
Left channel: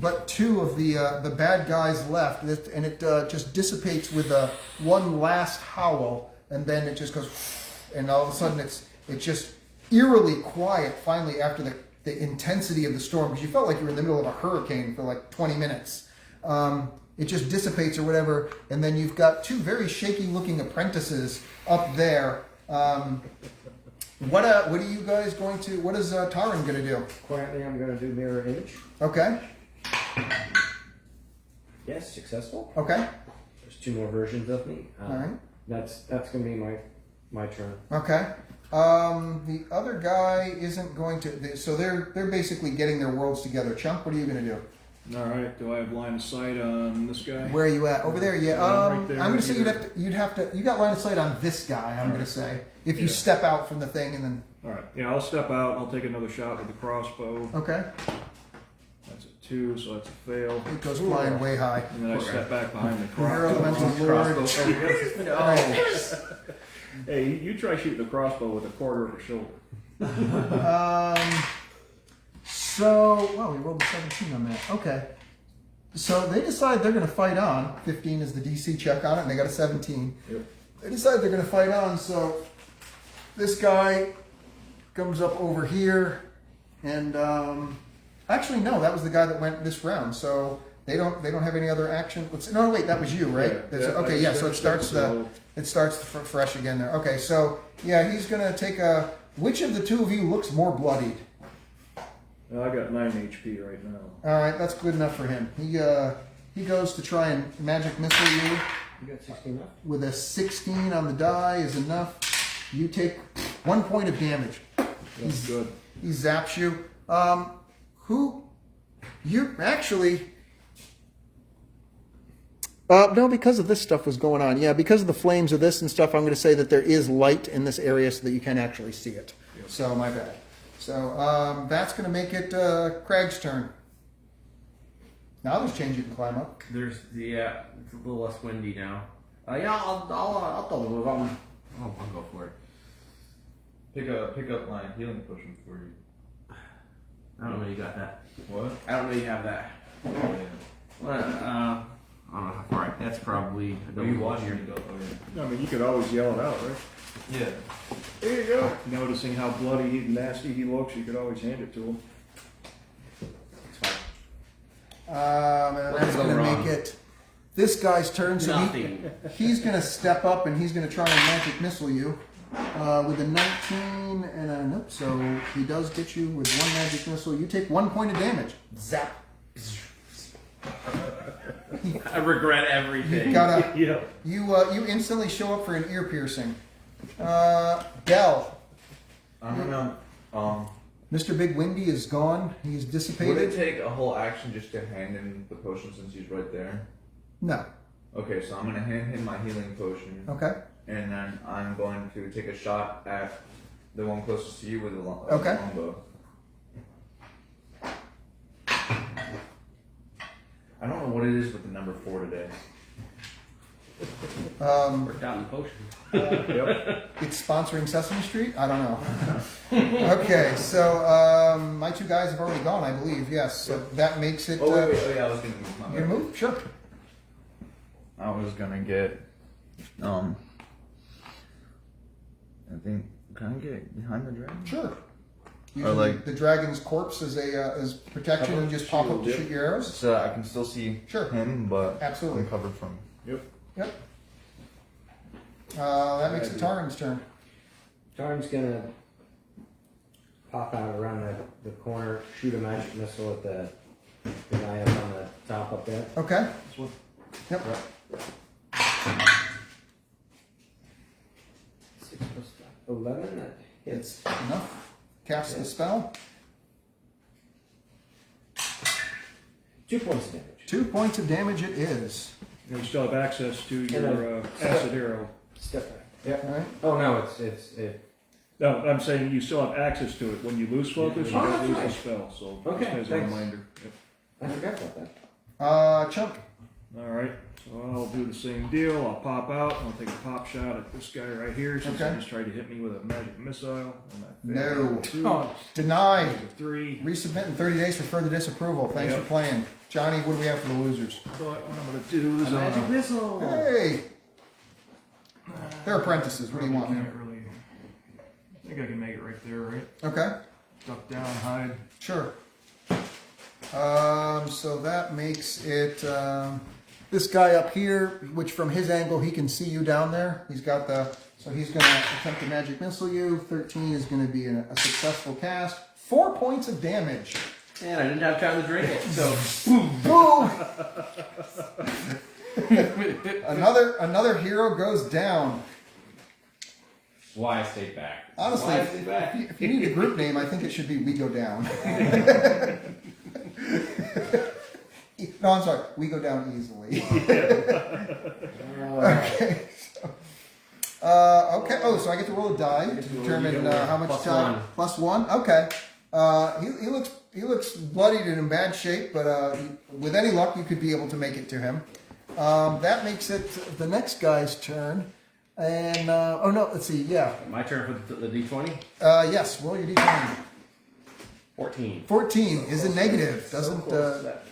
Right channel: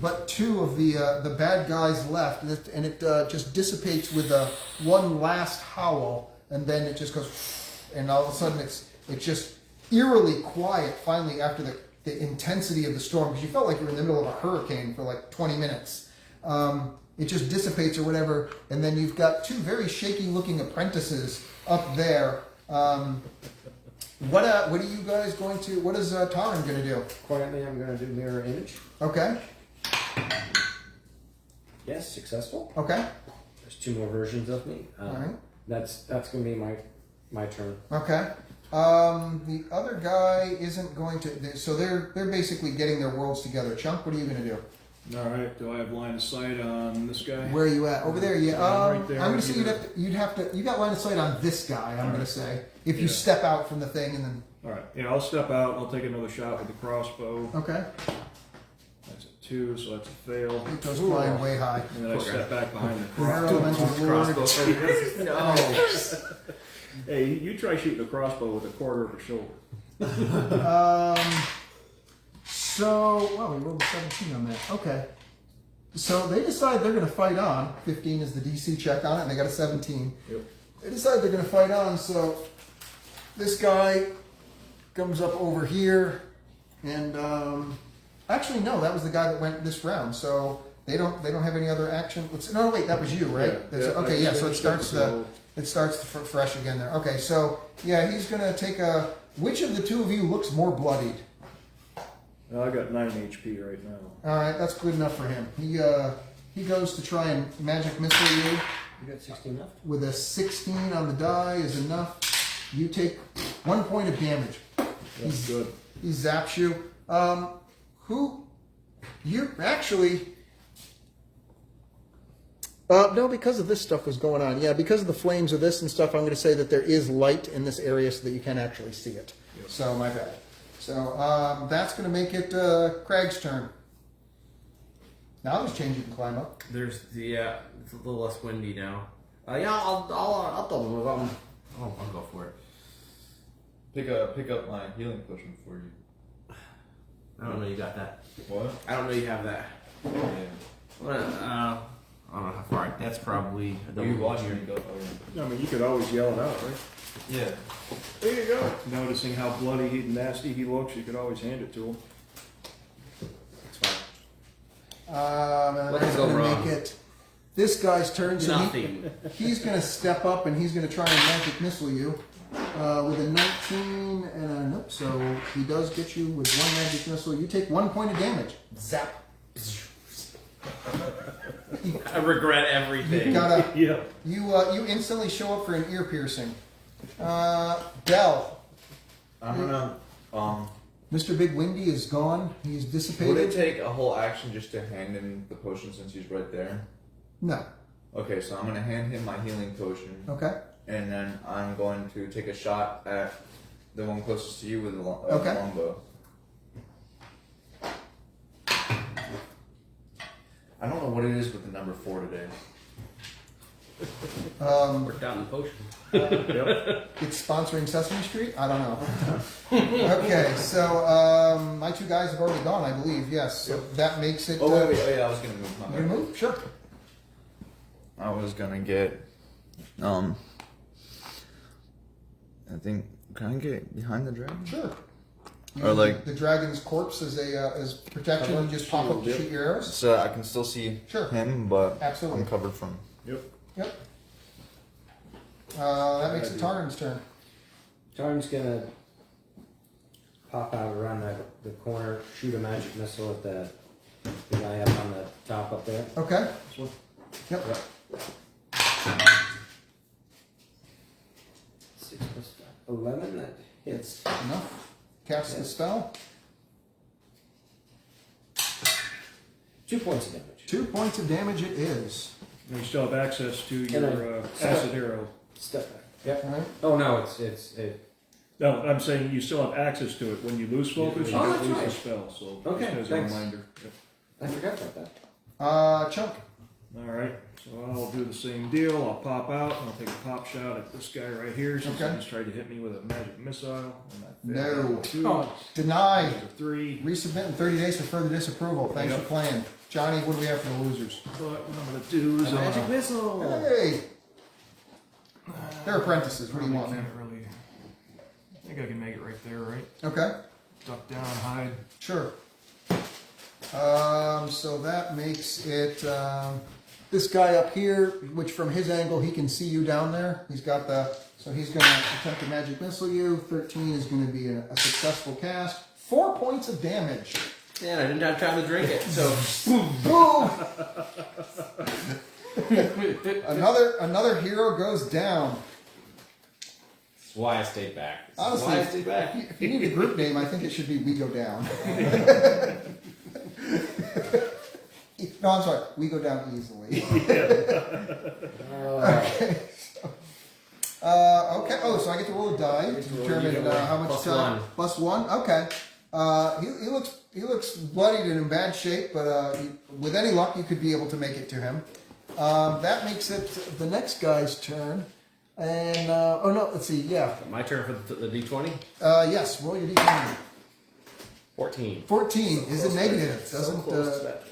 but 2 of the bad guys left, and it just dissipates with one last howl, and then it just goes, and all of a sudden it's just eerily quiet. Finally, after the intensity of the storm, because you felt like you were in the middle of a hurricane for like 20 minutes. It just dissipates or whatever, and then you've got 2 very shaky-looking apprentices up there. What are you guys going to? What is Taran going to do? Quietly, I'm going to do mirror image. Okay. Yes, successful. Okay. There's 2 more versions of me. All right. That's going to be my turn. Okay. The other guy isn't going to. So they're basically getting their worlds together. Chunk, what are you going to do? All right. Do I have line of sight on this guy? Where are you at? Over there. Yeah. Right there. I'm going to say you'd have to. You got line of sight on this guy. I'm going to say if you step out from the thing and then. All right. Yeah, I'll step out. I'll take another shot with the crossbow. Okay. That's a 2, so that's a fail. He goes flying way high. And then I step back behind the Air elemental lord. Hey, you try shooting a crossbow with a quarter of a shoulder. We rolled a 17 on that. Okay. So they decide they're going to fight on. 15 is the DC check on it, and they got a 17. Yep. They decide they're going to fight on, so this guy comes up over here, and actually no, that was the guy that went this round. So they don't have any other action. No, wait, that was you, right? Okay, yeah. So it starts fresh again there. Okay, so yeah, he's going to take a. Which of the 2 of you looks more bloodied? I got 9 HP right now. All right, that's good enough for him. He goes to try and magic missile you. You got 16 left? With a 16 on the die is enough. You take 1 point of damage. That's good. He zaps you. You actually... no, because of this stuff was going on. Yeah, because of the flames of this and stuff, I'm going to say that there is light in this area so that you can actually see it. Yep. So, my bad. So, that's going to make it Craig's turn. Now there's change you can climb up. There's it's a little less windy now. I'll double move. I'll go for it. Pick up my healing potion for you. I don't know you got that. What? I don't know you have that. Yeah. Well, I don't know how far. That's probably. I don't You know. watch me go. Or... I mean, you could always yell it out, right? Yeah. There you go. Noticing how bloody and nasty he looks, you could always hand it to him. It's fine. And What that's could go going to wrong? make it this guy's turn. So Nothing. he's going to step up and he's going to try and magic missile you with a 19 and a nope. So he does get you with one magic missile. You take 1 point of damage. Zap. I regret You everything. got a Yeah. you instantly show up for an ear piercing. Bell. I don't know. Mr. Big Windy is gone. He's Would it dissipated. take a whole action just to hand him the potion since he's right there? No. Okay, so I'm gonna hand him my healing potion, Okay. and then I'm going to take a shot at the one closest to you with a Okay. longbow. I don't know what it is with the number 4 today. Forgotten potion. Yep. It's sponsoring Sesame Street? I don't know. Okay, so my two guys have already gone, I believe. Yes. So that makes it. Oh wait. Oh yeah, I was gonna move. My You bad. gonna move? Sure. I was gonna get. I think. Can I get behind the dragon? Sure. Or like- the dragon's corpse as a as protection, and just pop up to shoot your arrows. So I can still see Sure. him, but Absolutely. I'm covered from. Yep. Yep. That makes it Taran's turn. Tarn's gonna pop out around the corner, shoot a magic missile at the guy up on the top up there. Okay. This one. Yep. 6 plus 11, that hits. Enough. Cast the spell. 2 points of damage. 2 points of damage. It is. And you still have access to your acid arrow. Step back. Yep. All right. Oh no, it's No, I'm saying you still have access to it. When you lose focus, you Oh, don't that's lose right. the spell. So Okay, just as a thanks. reminder. Yep. I forgot about that. Chunk. All right, so I'll do the same deal. I'll pop out. I'll take a pop shot at this guy right here since Okay. he just tried to hit me with a magic missile. And I No. failed. 2. Oh. Denied. There's a 3. Resubmit in 30 days for further disapproval. Thanks Yep. for playing. Johnny, what do we have for the losers? But what I'm going to do is Magic missile. Hey! They're apprentices. What do you want, Can't man? really. I think I can make it right there, right? Okay. Duck down, hide. Sure. So that makes it this guy up here, which from his angle he can see you down there. He's got the so he's going to attempt to magic missile you. 13 is going to be a successful cast. 4 points of damage. Yeah, I didn't have time to drink it, so. Boom! another hero goes down. Why I stayed back. Honestly, Why I stayed back. if you need a group name, I think it should be We Go Down. No, I'm sorry. We go down easily. Okay. Okay. Oh, so I get to roll a die to determine how much Plus time. 1. Plus 1. Okay. He looks bloodied and in bad shape, but with any luck, you could be able to make it to him. That makes it the next guy's turn. And oh no, let's see. Yeah. My turn for the D20. Yes. Roll your d20. 14. 14 is a negative.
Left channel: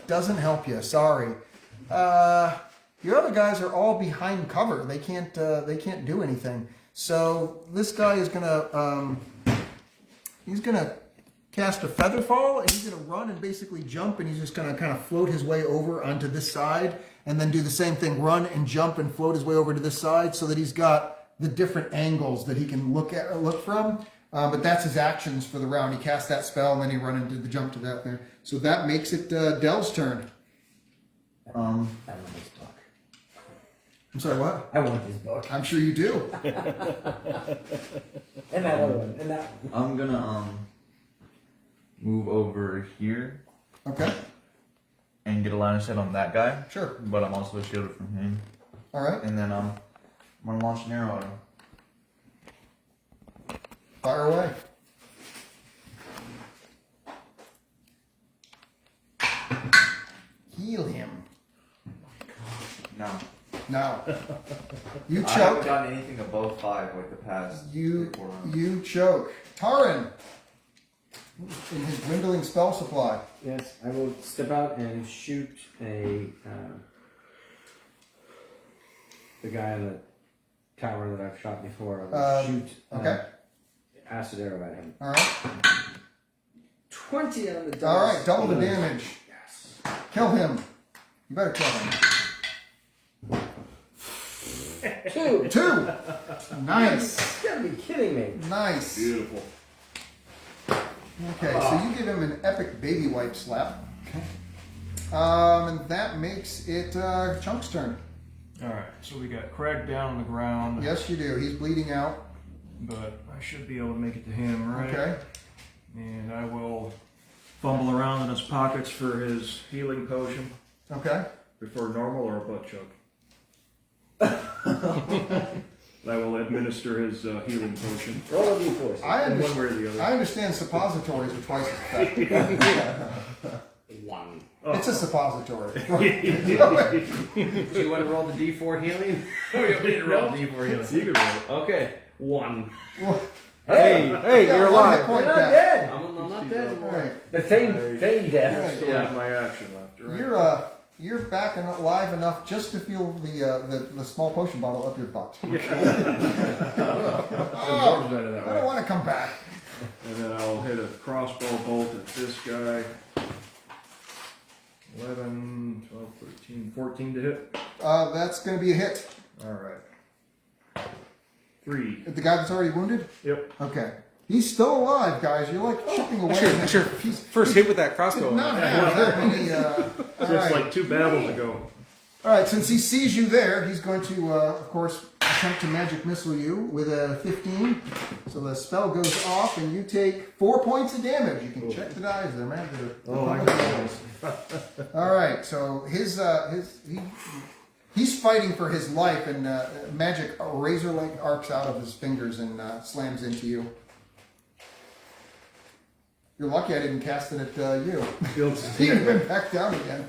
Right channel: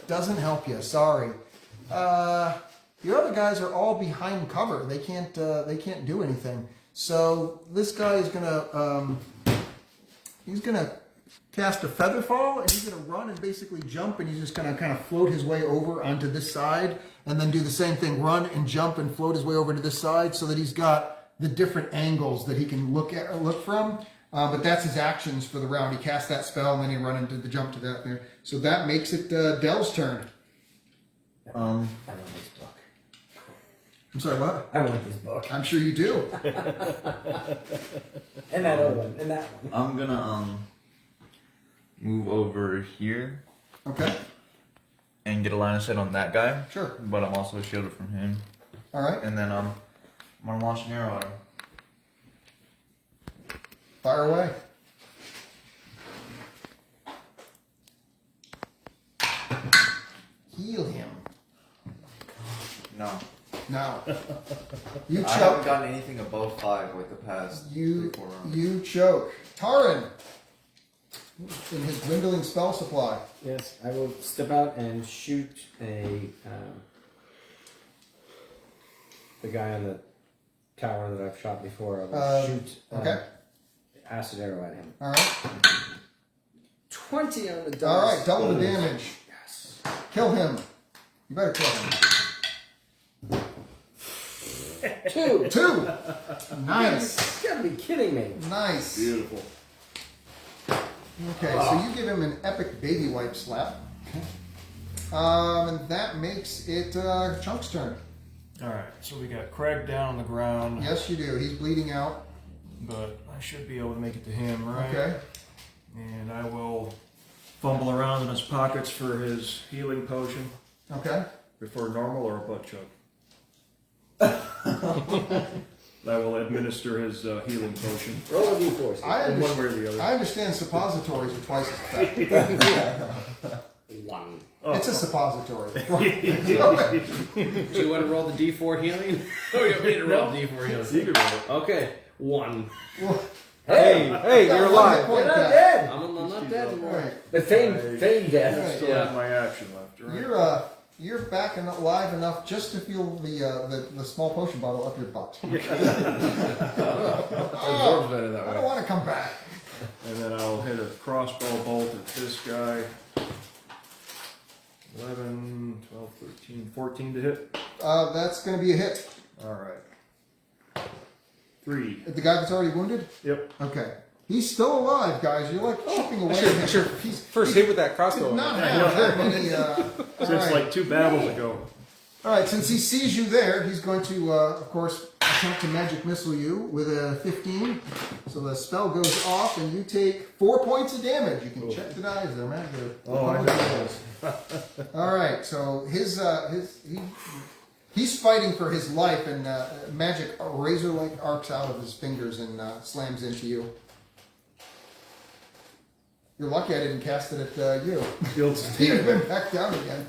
Doesn't help you. Sorry. Your other guys are all behind cover. They can't do anything. So this guy is gonna cast a feather fall, and he's gonna run and basically jump, and he's just gonna kind of float his way over onto this side, and then do the same thing: run and jump and float his way over to this side, so that he's got the different angles that he can look from. But that's his actions for the round. He cast that spell, and then he run and did the jump to that there. So that makes it Dell's turn. I want his book. I'm sorry, what? I want his book. I'm sure you do. And that other one. And that one. I'm gonna move over here Okay, and get a line of sight on that guy. sure. But I'm also shielded from him. All right, And then I'm gonna launch an arrow at him. fire away. Heal him. No. Now, you I haven't choke. gotten anything above 5 like the past You 3-4 rounds. you choke. Taran, in his dwindling spell supply. Yes, I will step out and shoot a the guy on the tower that I've shot before. Shoot. Okay. Acid arrow at him. All right. 20 on the dice. All right. Double the damage. Yes. Kill him. You better kill him. 2. Nice. You gotta be kidding me. Nice. Beautiful. Okay, so you give him an epic baby wipe slap. And that makes it Chunk's turn. Alright, so we got Craig down on the ground, Yes, you do. He's bleeding out. but I should be able to make it to him, right? Okay. And I will fumble around in his pockets for his healing potion. Okay. Prefer normal or a butt chug? I will administer his healing potion. Roll a d4. One way or the other. I understand suppositories are twice as effective. 1. It's a suppository. Do you want to roll the d4 healing? Oh, yeah, we need to roll d4 healing. You can roll it. Okay, 1. Hey, you're alive. Point You're not back. dead. I'm not dead anymore. Right. The feigned death. Still have my action left, right? You're back and alive enough just to feel the small potion bottle up your butt. Oh, better that I way. don't want to come back. And then I'll hit a crossbow bolt at this guy. 11, 12, 13, 14 to hit. That's going to be a hit. Alright. 3. The guy that's already wounded? Yep. Okay. He's still alive, guys. You're like chipping away. I should first hit with that crossbow. Not have that many. So it's like 2 battles ago. All right, since he sees you there, he's going to, of course, attempt to magic missile you with a 15. So the spell goes off, and you take 4 points of damage. You can check the guys there, man. All right, so he's fighting for his life, and magic razor-like arcs out of his fingers and slams into you. You're lucky I didn't cast it at you. He would have been back down again.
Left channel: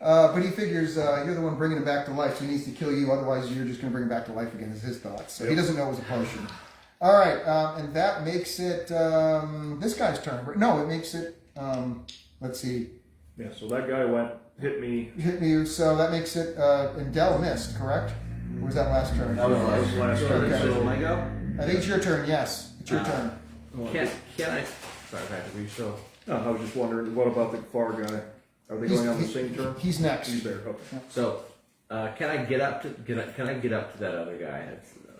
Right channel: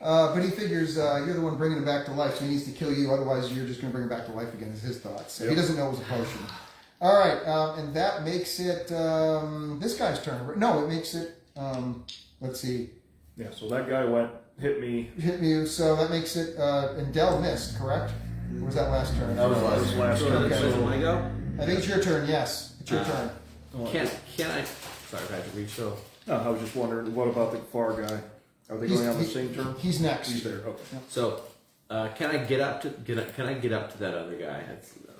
But he figures you're the one bringing him back to life, so he needs to kill you. Otherwise, you're just going to bring him back to life again. Is his thoughts. So he doesn't know it was a potion. All right, and that makes it this guy's turn. No, it makes it. Let's see. Yeah, so that guy hit me. Hit you. So that makes it. And Dell missed, correct? Or was that last turn? That was last turn. Okay. Let me go. I think it's your turn. Yes, it's your turn. Can I? Sorry, Patrick, were you still? No, I was just wondering, what about the far guy? Are they going on the same turn? He's next. He's there. Okay. So, can I get up to that other guy?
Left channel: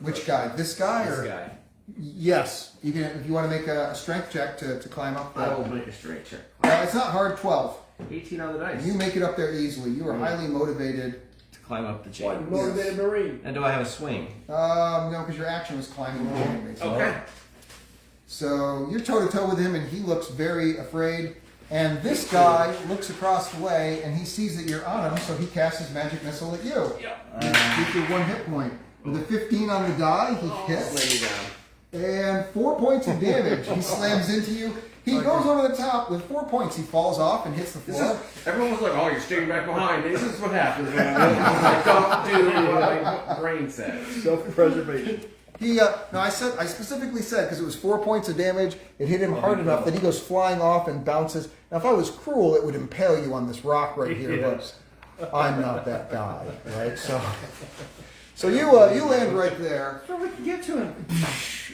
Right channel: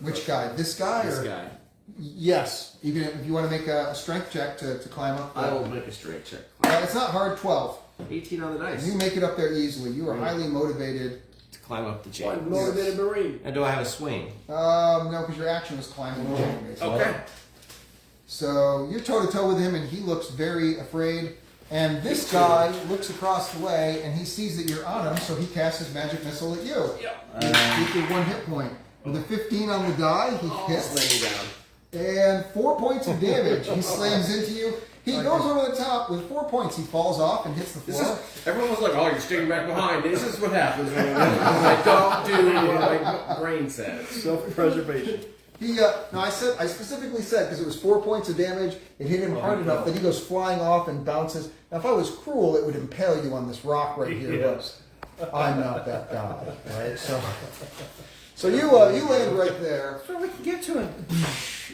Which guy? This guy? This or? guy. Yes. You can, if you want to make a strength check to climb up. I will make a straight check. It's not hard. 12. 18 on the dice You make it up there easily. You are highly motivated. to climb up the chain. One motivated Marine. And do I have a swing? No, because your action was climbing over anyway. So. Okay. So you're toe to toe with him, and he looks very afraid. And this guy looks across the way, and he sees that you're on him, so he casts his magic missile at you. Yeah. Get your 1 hit point. With a 15 on the die, he hits. Slam me down. And 4 points of damage. He slams into you. He goes over the top with 4 points. He falls off and hits the floor. Everyone was like, "Oh, you're sticking back behind." This is what happens when I don't do what my brain says. Self-preservation. I specifically said, because it was 4 points of damage, it hit him hard enough that he goes flying off and bounces. Now, if I was cruel, it would impale you on this rock right here. Yes. But I'm not that guy. Right? So you land right there. So we can get to him.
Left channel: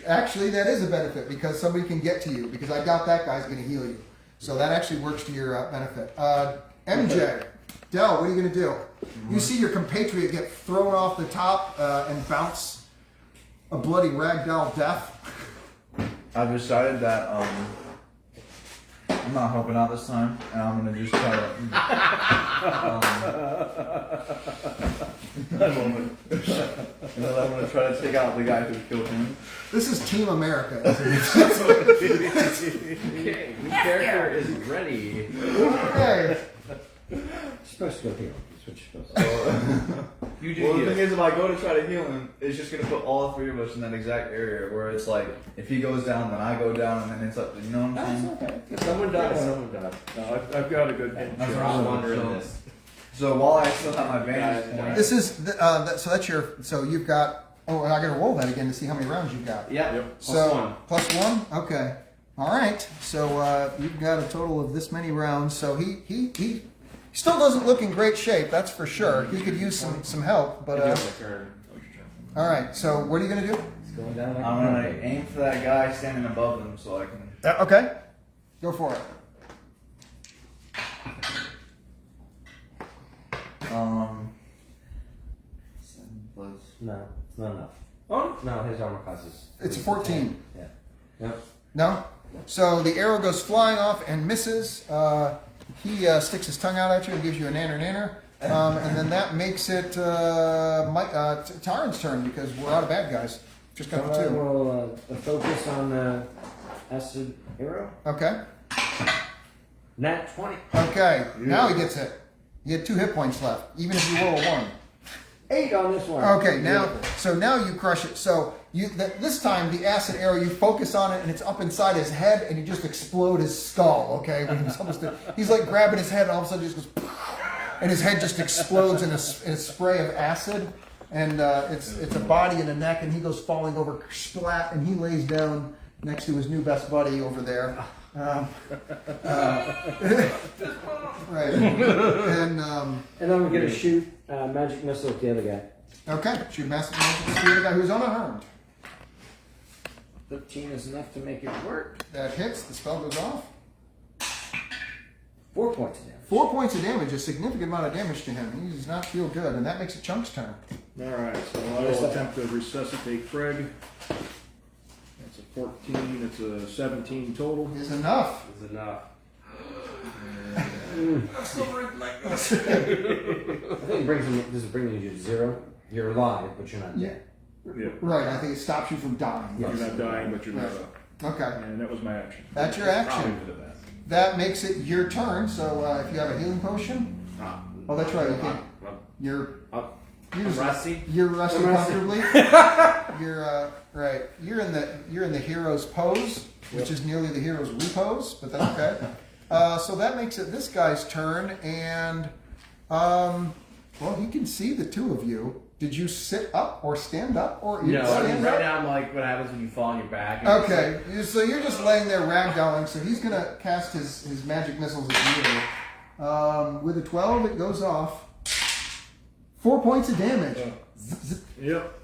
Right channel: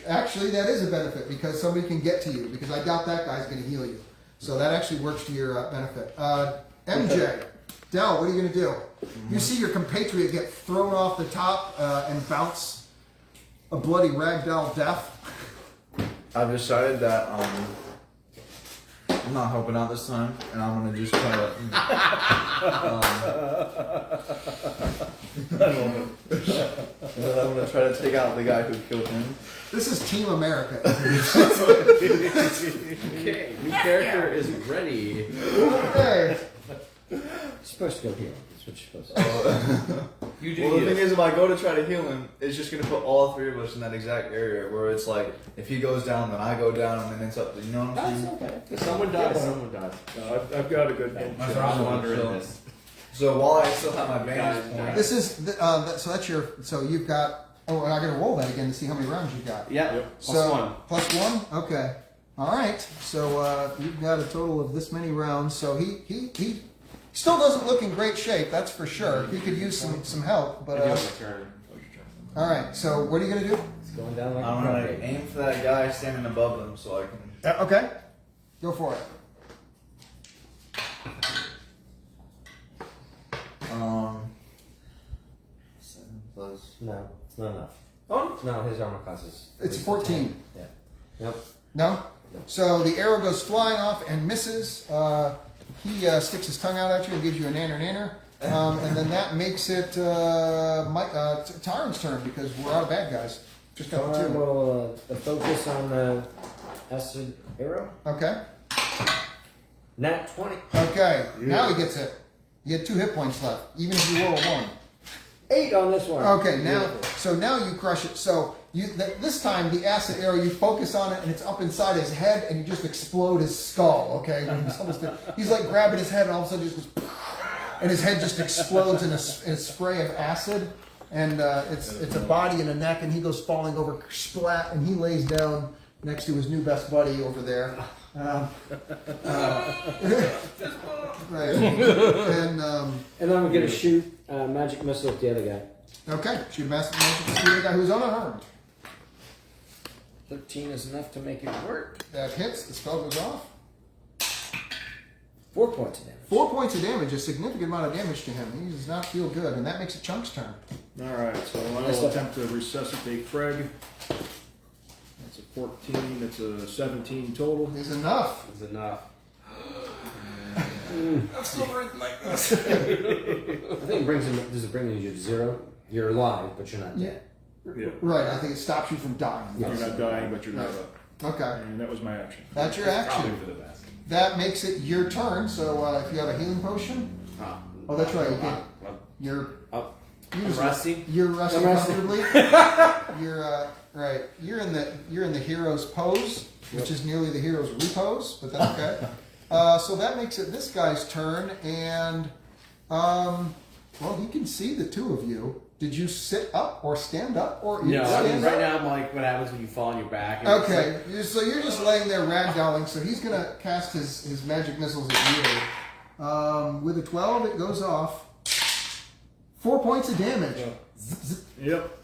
Actually, that is a benefit because somebody can get to you because I doubt that guy's going to heal you. So that actually works to your benefit. MJ, Dell, what are you going to do? You see your compatriot get thrown off the top and bounce a bloody ragdoll death. I've decided that I'm not helping out this time, and I'm gonna just try to. I'm gonna try to take out the guy who killed him. This is Team America. Okay, new character is ready. Okay. Supposed to go heal. That's what you're supposed to You do Well, the you. thing is, if I go to try to heal him, it's just gonna put all 3 of us in that exact area where it's like, if he goes down, then I go down, and then it's up to, you know what I'm saying? Okay. Someone died. Someone died. No, I've got a good game. That's I'm right. wondering So- this. So while I still have my vantage point, This is so that's your. So you've got. Oh, and I got to roll that again to see how many rounds you've got. Yeah. Yep. Plus one. Plus 1? Okay. All right. So you've got a total of this many rounds. So he Still doesn't look in great shape, that's for sure. He could use some help, but all right. So what are you gonna do? It's going down like I'm a gonna pancake. aim for that guy standing above them so I can. Okay, go for it. Seven plus. No. Oh, No, his armor class is. It's a 14. Yeah. Yep. No? So the arrow goes flying off and misses. He sticks his tongue out at you and gives you a nanner. And then that makes it Taran's turn because we're out of bad guys. Just got the I two. will focus on the acid arrow. Okay. Nat 20. Okay. Now he gets it. You had 2 hit points left, even if you roll a 1. 8 on this one. Okay, now you crush it. So this time the acid arrow, you focus on it and it's up inside his head and you just explode his skull. Okay, when he's like grabbing his head and all of a sudden it just goes, and his head just explodes in a spray of acid, and it's a body and a neck, and he goes falling over, splat, and he lays down next to his new best buddy over there. Right, and And I'm going to shoot magic missile at the other guy. okay, shoot master magic to the other guy who's unarmed. 13 is enough to make it work. That hits. The spell goes off. 4 points of damage. 4 points of damage, a significant amount of damage to him. He does not feel good, and that makes it Chunk's turn. alright, so I'll attempt to resuscitate Craig. That's a 14, it's a 17 total. Is enough. That's enough. I'm still breathing like this. I think it brings him. Does it bring you to 0? You're alive, but you're not dead. Yeah. Right, I think it stops you from dying. You're not dying, but you're not up. Okay, And that was my action. that's your action. That makes it your turn, so if you have a healing potion. Oh, that's right, you can't. You're Rusty. You're resting comfortably. You're right. You're in the hero's pose, which is nearly the hero's repose, but that's okay. So that makes it this guy's turn, and well, he can see the two of you. Did you sit up or stand up or No, I stand mean, up? right now I'm like, what happens when you fall on your back? Okay, so you're just laying there ragdolling. So he's gonna cast his magic missiles at you. With a 12, it goes off. 4 points of damage. Yep.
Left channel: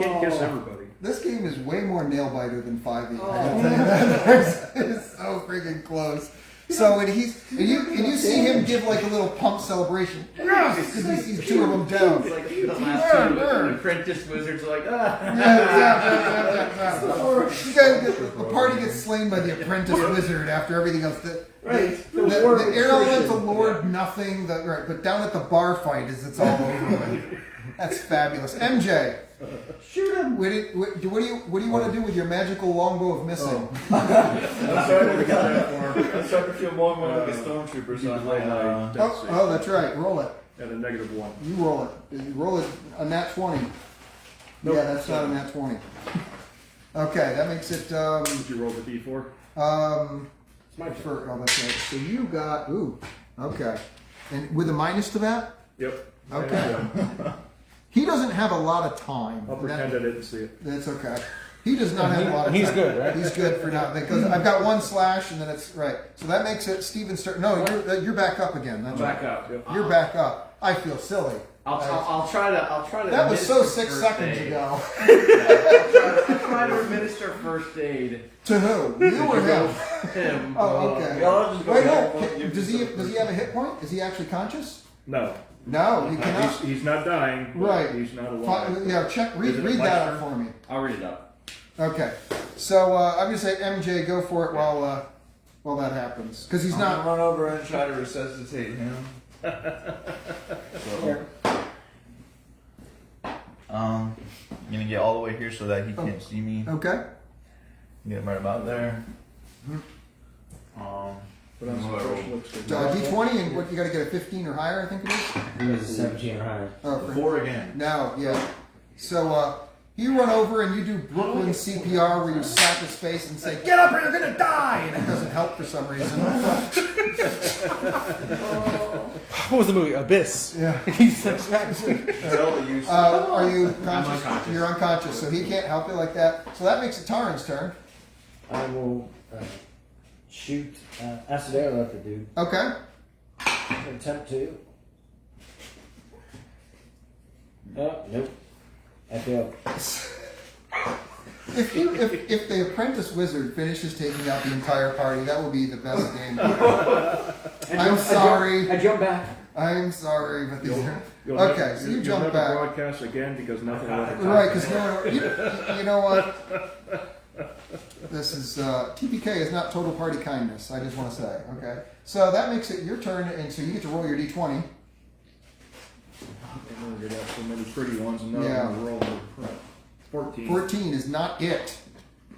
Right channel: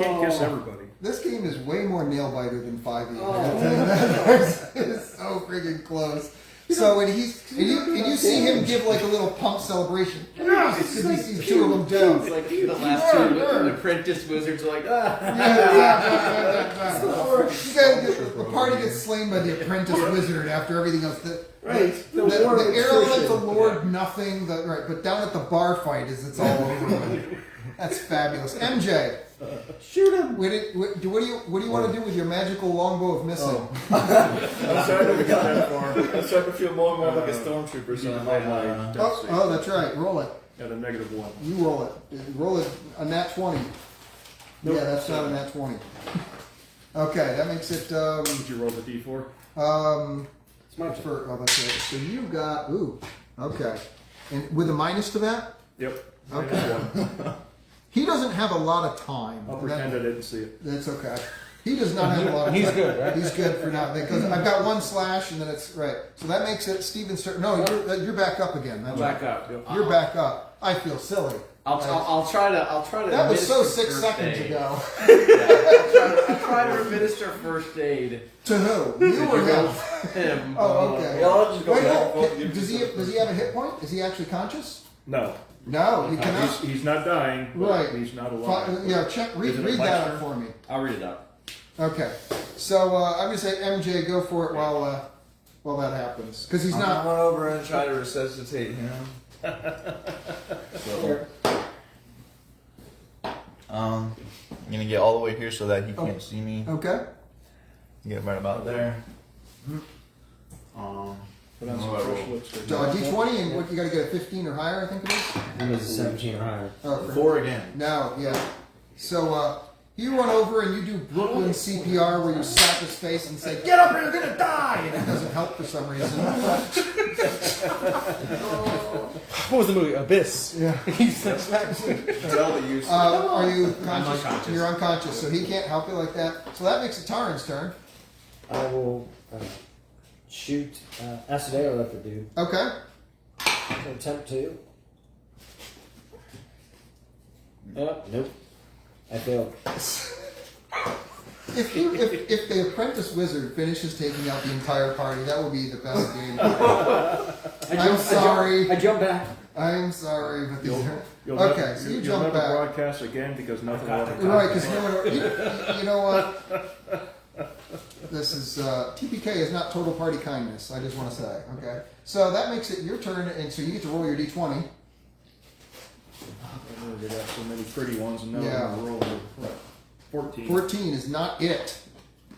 Can't kiss everybody. This game is way more nail biter than 5e. I gotta tell you that. It's so freaking close. So and you see him give like a little pump celebration. Yes, and you see 2 of them down. It's like the last two apprentice wizards are like, ah. Yeah. You guys, the party gets slain by the apprentice wizard after everything else. The air lord nothing. Right, but down at the bar fight it's all over with. That's fabulous. MJ, Shoot him. what do you want to do with your magical longbow of missing? I'm starting to feel more and more like a stormtrooper, so I'm like, Oh, that's right. Roll it. At a -1. You roll it. Roll it a nat 20. Nope. Yeah, that's not a nat 20. Okay, that makes it. Did you roll the d4? It's my turn. Oh, that's right. So you got. Ooh. Okay. And with a minus to that. Yep. Okay. He doesn't have a lot of time. I'll pretend I didn't see it. That's okay. He does not have a lot of time. He's good, right? He's good for now because I've got 1 slash and then it's right. So that makes it Steven's turn. No, you're back up again. That's Back right. up. You're back up. I feel silly. I'll try to. That was so administer 6 first seconds aid. ago. I'll try to administer first aid. To who? You or him? Him. Oh, okay. Y'all just go Wait, back no. and Does he have a hit point? Is he actually conscious? No. No, he cannot. He's not dying. But Right. He's not alive. Yeah, read Is it my that turn? up for me. I'll read it up. Okay. So I'm gonna say MJ, go for it while that happens because he's I'm not. gonna run over and try to resuscitate him. I'm gonna get all the way here so that he can't see me. Okay. Get right about there. But I'm some fresh looks. D20 and what you got to get a 15 or higher, I think it is. It was a 17 or higher. Oh, 4 again. No, yeah. So you run over and you do Brooklyn CPR where you slap his face and say, "Get up or you're gonna die," and it doesn't help for some reason. What was the movie? Abyss. Yeah. He's like, Are you conscious? unconscious. You're unconscious, so he can't help it like that. So that makes it Taran's turn. I will shoot acid arrow at the dude. Okay. Attempt to. Nope. I failed. If the apprentice wizard finishes taking out the entire party, that will be the best game. I'm sorry. I jump back. I'm sorry, but these You'll okay. So you you'll jump never back. broadcast again because nothing will ever Right, because you know what? This is TPK is not total party kindness. I just want to say, okay. So that makes it your turn, and so you get to roll your d20. And we got so many pretty ones, and now Yeah. I'm going to roll the 14. 14 is not it.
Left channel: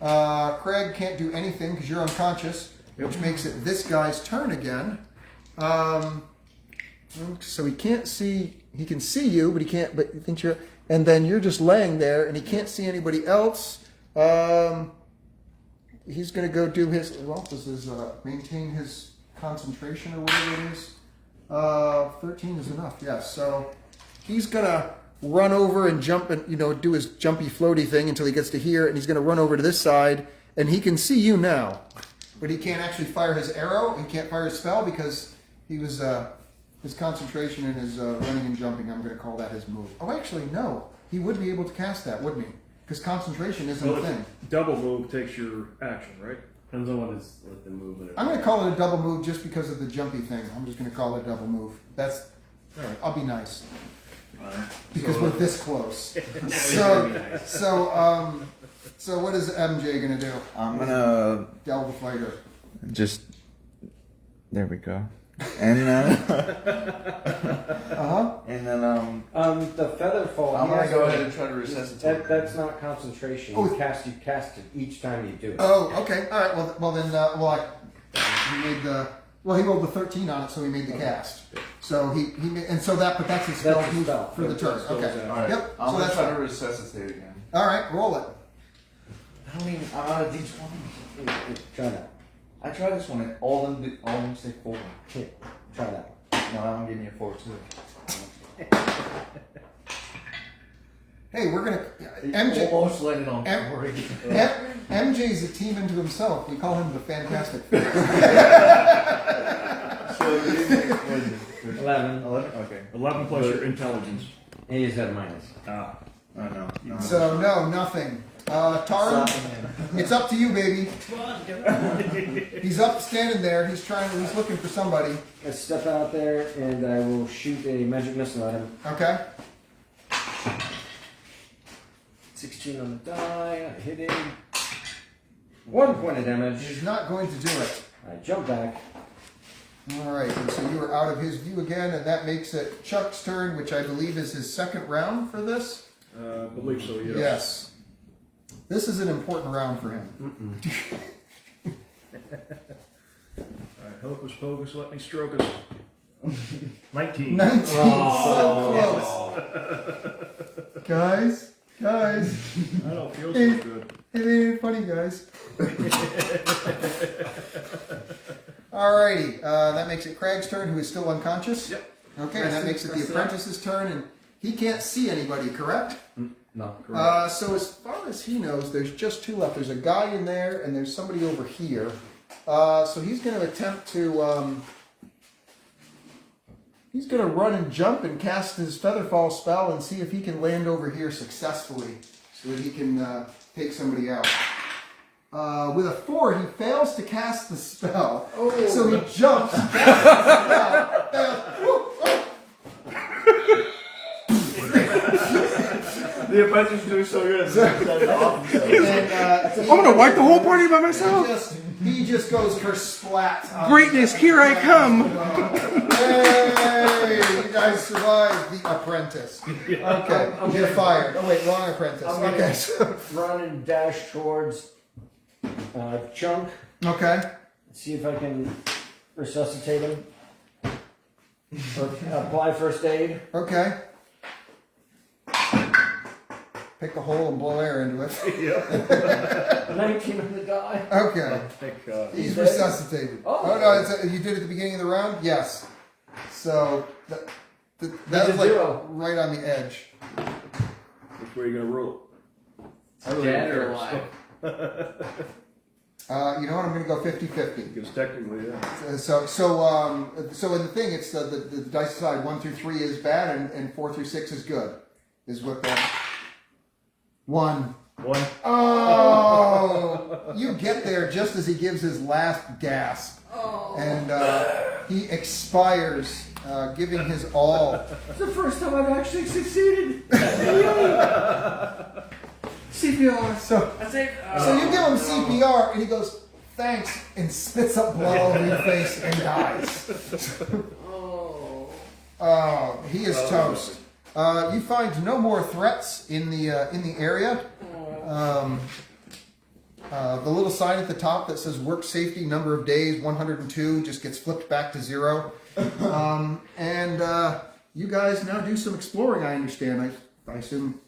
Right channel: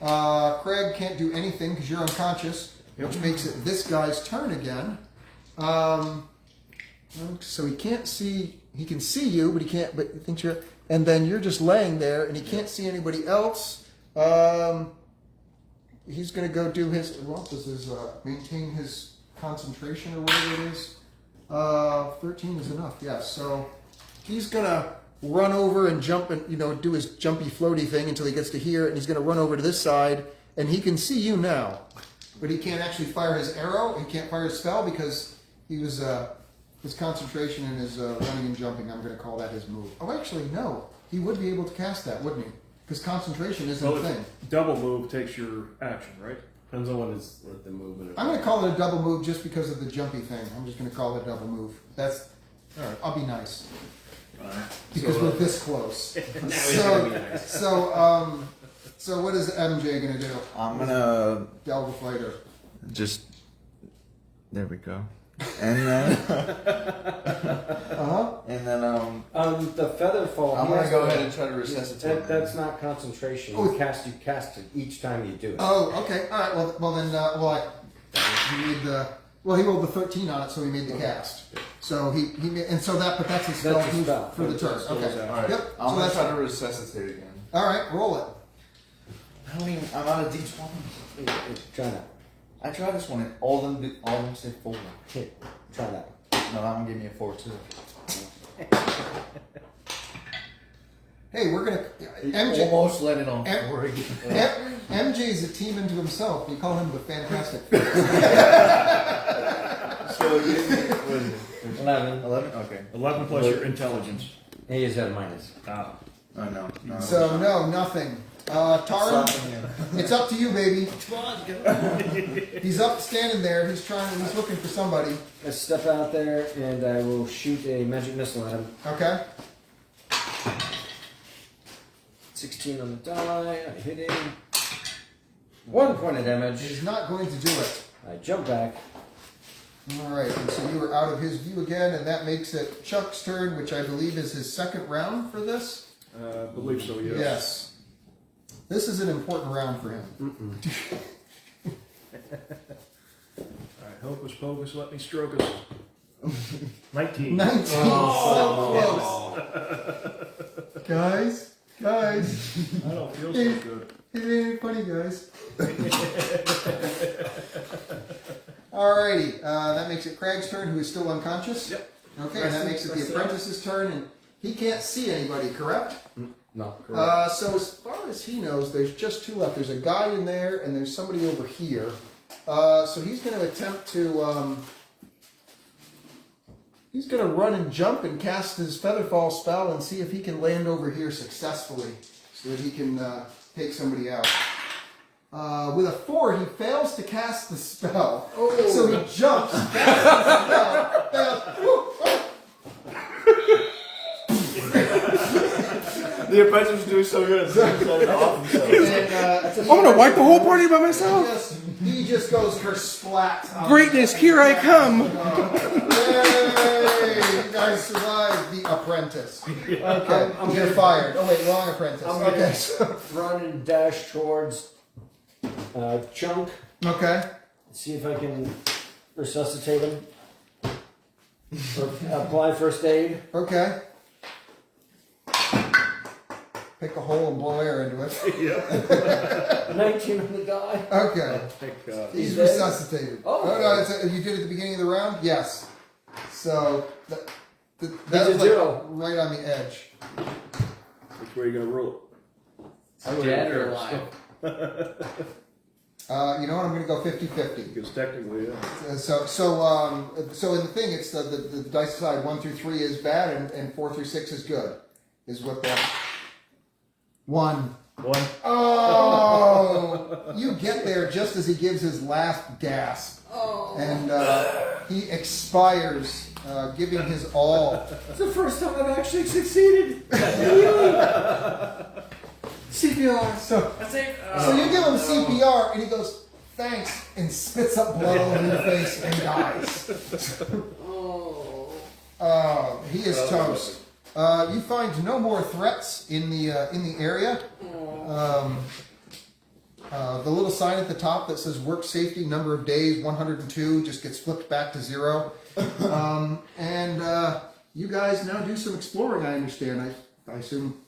Craig can't do anything because you're unconscious, which makes it this guy's turn again. So he can't see. He can see you, but he can't. But he thinks you're. And then you're just laying there, and he can't see anybody else. He's going to go do his. Well, this is maintain his concentration or whatever it is. 13 is enough. Yes. So he's going to run over and jump and do his jumpy floaty thing until he gets to here, and he's going to run over to this side, and he can see you now, but he can't actually fire his arrow. He can't fire his spell because he was his concentration and his running and jumping. I'm going to call that his move. Oh, actually, no. He would be able to cast that, wouldn't he? Because concentration isn't a thing. Double move takes your action, right? Depends on what the movement. I'm going to call it a double move just because of the jumpy thing. I'm just going to call it a double move. That's all right. I'll be nice. Because we're this close. So what is MJ gonna do? I'm gonna Delve the fighter. just. There we go. And then. And then The feather fall. I'm gonna go ahead and try to resuscitate. That's not concentration. Oh. You cast it each time you do it. Oh, okay. All right. Well then. He made the. Well, he rolled the 13 on it, so he made the cast. So but that's his spell That's his move spell. for the turn. Okay. Alright, Yep. I'm So gonna that's try to resuscitate again. all right. Roll it. I mean, I'm on a D20. Try that. I tried this one, all of them say 4. Here, try that. No, that one gave me a 4 too. Hey, we're gonna MJ. Almost let it on 4. MJ's a team into himself. We call him the Fantastic. So 11. 11? Okay. 11 plus your intelligence. He is at minus. Ah. I know. No. So no, nothing. Tara, it's up to you, baby. He's up, standing there. He's looking for somebody. I step out there and I will shoot a magic missile at him. Okay. 16 on the die. I hit him. 1 point of damage. He's not going to do it. I jump back. All right, and so you are out of his view again, and that makes it Chuck's turn, which I believe is his second round for this. I believe so, yes. Yes. This is an important round for him. Alright, Hocus Pocus, let me stroke us. 19. 19, so close. Guys. I don't feel so good. It ain't funny, guys. Alrighty, that makes it Craig's turn, who is still unconscious. Yep. Okay, and that makes it the apprentice's turn, and he can't see anybody, correct? No. Correct. So as far as he knows, there's just 2 left. There's a guy in there, and there's somebody over here. So he's going to attempt to. He's going to run and jump and cast his Featherfall spell and see if he can land over here successfully, so that he can take somebody out. With a 4, he fails to cast the spell. Oh. So he jumps, casts the spell, The apprentice do so good. I'm gonna wipe the whole party by myself. He just goes kersplat. Greatness, here I come. Yay! You guys survived the apprentice. Okay, you're fired. Oh wait, wrong apprentice. Okay, so, Run and dash towards Chunk. okay. See if I can resuscitate him. Or apply first aid. Okay. Pick a hole and blow air into it. 19 on the die. Okay. Thank God. He's dead? resuscitated. Oh. No, you did it at the beginning of the round? Yes. So, that's a like 0. right on the edge. Which way are you going to roll it? Dead or alive? You know what? I'm going to go 50-50. Because technically, yeah. So in the thing, it's the dice side 1 through 3 is bad, and 4 through 6 is good. Is what the 1. Oh, you get there just as he gives his last gasp, and he expires, giving his all. It's the first time I've actually succeeded. CPR. So you give him CPR, and he goes, "Thanks," and spits up blood all over your face and dies. He is toast. You find no more threats in the area. The little sign at the top that says "Work Safety," number of days 102, just gets flipped back to 0. And you guys now do some exploring. I understand. I assume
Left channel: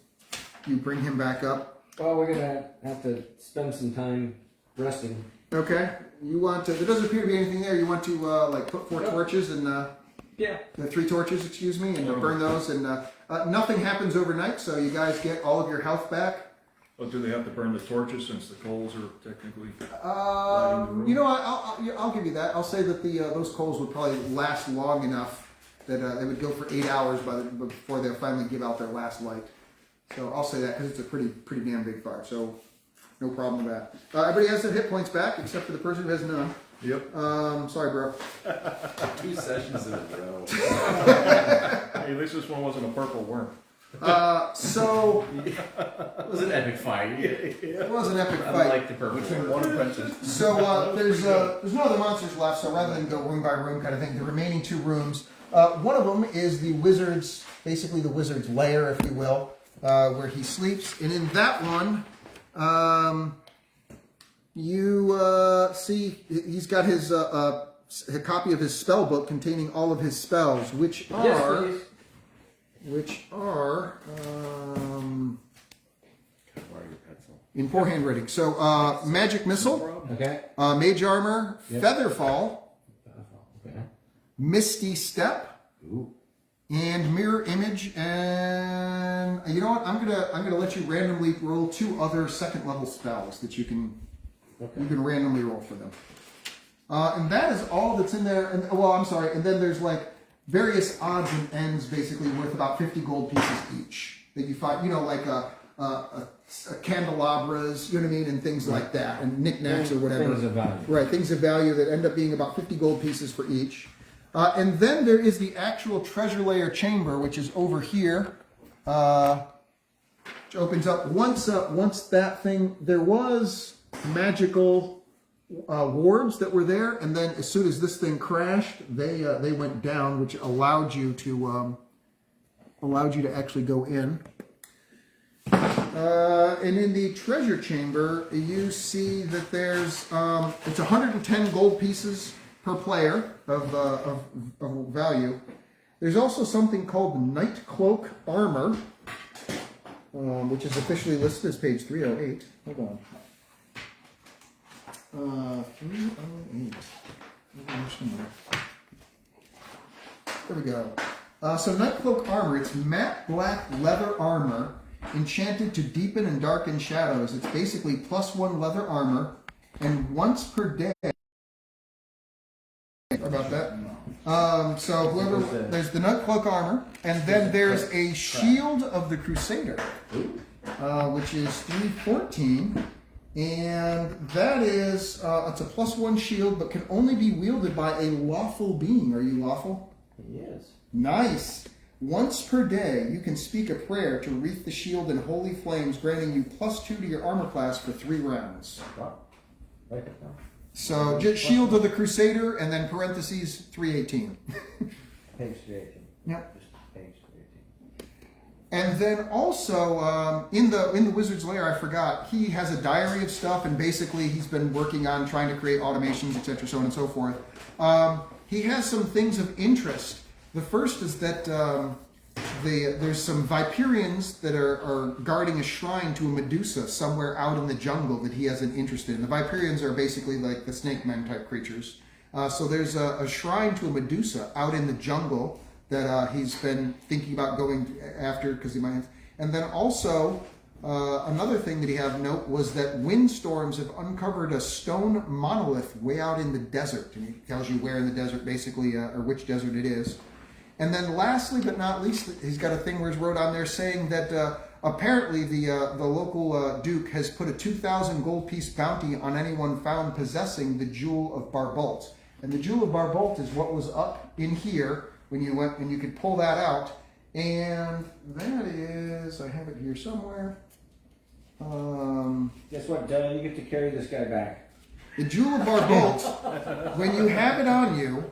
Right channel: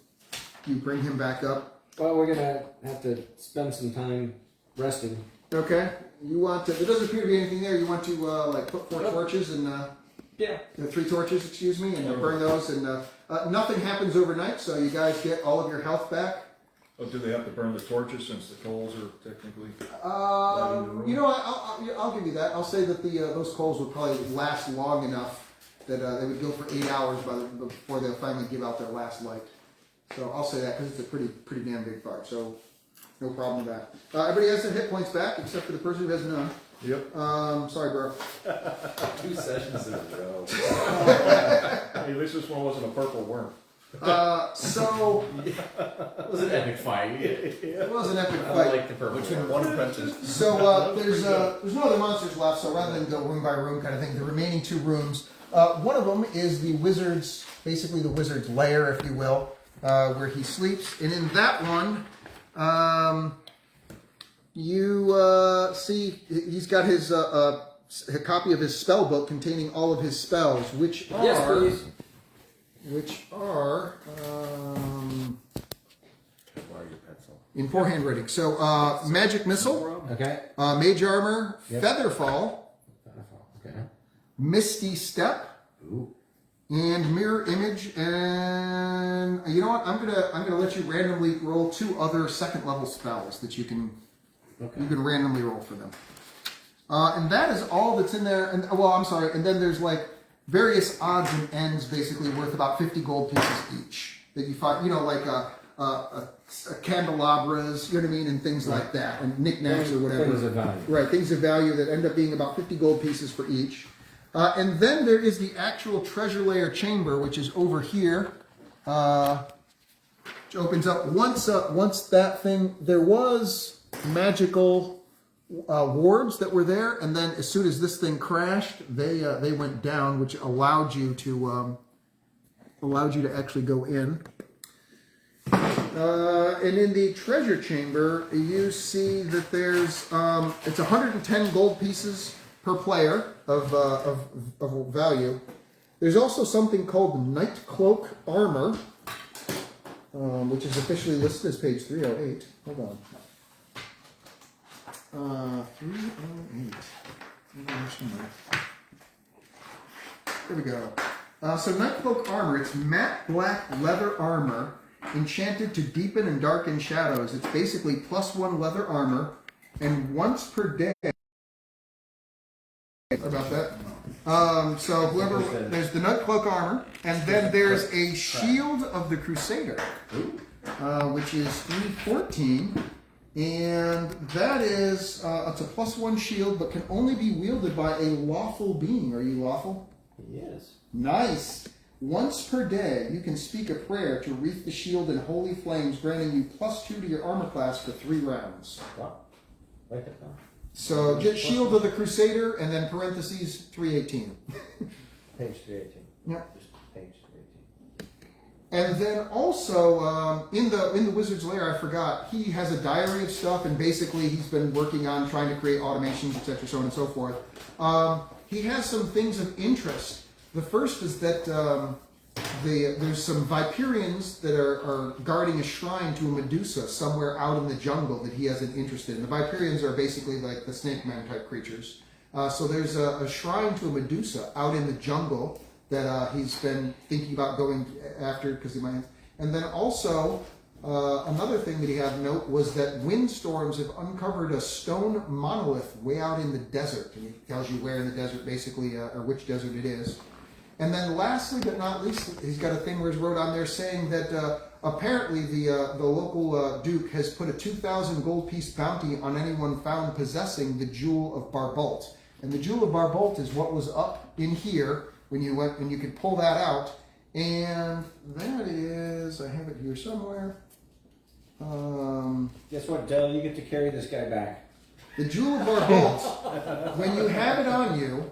you bring him back up. Well, we're gonna have to spend some time resting. Okay. You want to? There doesn't appear to be anything there. You want to like put 4 torches and Yeah. 3 torches, excuse me, and burn those. And nothing happens overnight, so you guys get all of your health back. Well, do they have to burn the torches since the coals are technically? You know what? I'll give you that. I'll say that those coals would probably last long enough that they would go for 8 hours before they finally give out their last light. So I'll say that because it's a pretty damn big fire. So no problem with that. Everybody has their hit points back except for the person who has none. Yep. Sorry, bro. 2 sessions in a row. Hey, at least this one wasn't a purple worm. So It was an epic fight. it was an epic I fight. like the purple. Between 1 apprentice. So there's no other monsters left. So rather than go room by room kind of thing, the remaining 2 rooms. One of them is the wizard's, basically the wizard's lair, if you will, where he sleeps. And in that one, you see he's got his a copy of his spell book containing all of his spells, which are Yes, please. in poor handwriting. So magic missile, Okay. mage armor, Yep. featherfall, Okay. misty step, and mirror image. And you know what? I'm gonna let you randomly roll 2 other 2nd level spells that you can randomly roll for them. And that is all that's in there. And well, I'm sorry. And then there's like various odds and ends, basically worth about 50 gold pieces each that you find. You know, like a candelabras, you know what I mean, and things like that, and knickknacks or whatever. Things of value. Right, things of value that end up being about 50 gold pieces for each. And then there is the actual treasure layer chamber, which is over here, which opens up. Once that thing, there was magical wards that were there, and then as soon as this thing crashed, they went down, which allowed you to actually go in. And in the treasure chamber, you see that there's it's 110 gold pieces per player of value. There's also something called Night Cloak Armor, which is officially listed as page 308. Hold on. 308. There we go. So Night Cloak Armor, it's matte black leather armor enchanted to deepen and darken shadows. It's basically +1 leather armor, and once per day. About that. So whoever, there's the Night Cloak Armor, and then there's a Shield of the Crusader, which is 314. And that is, it's a +1 shield, but can only be wielded by a lawful being. Are you lawful? Yes. Nice. Once per day, you can speak a prayer to wreath the shield in holy flames, granting you +2 to your armor class for 3 rounds. Wow. Write that down. So just Shield of the Crusader, and then parentheses 318. Page 318. Yeah. Page 318. And then also in the Wizard's Lair, I forgot, he has a diary of stuff, and basically he's been working on trying to create automations, etc., so on and so forth. He has some things of interest. The first is that there's some Viperians that are guarding a shrine to a Medusa somewhere out in the jungle that he has an interest in. The Viperians are basically like the snake man type creatures. So there's a shrine to a Medusa out in the jungle that he's been thinking about going after because he might have. And then also Another thing that he had note was that windstorms have uncovered a stone monolith way out in the desert, and it tells you where in the desert, basically, or which desert it is. And then, lastly but not least, he's got a thing where he's wrote on there saying that apparently the local duke has put a 2,000 gold piece bounty on anyone found possessing the jewel of Barbalt. And the jewel of Barbalt is what was up in here when you went, and you could pull that out. And that is, I have it here somewhere. Guess what? You get to carry this guy back. The jewel of Barbalt, when you have it on you,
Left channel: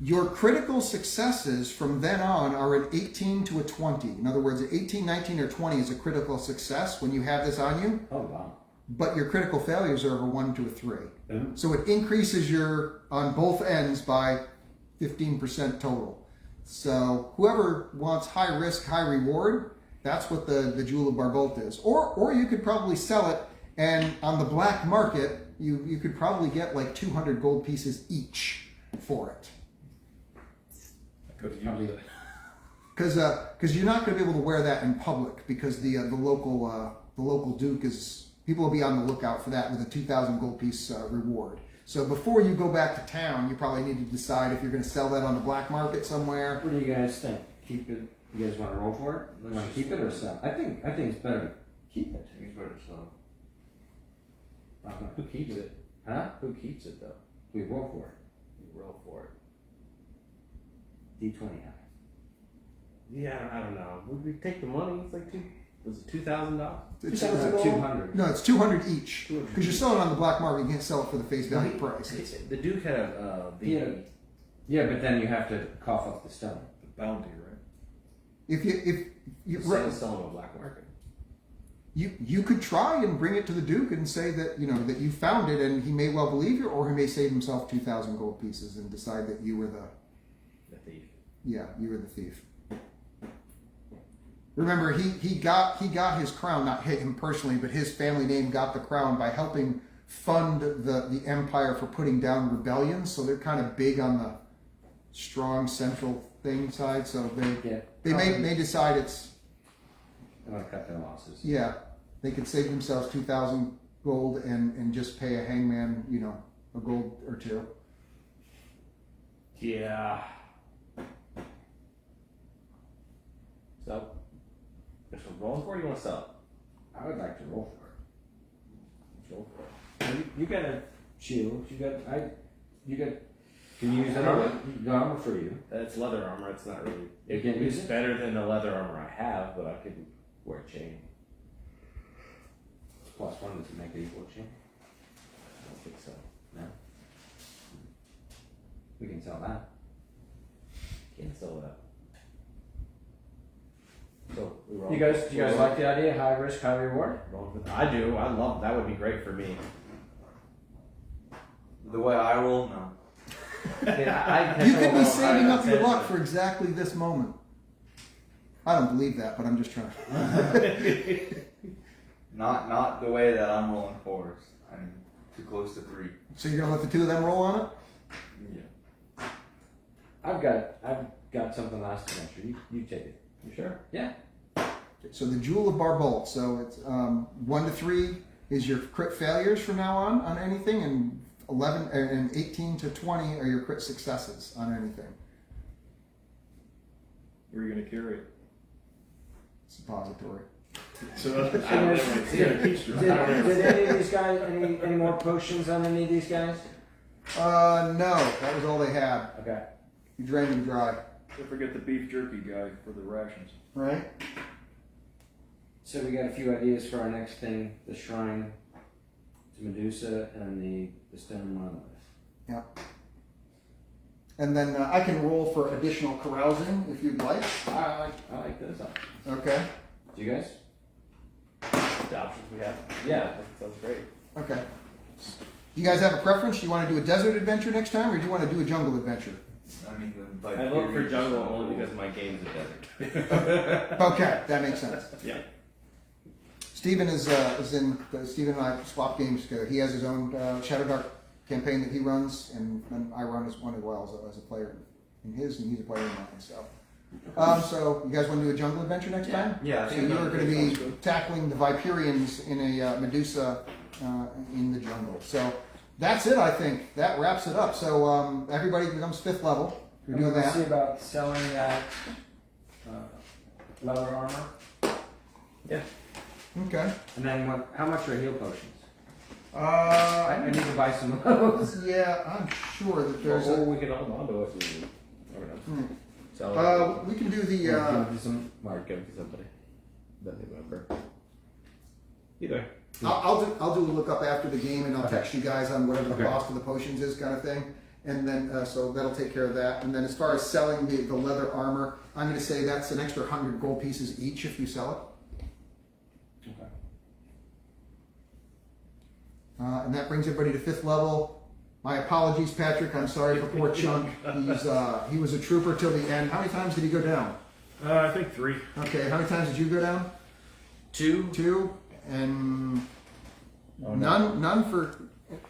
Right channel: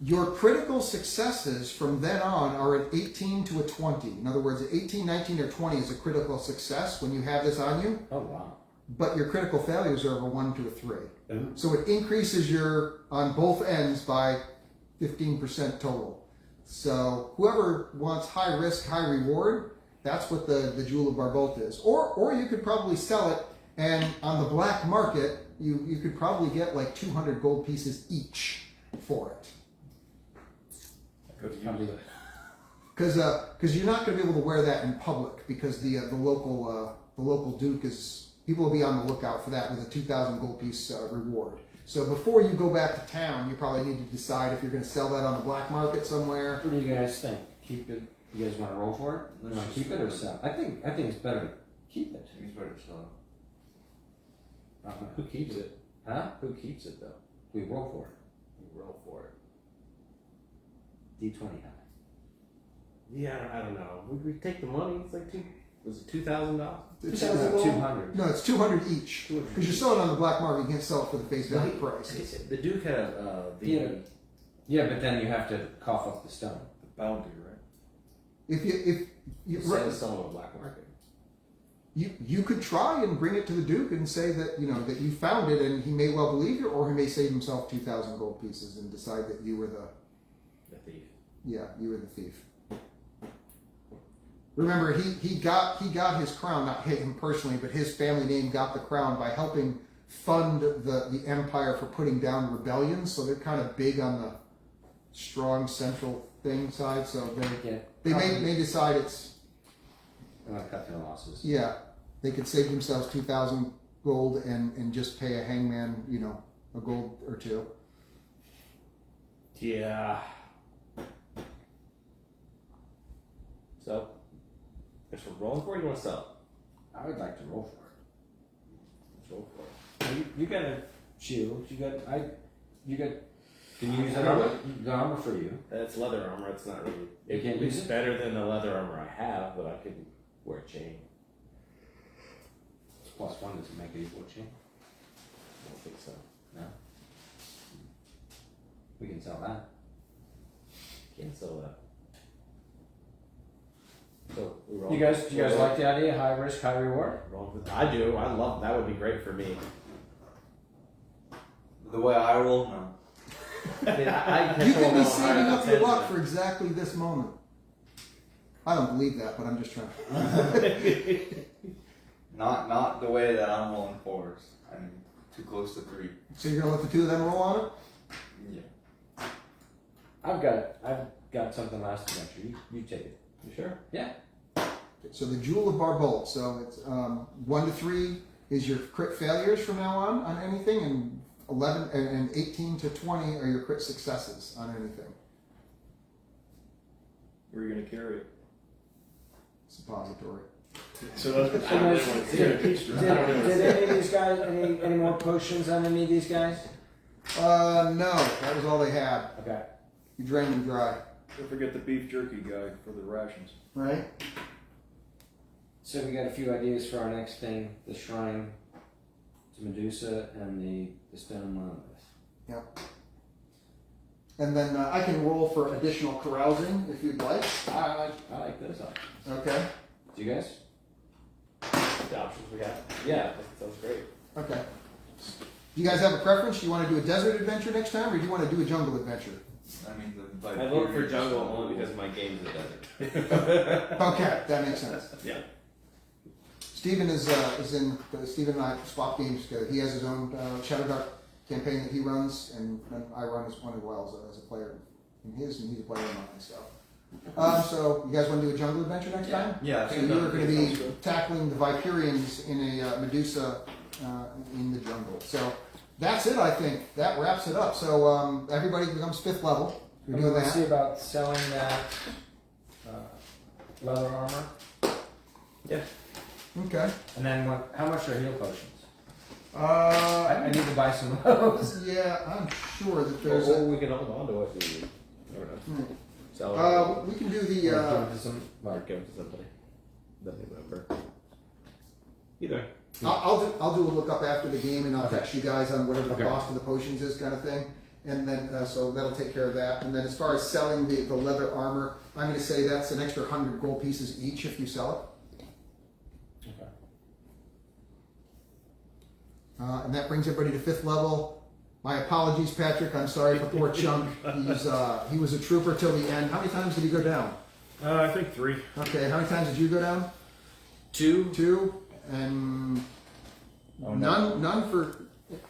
your critical successes from then on are an 18 to a 20. In other words, an 18, 19, or 20 is a critical success when you have this on you. Oh, wow. But your critical failures are a 1 to a 3. Mm-hmm. So it increases your, on both ends, by 15% total. So whoever wants high risk, high reward, that's what the Jewel of Barbalt is. Or you could probably sell it, and on the black market, you could probably get like 200 gold pieces each for it. Because you're not going to be able to wear that in public, because the local duke is, people will be on the lookout for that with a 2,000 gold piece reward. So before you go back to town, you probably need to decide if you're going to sell that on the black market somewhere. What do you guys think? Keep it? You guys want to roll for it? You want to keep it or sell? I think it's better to keep it. It's better to sell. Who keeps it? Huh? Who keeps it though? We roll for it. You roll for it. D20 high. Yeah, I don't know. Would we take the money? It's like was it $2,000? It's 200. No, it's 200 each. Because you're selling on the black market, you can't sell it for the face value price. The Duke had Yeah, but then you have to cough up the stone. The bounty, right? If you selling on the black market. You could try and bring it to the Duke and say that that you found it, and he may well believe you, or he may save himself 2,000 gold pieces and decide that you were The thief. you were the thief. Remember, he got his crown, not him personally, but his family name got the crown by helping fund the empire for putting down rebellions. So they're kind of big on the strong central thing side. So they may decide it's. I'm gonna cut their losses. Yeah, they could save themselves 2,000 gold and just pay a hangman, a gold or two. Yeah. So, guess we're rolling for it, or you want to sell it? I would like to roll for it. Let's roll for it. You got a shield. You got. Can you use I don't know. the armor for you? That's leather armor, it's not really. You can't use It's it? better than the leather armor I have, but I could wear a chain. +1 doesn't make it equal chain. I don't think so. No. We can sell that. Can't sell that. So, we roll. You guys like the idea? High risk, high reward. I do. I love that. Would be great for me. The way I roll, no. You could be saving up your luck for exactly this moment. I don't believe that, but I'm just trying. Not the way that I'm rolling fours. I'm too close to 3. So you're gonna let the two of them roll on it? Yeah. I've got something last adventure. You take it. You sure? Yeah. So the Jewel of Barbalt. So it's 1 to 3 is your crit failures from now on anything, and 11 and 18 to 20 are your crit successes on anything. Where are you going to carry it? Suppository. So that's what I don't really want to see it. Did any of these guys any more potions on any of these guys? No, that was all they had. Okay. You drained them dry, Don't forget the beef jerky guy for the rations. right? So we got a few ideas for our next thing: the shrine to Medusa and the stone monolith. Yep. And then I can roll for additional carousing if you'd like. I like those options. Okay. Do you guys? The options we have. Yeah, that sounds great. Okay. Do you guys have a preference? Do you want to do a desert adventure next time, or do you want to do a jungle adventure? I mean, like, I vote for jungle only because my game's a desert. Okay, that makes sense. Yeah. Steven is in. Steven and I swap games together. He has his own Shadowdark campaign that he runs, and I run as one as well as a player in his, and he's a player in mine. So, So you guys want to do a jungle adventure next time? Yeah. So you're going to be tackling the Viperians in a Medusa in the jungle. So that's it, I think. That wraps it up. So everybody becomes 5th level. You're doing Let's see that. about selling that leather armor. Okay. And then how much are heal potions? I I need to buy some of those. yeah, I'm sure that there's Or a, we can hold on to it and I don't know. Sell it. we can do the Give it to some. Or give it to somebody. Then they whoever. Either. I'll do a lookup after the game and I'll Okay. text you guys on whatever the Okay. cost of the potions is, kind of thing. And then so that'll take care of that. And then as far as selling the leather armor, I'm going to say that's an extra 100 gold pieces each if you sell it. Okay. And that brings everybody to 5th level. My apologies, Patrick. I'm sorry for poor Chunk. He was a trooper till the end. How many times did he go down? I think 3. Okay, how many times did you go down? 2. 2, and Oh, no. none for.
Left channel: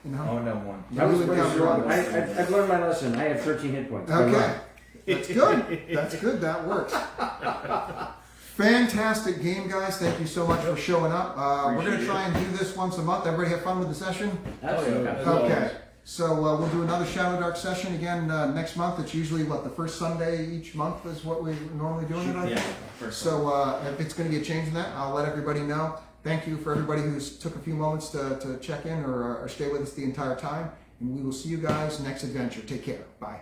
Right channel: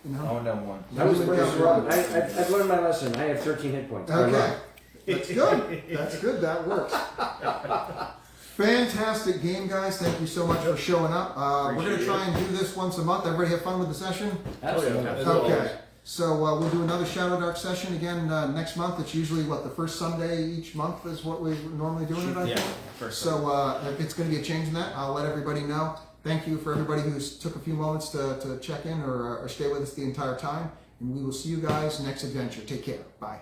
You know. Oh no, one. I was You bringing didn't Robin. go down. I've learned my lesson. I have 13 hit points. Okay, that's good. That's good. That works. Fantastic game, guys. Thank you so much for showing up. We're going to try and do this once a month. Everybody have fun with the session? Absolutely. Okay. So we'll do another Shadowdark session again next month. It's usually, the first Sunday each month is what we're normally doing it, I think. First. So if it's going to be a change in that, I'll let everybody know. Thank you for everybody who's took a few moments to check in or stay with us the entire time. And we will see you guys next adventure. Take care. Bye.